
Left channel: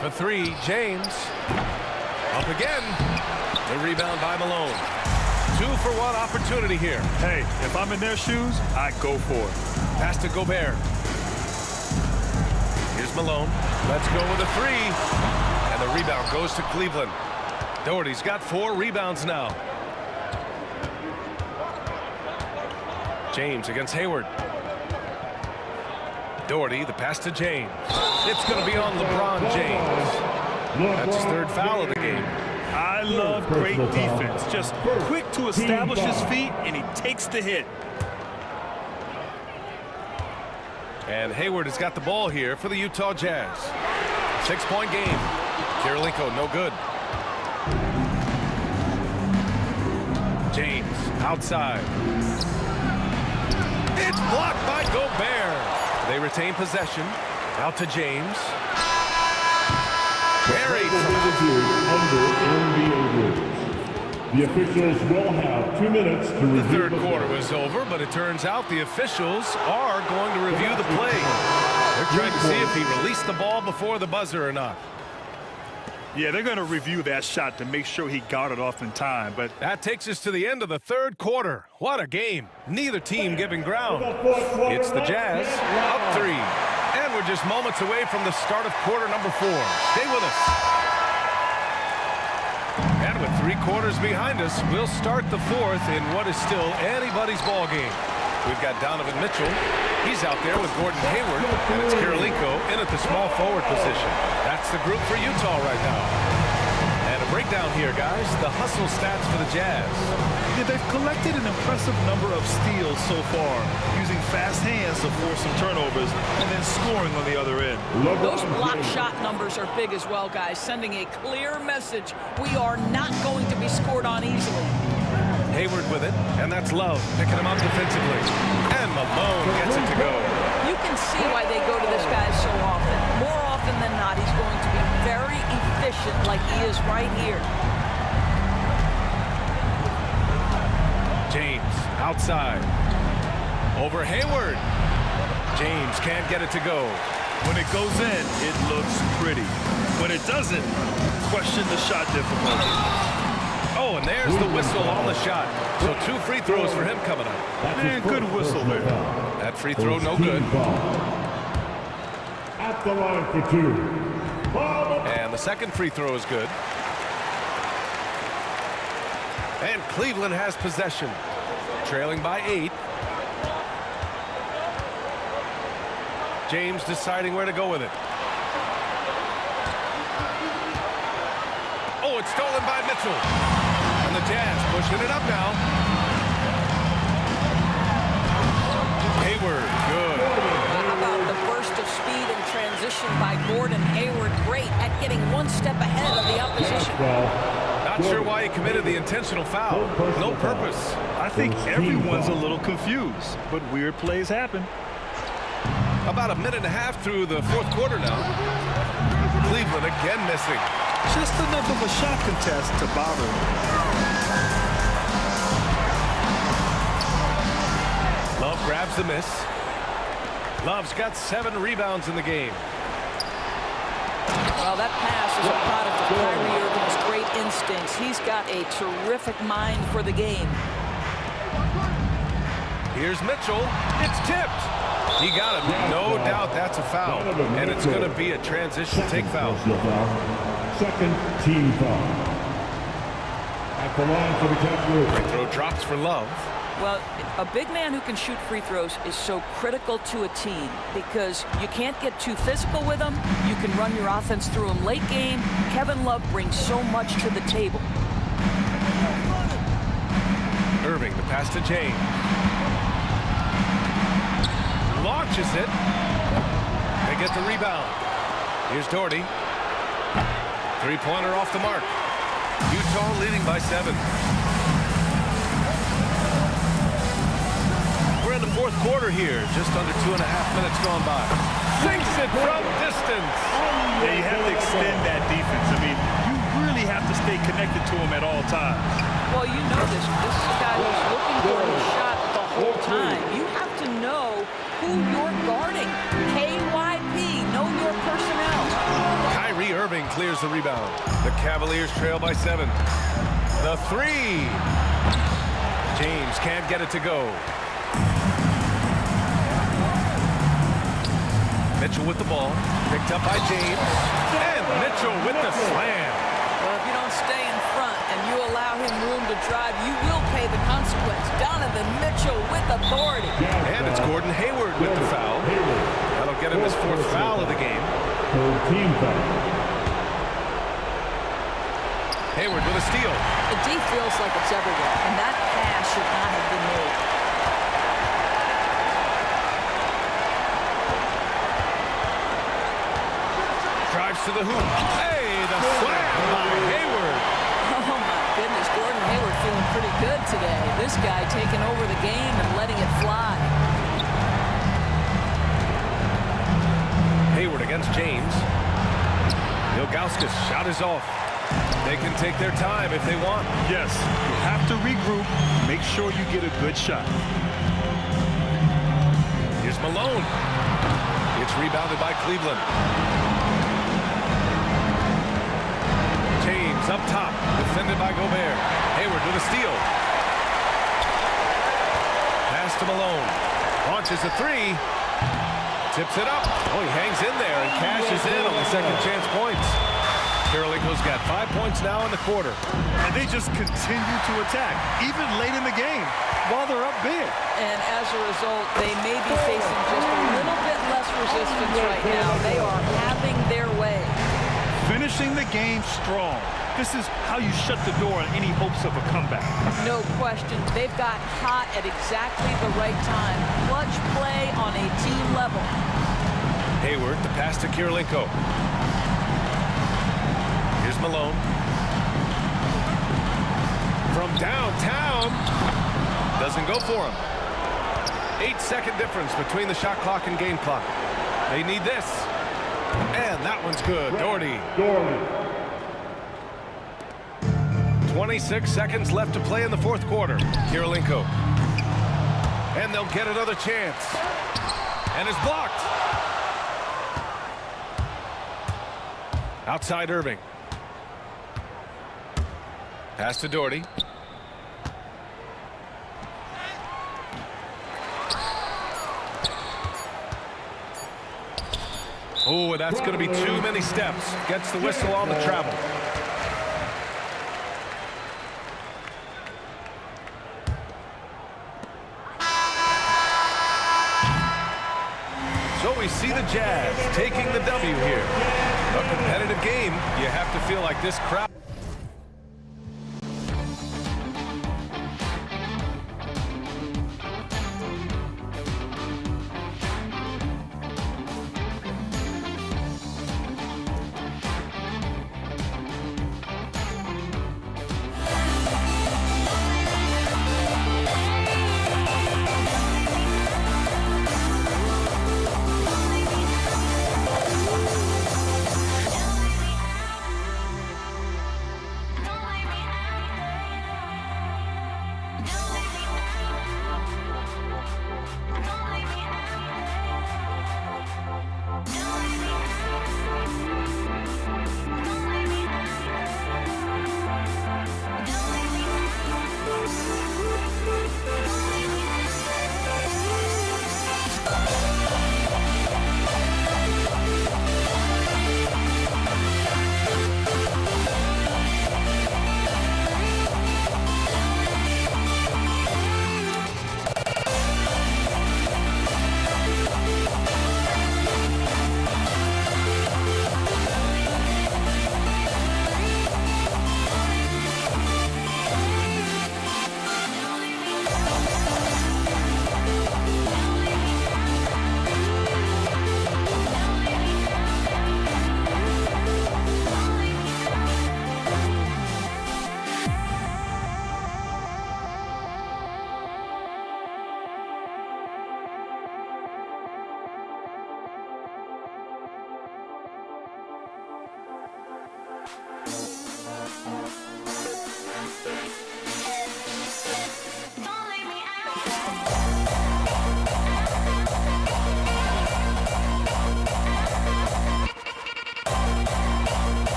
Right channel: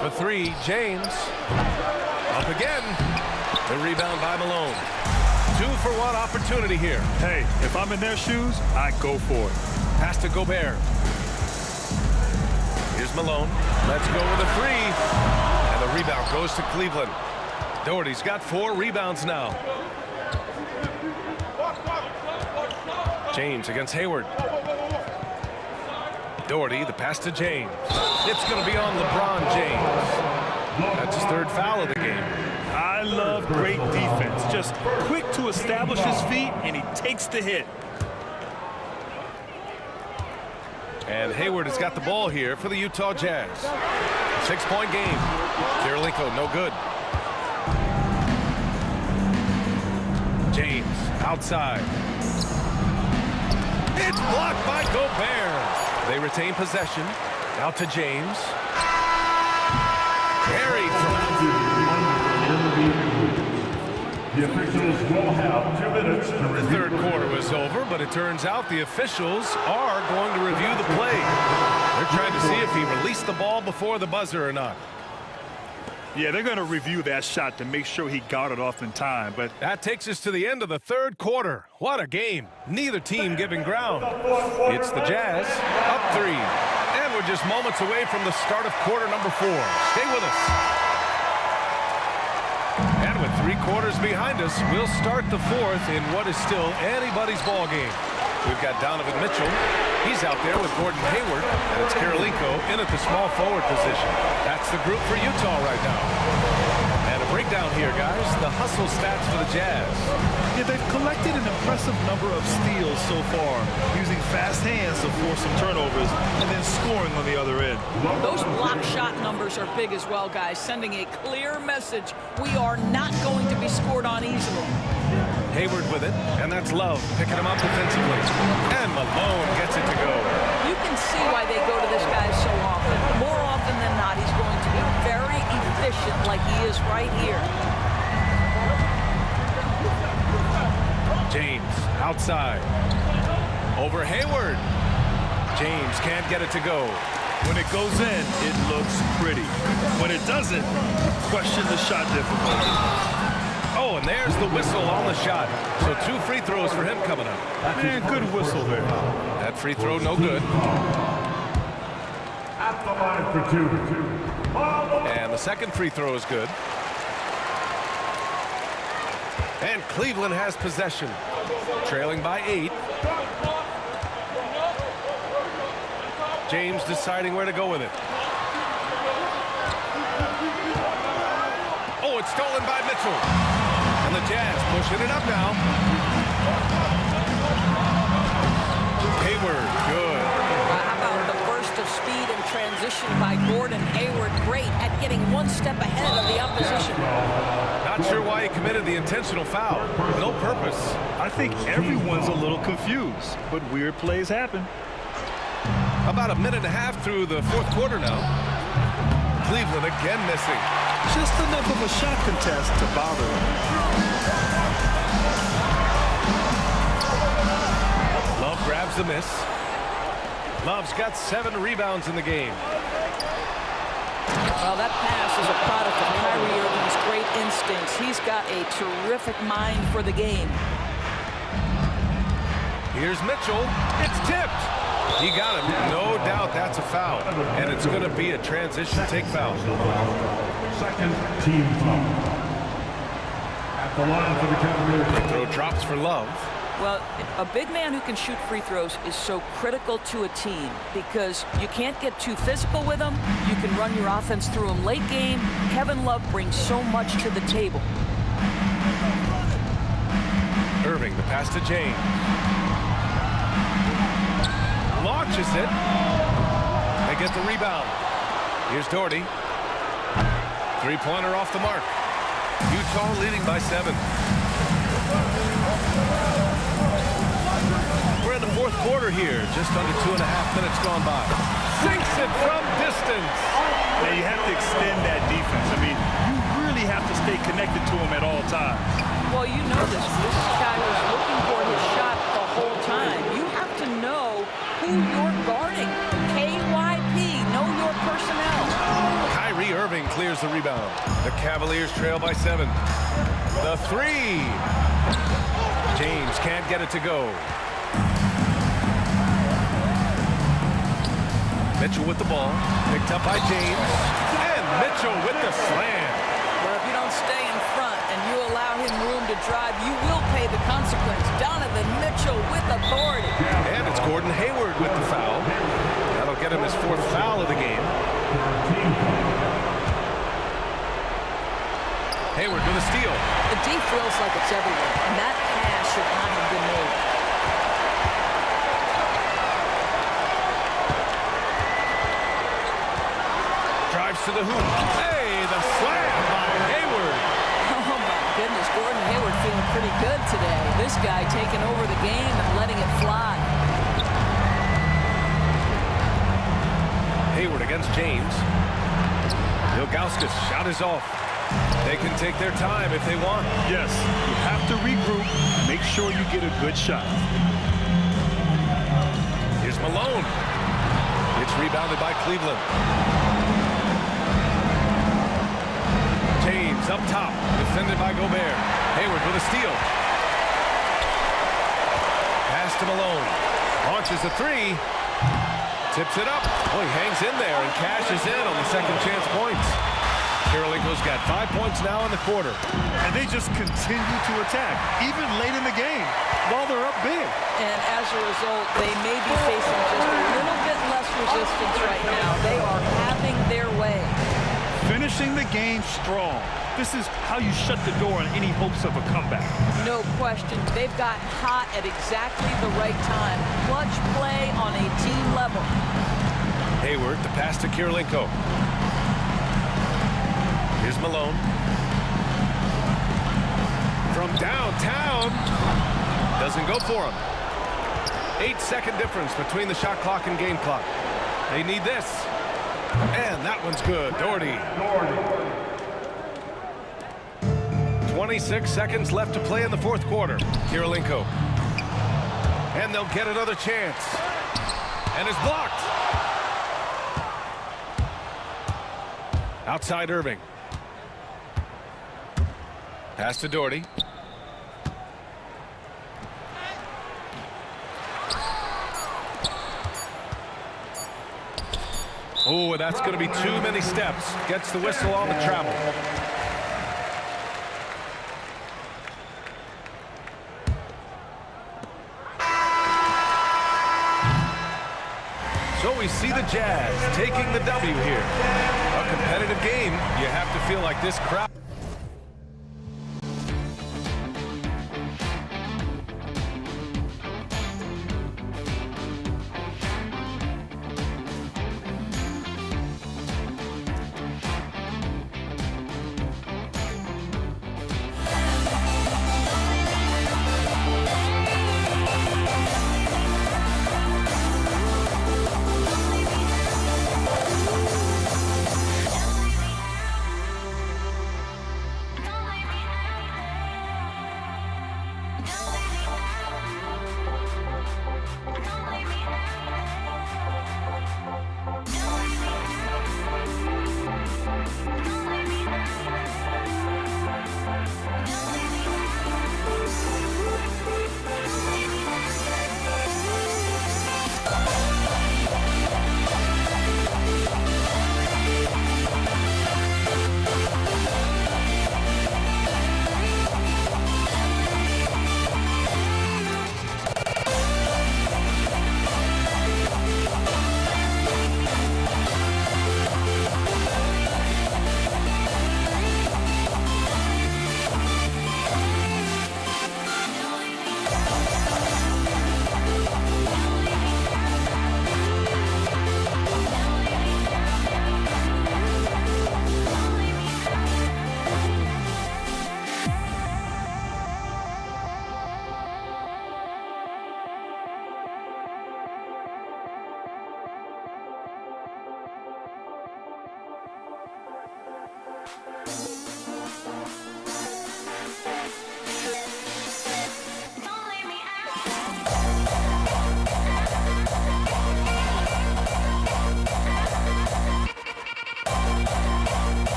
For 3, James. Up again. The rebound by Malone. 2-for-1 opportunity here. Hey, if I'm in their shoes, I go for it. Pass to Gobert. Here's Malone. Let's go with a 3. And the rebound goes to Cleveland. Doherty's got 4 rebounds now. James against Hayward. Doherty, the pass to James. It's going to be on LeBron James. That's his 3rd foul of the game. I love great defense. Just quick to establish his feet, and he takes the hit. And Hayward has got the ball here for the Utah Jazz. 6-point game. Kirilenko, no good. James, outside. It's blocked by Gobert. They retain possession. Out to James. Carried from The officials will have 2 minutes to review. the third quarter was over, but it turns out the officials are going to review the play. They're trying to see if he released the ball before the buzzer or not. Yeah, they're going to review that shot to make sure he got it off in time, but that takes us to the end of the third quarter. What a game. Neither team giving ground. It's the Jazz up 3. And we're just moments away from the start of quarter number 4. Stay with us. And with 3 quarters behind us, we'll start the 4th in what is still anybody's ball game. We've got Donovan Mitchell He's out there with Gordon Hayward, and it's Kirilenko in at the small forward position. That's the group for Utah right now. And a breakdown here, guys. The hustle stats for the Jazz. Yeah, they've collected an impressive number of steals so far, using fast hands to force some turnovers and then scoring on the other end. Those block shot numbers are big as well, guys, sending a clear message. We are not going to be scored on easily. Hayward with it, and that's Love picking him up defensively. And Malone gets it to go. You can see why they go to this guy so often. More often than not, he's going to be very efficient like he is right here. James outside. Over Hayward. James can't get it to go. When it goes in, it looks pretty. When it doesn't, question the shot difficulty. Oh, and there's the whistle on the shot. So 2 free throws for him coming up. Man, good whistle there. That free throw no good. At the line for 2. And the second free throw is good. And Cleveland has possession, trailing by 8. James deciding where to go with it. Oh, it's stolen by Mitchell. And the Jazz pushing it up now. Hayward, good. How about the burst of speed and transition by Gordon Hayward? Great at getting one step ahead of the opposition. Not sure why he committed the intentional foul. No purpose. I think everyone's a little confused, but weird plays happen. About a minute and a half through the fourth quarter now. Cleveland again missing. Just enough of a shot contest to bother him. Love grabs the miss. Love's got 7 rebounds in the game. Well, that pass is a product of Kyrie Irving's great instincts. He's got a terrific mind for the game. Here's Mitchell. It's tipped. He got him. No doubt that's a foul. And it's going to be a transition take foul. Second team foul. At the line for the Cavaliers. Free throw drops for Love. Well, a big man who can shoot free throws is so critical to a team because you can't get too physical with him. You can run your offense through him late game. Kevin Love brings so much to the table. Irving, the pass to James. Launches it. They get the rebound. Here's Doherty. 3-pointer off the mark. Utah leading by 7. We're in the fourth quarter here. Just under 2.5 minutes gone by. Sinks it from distance. Now you have to extend that defense. I mean, you really have to stay connected to him at all times. Well, you know this. This is a guy who's looking for his shot the whole time. You have to know who you're guarding. KYP, know your personnel. Kyrie Irving clears the rebound. The Cavaliers trail by 7. The 3. James can't get it to go. Mitchell with the ball. Picked up by James. And Mitchell with the slam. Well, if you don't stay in front and you allow him room to drive, you will pay the consequence. Donovan Mitchell with authority. And it's Gordon Hayward with the foul. That'll get him his 4th foul of the game. Team foul. Hayward with a steal. The D feels like it's everywhere, and that pass should not have been made. Drives to the hoop. Hey, the slam by Hayward. Oh, my goodness. Gordon Hayward feeling pretty good today. This guy taking over the game and letting it fly. Hayward against James. Ilgauskas shot is off. They can take their time if they want. Yes, you have to regroup. Make sure you get a good shot. Here's Malone. It's rebounded by Cleveland. James up top, defended by Gobert. Hayward with a steal. Pass to Malone. Launches a 3. Tips it up. Oh, he hangs in there and cashes in on the second chance points. Kirilenko's got 5 points now in the quarter. And they just continue to attack, even late in the game, while they're up big. And as a result, they may be facing just a little bit less resistance right now. They are having their way. Finishing the game strong. This is how you shut the door on any hopes of a comeback. No question. They've gotten hot at exactly the right time. Clutch play on a team level. Hayward, the pass to Kirilenko. Here's Malone. From downtown. Doesn't go for him. 8-second difference between the shot clock and game clock. They need this. And that one's good. Doherty. 26 seconds left to play in the fourth quarter. Kirilenko. And they'll get another chance. And it's blocked. Outside Irving. Pass to Doherty. Oh, that's going to be too many steps. Gets the whistle on the travel. So we see the Jazz taking the W here. A competitive game. You have to feel like this crowd.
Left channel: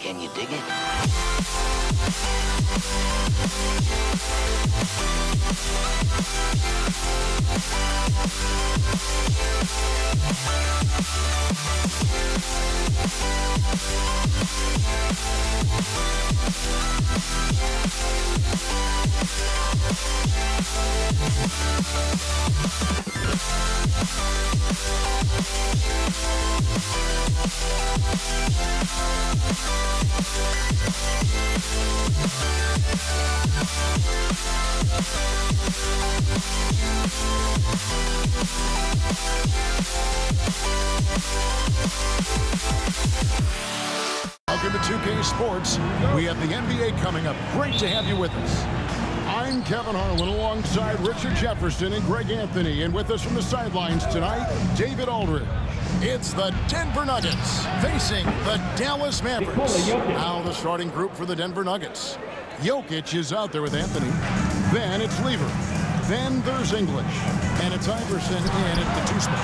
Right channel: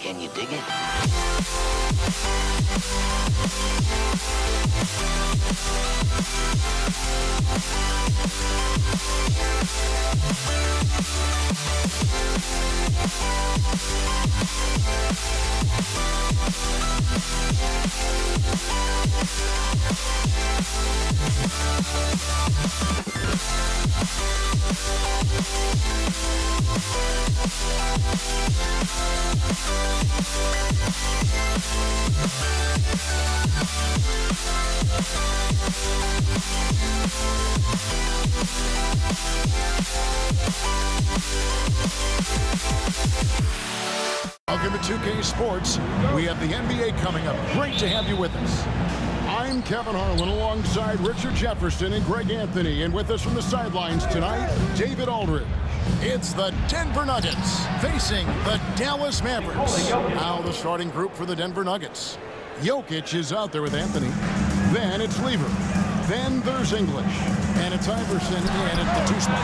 Can you dig it? Welcome to 2K Sports. We have the NBA coming up. Great to have you with us. I'm Kevin Harlan alongside Richard Jefferson and Greg Anthony. And with us from the sidelines tonight, David Aldridge. It's the Denver Nuggets facing the Dallas Mavericks. Now the starting group for the Denver Nuggets. Jokic is out there with Anthony. Then it's Lever. Then there's English. And it's Iverson in at the 2-spot.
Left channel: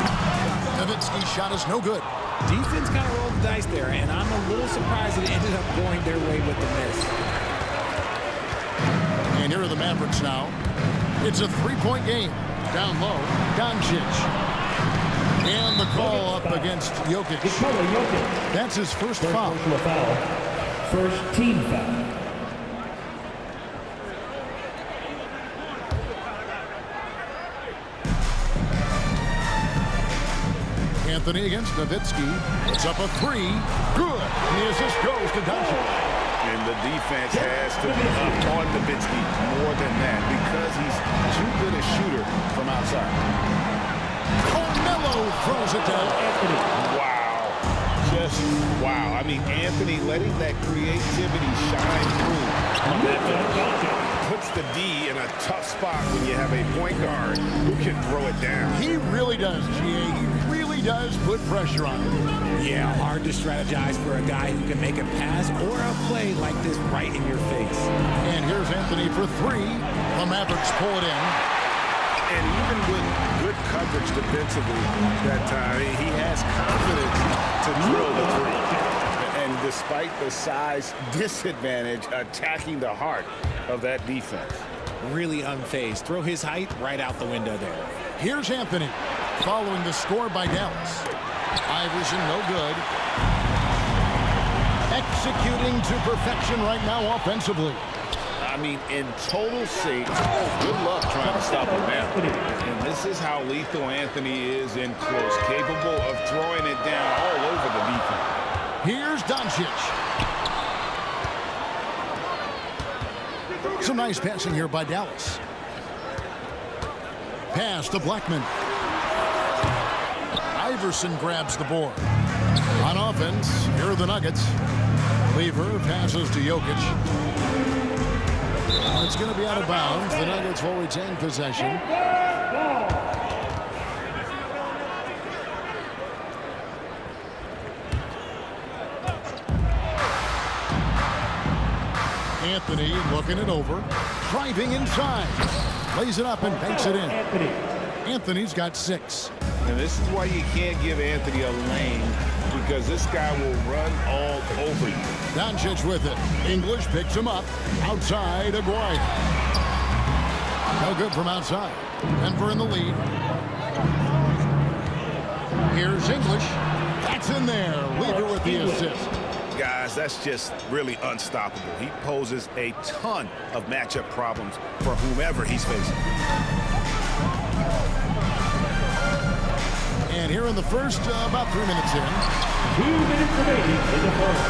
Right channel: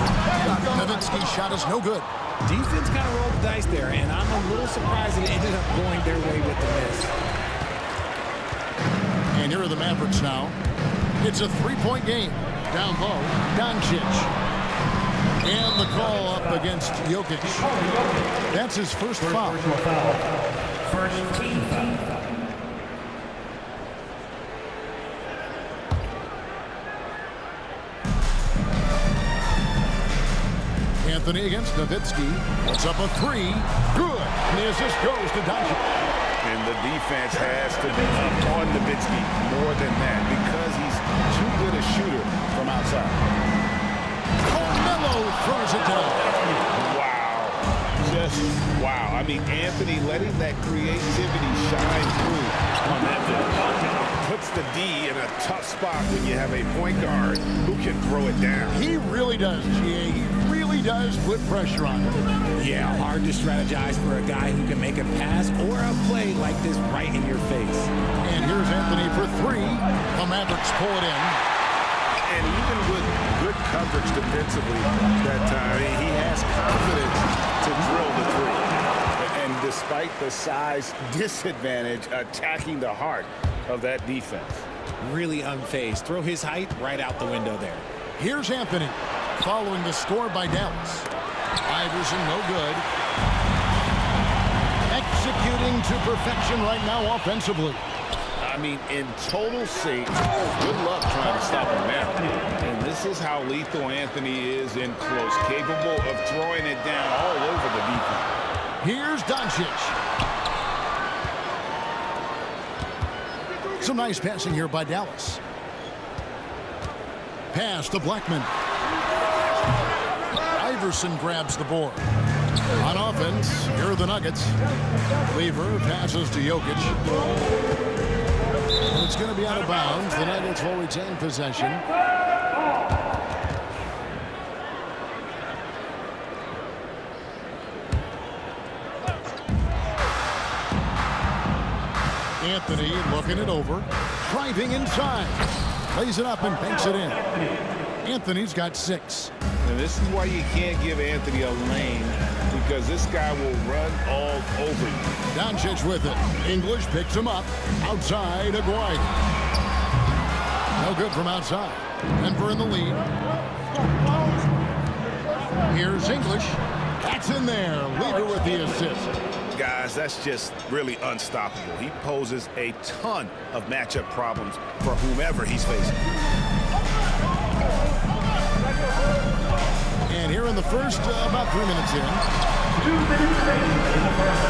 Nowitzki's shot is no good. Defense kind of rolled the dice there, and I'm a little surprised that it ended up going their way with the miss. And here are the Mavericks now. It's a 3-point game. Down low, Doncic. And the call up against Jokic. That's his first foul. First team foul. Anthony against Nowitzki. Puts up a 3. Good. And the assist goes to Doncic. And the defense has to be up on Nowitzki more than that because he's too good a shooter from outside. Carmelo throws it down. Wow. Just wow. I mean, Anthony letting that creativity shine through on that finish. Puts the D in a tough spot when you have a point guard who can throw it down. He really does, GA. He really does put pressure on him. Yeah, hard to strategize for a guy who can make a pass or a play like this right in your face. And here's Anthony for 3. The Mavericks pull it in. And even with good coverage defensively that time, he has confidence to drill the 3. And despite the size disadvantage, attacking the heart of that defense. Really unfazed. Throw his height right out the window there. Here's Anthony following the score by Dallas. Iverson no good. Executing to perfection right now offensively. I mean, in total sync. Good luck trying to stop him now. And this is how lethal Anthony is in close, capable of throwing it down all over the defense. Here's Doncic. Some nice passing here by Dallas. Pass to Blackman. Iverson grabs the board. On offense, here are the Nuggets. Lever passes to Jokic. And it's going to be out of bounds. The Nuggets will retain possession. Anthony looking it over. Driving inside. Lays it up and banks it in. Anthony's got 6. And this is why you can't give Anthony a lane, because this guy will run all over you. Doncic with it. English picks him up. Outside, Aguirre. No good from outside. Denver in the lead. Here's English. That's in there. Leader with the assist. Guys, that's just really unstoppable. He poses a ton of matchup problems for whomever he's facing. And here in the first, about 3 minutes in. 2 minutes remaining in the first.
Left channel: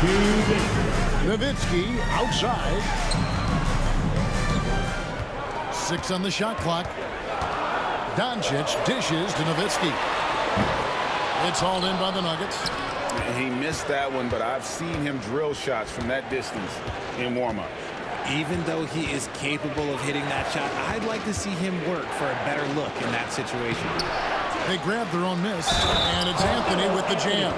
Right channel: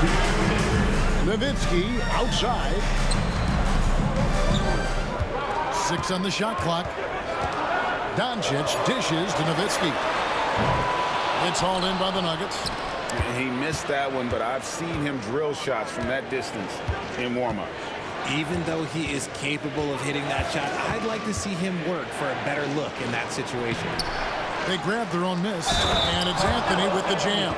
2 minutes. Nowitzki outside. 6 on the shot clock. Doncic dishes to Nowitzki. It's hauled in by the Nuggets. He missed that one, but I've seen him drill shots from that distance in warm-ups. Even though he is capable of hitting that shot, I'd like to see him work for a better look in that situation. They grab their own miss, and it's Anthony with the jam.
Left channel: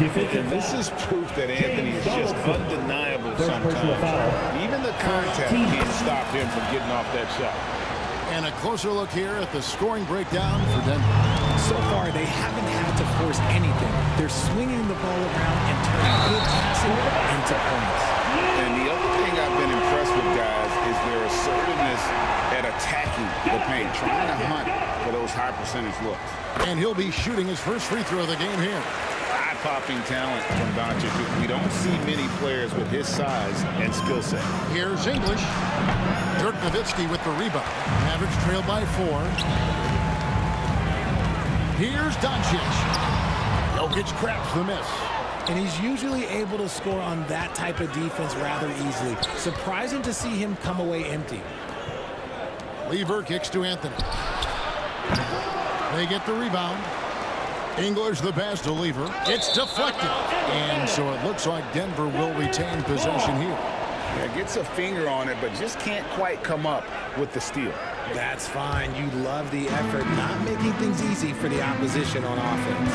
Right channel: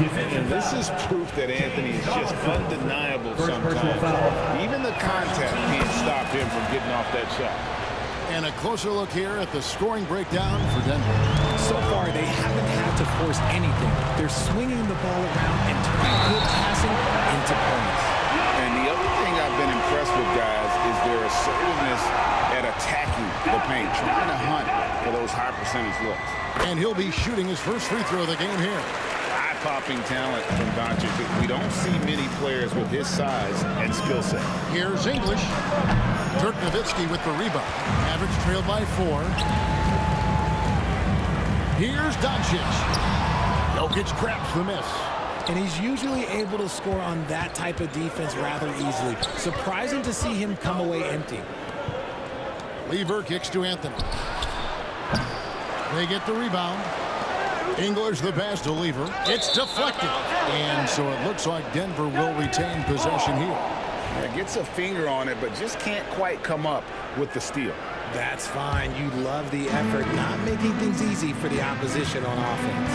And this is proof that Anthony is just undeniable sometimes. Even the contact can't stop him from getting off that shot. And a closer look here at the scoring breakdown for Denver. So far, they haven't had to force anything. They're swinging the ball around and turning good passing into points. And the other thing I've been impressed with, guys, is their assertiveness at attacking the paint, trying to hunt for those high percentage looks. And he'll be shooting his first free throw of the game here. Eye-popping talent from Doncic. We don't see many players with his size and skill set. Here's English. Dirk Nowitzki with the rebound. Mavericks trailed by 4. Here's Doncic. Jokic craps the miss. And he's usually able to score on that type of defense rather easily. Surprising to see him come away empty. Lever kicks to Anthony. They get the rebound. English the pass to Lever. It's deflected. And so it looks like Denver will retain possession here. Yeah, gets a finger on it, but just can't quite come up with the steal. That's fine. You love the effort, not making things easy for the opposition on offense.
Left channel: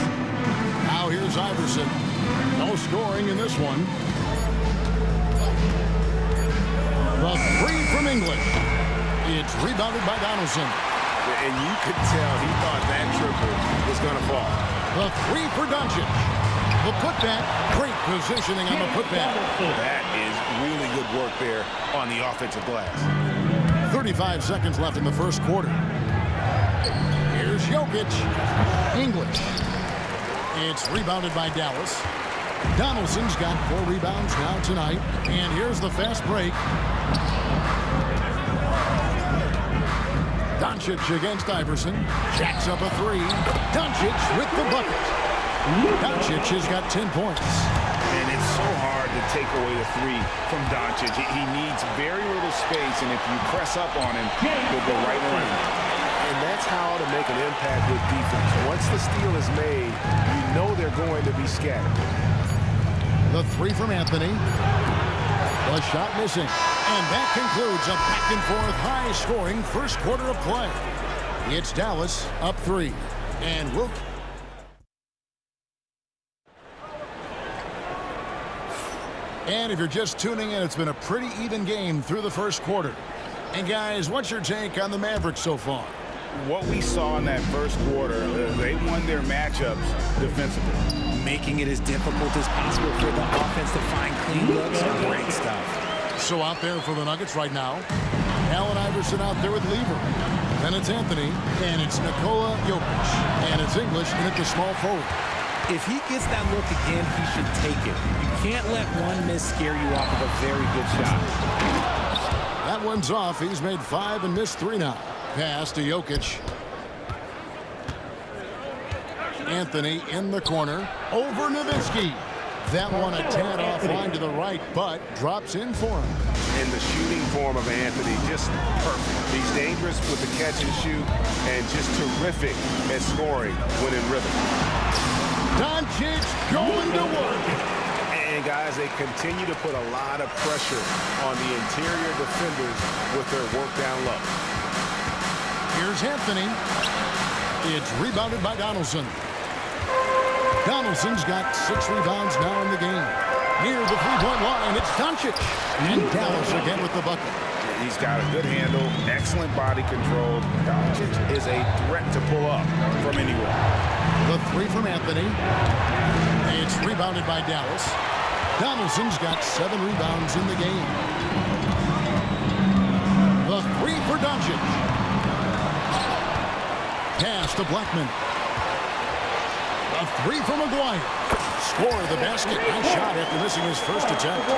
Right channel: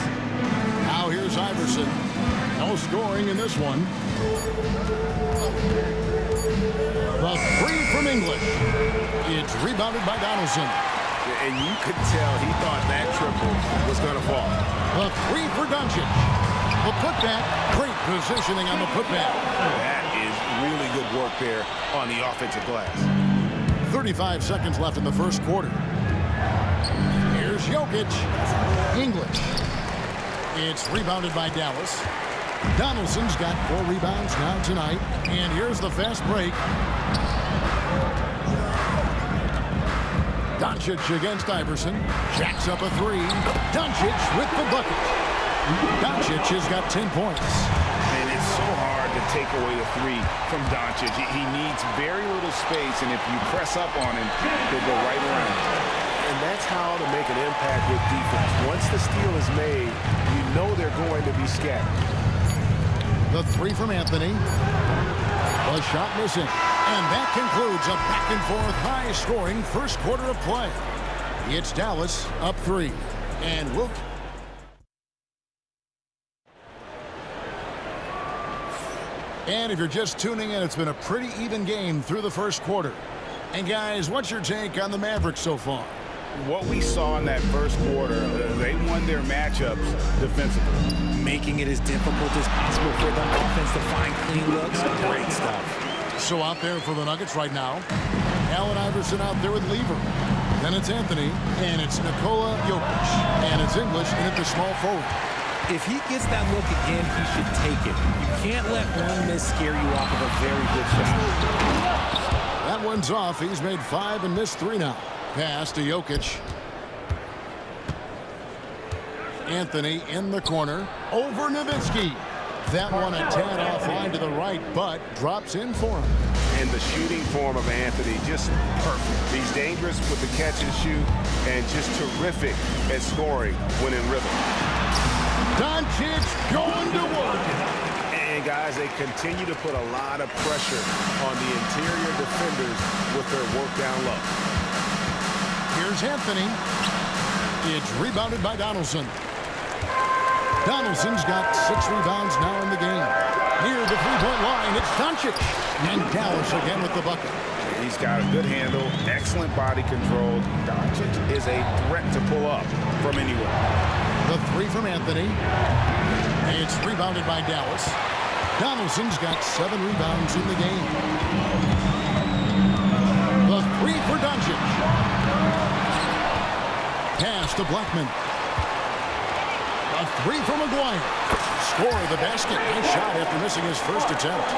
Now here's Iverson. No scoring in this one. The 3 from English. It's rebounded by Donaldson. And you could tell he thought that triple was going to fall. The 3 for Doncic. The putback. Great positioning on the putback. That is really good work there on the offensive glass. 35 seconds left in the first quarter. Here's Jokic. English. It's rebounded by Dallas. Donaldson's got 4 rebounds now tonight. And here's the fast break. Doncic against Iverson. Jacks up a 3. Doncic with the bucket. Doncic has got 10 points. And it's so hard to take away the 3 from Doncic. He needs very little space, and if you press up on him, he'll go right around it. And that's how to make an impact with defense. Once the steal is made, you know they're going to be scattered. The 3 from Anthony. The shot missing. And that concludes a back-and-forth, high-scoring first quarter of play. It's Dallas up 3. And we'll... And if you're just tuning in, it's been a pretty even game through the first quarter. And guys, what's your take on the Mavericks so far? What we saw in that first quarter, they won their matchups defensively. Making it as difficult as possible for the offense to find clean looks. Great stuff. So out there for the Nuggets right now, Allen Iverson out there with Lever. Then it's Anthony, and it's Nikola Jokic. And it's English in at the small forward. If he gets that look again, he should take it. You can't let one miss scare you off of a very good shot. That one's off. He's made 5 and missed 3 now. Pass to Jokic. Anthony in the corner. Over Nowitzki. That one a tad offline to the right, but drops in for him. And the shooting form of Anthony, just perfect. He's dangerous with the catch and shoot, and just terrific at scoring when in rhythm. Doncic going to work. And guys, they continue to put a lot of pressure on the interior defenders with their work down low. Here's Anthony. It's rebounded by Donaldson. Donaldson's got 6 rebounds now in the game. Near the 3-point line, it's Doncic. And Dallas again with the bucket. He's got a good handle, excellent body control. Doncic is a threat to pull up from anywhere. The three from Anthony. It's rebounded by Dallas. Donaldson's got 7 rebounds in the game. The three for Doncic. Pass to Blackman. The three from McGuire. Score the basket. Nice shot after missing his first attempt.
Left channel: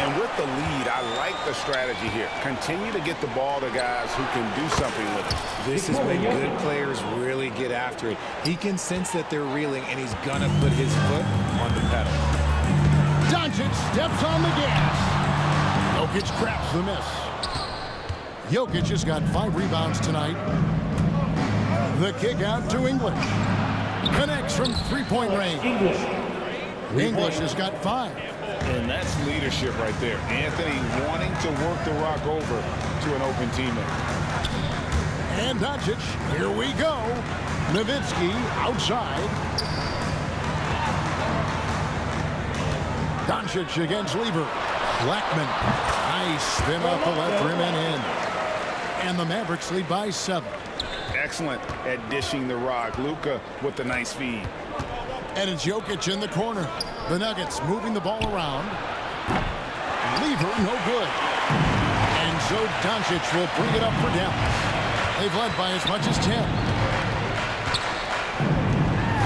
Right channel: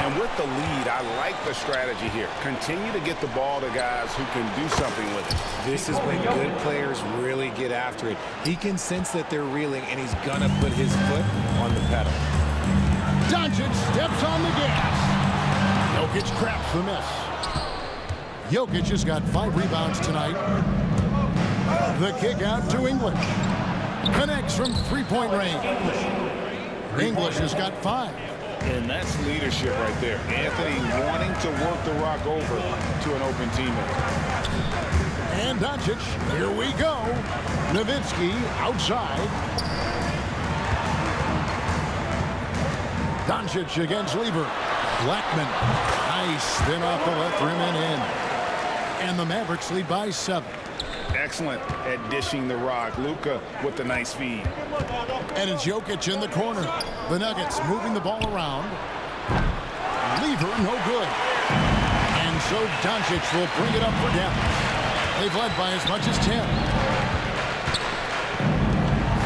And with the lead, I like the strategy here. Continue to get the ball to guys who can do something with it. This is when good players really get after it. He can sense that they're reeling, and he's going to put his foot on the pedal. Doncic steps on the gas. Jokic craps the miss. Jokic has got 5 rebounds tonight. The kick out to English. Connects from three-point range. English has got 5. And that's leadership right there. Anthony wanting to work the rock over to an open teammate. And Doncic, here we go. Nowitzki outside. Doncic against Lever. Blackman. Nice spin off the left rim and in. And the Mavericks lead by 7. Excellent at dishing the rock. Luka with the nice feed. And it's Jokic in the corner. The Nuggets moving the ball around. Lever, no good. And so Doncic will bring it up for Dallas. They've led by as much as 10.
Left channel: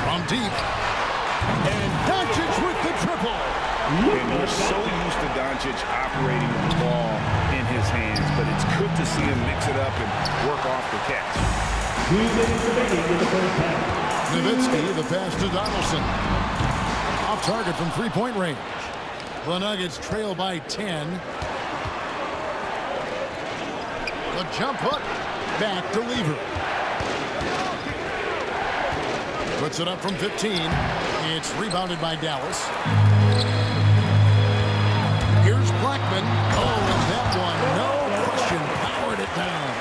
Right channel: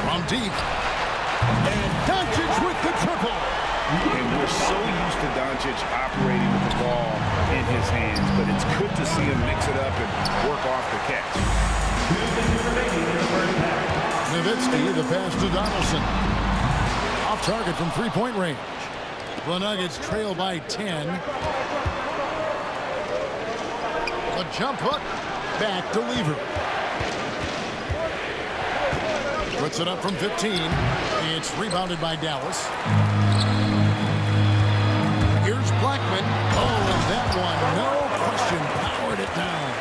From deep. And Doncic with the triple. And we're so used to Doncic operating with the ball in his hands, but it's good to see him mix it up and work off the catch. 2 minutes remaining in the first half. Nowitzki, the pass to Donaldson. Off target from three-point range. The Nuggets trail by 10. The jump hook. Back to Lever. Puts it up from 15. It's rebounded by Dallas. Here's Blackman. Oh, and that one, no question, powered it down.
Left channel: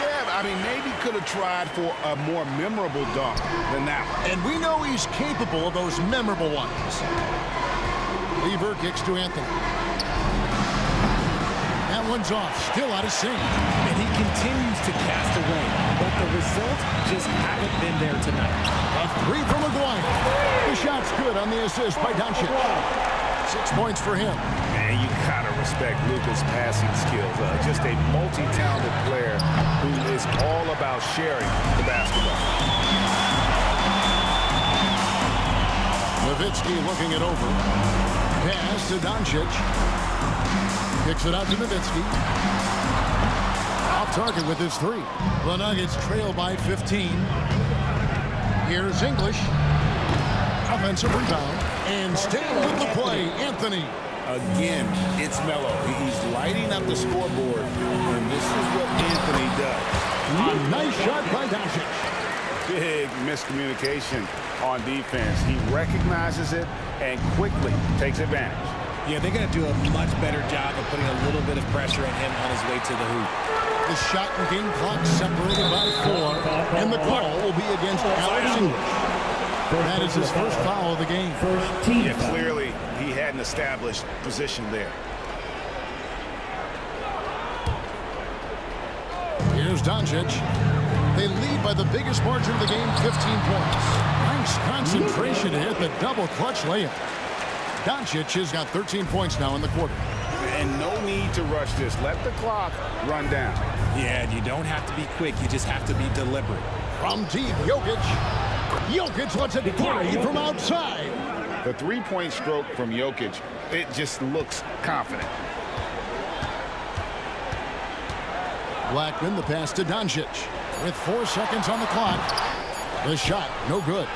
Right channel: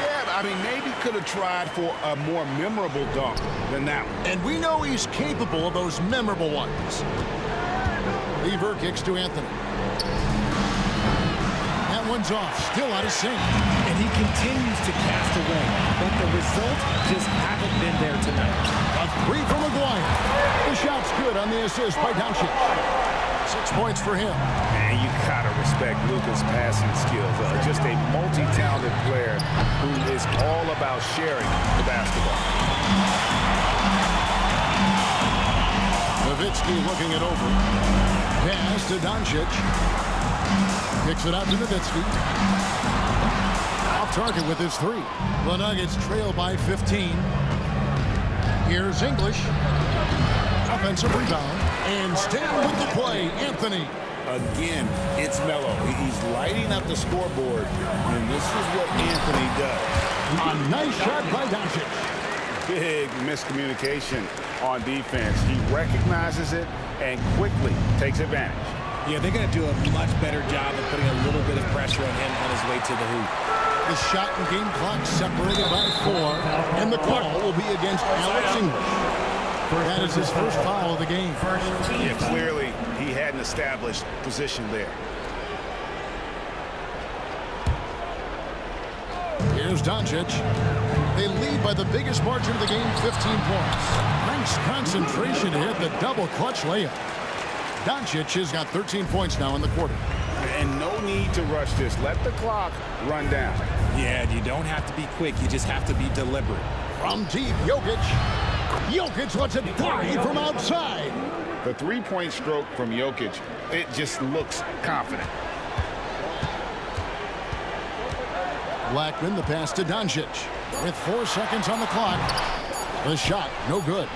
Yeah, I mean, maybe could have tried for a more memorable dunk than that one. And we know he's capable of those memorable ones. Lever kicks to Anthony. That one's off, still out of sync. And he continues to cast away, but the results just haven't been there tonight. A three from McGuire. The shot's good on the assist by Doncic. 6 points for him. And you gotta respect Luka's passing skills. Just a multi-talented player who is all about sharing the basketball. Nowitzki looking it over. Pass to Doncic. Kicks it out to Nowitzki. Off target with his 3. The Nuggets trail by 15. Here's English. Offensive rebound. And staying with the play, Anthony. Again, it's Melo. He's lighting up the scoreboard, and this is what Anthony does. A nice shot by Doncic. Big miscommunication on defense. He recognizes it and quickly takes advantage. Yeah, they're going to do a much better job of putting a little bit of pressure on him on his way to the hoop. The shot and game clock separated by 4, and the call will be against Alex English. That is his first foul of the game. Yeah, clearly he had an established position there. Here's Doncic. They lead by the biggest margin of the game, 15 points. Nice concentration to hit the double clutch layup. Doncic has got 13 points now in the quarter. And no need to rush this. Let the clock run down. Yeah, you don't have to be quick. You just have to be deliberate. From deep, Jokic. Jokic lets it fly from outside. The three-point stroke from Jokic, it just looks confident. Blackman, the pass to Doncic. With 4 seconds on the clock. The shot, no good.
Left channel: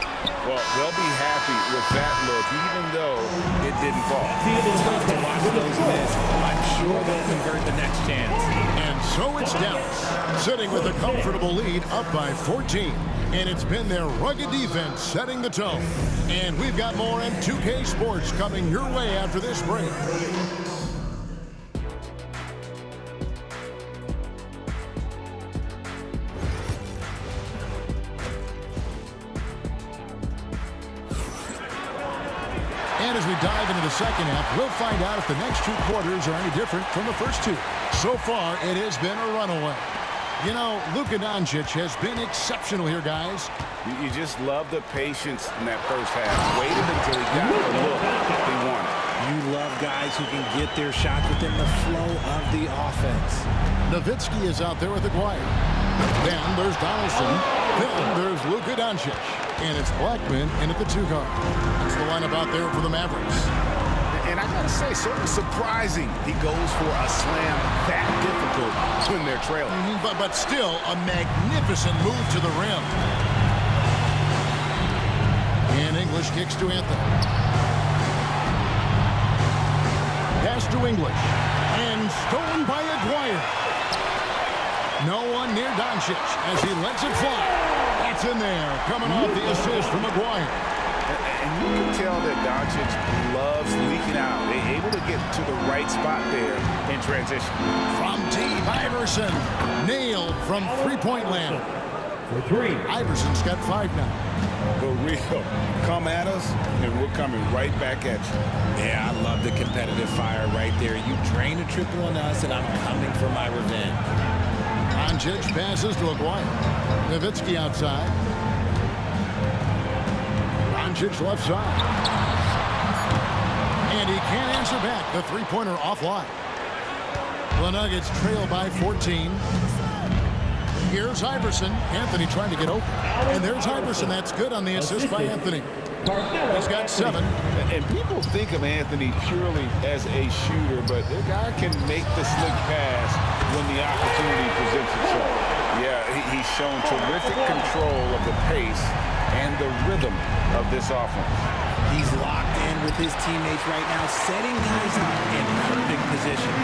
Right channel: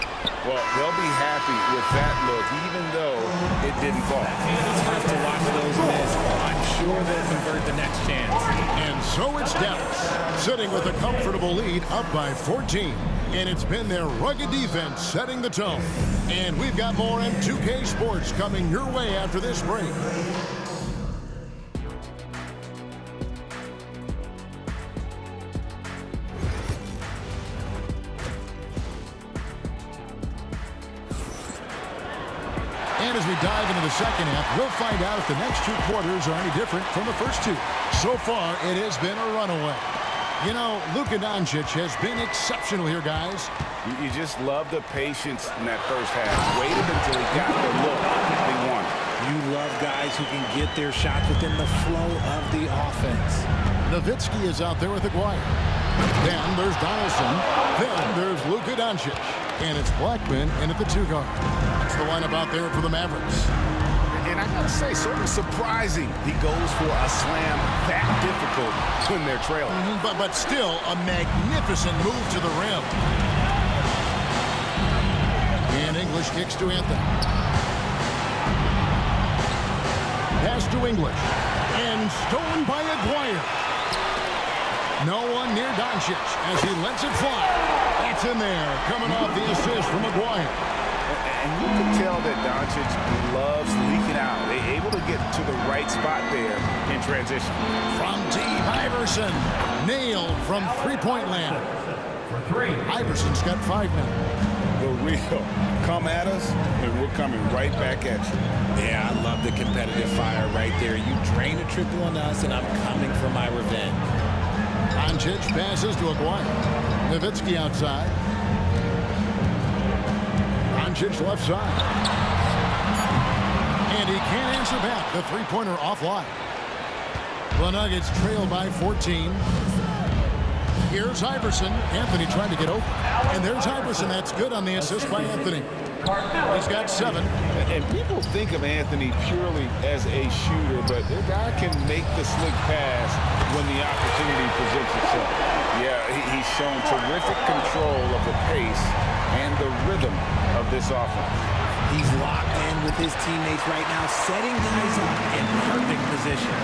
Well, they'll be happy with that look, even though it didn't fall. It's tough to watch those miss. I'm sure they'll convert the next chance. And so it's Dallas, sitting with a comfortable lead up by 14. And it's been their rugged defense setting the tone. And we've got more M2K Sports coming your way after this break. And as we dive into the second half, we'll find out if the next 2 quarters are any different from the first 2. So far, it has been a runaway. You know, Luka Doncic has been exceptional here, guys. You just love the patience in that first half. Waited until he got the look they wanted. You love guys who can get their shots within the flow of the offense. Nowitzki is out there with Aguirre. Then there's Donaldson. Then there's Luka Doncic. And it's Blackman in at the 2 guard. That's the lineup out there for the Mavericks. And I gotta say, sort of surprising he goes for a slam that difficult when they're trailing. But still a magnificent move to the rim. And English kicks to Anthony. Pass to English. And stolen by Aguirre. No one near Doncic as he lets it fly. That's in there, coming off the assist from Aguirre. And you can tell that Doncic loves leaking out. They're able to get to the right spot there in transition. From deep, Iverson. Nailed from three-point land. For 3. Iverson's got 5 now. The real. Come at us, and we're coming right back at you. Yeah, I love the competitive fire right there. You drain a triple on us, and I'm coming for my revenge. Doncic passes to Aguirre. Nowitzki outside. Doncic left side. And he can't answer back. The three-pointer offline. The Nuggets trail by 14. Here's Iverson. Anthony trying to get open. And there's Iverson. That's good on the assist by Anthony. He's got 7. And people think of Anthony purely as a shooter, but the guy can make the slick pass when the opportunity presents itself. Yeah, he's shown terrific control of the pace and the rhythm of this offense. He's locked in with his teammates right now, setting guys up in perfect position.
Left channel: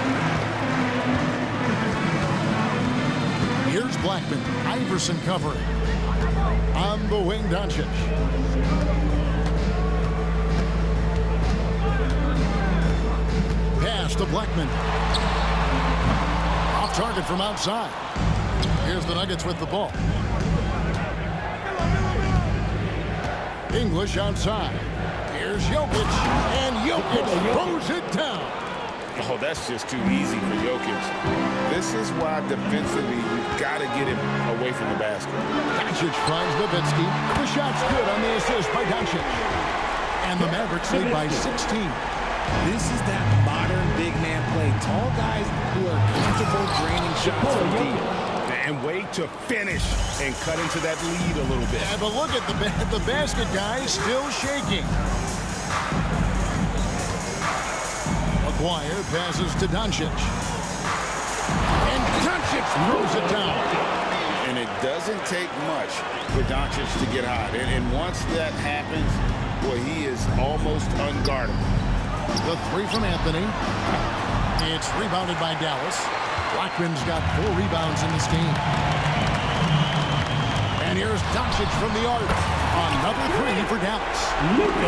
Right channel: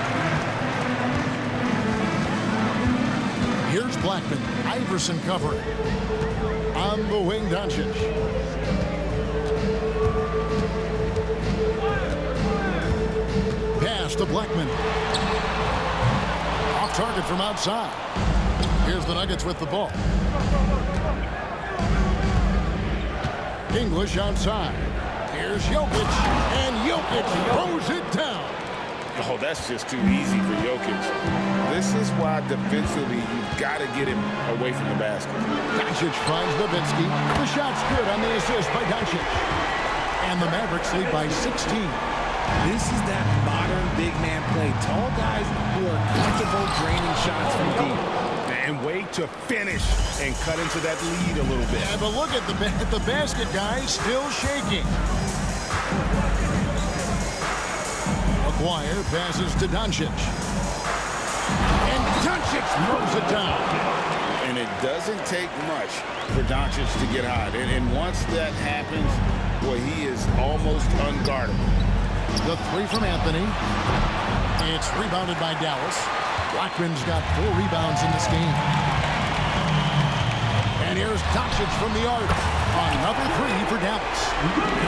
Here's Blackman. Iverson covering. On the wing, Doncic. Pass to Blackman. Off target from outside. Here's the Nuggets with the ball. English outside. Here's Jokic. And Jokic throws it down. Oh, that's just too easy for Jokic. This is why defensively you've got to get him away from the basket. Doncic finds Nowitzki. The shot's good on the assist by Doncic. And the Mavericks lead by 16. This is that modern big man play. Tall guys who are comfortable draining shots from deep. And wait to finish and cut into that lead a little bit. Yeah, but look at the basket, guys, still shaking. Aguirre passes to Doncic. And Doncic throws it down. And it doesn't take much for Doncic to get hot. And once that happens, boy, he is almost unguardable. The 3 from Anthony. It's rebounded by Dallas. Blackman's got 4 rebounds in this game. And here's Doncic from the arc. Another 3 for Dallas.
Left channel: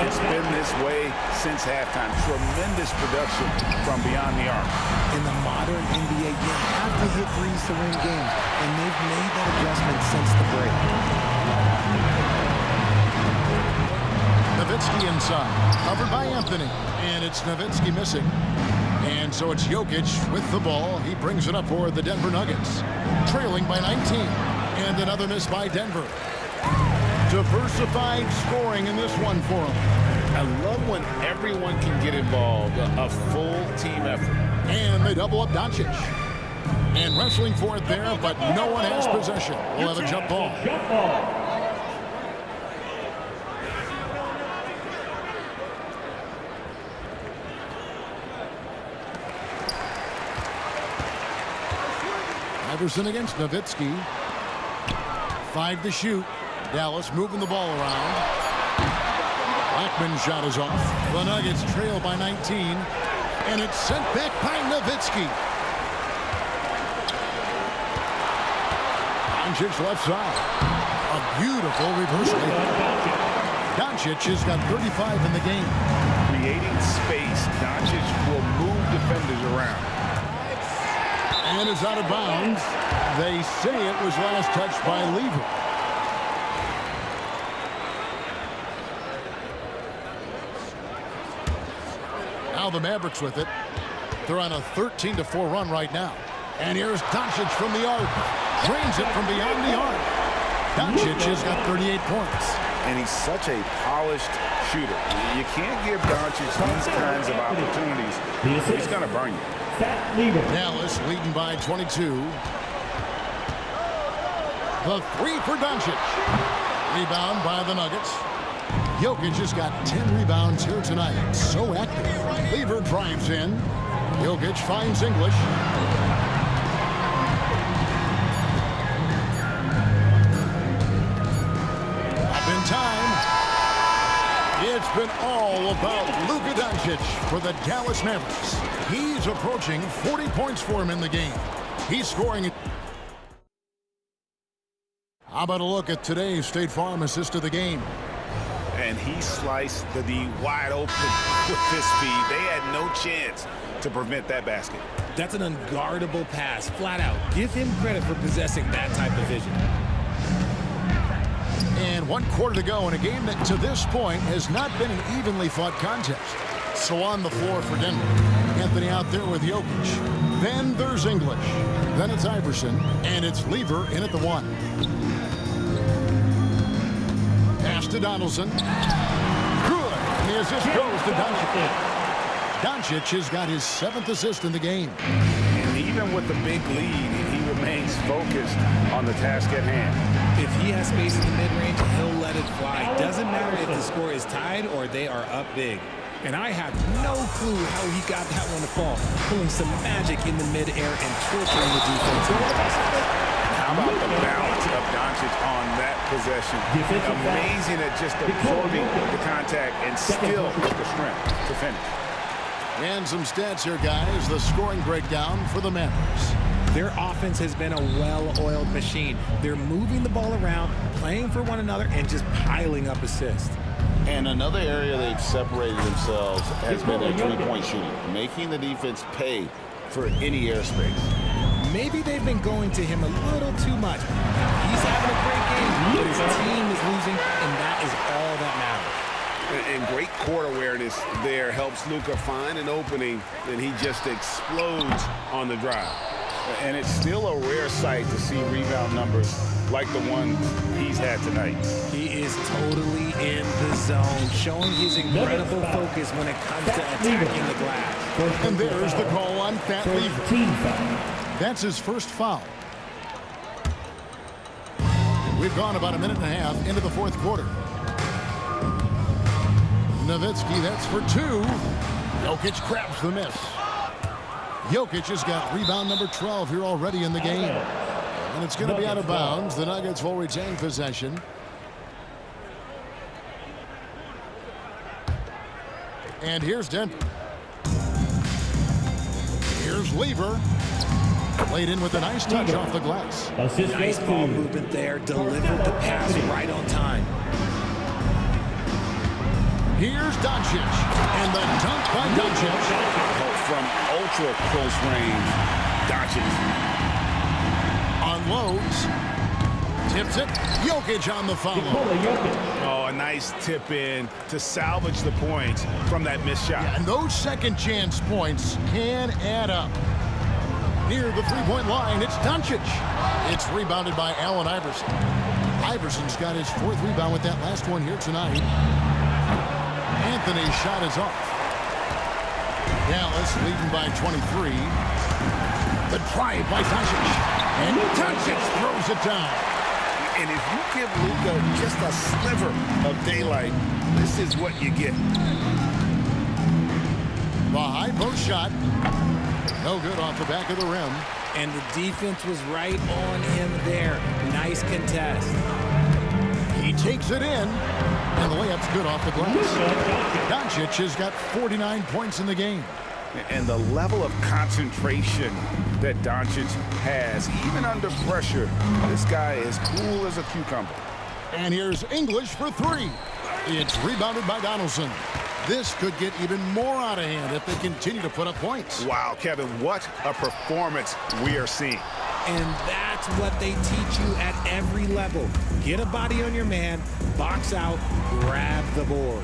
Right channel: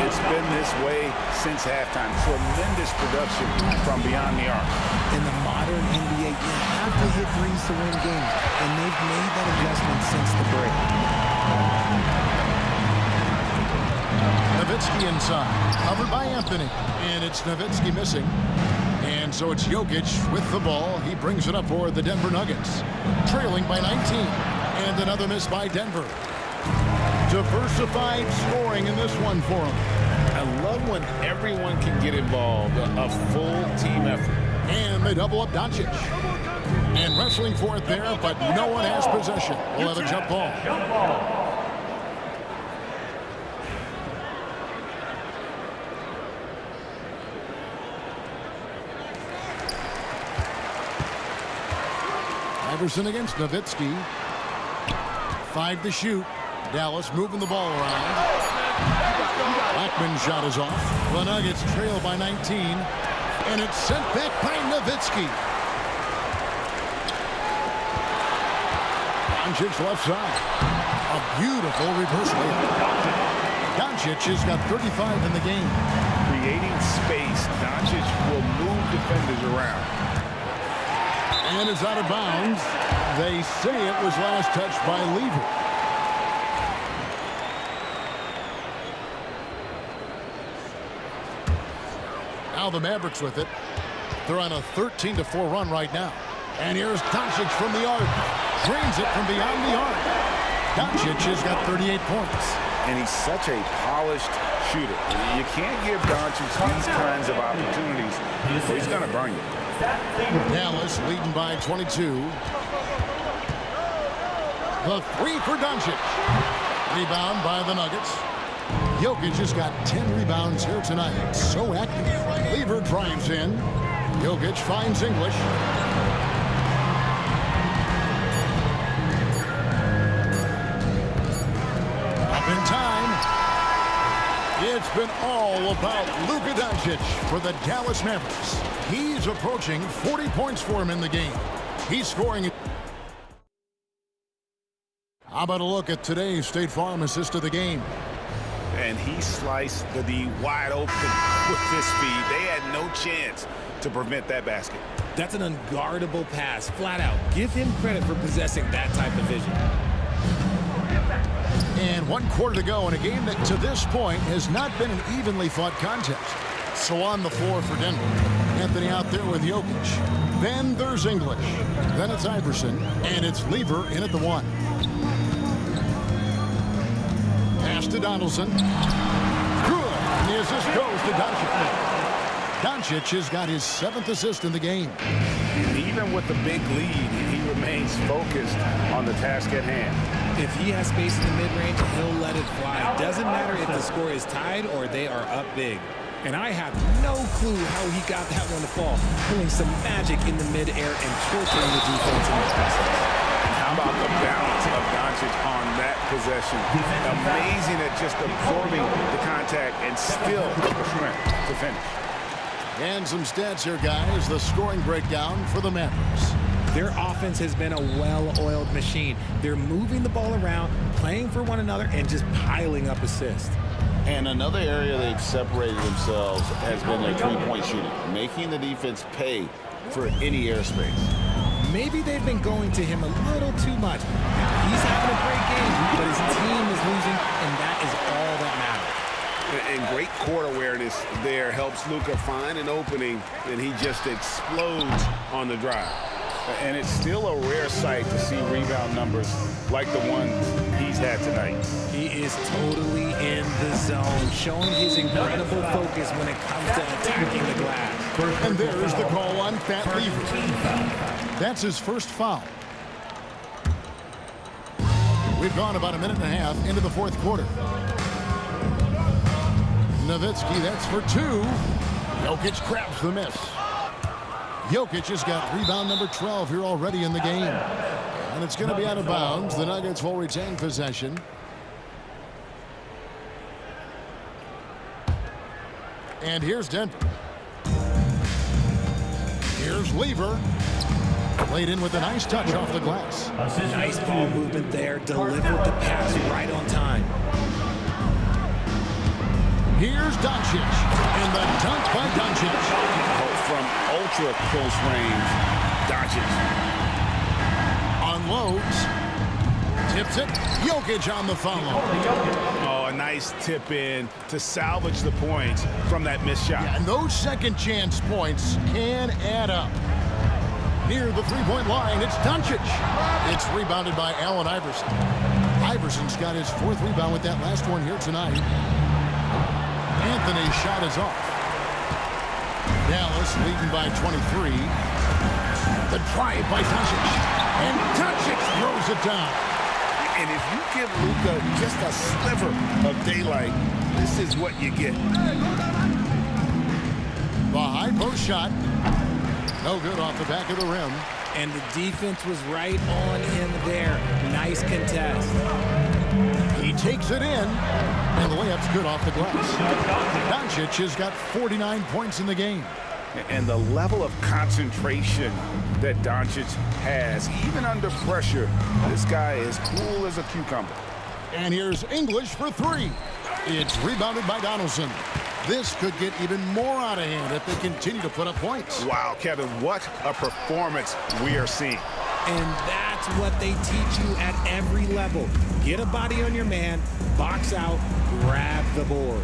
It's been this way since halftime. Tremendous production from beyond the arc. In the modern NBA, you have to hit threes to win games, and they've made that adjustment since the break. Nowitzki inside, covered by Anthony, and it's Nowitzki missing. And so it's Jokic with the ball. He brings it up for the Denver Nuggets, trailing by 19. And another miss by Denver. Diversified scoring in this one for him. I love when everyone can get involved, a full team effort. And they double up Doncic. And wrestling for it there, but no one has possession. We'll have a jump ball. Iverson against Nowitzki. 5 to shoot. Dallas moving the ball around. Blackman's shot is off. The Nuggets trail by 19. And it's sent back by Nowitzki. Doncic left side. A beautiful reverse layup. Doncic has got 35 in the game. Creating space. Doncic will move defenders around. And it's out of bounds. They say it was last touched by Lever. Now the Mavericks with it. They're on a 13-4 run right now. And here's Doncic from the arc. Drains it from beyond the arc. Doncic has got 38 points. And he's such a polished shooter. You can't give Doncic these kinds of opportunities, or he's going to burn you. Dallas leading by 22. The three for Doncic. Rebound by the Nuggets. Jokic has got 10 rebounds here tonight. So active. Lever drives in. Jokic finds English. Up in time. It's been all about Luka Doncic for the Dallas Mavericks. He's approaching 40 points for him in the game. He's scoring. How about a look at today's State Farm assist of the game? And he sliced the D wide open with his speed. They had no chance to prevent that basket. That's an unguardable pass, flat out. Give him credit for possessing that type of vision. And 1 quarter to go in a game that to this point has not been an evenly fought contest. So on the floor for Denver. Anthony out there with Jokic. Then there's English. Then it's Iverson. And it's Lever in at the 1. Pass to Donaldson. Good. And the assist goes to Doncic. Doncic has got his 7th assist in the game. And even with the big lead, he remains focused on the task at hand. If he has space in the mid-range, he'll let it fly. Doesn't matter if the score is tied or they are up big. And I have no clue how he got that one to fall, pulling some magic in the mid-air and torturing the defense in the process. And how about the balance of Doncic on that possession? Amazing at just absorbing the contact and still with the strength to finish. And some stats here, guys. The scoring breakdown for the Mavericks. Their offense has been a well-oiled machine. They're moving the ball around, playing for one another, and just piling up assists. And another area they've separated themselves has been their three-point shooting, making the defense pay for any airspace. Maybe they've been going to him a little too much. Now, he's having a great game, but his team is losing, and that is all that matters. And great court awareness there helps Luka find an opening, and he just explodes on the drive. And it's still a rare sight to see rebound numbers like the ones he's had tonight. He is totally in the zone, showing his incredible focus when it comes to attacking the glass. And there's the call on Pat Lever. That's his first foul. We've gone about a minute and a half into the 4th quarter. Nowitzki, that's for 2. Jokic grabs the miss. Jokic has got rebound number 12 here already in the game. And it's going to be out of bounds. The Nuggets will retain possession. And here's Denver. Here's Lever. Played in with a nice touch off the glass. Nice ball movement there. Delivered the pass right on time. Here's Doncic. And the dunk by Doncic. From ultra close range, Doncic unloads. Tips it. Jokic on the follow. Oh, a nice tip in to salvage the points from that missed shot. Yeah, and those second chance points can add up. Near the three-point line, it's Doncic. It's rebounded by Allen Iverson. Iverson's got his 4th rebound with that last one here tonight. Anthony's shot is off. Dallas leading by 23. The drive by Doncic. And Doncic throws it down. And if you give Luka just a sliver of daylight, this is what you get. The high post shot. No good off the back of the rim. And the defense was right on him there. Nice contest. He takes it in. And the layup's good off the glass. Doncic has got 49 points in the game. And the level of concentration that Doncic has, even under pressure, this guy is cool as a cucumber. And here's English for 3. It's rebounded by Donaldson. This could get even more out of hand if they continue to put up points. Wow, Kevin, what a performance we are seeing. And that's what they teach you at every level. Get a body on your man, box out, grab the board.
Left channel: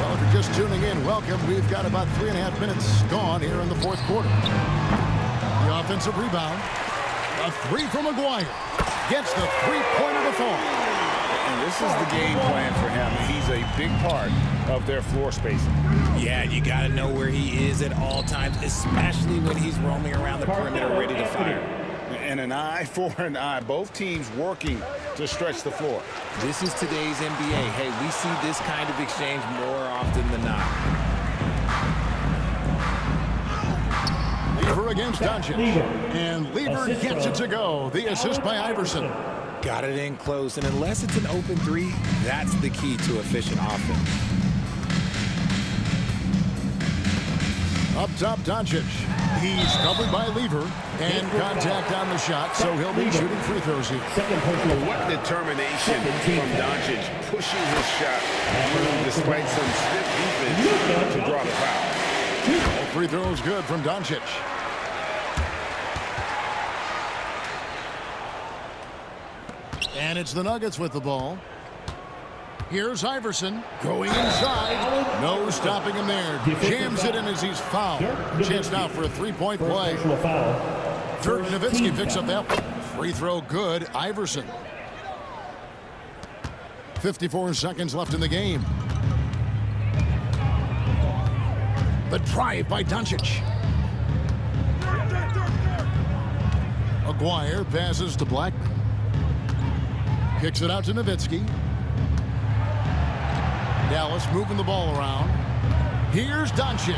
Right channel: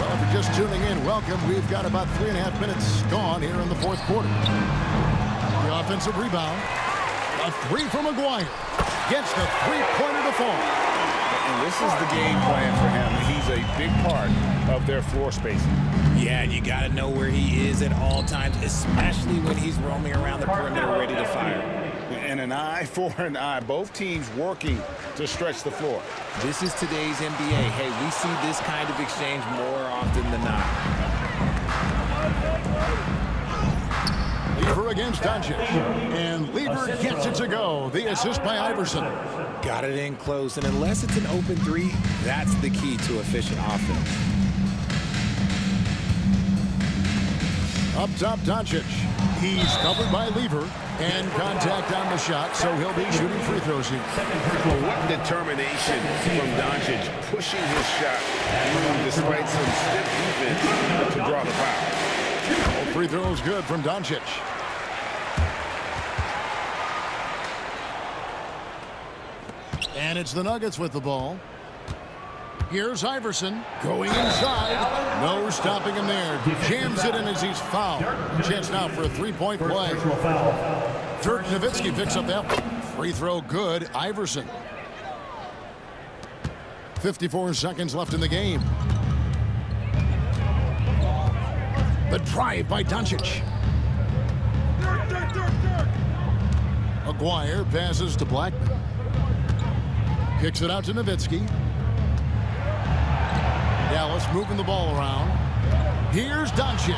Well, if you're just tuning in, welcome. We've got about 3.5 minutes gone here in the fourth quarter. The offensive rebound. A three from Maguire. Gets the three-pointer to fall. And this is the game plan for him. He's a big part of their floor spacing. Yeah, you got to know where he is at all times, especially when he's roaming around the perimeter ready to fire. And an eye for an eye. Both teams working to stretch the floor. This is today's NBA. Hey, we see this kind of exchange more often than not. Lever against Doncic. And Lever gets it to go. The assist by Iverson. Got it in close, and unless it's an open three, that's the key to efficient offense. Up top, Doncic. He's covered by Lever. And contact on the shot, so he'll be shooting free throws here. What determination from Doncic, pushing his shot through despite some stiff defense to draw the foul. All free throws good from Doncic. And it's the Nuggets with the ball. Here's Iverson going inside. No stopping him there. Jams it in as he's fouled. Chance now for a three-point play. Dirk Nowitzki picks up that one. Free throw good. Iverson. 54 seconds left in the game. The drive by Doncic. Maguire passes to Blackman. Kicks it out to Nowitzki. Dallas moving the ball around. Here's Doncic.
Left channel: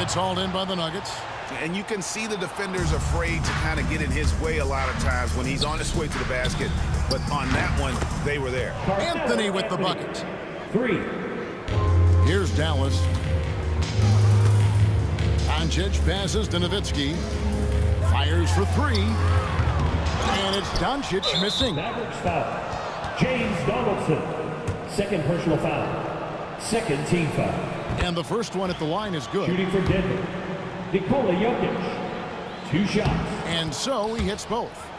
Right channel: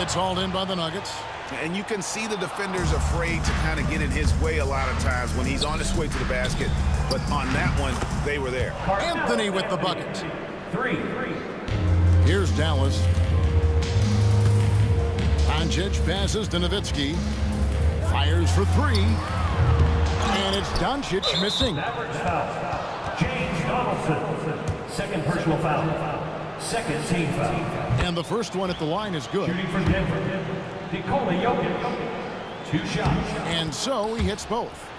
It's hauled in by the Nuggets. And you can see the defenders afraid to kind of get in his way a lot of times when he's on his way to the basket. But on that one, they were there. Anthony with the bucket. Three. Here's Dallas. Doncic passes to Nowitzki. Fires for three. And it's Doncic missing. Mavericks foul. James Donaldson. Second personal foul. Second team foul. And the first one at the line is good. Shooting for Denver. Nikola Jokic. 2 shots. And so he hits both.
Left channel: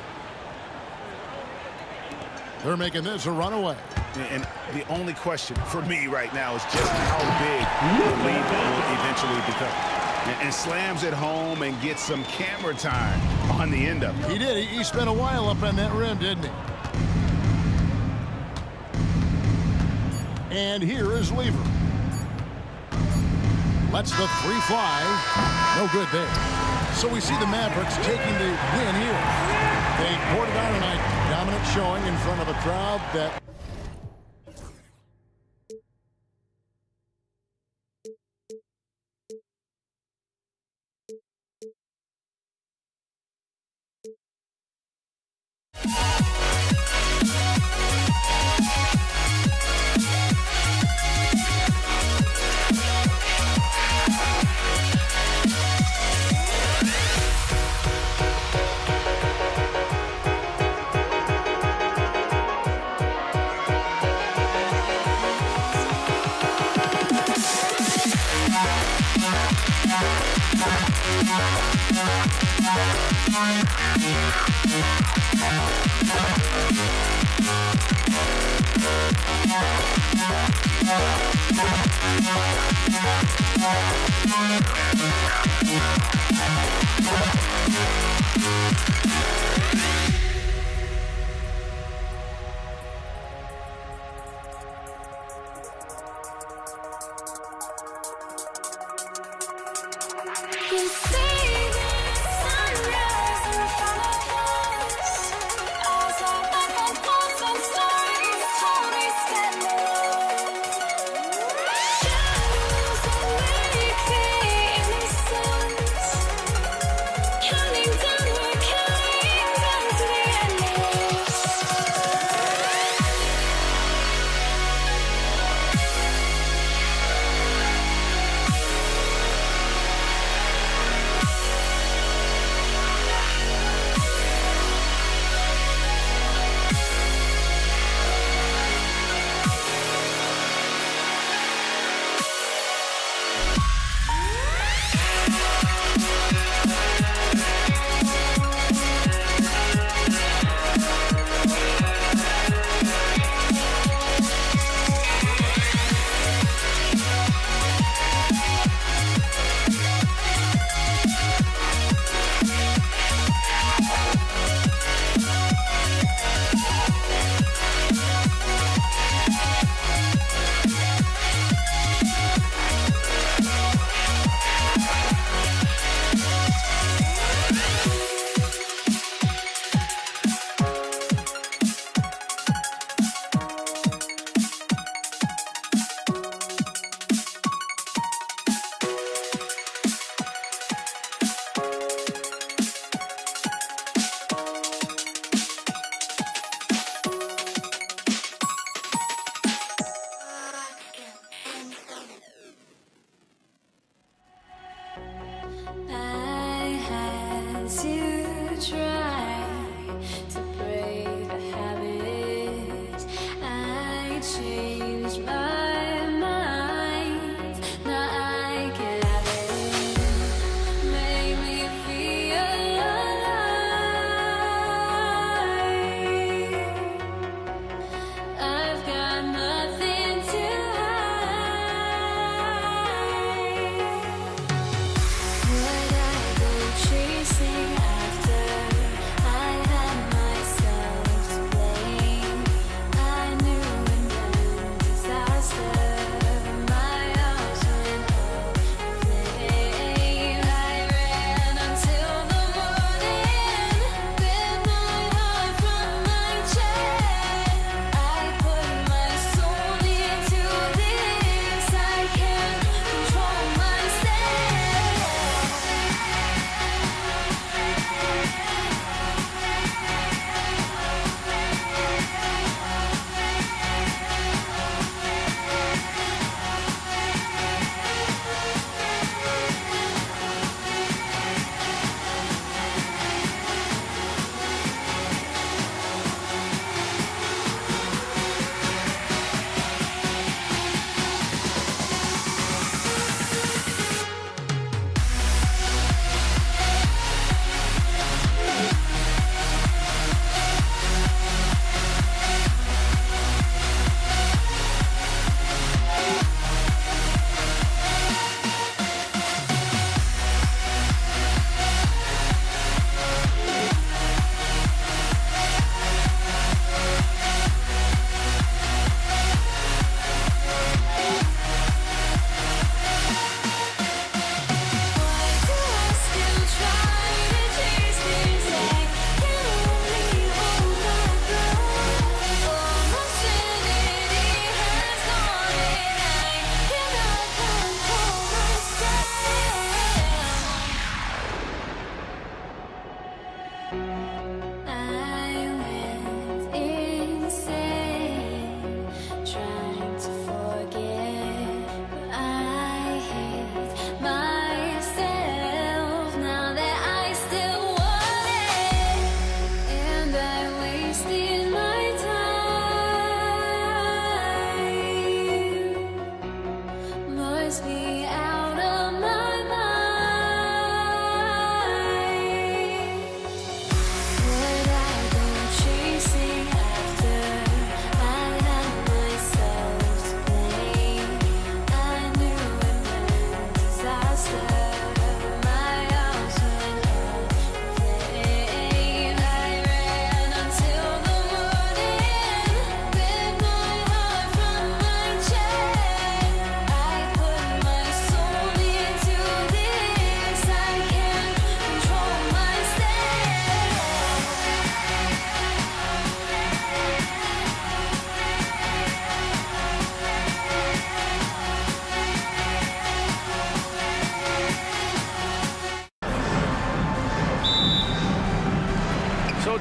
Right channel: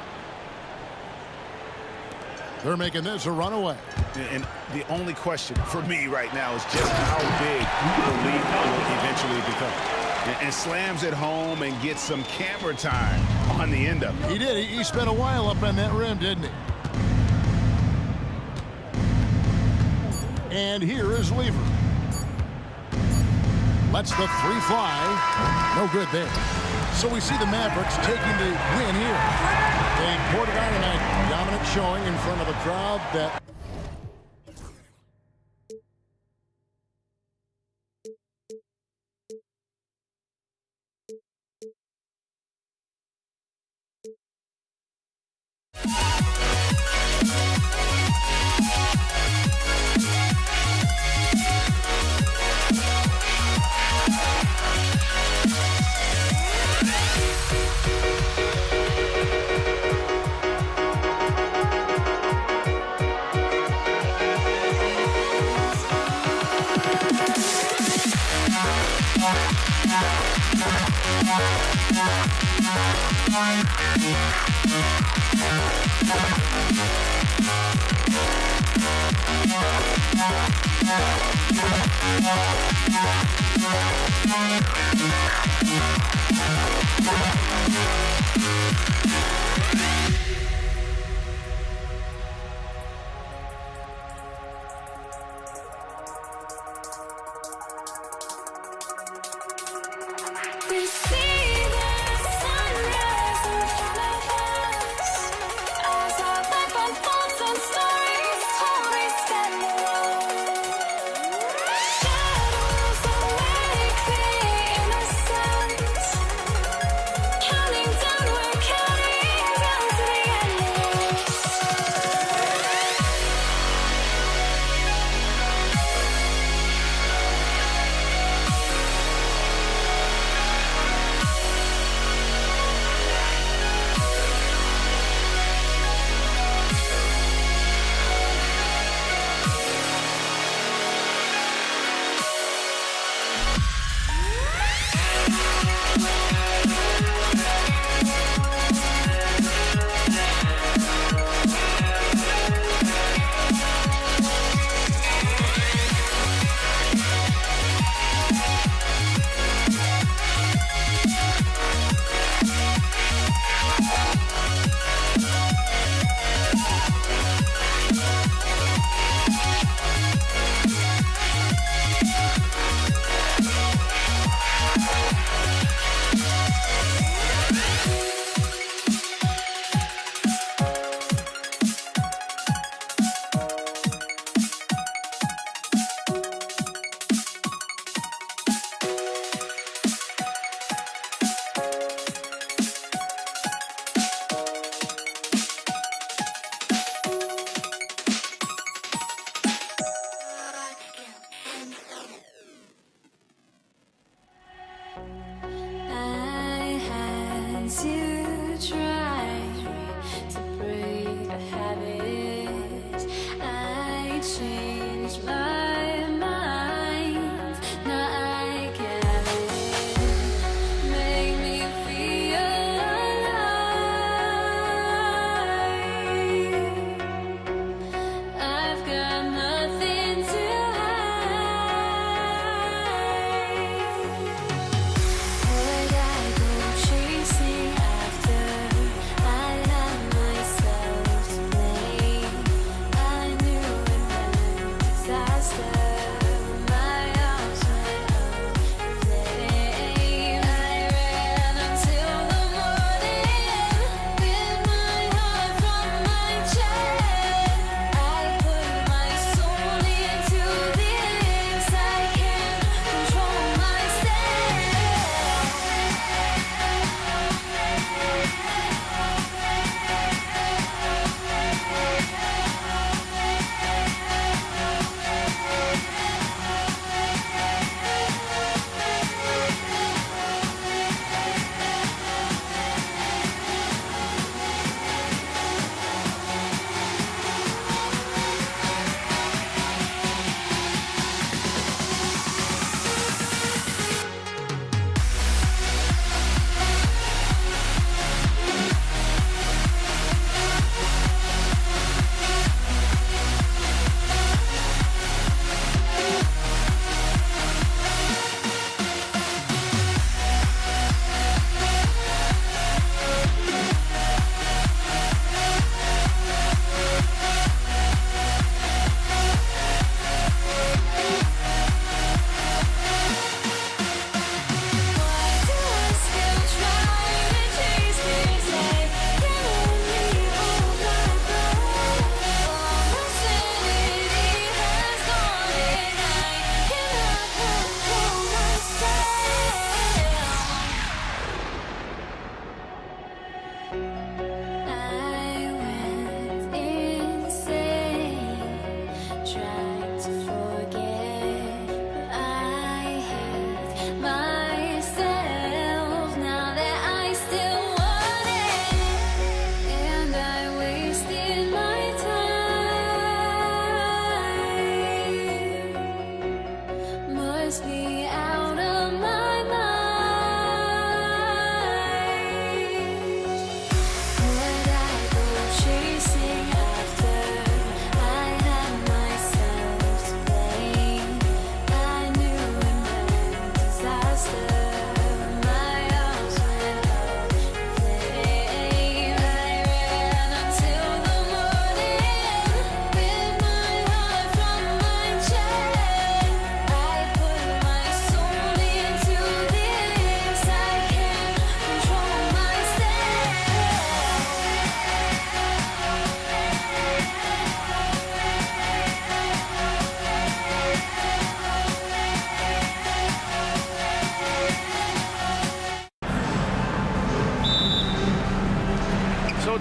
They're making this a runaway. And the only question for me right now is just how big the lead will eventually become. And slams it home and gets some camera time on the end of it. He did. He spent a while up on that rim, didn't he? And here is Lever. Lets the three fly. No good there. So we see the Mavericks taking the win here. They poured it on tonight. Dominant showing in front of a crowd that...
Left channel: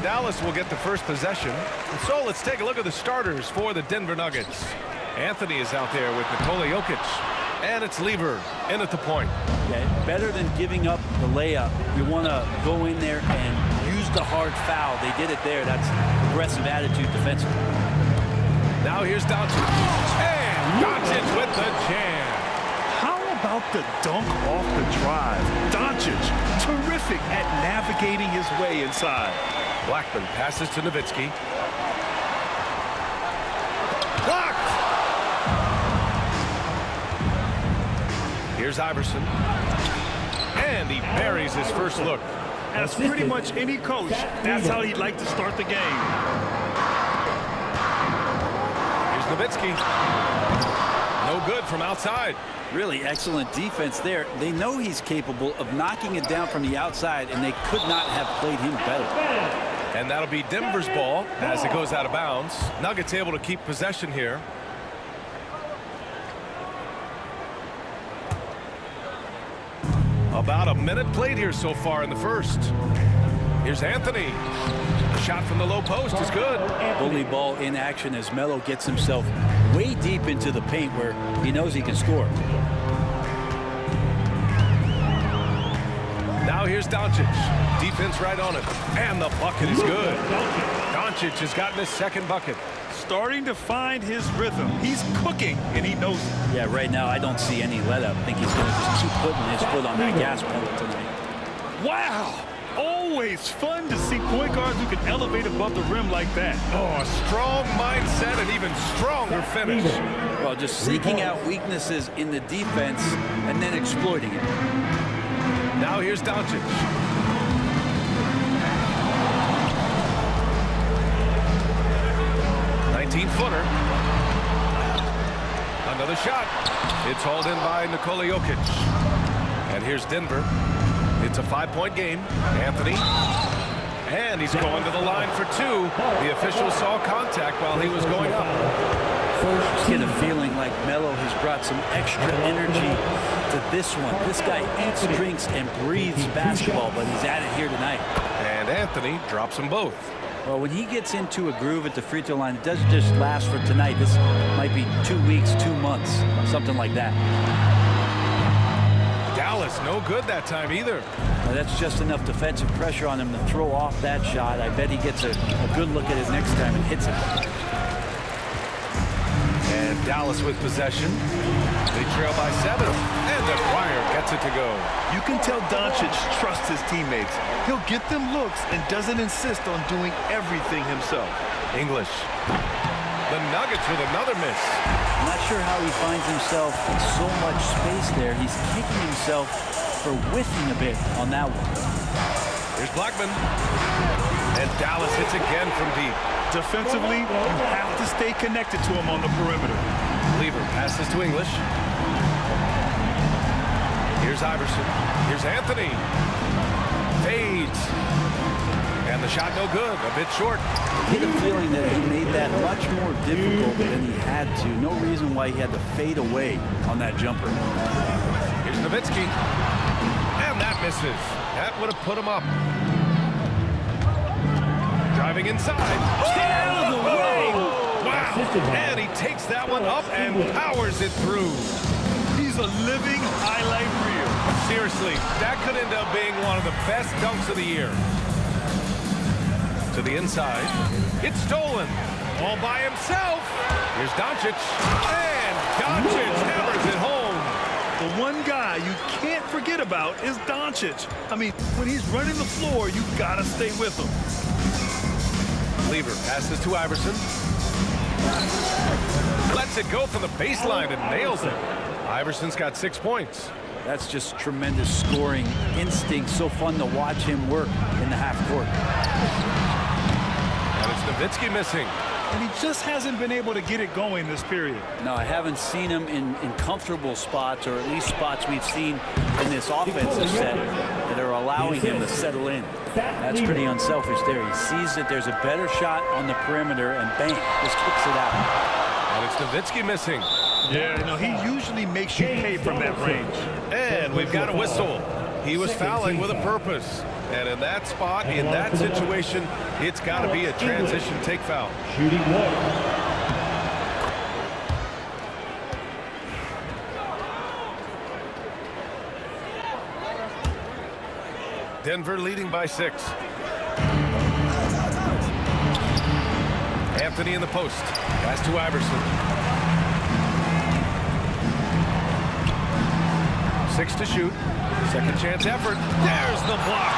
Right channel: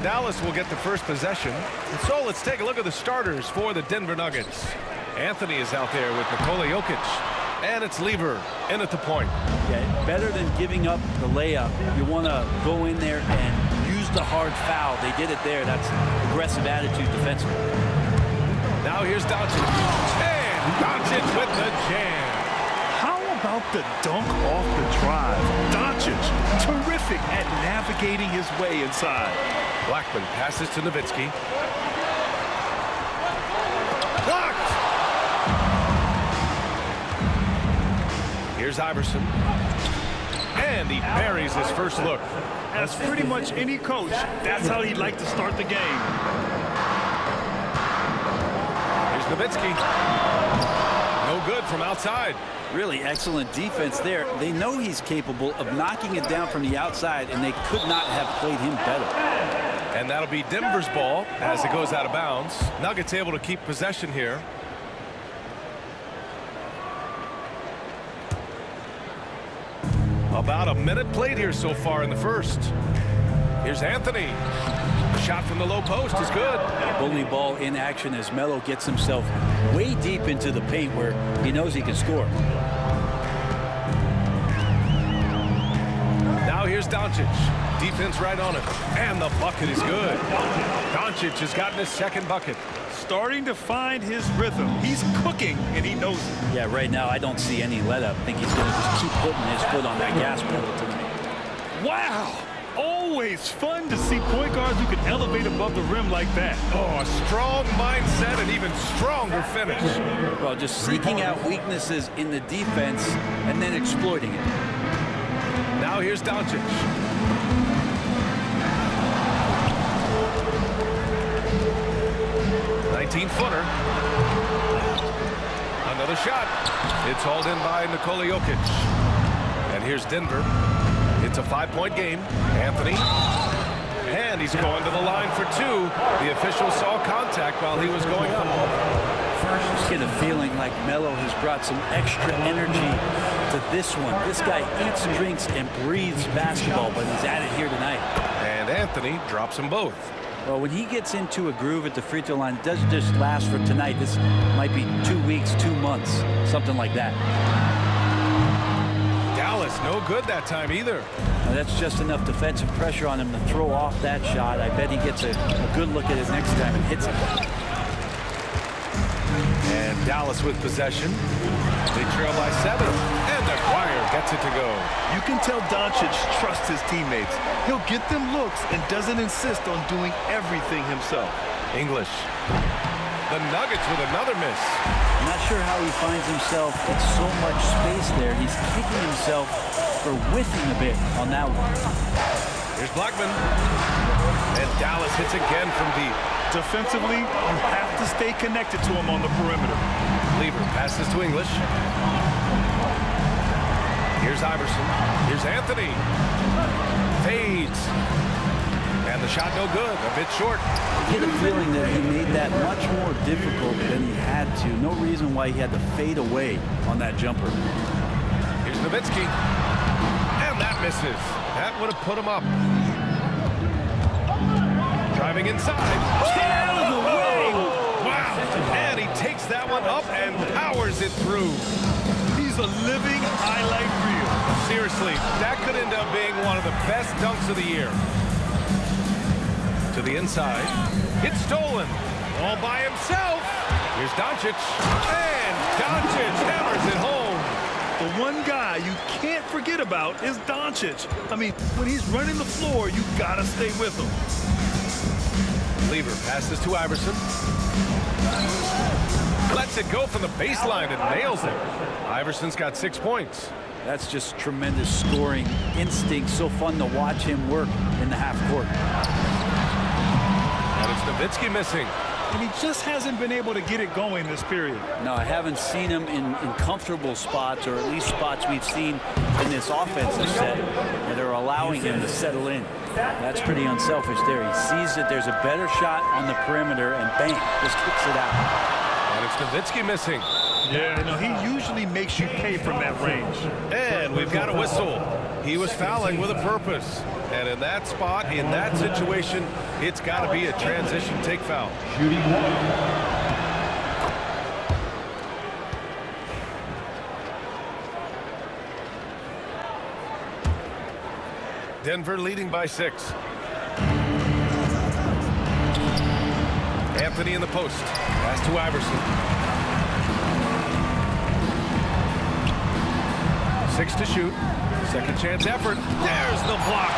Dallas will get the first possession. And so let's take a look at the starters for the Denver Nuggets. Anthony is out there with Nikola Jokic. And it's Lever in at the point. Yeah, better than giving up the layup. You want to go in there and use the hard foul. They did it there. That's aggressive attitude defensively. Now here's Doncic. And Doncic with the jam. How about the dunk off the drive? Doncic, terrific at navigating his way inside. Blackman passes to Nowitzki. Blocked! Here's Iverson. And he buries his first look. As pretty much any coach, that's how he'd like to start the game. Here's Nowitzki. No good from outside. Really excellent defense there. They know he's capable of knocking it down from the outside, and they could not have played him better. And that'll be Denver's ball as it goes out of bounds. Nuggets able to keep possession here. About a minute played here so far in the first. Here's Anthony. The shot from the low post is good. Bully ball in action as Melo gets himself way deep into the paint where he knows he can score. Now here's Doncic. Defense right on him. And the bucket is good. Doncic has gotten his second bucket. Starting to find his rhythm. He's cooking, and he knows it. Yeah, right now I don't see any let up. I think he's going to just keep putting his foot on that gas pedal tonight. Wow! Always fun to see point guards who can elevate above the rim like that. Oh, a strong mindset and even stronger finish. Well, just seeking out weaknesses in the defense and then exploiting it. Now here's Doncic. Footer. Another shot. It's hauled in by Nikola Jokic. And here's Denver. It's a 5-point game. Anthony. And he's going to the line for two. The official saw contact while he was going up. Just get a feeling like Melo has brought some extra energy to this one. This guy eats, drinks, and breathes basketball, but he's at it here tonight. And Anthony drops them both. Well, when he gets into a groove at the free throw line, it doesn't just last for tonight. This might be 2 weeks, 2 months, something like that. Dallas, no good that time either. Now, that's just enough defensive pressure on him to throw off that shot. I bet he gets a good look at it next time and hits it. And Dallas with possession. They trail by 7, and Aguirre gets it to go. You can tell Doncic trusts his teammates. He'll get them looks and doesn't insist on doing everything himself. English. The Nuggets with another miss. I'm not sure how he finds himself in so much space there. He's kicking himself for whiffing a bit on that one. Here's Blackman. And Dallas hits again from deep. Defensively, you have to stay connected to him on the perimeter. Lever passes to English. Here's Iverson. Here's Anthony. Fades. And the shot no good. A bit short. I get a feeling that he made that much more difficult than he had to. No reason why he had to fade away on that jumper. Here's Nowitzki. And that misses. That would have put him up. Driving inside. Stay out of the way! Wow. And he takes that one up and powers it through. He's a living highlight reel. Seriously, that could end up being one of the best dunks of the year. To the inside. It's stolen. All by himself. Here's Doncic. And Doncic hammers it home. The one guy you can't forget about is Doncic. I mean, when he's running the floor, you gotta stay with him. Lever passes to Iverson. Lets it go from the baseline and nails it. Iverson's got 6 points. That's just tremendous scoring instinct. So fun to watch him work in the half court. And it's Nowitzki missing. And he just hasn't been able to get it going this period. No, I haven't seen him in comfortable spots, or at least spots we've seen in this offensive set that are allowing him to settle in. That's pretty unselfish there. He sees that there's a better shot on the perimeter and bang, just kicks it out. And it's Nowitzki missing. Yeah, no, he usually makes you pay from that range. And we've got a whistle. He was fouling with a purpose. And in that spot, in that situation, It's got to be a transition take foul. Shooting one. Denver leading by 6. Anthony in the post. Pass to Iverson. 6 to shoot. Second chance effort. There's the block.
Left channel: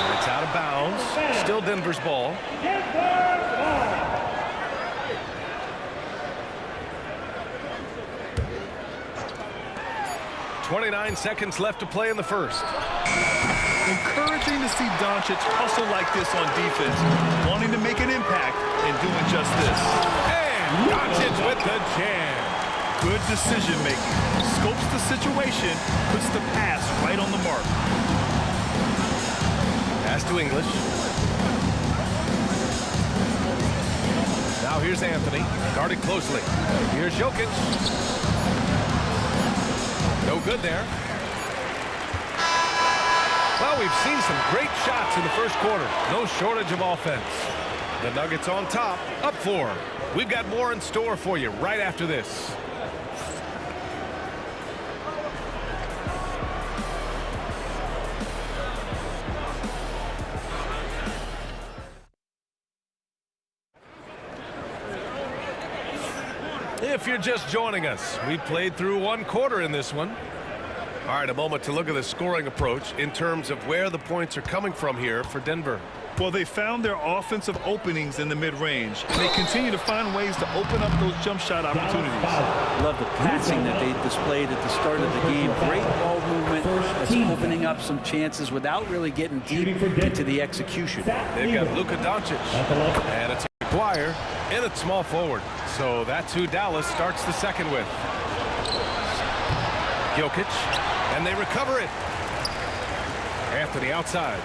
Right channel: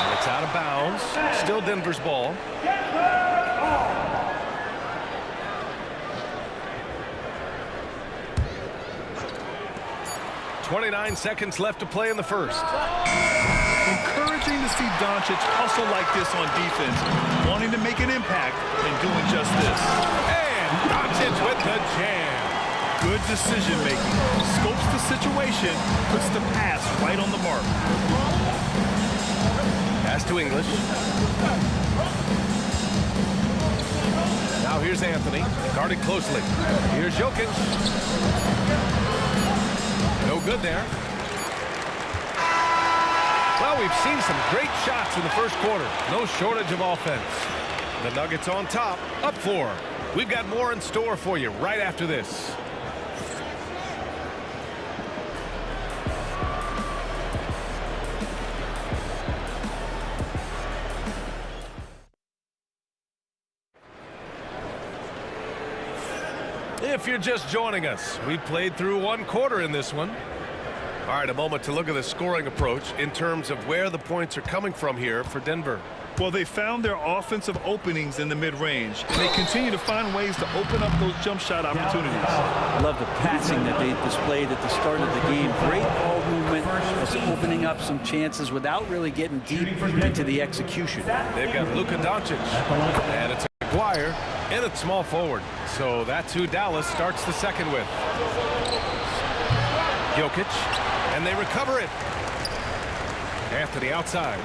And it's out of bounds. Still Denver's ball. 29 seconds left to play in the first. Encouraging to see Doncic hustle like this on defense, wanting to make an impact and doing just this. And Doncic with the jam. Good decision making. Scopes the situation, puts the pass right on the mark. Pass to English. Now here's Anthony, guarded closely. Here's Jokic. No good there. Well, we've seen some great shots in the first quarter. No shortage of offense. The Nuggets on top, up 4. We've got more in store for you right after this. If you're just joining us, we played through 1 quarter in this one. All right, a moment to look at the scoring approach in terms of where the points are coming from here for Denver. Well, they found their offensive openings in the mid-range, and they continue to find ways to open up those jump shot opportunities. I love the passing that they displayed at the start of the game. Great ball movement that's opening up some chances without really getting deep into the execution. They've got Luka Doncic, and it's Aguirre in at small forward. So that's who Dallas starts the second with. Jokic, and they recover it. Anthony outside.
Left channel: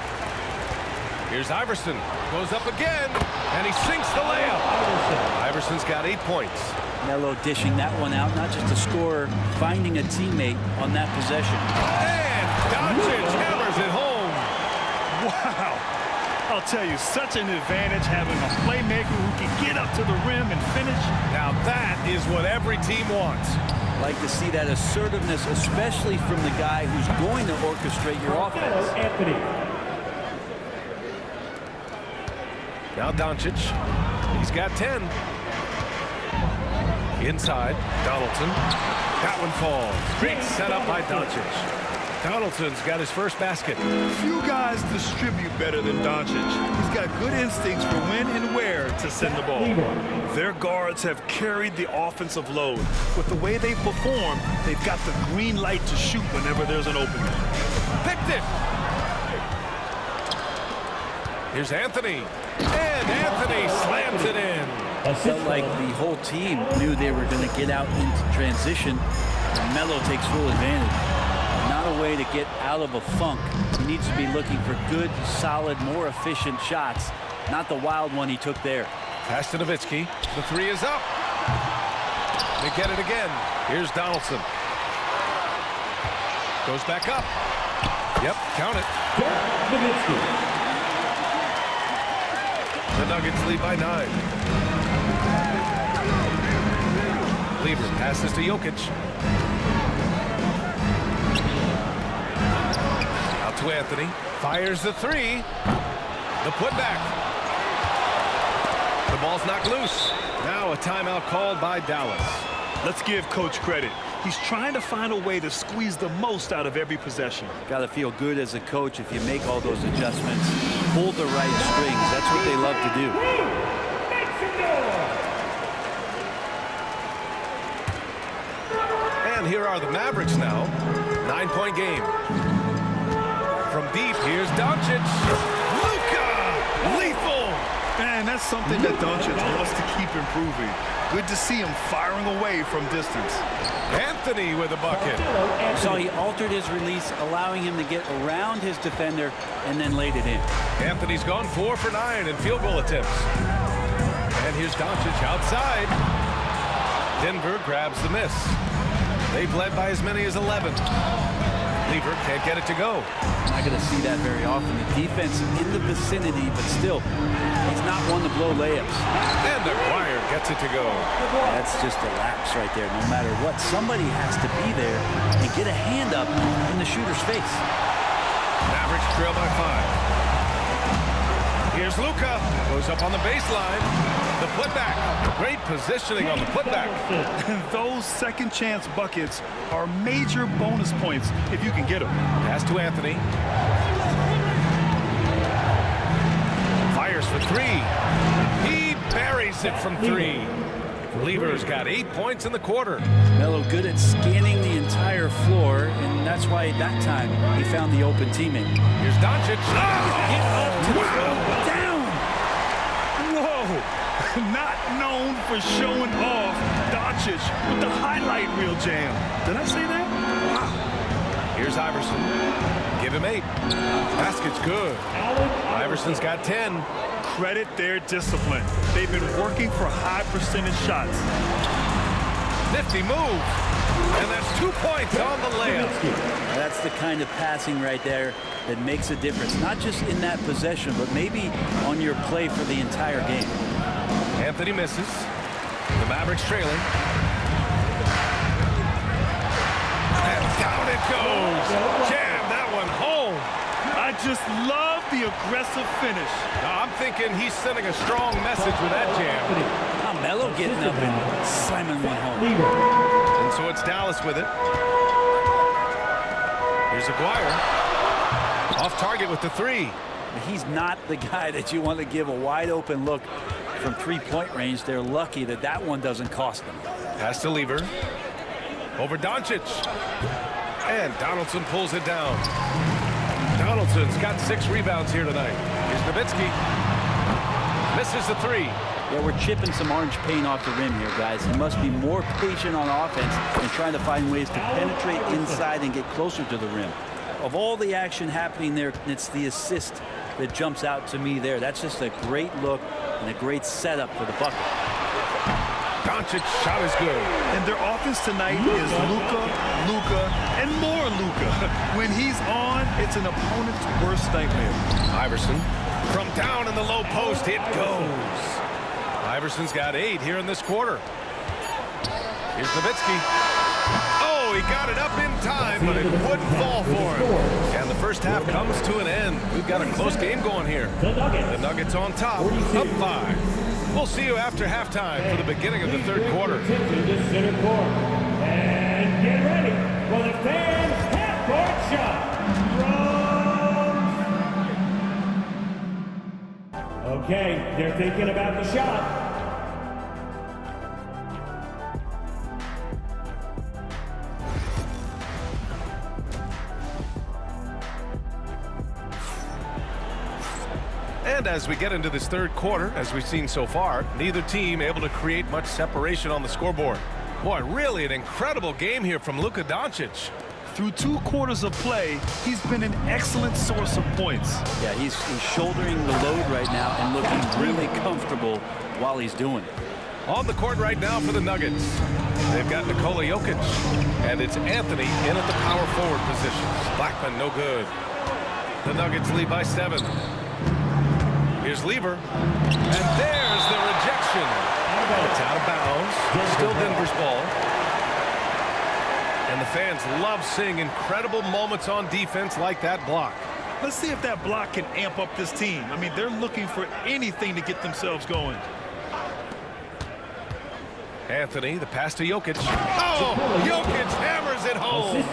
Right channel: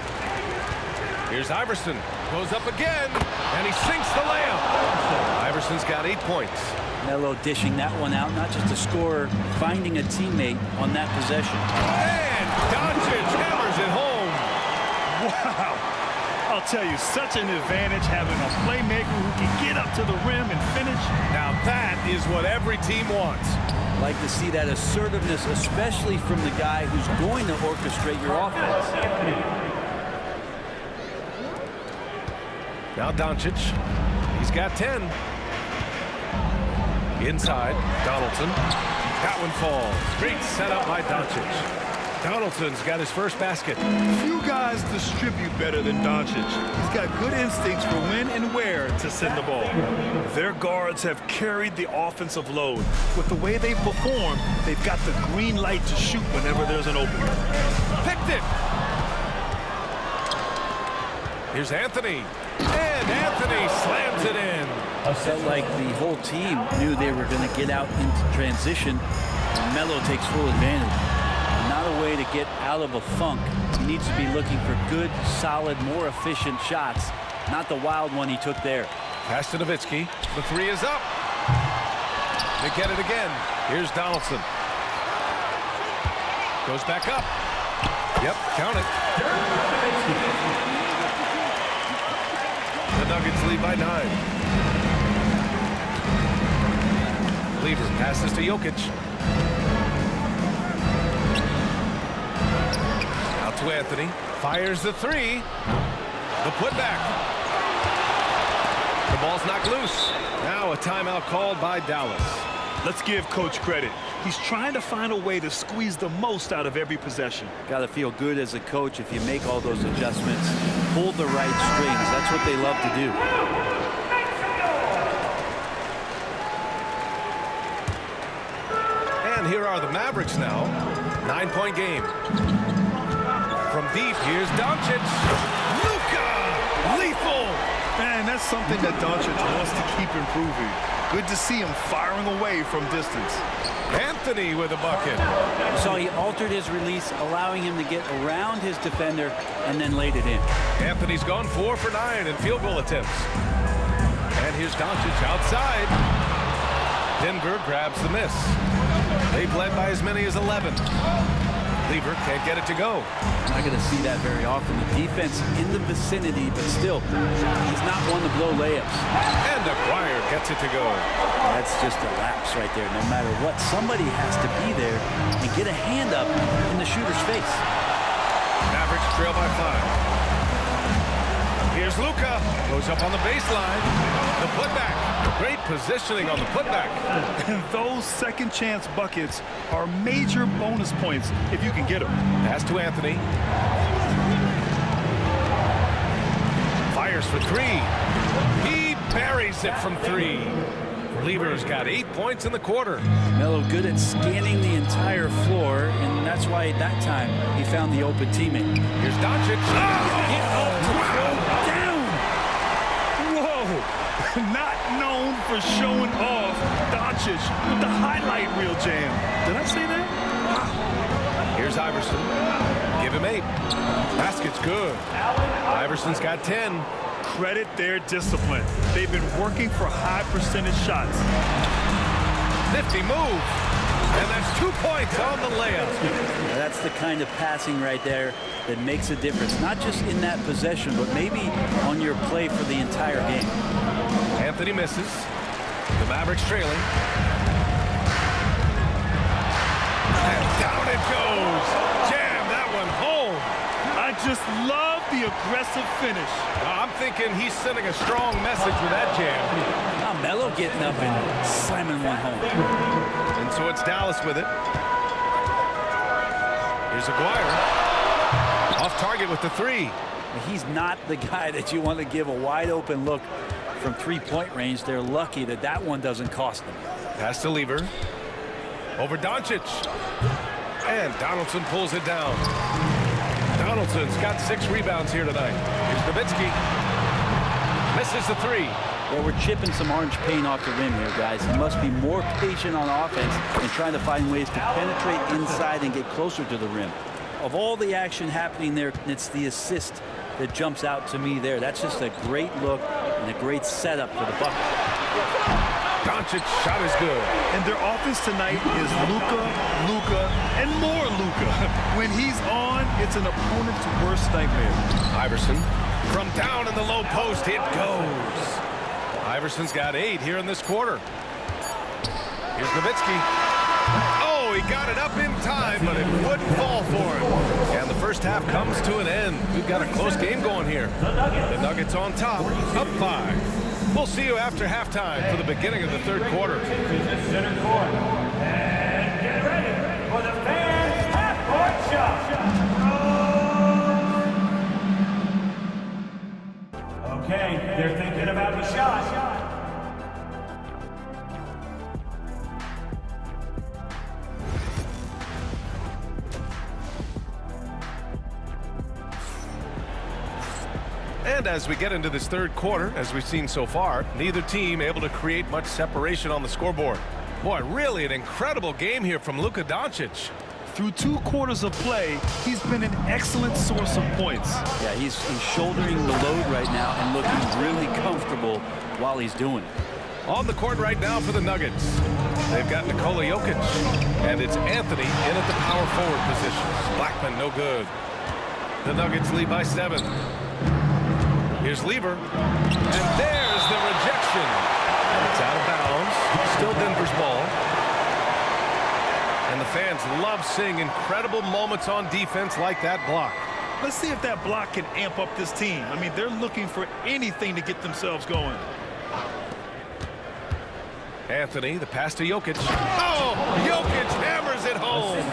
Here's Iverson, goes up again, and he sinks the layup. Iverson's got 8 points. Melo dishing that one out, not just a scorer, finding a teammate on that possession. And Doncic hammers it home. Wow. I'll tell you, such an advantage having a playmaker who can get up to the rim and finish. Now that is what every team wants. Like to see that assertiveness, especially from the guy who's going to orchestrate your offense. Now Doncic, he's got 10. Inside, Donaldson. That one falls. Great setup by Doncic. Donaldson's got his first basket. Few guys distribute better than Doncic. He's got good instincts for when and where to send the ball. Their guards have carried the offensive load. With the way they perform, they've got the green light to shoot whenever there's an opening. Picked it. Here's Anthony. And Anthony slams it in. Felt like the whole team knew they were going to get out into transition, and Melo takes full advantage. Not a way to get out of a funk. He needs to be looking for good, solid, more efficient shots, not the wild one he took there. Pass to Nowitzki. The 3 is up. They get it again. Here's Donaldson. Goes back up. Yep, count it. The Nuggets lead by 9. Lever passes to Jokic. Out to Anthony. Fires the 3. The putback. The ball's knocked loose. Now a timeout called by Dallas. Let's give Coach credit. He's trying to find a way to squeeze the most out of every possession. Got to feel good as a coach if you make all those adjustments. Hold the right strings. That's what they love to do. And here are the Mavericks now. 9-point game. From deep, here's Doncic. Luka! Lethal! And that's something that Doncic wants to keep improving. Good to see him firing away from distance. Anthony with a bucket. So he altered his release, allowing him to get around his defender and then laid it in. Anthony's gone 4 for 9 in field goal attempts. And here's Doncic outside. Denver grabs the miss. They've led by as many as 11. Lever can't get it to go. I'm not going to see that very often. The defense in the vicinity, but still, he's not one to blow layups. And Aguirre gets it to go. That's just a lapse right there. No matter what, somebody has to be there and get a hand up in the shooter's face. Mavericks trail by 5. Here's Luka. Goes up on the baseline. The putback. Great positioning on the putback. And those second chance buckets are major bonus points if you can get them. Pass to Anthony. Fires for 3. He buries it from 3. Lever's got 8 points in the quarter. Melo good at scanning the entire floor, and that's why at that time he found the open teammate. Here's Doncic. Get up to throw down. Whoa. Not known for showing off, Doncic with the highlight reel jam. Did I say that? Wow. Here's Iverson. Give him 8. Basket's good. Iverson's got 10. Credit their discipline. They've been working for high percentage shots. Nifty move. And that's 2 points on the layup. Now that's the kind of passing right there that makes a difference. Not just in that possession, but maybe on your play for the entire game. Anthony misses. The Mavericks trailing. And down it goes. Jam that one home. I just love the aggressive finish. Now, I'm thinking he's sending a strong message with that jam. Now Melo getting up and slamming one home. And so it's Dallas with it. Here's Aguirre. Off target with the 3. He's not the guy that you want to give a wide open look from 3-point range. They're lucky that that one doesn't cost them. Pass to Lever. Over Doncic. And Donaldson pulls it down. Donaldson's got 6 rebounds here tonight. Here's Nowitzki. Misses the 3. Yeah, we're chipping some orange paint off the rim here, guys. He must be more patient on offense and trying to find ways to penetrate inside and get closer to the rim. Of all the action happening there, it's the assist that jumps out to me there. That's just a great look and a great setup for the bucket. Doncic shot is good. And their offense tonight is Luka, and more Luka. When he's on, it's an opponent's worst nightmare. Iverson from down in the low post, it goes. Iverson's got 8 here in this quarter. Here's Nowitzki. Oh, he got it up in time, but it wouldn't fall for him. And the first half comes to an end. We've got a close game going here. The Nuggets on top, up 5. We'll see you after halftime for the beginning of the third quarter. To the center court. And get ready for the fans' half-court shot. Okay, they're thinking about the shot. And as we get into this third quarter, as we've seen so far, neither team able to create much separation on the scoreboard. Boy, really an incredible game here from Luka Doncic. Through 2 quarters of play, he's been an excellent source of points. Yeah, he's shouldering the load right now and looking really comfortable while he's doing it. On the court right now for the Nuggets. They've got Nikola Jokic, and it's Anthony in at the power forward position. Blackman, no good. The Nuggets lead by 7. Here's Lever, and there's the rejection. And it's out of bounds. Still Denver's ball. And the fans love seeing incredible moments on defense like that block. Let's see if that block can amp up this team. I mean, they're looking for anything to get themselves going. Anthony, the pass to Jokic. Oh, Jokic hammers it home.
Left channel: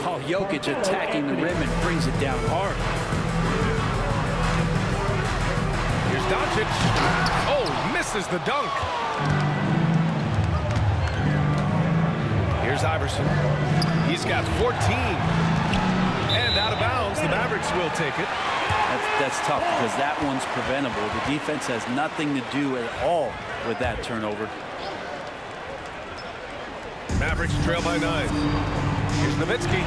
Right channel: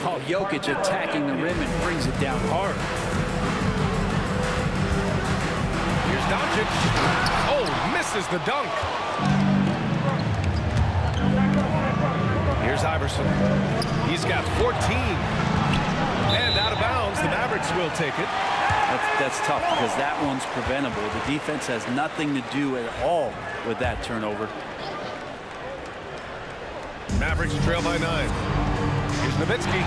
Oh, Jokic attacking the rim and brings it down hard. Here's Doncic. Oh, misses the dunk. Here's Iverson. He's got 14. And out of bounds, the Mavericks will take it. That's tough because that one's preventable. The defense has nothing to do at all with that turnover. Mavericks trail by 9. Here's Nowitzki.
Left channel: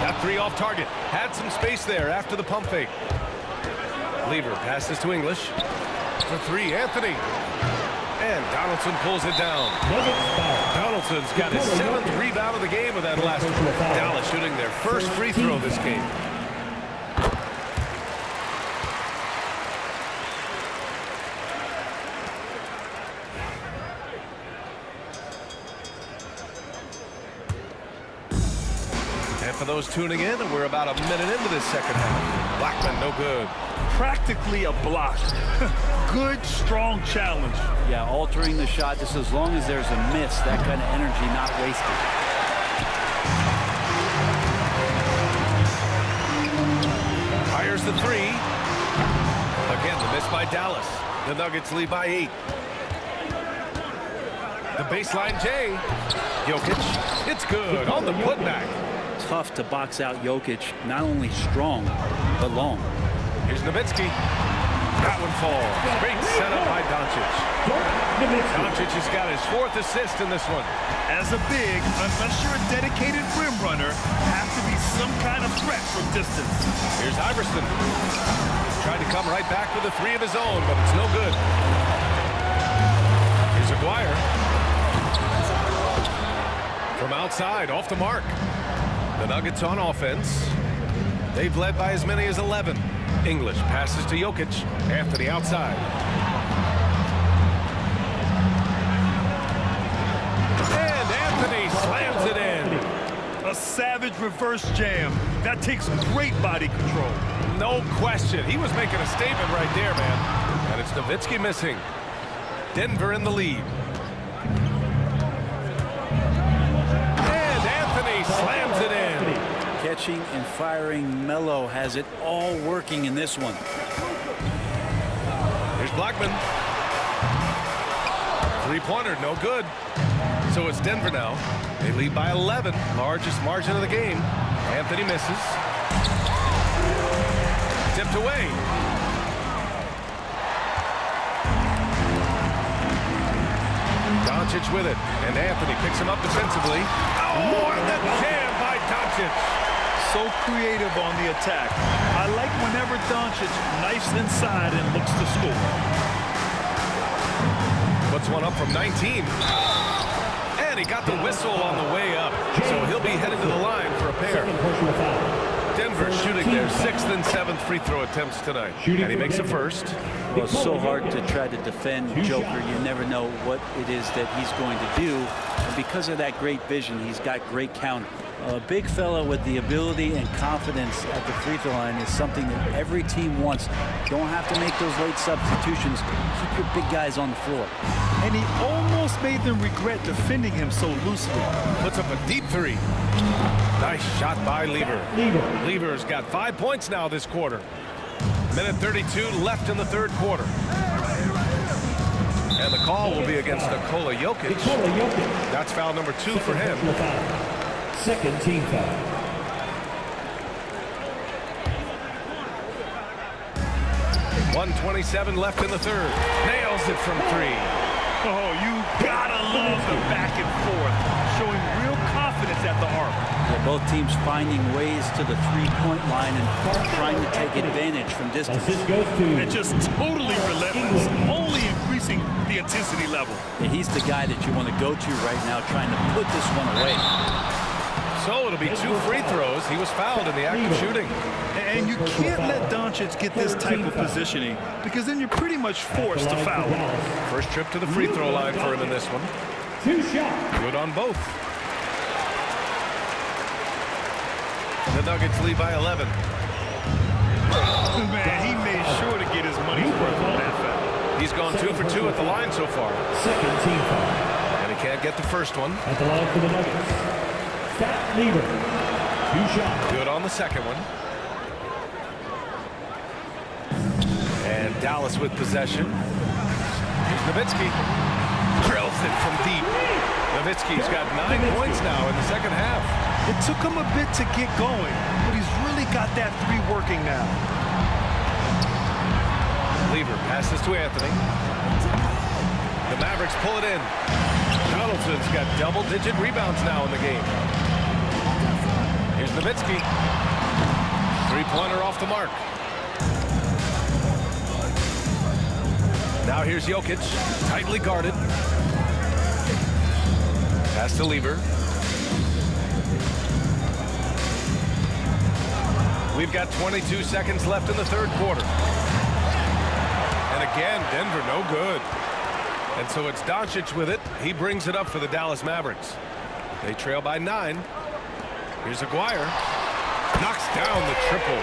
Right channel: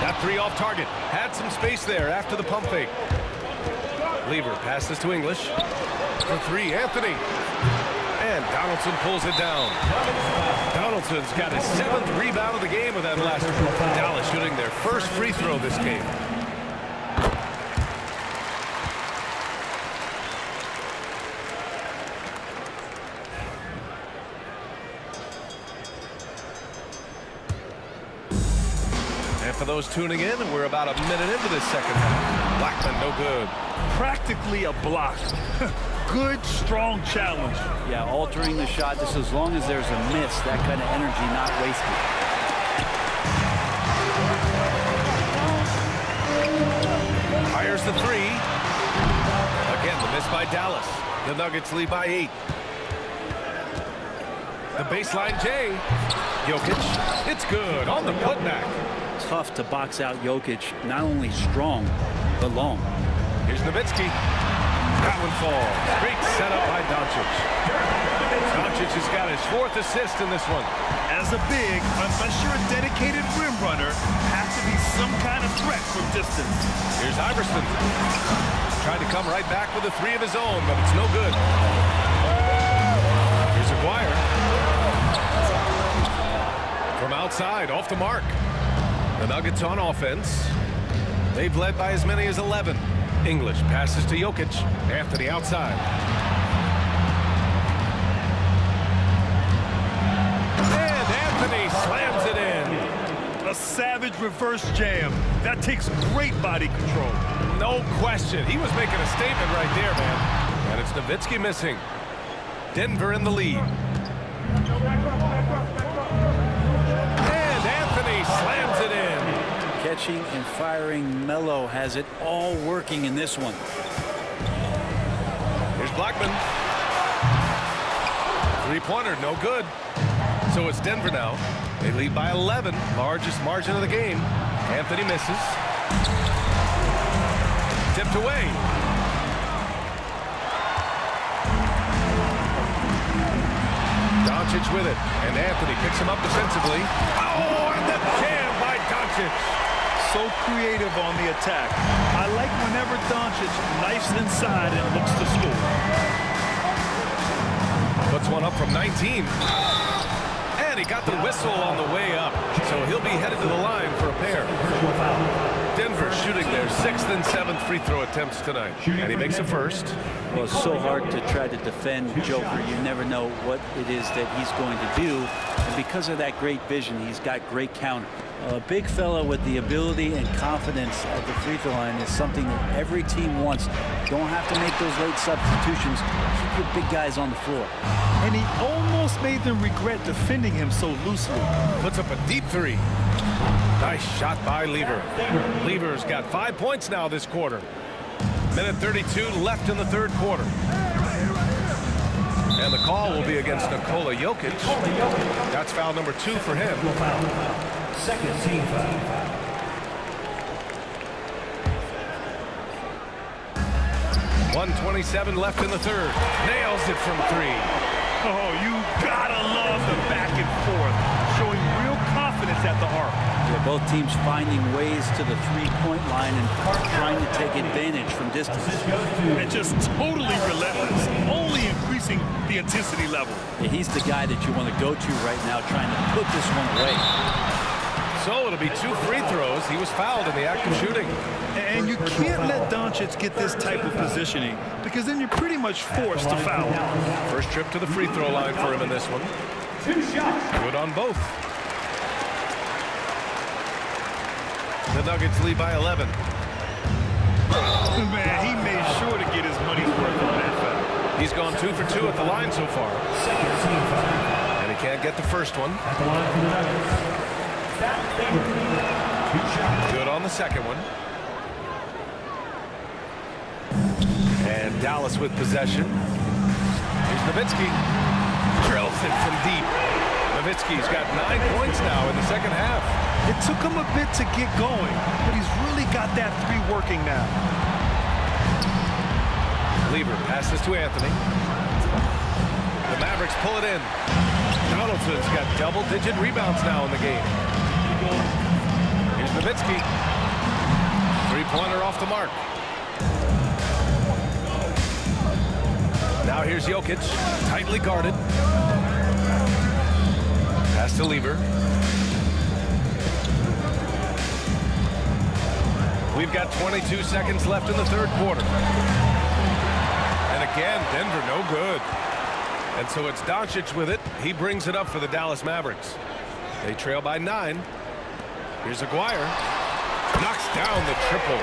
That 3 off target. Had some space there after the pump fake. Lever passes to English. For 3, Anthony. And Donaldson pulls it down. Donaldson's got his 7th rebound of the game with that last one. Dallas shooting their first free throw this game. And for those tuning in, we're about a minute into this second half. Blackman, no good. Practically a block. Good, strong challenge. Yeah, altering the shot just as long as there's a miss, that kind of energy not wasted. Fires the 3. Again, the miss by Dallas. The Nuggets lead by 8. The baseline J. Jokic. It's good on the putback. Tough to box out Jokic, not only strong, but long. Here's Nowitzki. That one falls. Great setup by Doncic. Doncic has got his 4th assist in this one. As a big, unless you're a dedicated rim runner, have to be some kind of threat from distance. Here's Iverson. Tried to come right back with a 3 of his own, but it's no good. Here's Aguirre. From outside, off the mark. The Nuggets on offense. They've led by as many as 11. English passes to Jokic. Anthony outside. And Anthony slams it in. A savage reverse jam. That takes great body control. No question. He was making a statement right there, man. And it's Nowitzki missing. Denver in the lead. And Anthony slams it in. Catching and firing, Melo has it all working in this one. Here's Blackman. 3-pointer, no good. So it's Denver now. They lead by 11, largest margin of the game. Anthony misses. Tipped away. Doncic with it, and Anthony picks him up defensively. Oh, and the jam by Doncic. So creative on the attack. I like whenever Doncic knifes inside and looks to score. Puts one up from 19. And he got the whistle on the way up. So he'll be headed to the line for a pair. Denver shooting their 6th and 7th free throw attempts tonight. And he makes a first. Well, it's so hard to try to defend Joker. You never know what it is that he's going to do. And because of that great vision, he's got great counter. A big fella with the ability and confidence at the free throw line is something that every team wants. Don't have to make those late substitutions. Keep your big guys on the floor. And he almost made them regret defending him so loosely. Puts up a deep 3. Nice shot by Lever. Lever's got 5 points now this quarter. Minute 32 left in the 3rd quarter. And the call will be against Nikola Jokic. That's foul number 2 for him. Second team foul. .127 left in the 3rd. Nails it from 3. Oh, you gotta love the back and forth, showing real confidence at the arc. Yeah, both teams finding ways to the three-point line and trying to take advantage from distance. And just totally relentless, only increasing the intensity level. Yeah, he's the guy that you want to go to right now, trying to put this one away. So it'll be 2 free throws. He was fouled in the act of shooting. And you can't let Doncic get this type of positioning, because then you're pretty much forced to foul him. First trip to the free throw line for him in this one. 2 shots. Good on both. The Nuggets lead by 11. Man, he made sure to get his money's worth on that foul. He's gone 2 for 2 at the line so far. Second team foul. And he can't get the first one. At the line for the Nuggets. Fat Lever. 2 shots. Good on the second one. And Dallas with possession. Here's Nowitzki. Drills it from deep. Nowitzki's got 9 points now in the second half. It took him a bit to get going, but he's really got that 3 working now. Lever passes to Anthony. The Mavericks pull it in. Donaldson's got double-digit rebounds now in the game. Here's Nowitzki. 3-pointer off the mark. Now here's Jokic, tightly guarded. Pass to Lever. We've got 22 seconds left in the third quarter. And again, Denver no good. And so it's Doncic with it. He brings it up for the Dallas Mavericks. They trail by 9. Here's Aguirre. Knocks down the triple.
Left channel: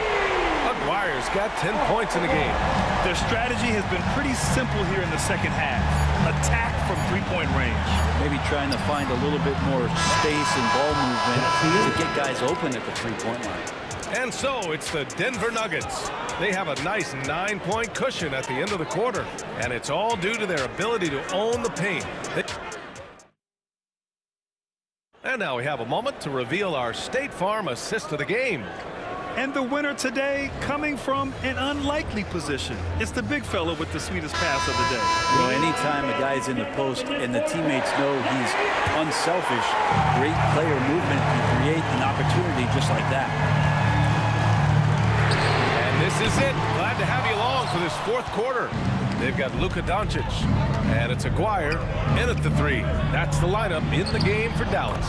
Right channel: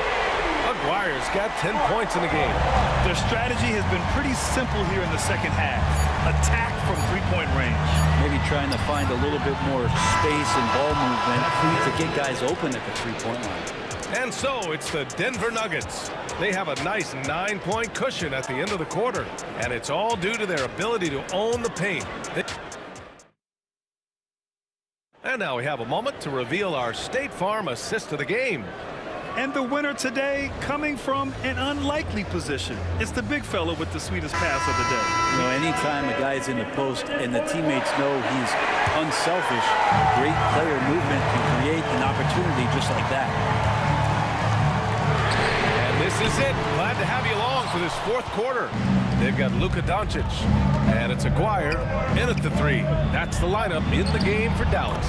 Aguirre's got 10 points in the game. Their strategy has been pretty simple here in the second half. Attack from three-point range. Maybe trying to find a little bit more space and ball movement to get guys open at the three-point line. And so it's the Denver Nuggets. They have a nice 9-point cushion at the end of the quarter. And it's all due to their ability to own the paint. And now we have a moment to reveal our State Farm assist of the game. And the winner today coming from an unlikely position. It's the big fella with the sweetest pass of the day. You know, anytime a guy's in the post and the teammates know he's unselfish, great player movement can create an opportunity just like that. And this is it. Glad to have you along for this fourth quarter. They've got Luka Doncic, and it's Aguirre in at the 3. That's the lineup in the game for Dallas.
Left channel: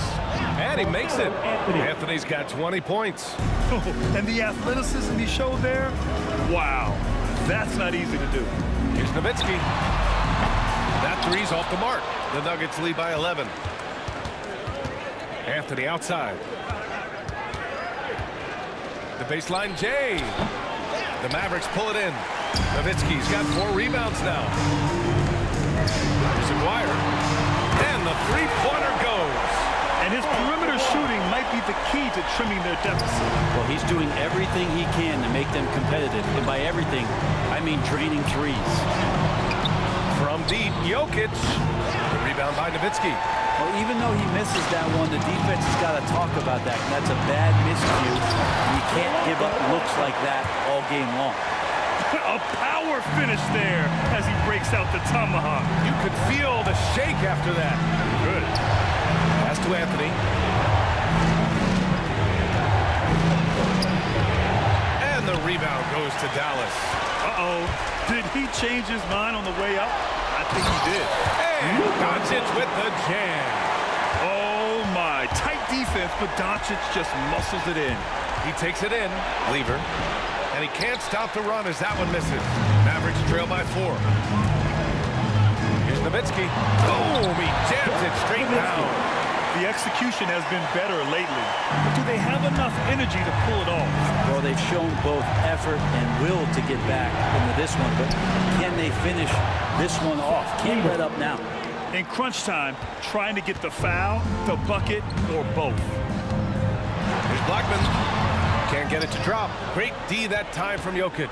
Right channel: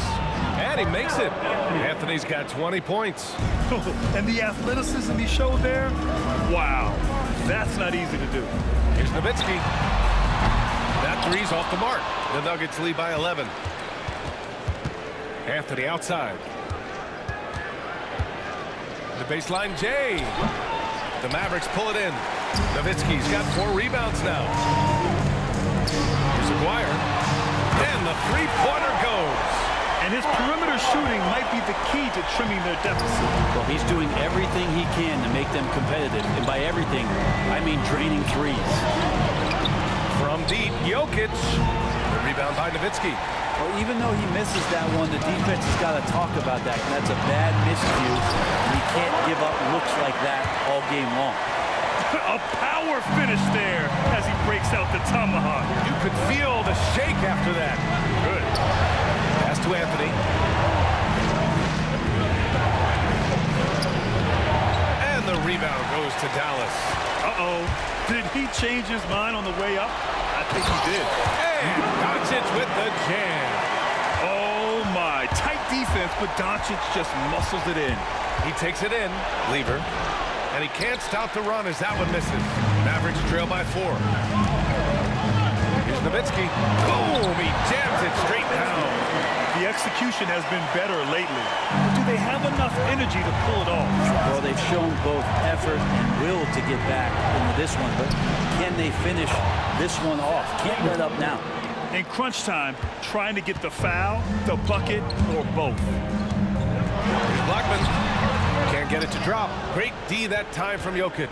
And he makes it. Anthony's got 20 points. And the athleticism he showed there, wow, that's not easy to do. Here's Nowitzki. That 3's off the mark. The Nuggets lead by 11. Anthony outside. The baseline J. The Mavericks pull it in. Nowitzki's got 4 rebounds now. Here's Aguirre. And the three-pointer goes. And his perimeter shooting might be the key to trimming their deficit. Well, he's doing everything he can to make them competitive. And by everything, I mean draining threes. From deep, Jokic. The rebound by Nowitzki. Well, even though he misses that one, the defense has got to talk about that. And that's a bad miscue. And you can't give up looks like that all game long. A power finish there as he breaks out the tomahawk. You could feel the shake after that. Good. Pass to Anthony. And the rebound goes to Dallas. Uh-oh. Did he change his mind on the way up? I think he did. And Doncic with the jam. Oh, my. Tight defense, but Doncic just muscles it in. He takes it in. Lever. And he can't stop the run as that one misses. Mavericks trail by 4. Here's Nowitzki. Boom! He jams it straight down. The execution has been better lately. But do they have enough energy to pull it off? Well, they've shown both effort and will to get back into this one. But can they finish this one off? Can't let up now. In crunch time, trying to get the foul, the bucket, or both. Here's Blackman. Can't get it to drop. Great D that time from Jokic.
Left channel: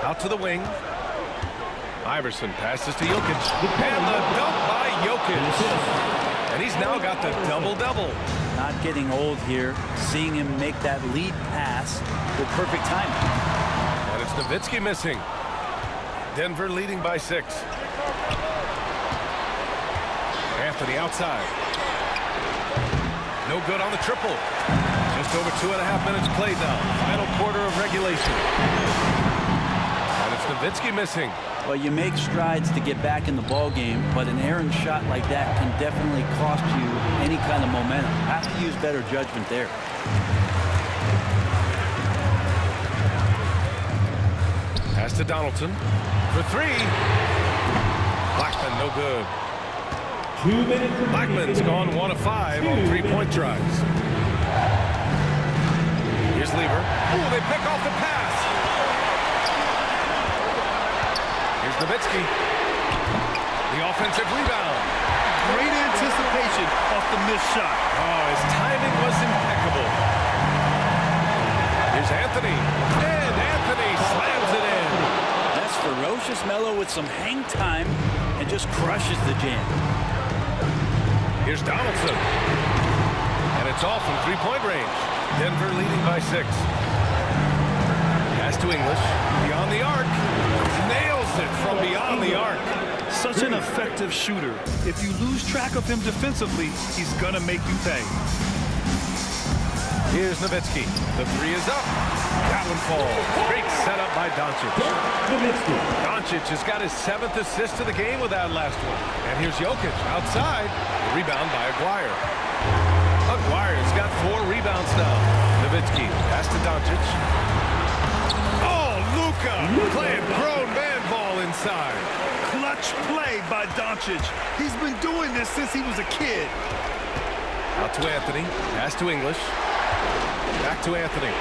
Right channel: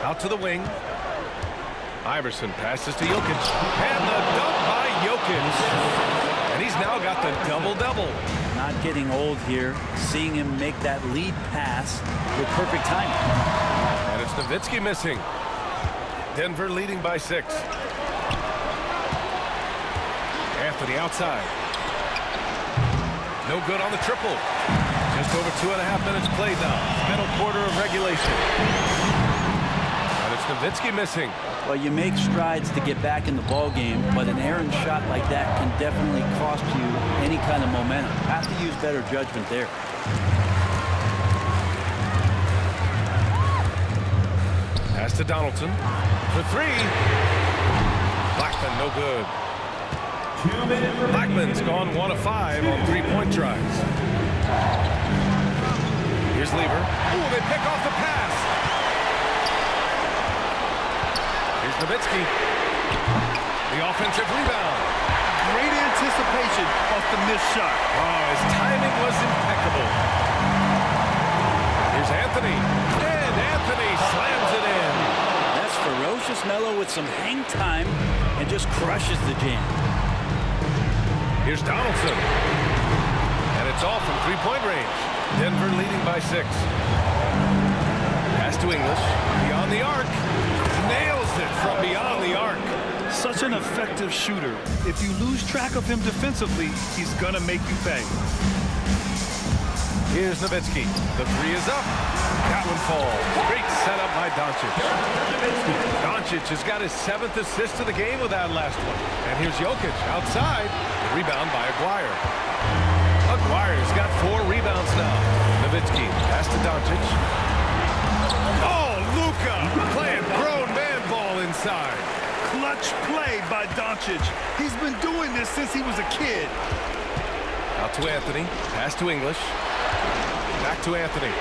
Out to the wing. Iverson passes to Jokic. And the dunk by Jokic. And he's now got the double-double. Not getting old here. Seeing him make that lead pass with perfect timing. And it's Nowitzki missing. Denver leading by 6. Anthony outside. No good on the triple. Just over 2.5 minutes played now. Final quarter of regulation. And it's Nowitzki missing. Well, you make strides to get back in the ball game, but an errant shot like that can definitely cost you any kind of momentum. Have to use better judgment there. Pass to Donaldson for 3. Blackman no good. Blackman's gone 1 of 5 on 3-point tries. Here's Lever. Oh, they pick off the pass. Here's Nowitzki. The offensive rebound. Great anticipation off the missed shot. Oh, his timing was impeccable. Here's Anthony. And Anthony slams it in. That's ferocious Melo with some hang time and just crushes the jam. Here's Donaldson. And it's off from 3-point range. Denver leading by 6. Pass to English. Beyond the arc. Nails it from beyond the arc. Such an effective shooter. If you lose track of him defensively, he's gonna make you pay. Here's Nowitzki. The 3 is up. That one falls. Great setup by Doncic. Doncic has got his 7th assist of the game with that last one. And here's Jokic outside. The rebound by Aguirre. Aguirre's got 4 rebounds now. Nowitzki pass to Doncic. Oh, Luka playing grown man ball inside. Clutch play by Doncic. He's been doing this since he was a kid. Out to Anthony. Pass to English. Back to Anthony.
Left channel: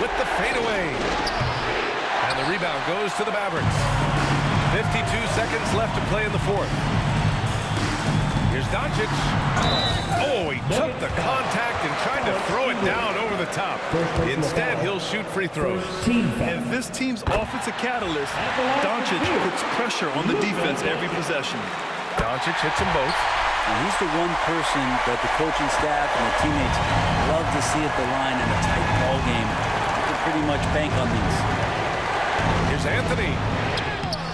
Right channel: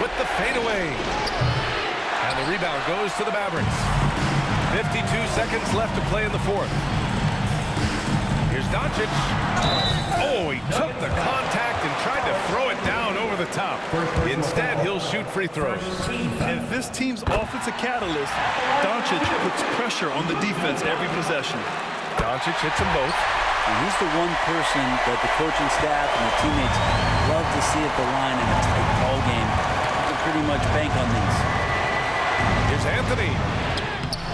With the fadeaway. And the rebound goes to the Mavericks. 52 seconds left to play in the 4th. Here's Doncic. Oh, he took the contact and tried to throw it down over the top. Instead, he'll shoot free throws. And this team's offensive catalyst, Doncic puts pressure on the defense every possession. Doncic hits them both. And he's the one person that the coaching staff and the teammates love to see at the line in a tight ball game. You can pretty much bank on these. Here's Anthony.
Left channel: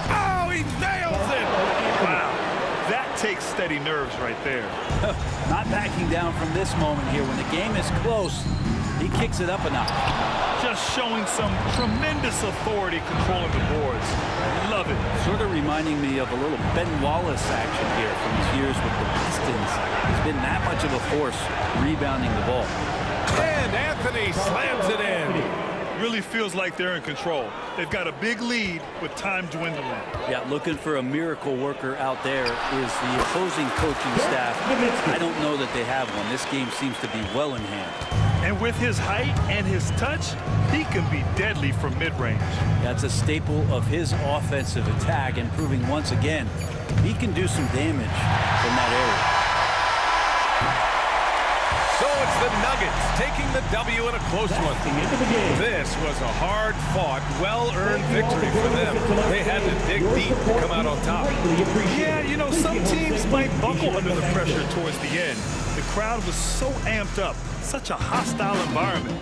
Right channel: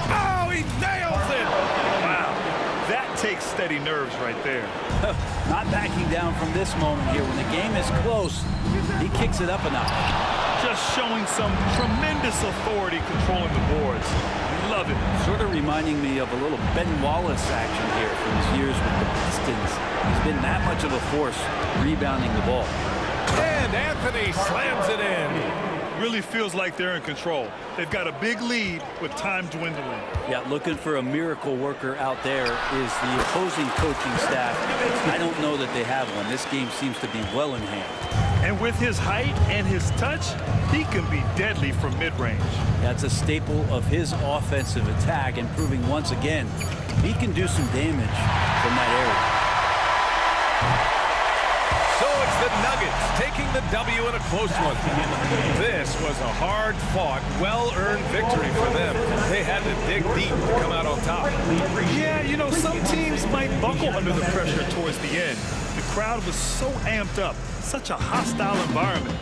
Oh, he nails it! Wow, that takes steady nerves right there. Not backing down from this moment here. When the game is close, he kicks it up a notch. Just showing some tremendous authority controlling the boards. Love it. Sort of reminding me of a little Ben Wallace action here from his years with the Pistons. He's been that much of a force rebounding the ball. And Anthony slams it in. Really feels like they're in control. They've got a big lead with time dwindling. Yeah, looking for a miracle worker out there is the opposing coaching staff. I don't know that they have one. This game seems to be well in hand. And with his height and his touch, he can be deadly from mid-range. That's a staple of his offensive attack, and proving once again he can do some damage from that area. So it's the Nuggets taking the W in a close one. This was a hard-fought, well-earned victory for them. They had to dig deep to come out on top. Yeah, you know, some teams might buckle under the pressure towards the end. The crowd was so amped up, such a hostile environment.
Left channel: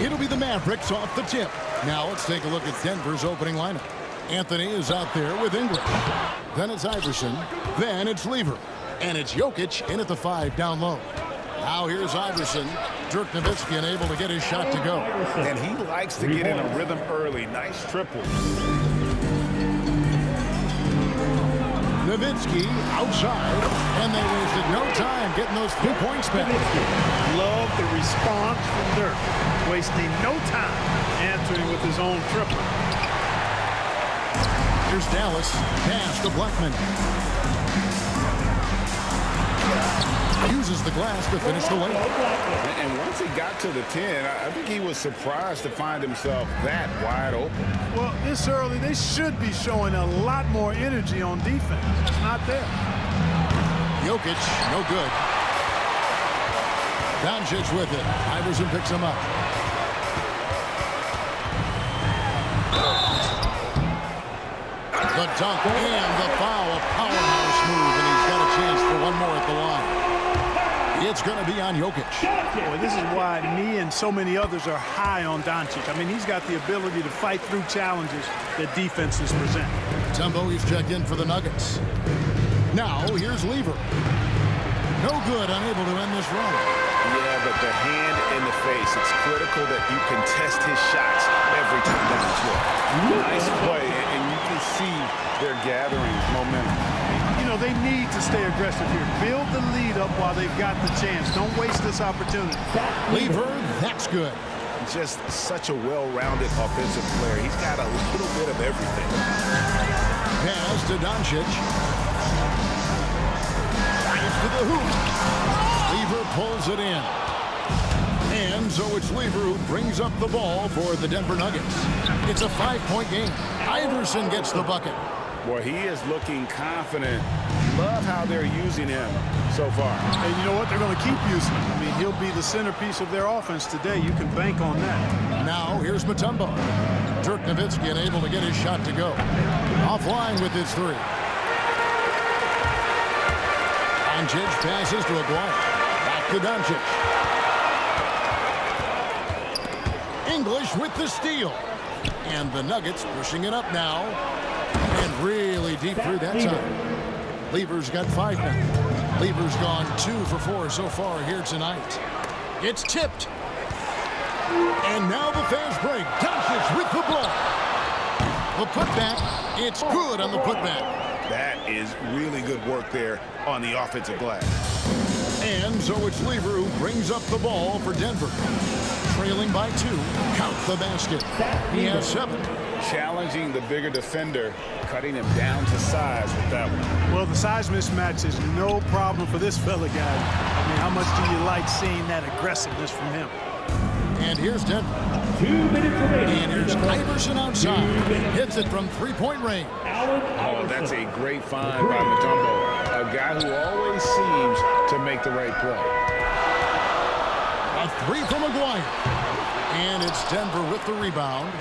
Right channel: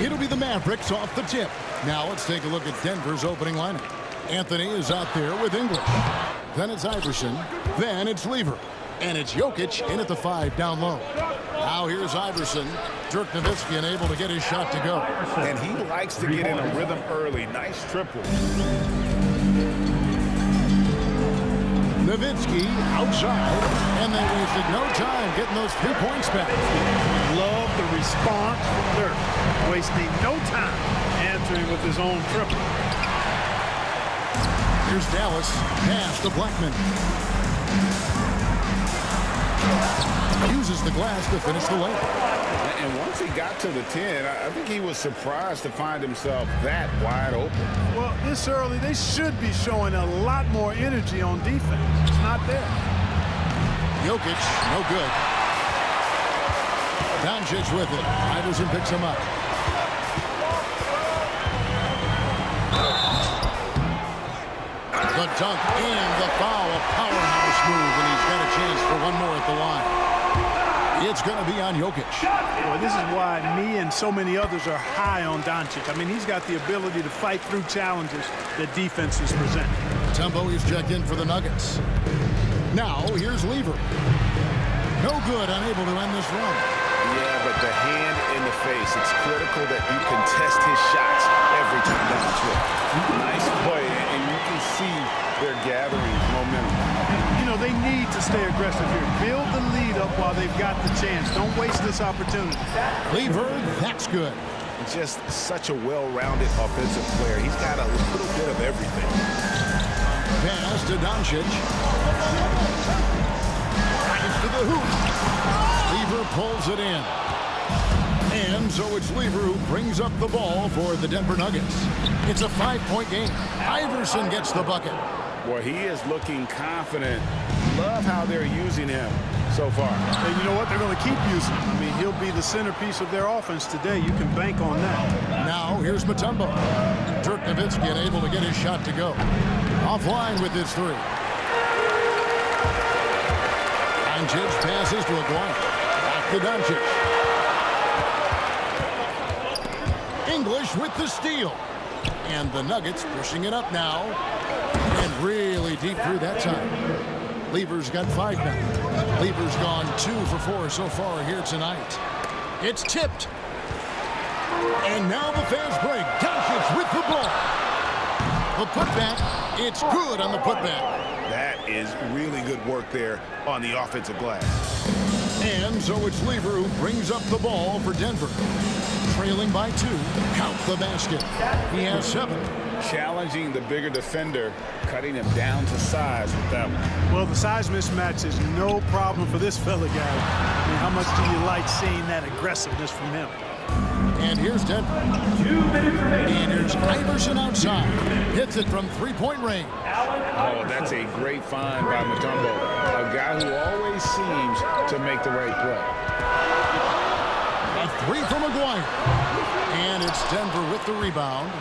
It'll be the Mavericks off the tip. Now let's take a look at Denver's opening lineup. Anthony is out there with English. Then it's Iverson. Then it's Lever. And it's Jokic in at the 5 down low. Now here's Iverson. Dirk Nowitzki unable to get his shot to go. And he likes to get in a rhythm early. Nice triple. Nowitzki outside, and they wasted no time getting those 3 points back. Love the response from Dirk. Wasting no time answering with his own triple. Here's Dallas. Pass to Blackman. Uses the glass to finish the layup. And once he got to the 10, I think he was surprised to find himself that wide open. Well, this early, they should be showing a lot more energy on defense. It's not there. Jokic, no good. Doncic with it. Iverson picks him up. The dunk and the foul. A powerhouse move, and he's got a chance for one more at the line. It's going to be on Jokic. Boy, this is why me and so many others are high on Doncic. I mean, he's got the ability to fight through challenges that defenses present. Mutombo, he's checked in for the Nuggets. Now, here's Lever. No good, unable to end this run. Yeah, but the hand in the face, it's critical that you contest his shots every time down the floor. Nice play, and you can see they're gathering momentum. You know, they need to stay aggressive here. Build the lead up while they've got the chance. Don't waste this opportunity. Lever, that's good. Just such a well-rounded offensive player. He's got a little bit of everything. Pass to Doncic. Drives to the hoop. Lever pulls it in. And so it's Lever who brings up the ball for the Denver Nuggets. It's a 5-point game. Iverson gets the bucket. Boy, he is looking confident. Love how they're using him so far. And you know what? They're going to keep using him. I mean, he'll be the centerpiece of their offense today. You can bank on that. Now here's Mutombo. Dirk Nowitzki unable to get his shot to go. Offline with his 3. Doncic passes to Aguirre. Back to Doncic. English with the steal. And the Nuggets pushing it up now. And really deep through that time. Lever's got 5 now. Lever's gone 2 for 4 so far here tonight. It's tipped. And now the fast break. Doncic with the ball. The putback. It's good on the putback. That is really good work there on the offensive glass. And so it's Lever who brings up the ball for Denver. Trailing by 2. Count the basket. He has 7. Challenging the bigger defender, cutting him down to size with that one. Well, the size mismatch is no problem for this fella, guy. I mean, how much do you like seeing that aggressiveness from him? And here's Denver. 2 minutes remaining. And here's Iverson outside. Hits it from 3-point range. Oh, that's a great find by Mutombo. A guy who always seems to make the right play. A 3 from Aguirre. And it's Denver with the rebound.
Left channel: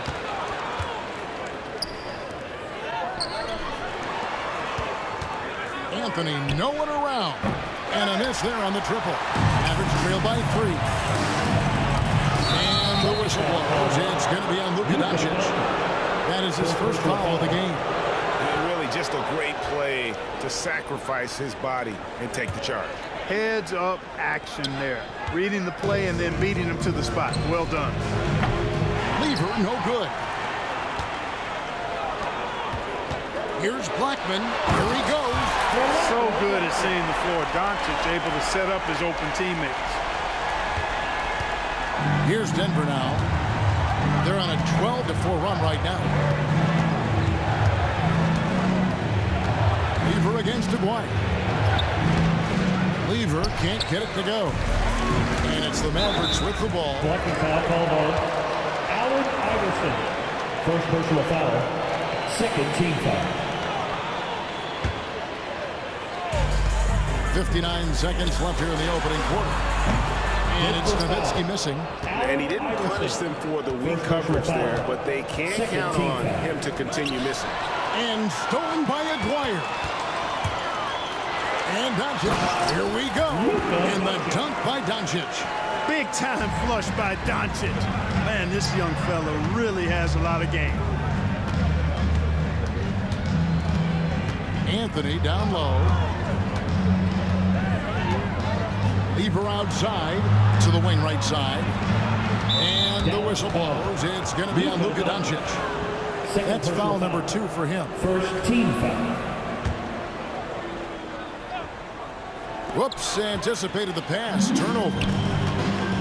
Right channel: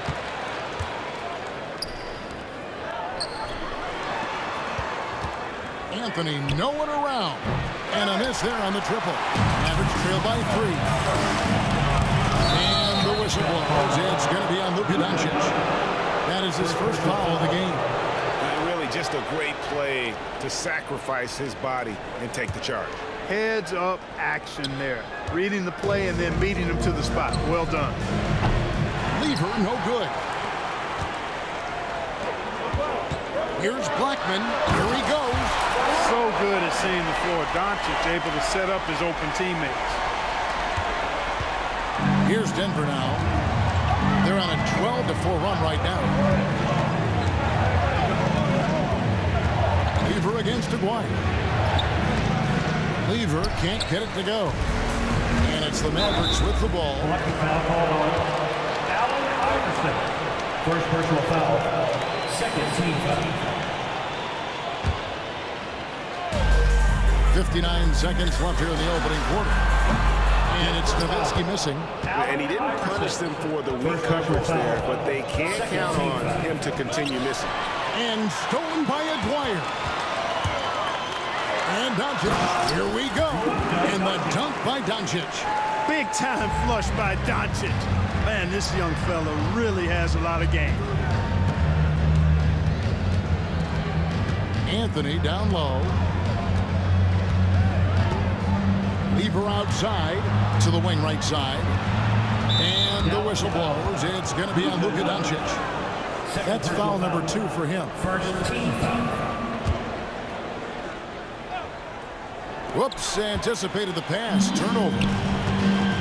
Anthony no one around. And a miss there on the triple. Mavericks trail by 3. And the whistle blows. It's going to be on Luka Doncic. That is his first foul of the game. And really just a great play to sacrifice his body and take the charge. Heads up action there. Reading the play and then beating him to the spot. Well done. Lever no good. Here's Blackman. Here he goes. So good at seeing the floor. Doncic able to set up his open teammates. Here's Denver now. They're on a 12-4 run right now. Lever against Aguirre. Lever can't get it to go. And it's the Mavericks with the ball. Collecting foul called on Allen Iverson. First personal foul. Second team foul. 59 seconds left here in the opening quarter. And it's Nowitzki missing. And he didn't punish them for the weak coverage there, but they can count on him to continue missing. And stolen by Aguirre. And Doncic. Here we go. And the dunk by Doncic. Big time flush by Doncic. Man, this young fella really has a lot of game. Anthony down low. Lever outside to the wing right side. And the whistle blows. It's going to be on Luka Doncic. That's foul number 2 for him. First team foul. Whoops, anticipated the pass. Turnover.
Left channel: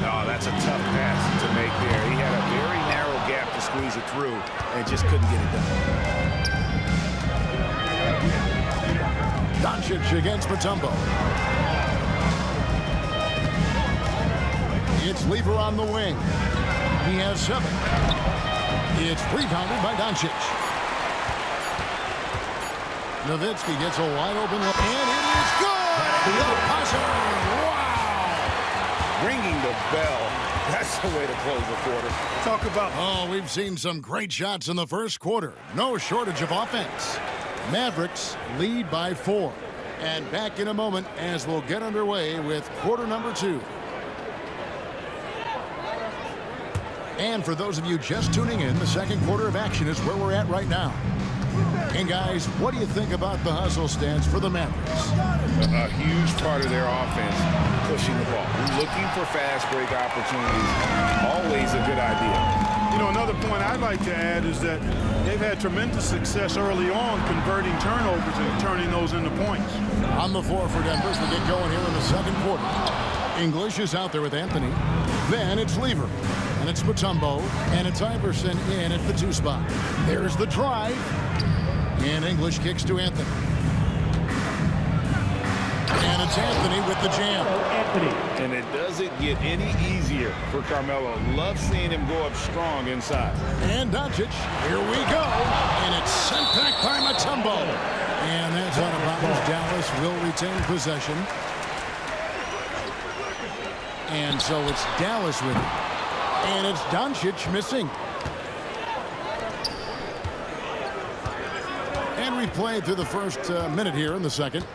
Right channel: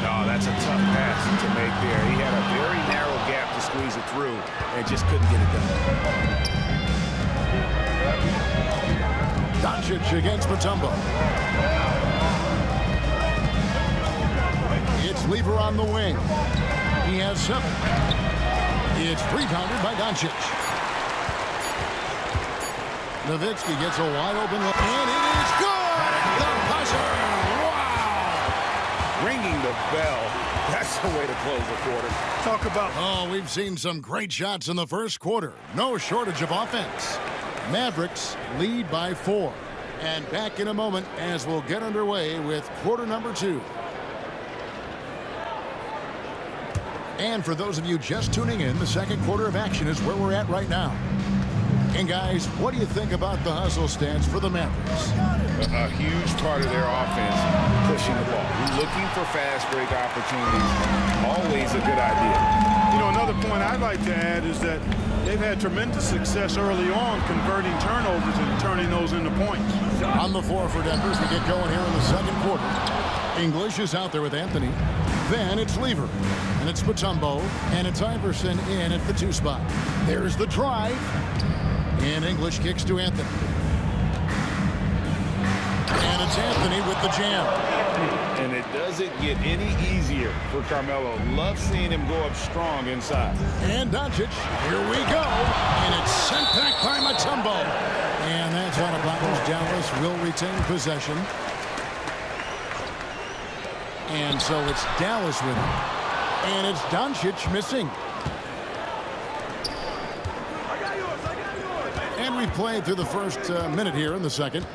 No, that's a tough pass to make there. He had a very narrow gap to squeeze it through and just couldn't get it done. Doncic against Mutombo. It's Lever on the wing. He has 7. It's rebounded by Doncic. Nowitzki gets a wide open look, and it is good! The buzzer! Wow! Ringing the bell. That's the way to close the quarter. Talk about... Oh, we've seen some great shots in the first quarter. No shortage of offense. Mavericks lead by 4. And back in a moment as we'll get underway with quarter number 2. And for those of you just tuning in, the second quarter of action is where we're at right now. And guys, what do you think about the hustle stance for the Mavericks? A huge part of their offense, pushing the ball. Looking for fast break opportunities, always a good idea. You know, another point I'd like to add is that they've had tremendous success early on converting turnovers and turning those into points. On the floor for Denver as we get going here in the second quarter. English is out there with Anthony. Then it's Lever. And it's Mutombo. And it's Iverson in at the 2 spot. There's the drive. And English kicks to Anthony. And it's Anthony with the jam. And it doesn't get any easier for Carmelo. Love seeing him go up strong inside. And Doncic, here we go. And it's sent back by Mutombo. And that's out of bounds. Dallas will retain possession. And so it's Dallas with it. And it's Doncic missing. And we played through the first minute here in the second.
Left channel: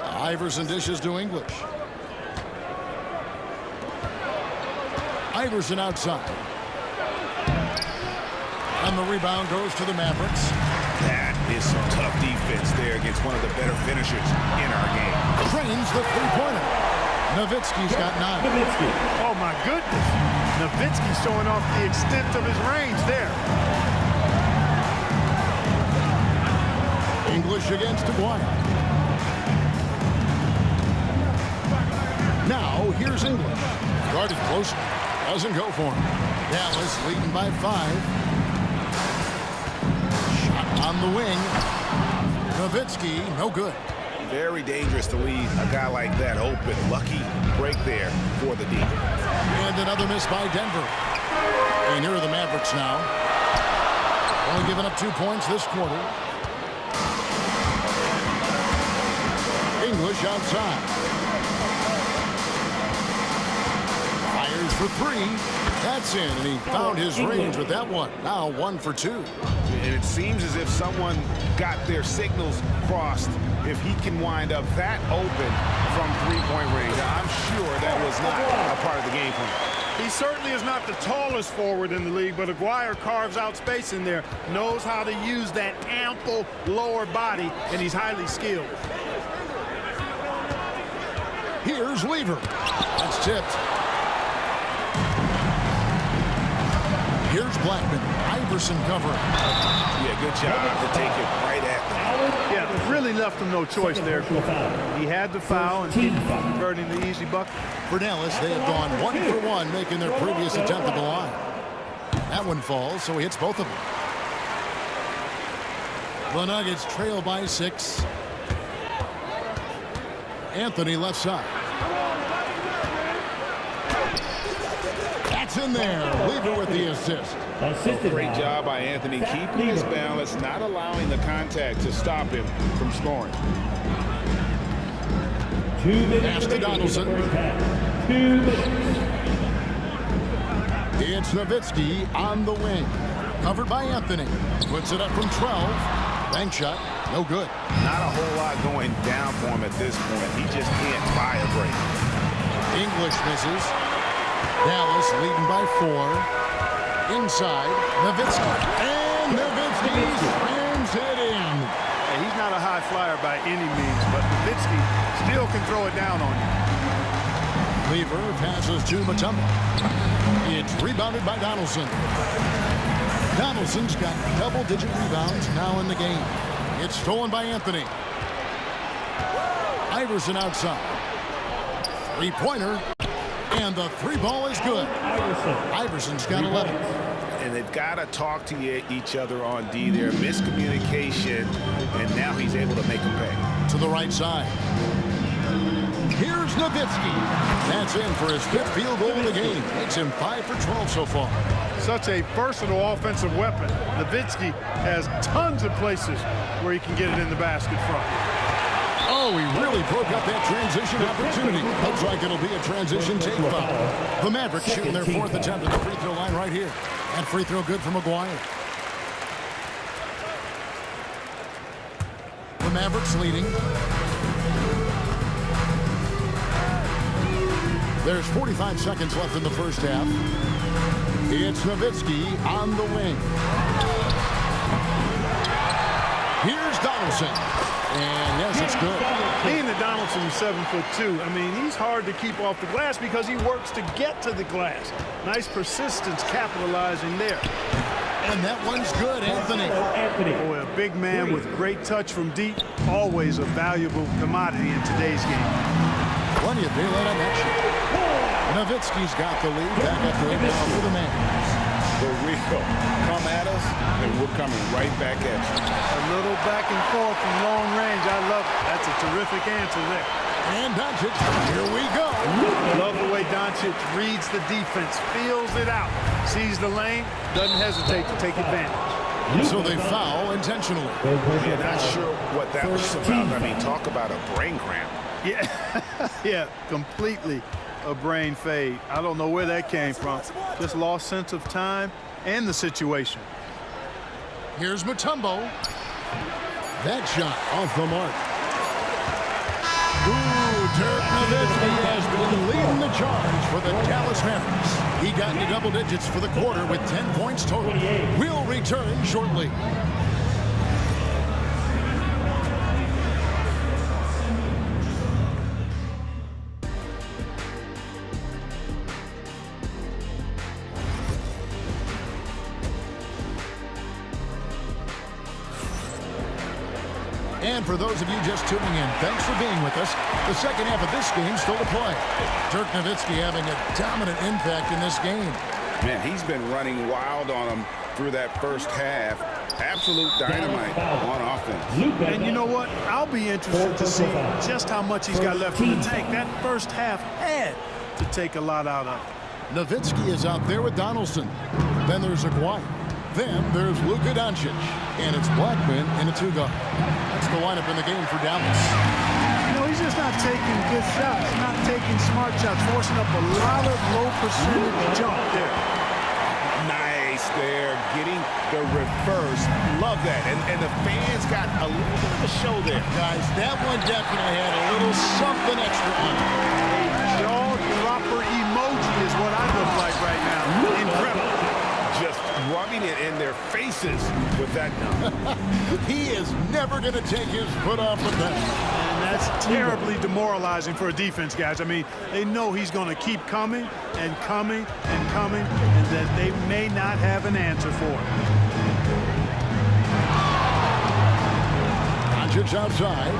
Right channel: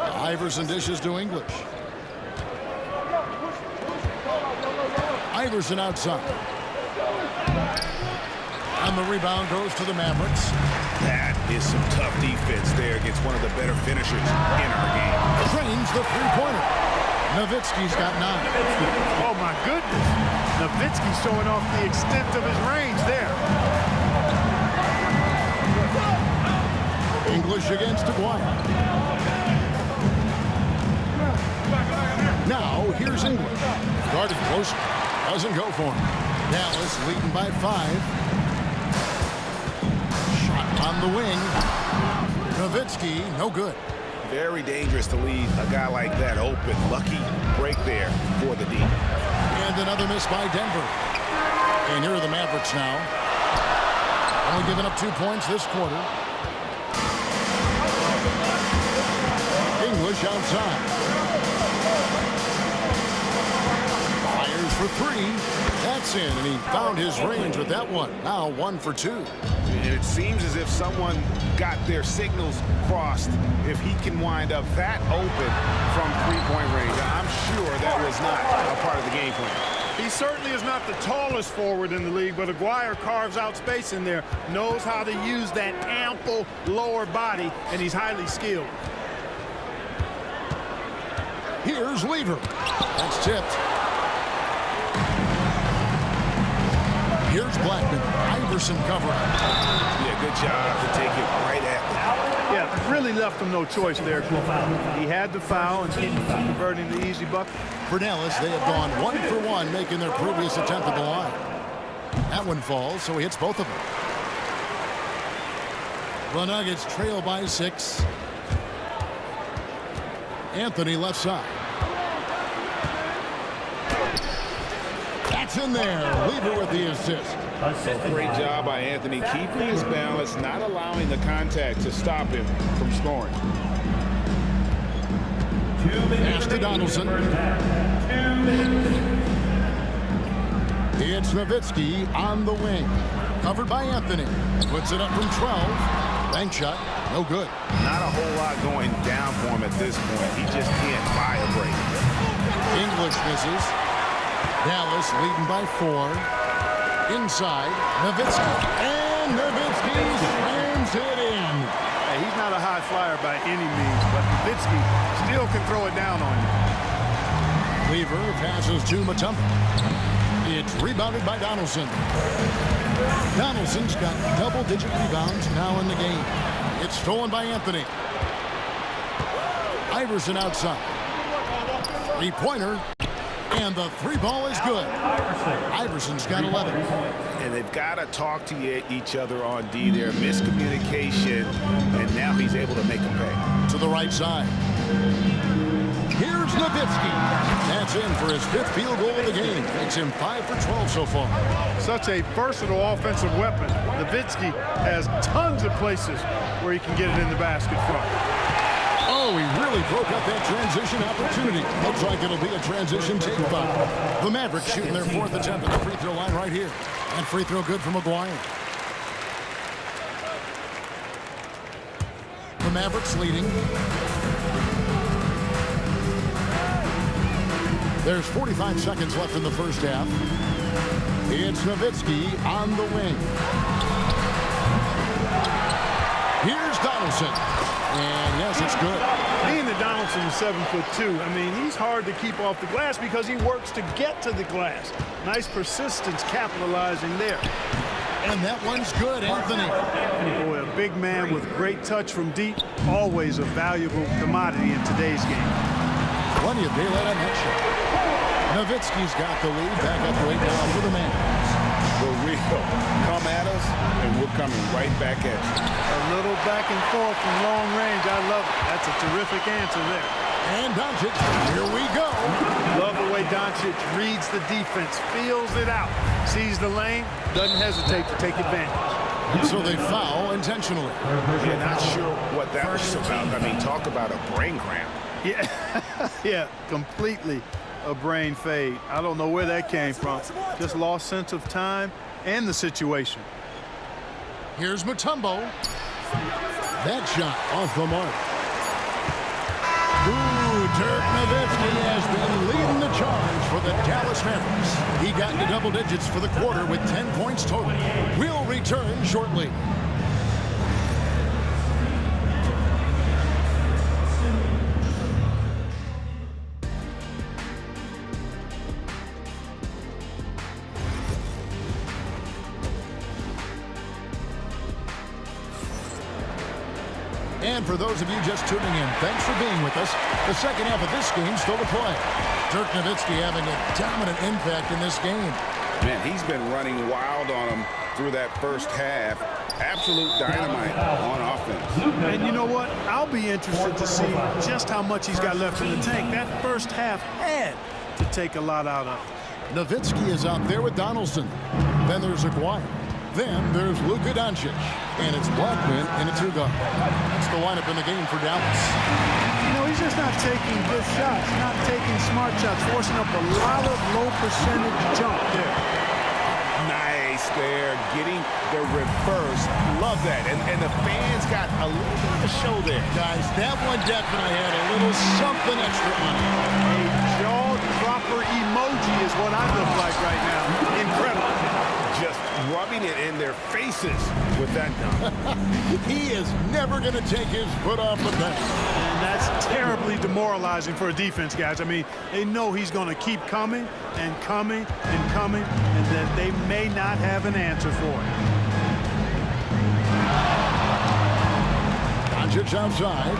Iverson dishes to English. Iverson outside. And the rebound goes to the Mavericks. That is some tough defense there against one of the better finishers in our game. Trains the three-pointer. Nowitzki's got 9. Oh, my goodness. Nowitzki showing off the extent of his range there. English against Aguirre. Now, here's English. Guarded closer. Doesn't go for him. Dallas leading by 5. Shot on the wing. Nowitzki, no good. Very dangerous to leave a guy like that open. Lucky break there for the D. And another miss by Denver. And here are the Mavericks now. Only giving up 2 points this quarter. English outside. Fires for 3. That's in, and he found his range with that one. Now 1 for 2. And it seems as if someone got their signals crossed. If he can wind up that open from three-point range, I'm sure that was not a part of the game plan. He certainly is not the tallest forward in the league, but Aguirre carves out space in there, knows how to use that ample lower body, and he's highly skilled. Here's Lever. That's tipped. Here's Blackman. Iverson covering. Yeah, good job to take it right at them. Yeah, really left him no choice there. He had the foul and keep converting the easy bucket. For Dallas, they have gone 1 for 1, making their previous attempt at the line. That one falls, so he hits both of them. The Nuggets trail by 6. Anthony left side. That's in there. Lever with the assist. Great job by Anthony keeping his balance, not allowing the contact to stop him from scoring. Pass to Donaldson. It's Nowitzki on the wing. Covered by Anthony. Puts it up from 12. Bank shot. No good. Not a whole lot going down for him at this point. He just can't buy a break. English misses. Dallas leading by 4. Inside. Nowitzki. And Nowitzki slams it in. Hey, he's not a high flyer by any means, but Nowitzki still can throw it down on you. Lever passes to Mutombo. It's rebounded by Donaldson. Donaldson's got double-digit rebounds now in the game. It's stolen by Anthony. Iverson outside. Three-pointer. And the three ball is good. Iverson's got 11. And they've got to talk to each other on D there. Miscommunication, and now he's able to make them pay. To the right side. Here's Nowitzki. That's in for his 5th field goal of the game. Makes him 5 for 12 so far. Such a versatile offensive weapon. Nowitzki has tons of places where he can get it in the basket from. Oh, he really broke up that transition opportunity. Looks like it'll be a transition take foul. The Mavericks shooting their 4th attempt at the free throw line right here. And free throw good for McGuire. The Mavericks leading. There's 45 seconds left in the first half. It's Nowitzki on the wing. Here's Donaldson. And yes, it's good. Being that Donaldson is 7'2", I mean, he's hard to keep off the glass because he works to get to the glass. Nice persistence capitalizing there. And that one's good, Anthony. Boy, a big man with great touch from deep, always a valuable commodity in today's game. Plenty of daylight on that shot. Nowitzki's got the lead. Back up to 8 now for the Mavericks. The real come at us, and we're coming right back at you. A little back and forth from long range. I love it. That's a terrific answer there. And Doncic, here we go. Love the way Doncic reads the defense, feels it out, sees the lane, doesn't hesitate to take advantage. So they foul intentionally. Yeah, not sure what that was about. I mean, talk about a brain cramp. Yeah, yeah, completely a brain fade. I don't know where that came from. Just lost sense of time and the situation. Here's Mutombo. That shot off the mark. Ooh, Dirk Nowitzki has been leading the charge for the Dallas Mavericks. He got into double digits for the quarter with 10 points total. We'll return shortly. And for those of you just tuning in, thanks for being with us. The second half of this game still to play. Dirk Nowitzki having a dominant impact in this game. Man, he's been running wild on him through that first half. Absolute dynamite on offense. And you know what? I'll be interested to see just how much he's got left in the tank. That first half had to take a lot out of it. Nowitzki is out there with Donaldson. Then there's Aguirre. Then there's Luka Doncic. And it's Blackman in a 2-guard. That's the lineup in the game for Dallas. You know, he's just not taking good shots, not taking smart shots, forcing up a lot of low percentage jump there. Nice there, getting the reverse. Love that. And the fans got a little bit of a show there. Guys, that one definitely had a little something extra on it. A jaw-dropper emoji is what I look like right now. Incredible. Just rubbing it in their faces with that dunk. He is never going to take his foot off the pedal. And that's terribly demoralizing for a defense, guys. I mean, they know he's going to keep coming and coming and coming, and that they may not have an answer for it. Doncic outside.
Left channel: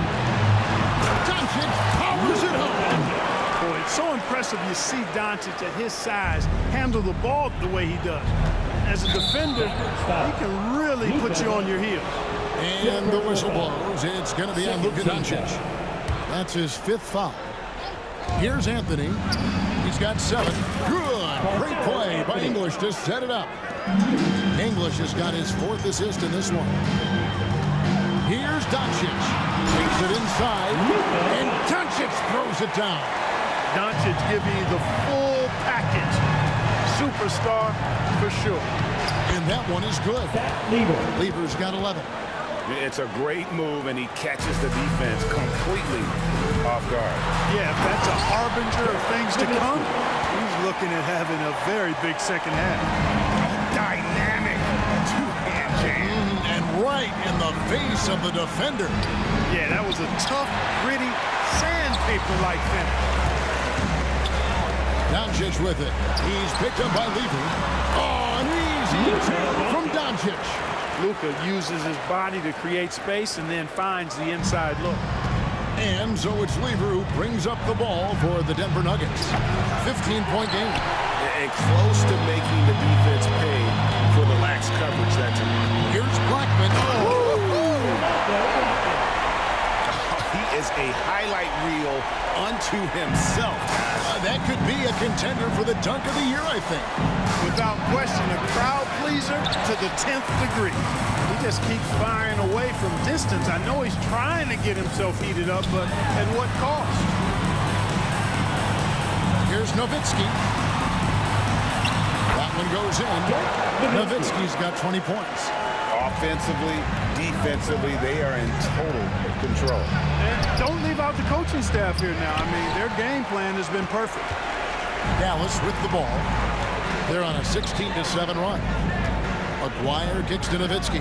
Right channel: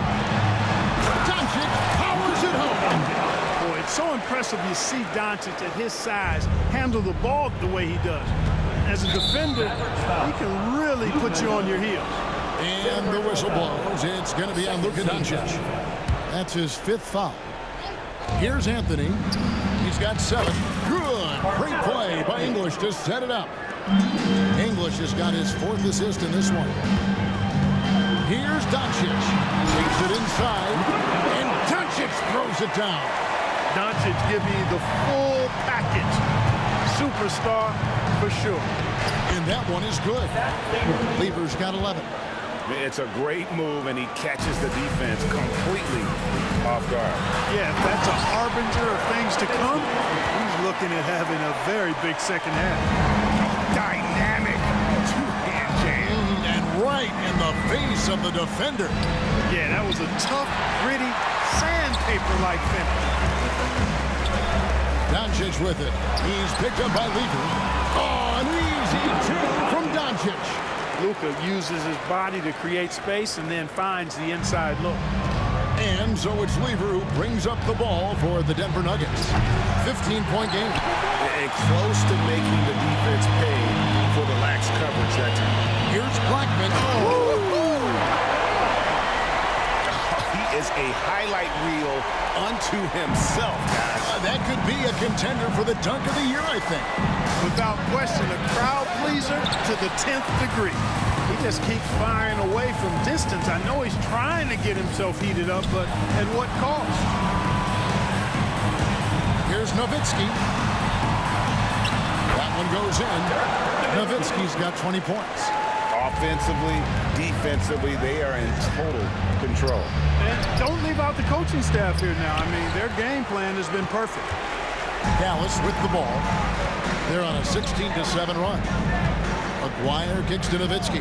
Doncic powers it home. Boy, it's so impressive you see Doncic at his size handle the ball the way he does. As a defender, he can really put you on your heels. And the whistle blows. It's going to be on Luka Doncic. That's his 5th foul. Here's Anthony. He's got 7. Good. Great play by English to set it up. English has got his 4th assist in this one. Here's Doncic. Takes it inside. And Doncic throws it down. Doncic give you the full package. Superstar for sure. And that one is good. Lever's got 11. It's a great move, and he catches the defense completely off guard. Yeah, if that's a harbinger of things to come, he's looking at having a very big second half. Dynamic two-hand jam. And right in the face of the defender. Yeah, that was a tough, gritty, sandpaper-like finish. Doncic with it. He's picked up by Lever. Oh, an easy 2 from Doncic. Luka uses his body to create space and then finds the inside look. And so it's Lever who brings up the ball for the Denver Nuggets. 15-point game. And close to making the defense pay for the lax coverage that time. Here's Blackman. He is a highlight reel unto himself, guys. That could be a contender for the dunk of the year, I think. Without question, a crowd pleaser to the 10th degree. He just keeps firing away from distance. I know he's trying to get himself heated up, but at what cost? Here's Nowitzki. That one goes in. Nowitzki's got 20 points. Offensively, defensively, they are in total control. And don't leave out the coaching staff here now. I mean, their game plan has been perfect. Dallas with the ball. They're on a 16-7 run. Aguirre kicks to Nowitzki.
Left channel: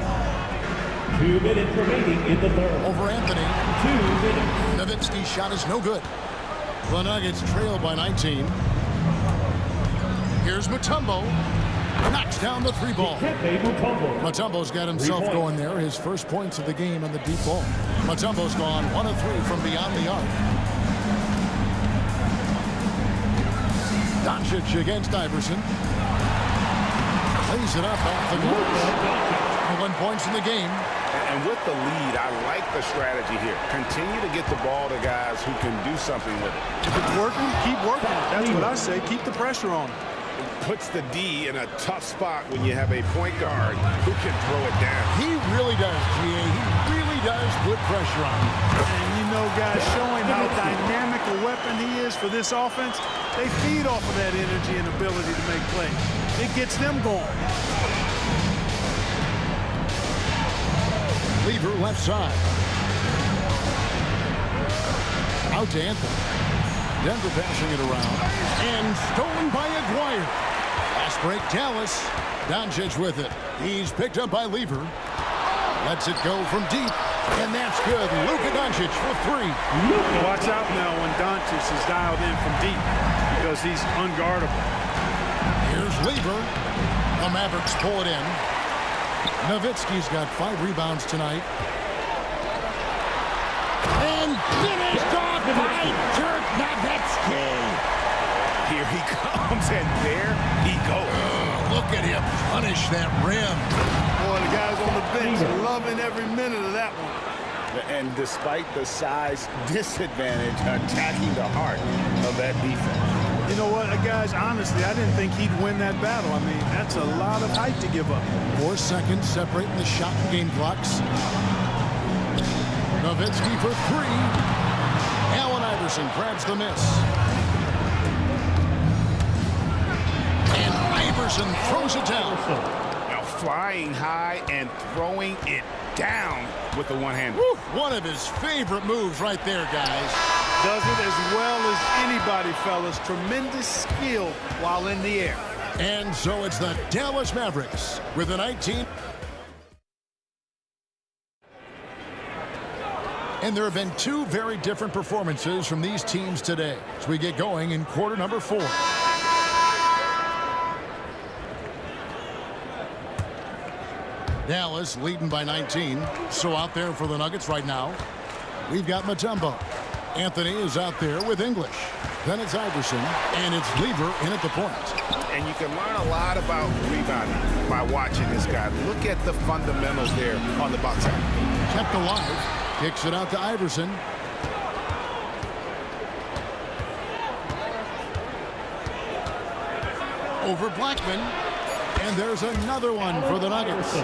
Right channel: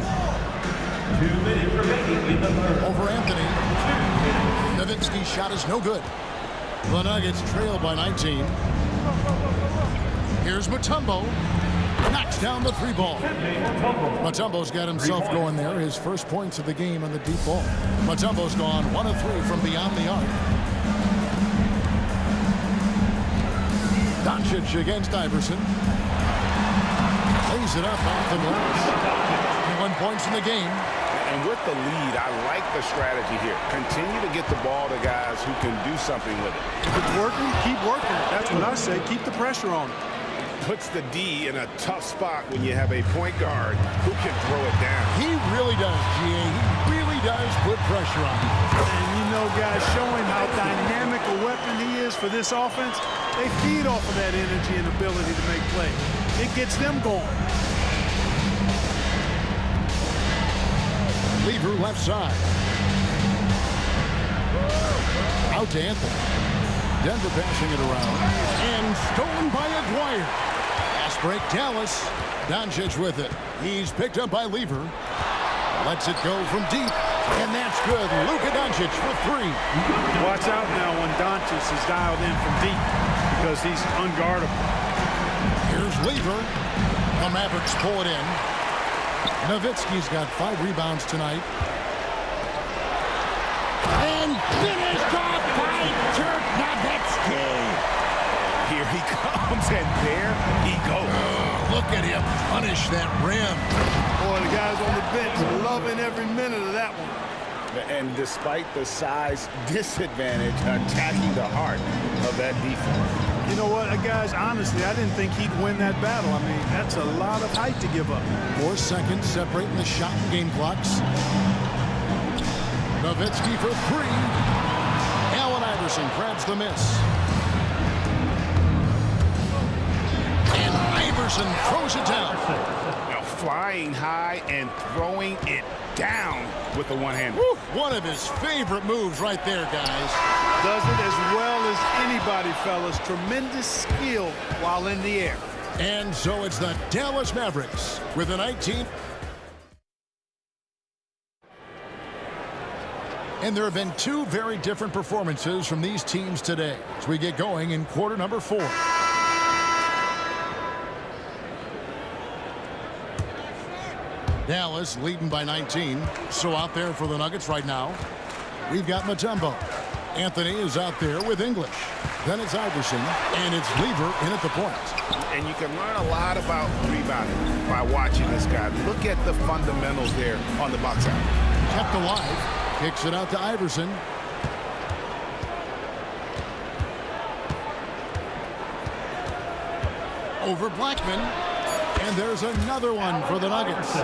2 minutes remaining in the third. Over Anthony. 2 minutes. Nowitzki's shot is no good. The Nuggets trail by 19. Here's Mutombo. Knocks down the 3 ball. Mutombo's got himself going there. His first points of the game on the deep ball. Mutombo's gone 1 of 3 from beyond the arc. Doncic against Iverson. Plays it up off the glass. 21 points in the game. And with the lead, I like the strategy here. Continue to get the ball to guys who can do something with it. If it's working, keep working it. That's what I say. Keep the pressure on him. It puts the D in a tough spot when you have a point guard who can throw it down. He really does, GA. He really does put pressure on him. And you know, guys, showing how dynamic a weapon he is for this offense, they feed off of that energy and ability to make plays. It gets them going. Lever left side. Out to Anthony. Denver passing it around. And stolen by Aguirre. Pass break Dallas. Doncic with it. He's picked up by Lever. Lets it go from deep. And that's good. Luka Doncic for 3. Watch out now when Doncic is dialed in from deep because he's unguardable. Here's Lever. The Mavericks pull it in. Nowitzki's got 5 rebounds tonight. And finished off by Dirk Nowitzki. Here he comes, and there he goes. Oh, look at him punish that rim. Boy, the guys on the bench loving every minute of that one. And despite the size disadvantage, attacking the heart of that defense. You know what, guys, honestly, I didn't think he'd win that battle. I mean, that's a lot of height to give up. 4 seconds separating the shot and game clocks. Nowitzki for 3. Allen Iverson grabs the miss. And Iverson throws it down. Now flying high and throwing it down with the one-hand. One of his favorite moves right there, guys. Does it as well as anybody, fellas. Tremendous skill while in the air. And so it's the Dallas Mavericks with a 19. And there have been 2 very different performances from these teams today as we get going in quarter number 4. Dallas leading by 19. So out there for the Nuggets right now, we've got Mutombo. Anthony is out there with English. Then it's Iverson, and it's Lever in at the point. And you can learn a lot about rebounding by watching this guy. Look at the fundamentals there on the box out. Kept alive. Kicks it out to Iverson. over Blackman. And there's another one for the Nuggets.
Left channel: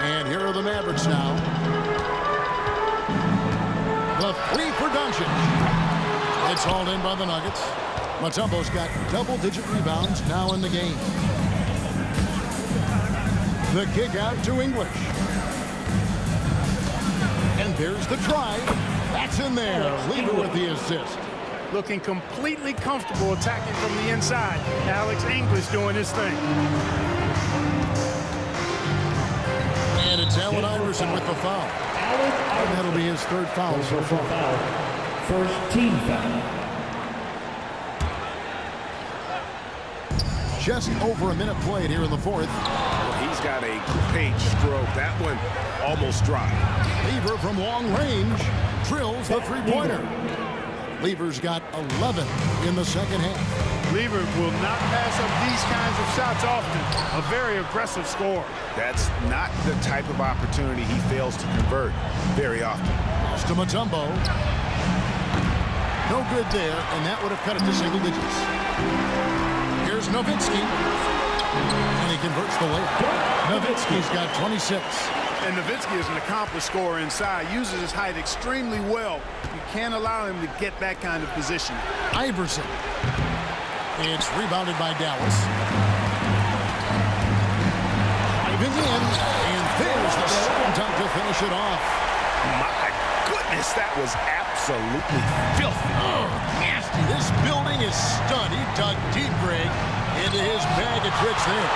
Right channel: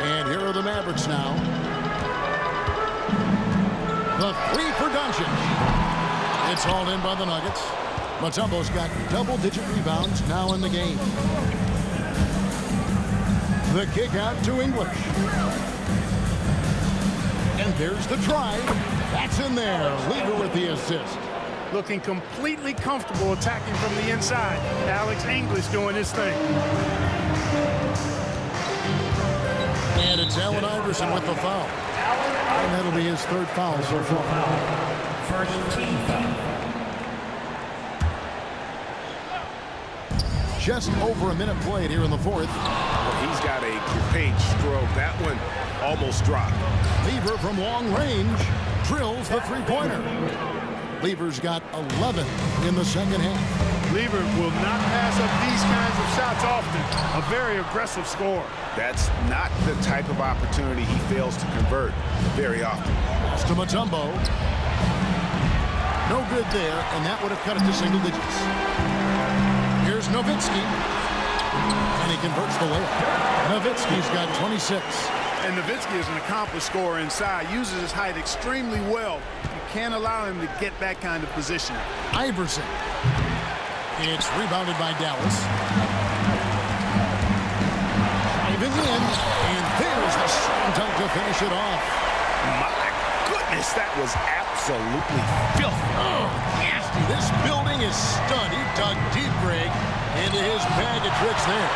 And here are the Mavericks now. The three for Doncic. It's hauled in by the Nuggets. Mutombo's got double-digit rebounds now in the game. The kick out to English. And there's the drive. That's in there. Lever with the assist. Looking completely comfortable attacking from the inside. Alex English doing his thing. And it's Allen Iverson with the foul. And that'll be his third foul so far. First team foul. Just over a minute played here in the fourth. Well, he's got a great stroke. That one almost dropped. Lever from long range drills the three-pointer. Lever's got 11 in the second half. Lever will not pass up these kinds of shots often. A very aggressive scorer. That's not the type of opportunity he fails to convert very often. Pass to Mutombo. No good there, and that would have cut it to single digits. Here's Nowitzki. And he converts the layup. Nowitzki's got 26. And Nowitzki is an accomplished scorer inside. Uses his height extremely well. You can't allow him to get that kind of position. Iverson. It's rebounded by Dallas. Driving in, and there's the slam dunk to finish it off. My goodness, that was absolutely filthy. Oh, nasty. This building is stunned. He dug deep, Greg, into his bag of tricks there.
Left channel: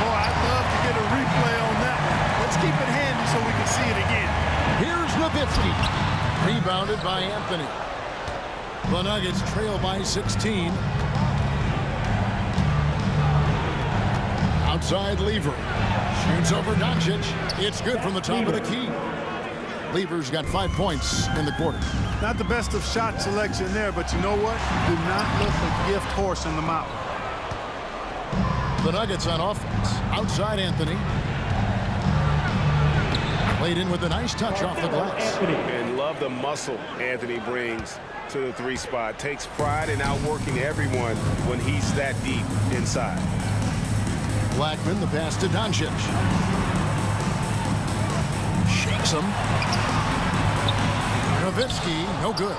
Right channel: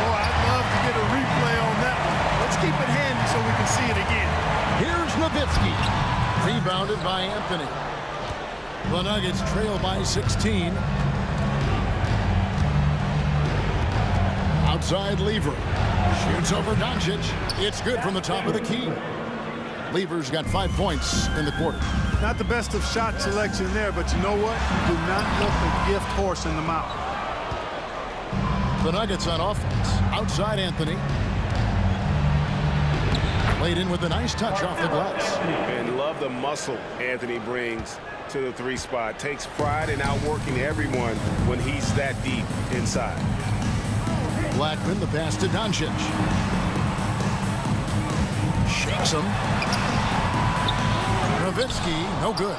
Boy, I'd love to get a replay on that one. Let's keep it handy so we can see it again. Here's Nowitzki. Rebounded by Anthony. The Nuggets trail by 16. Outside Lever. Shoots over Doncic. It's good from the top of the key. Lever's got 5 points in the quarter. Not the best of shot selection there, but you know what? Do not let the gift horse in the mouth. The Nuggets on offense. Outside Anthony. Played in with a nice touch off the glass. And love the muscle Anthony brings to the three spot. Takes pride in outworking everyone when he's that deep inside. Blackman, the pass to Doncic. Shakes him. Nowitzki, no good.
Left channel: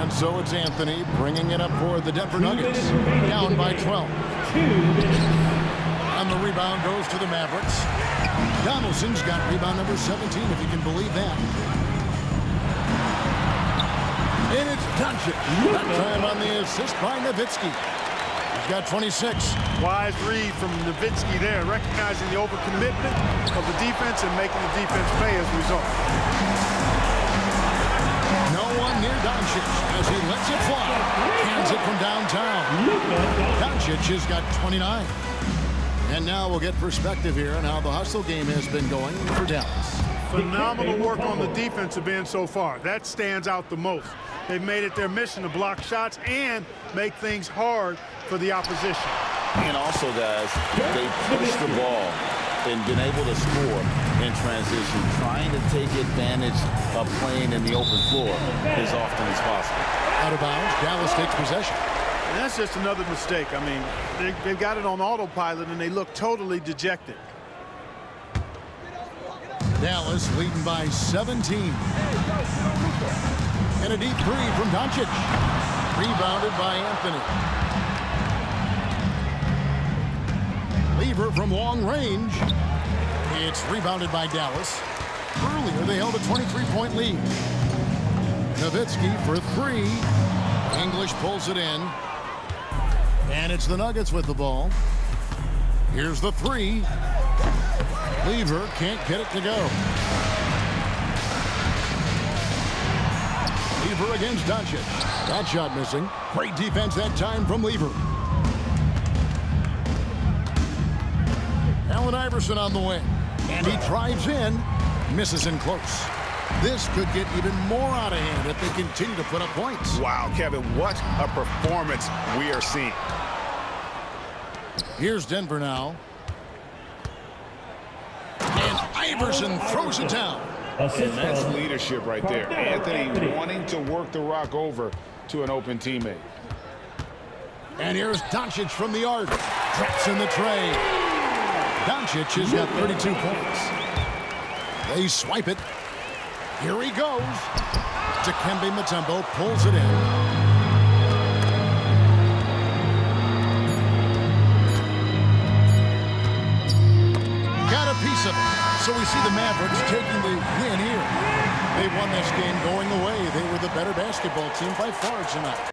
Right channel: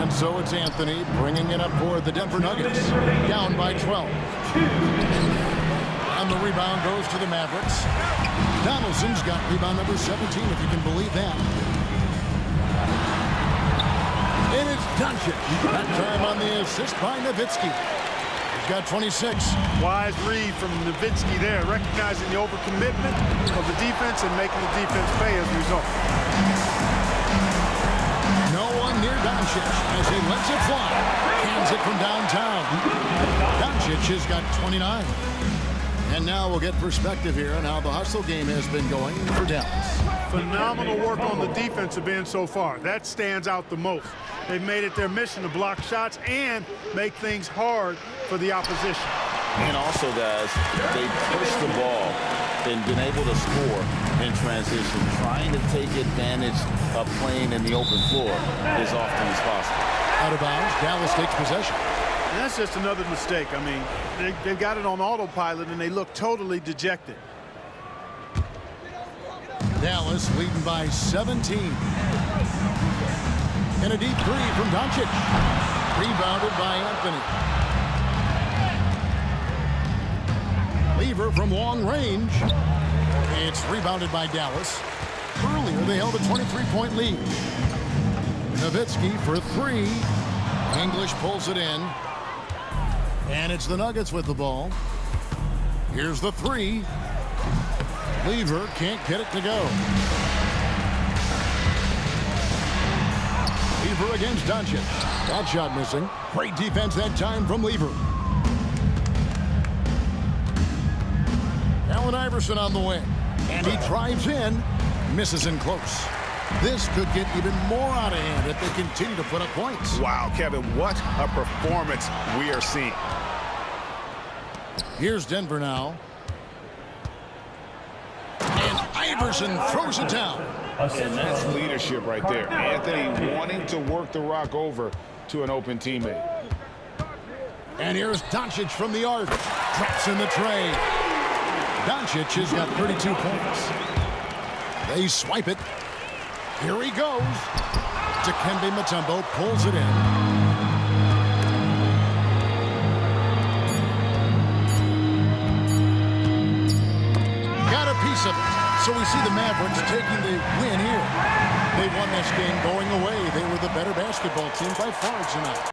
And so it's Anthony bringing it up for the Denver Nuggets. Down by 12. And the rebound goes to the Mavericks. Donaldson's got rebound number 17, if you can believe that. And it's Doncic. That time on the assist by Nowitzki. He's got 26. Wise read from Nowitzki there, recognizing the overcommitment of the defense and making the defense pay as a result. No one near Doncic as he lets it fly. Cans it from downtown. Doncic has got 29. And now we'll get perspective here on how the hustle game has been going for Dallas. Phenomenal work on the defensive end so far. That stands out the most. They've made it their mission to block shots and make things hard for the opposition. And also, guys, they pushed the ball and been able to score in transition, trying to take advantage of playing in the open floor as often as possible. Out of bounds, Dallas takes possession. And that's just another mistake. I mean, they've got it on autopilot, and they look totally dejected. Dallas leading by 17. And a deep three from Doncic. Rebounded by Anthony. Lever from long range. It's rebounded by Dallas. Earlier, they held a 23-point lead. Nowitzki for three. English pulls it in. And it's the Nuggets with the ball. Here's the three. Lever can't get it to go. Lever against Doncic. That shot missing. Great defense that time from Lever. Allen Iverson on the wing. And he drives in. Misses in close. This could get even more out of hand if they continue to put up points. Wow, Kevin, what a performance we are seeing. Here's Denver now. And Iverson throws it down. And that's leadership right there. Anthony wanting to work the rock over to an open teammate. And here's Doncic from the arc. Drops in the tray. Doncic has got 32 points. They swipe it. Here he goes. Dikembe Mutombo pulls it in. Got a piece of it. So we see the Mavericks taking the win here. They won this game going away. They were the better basketball team by far tonight.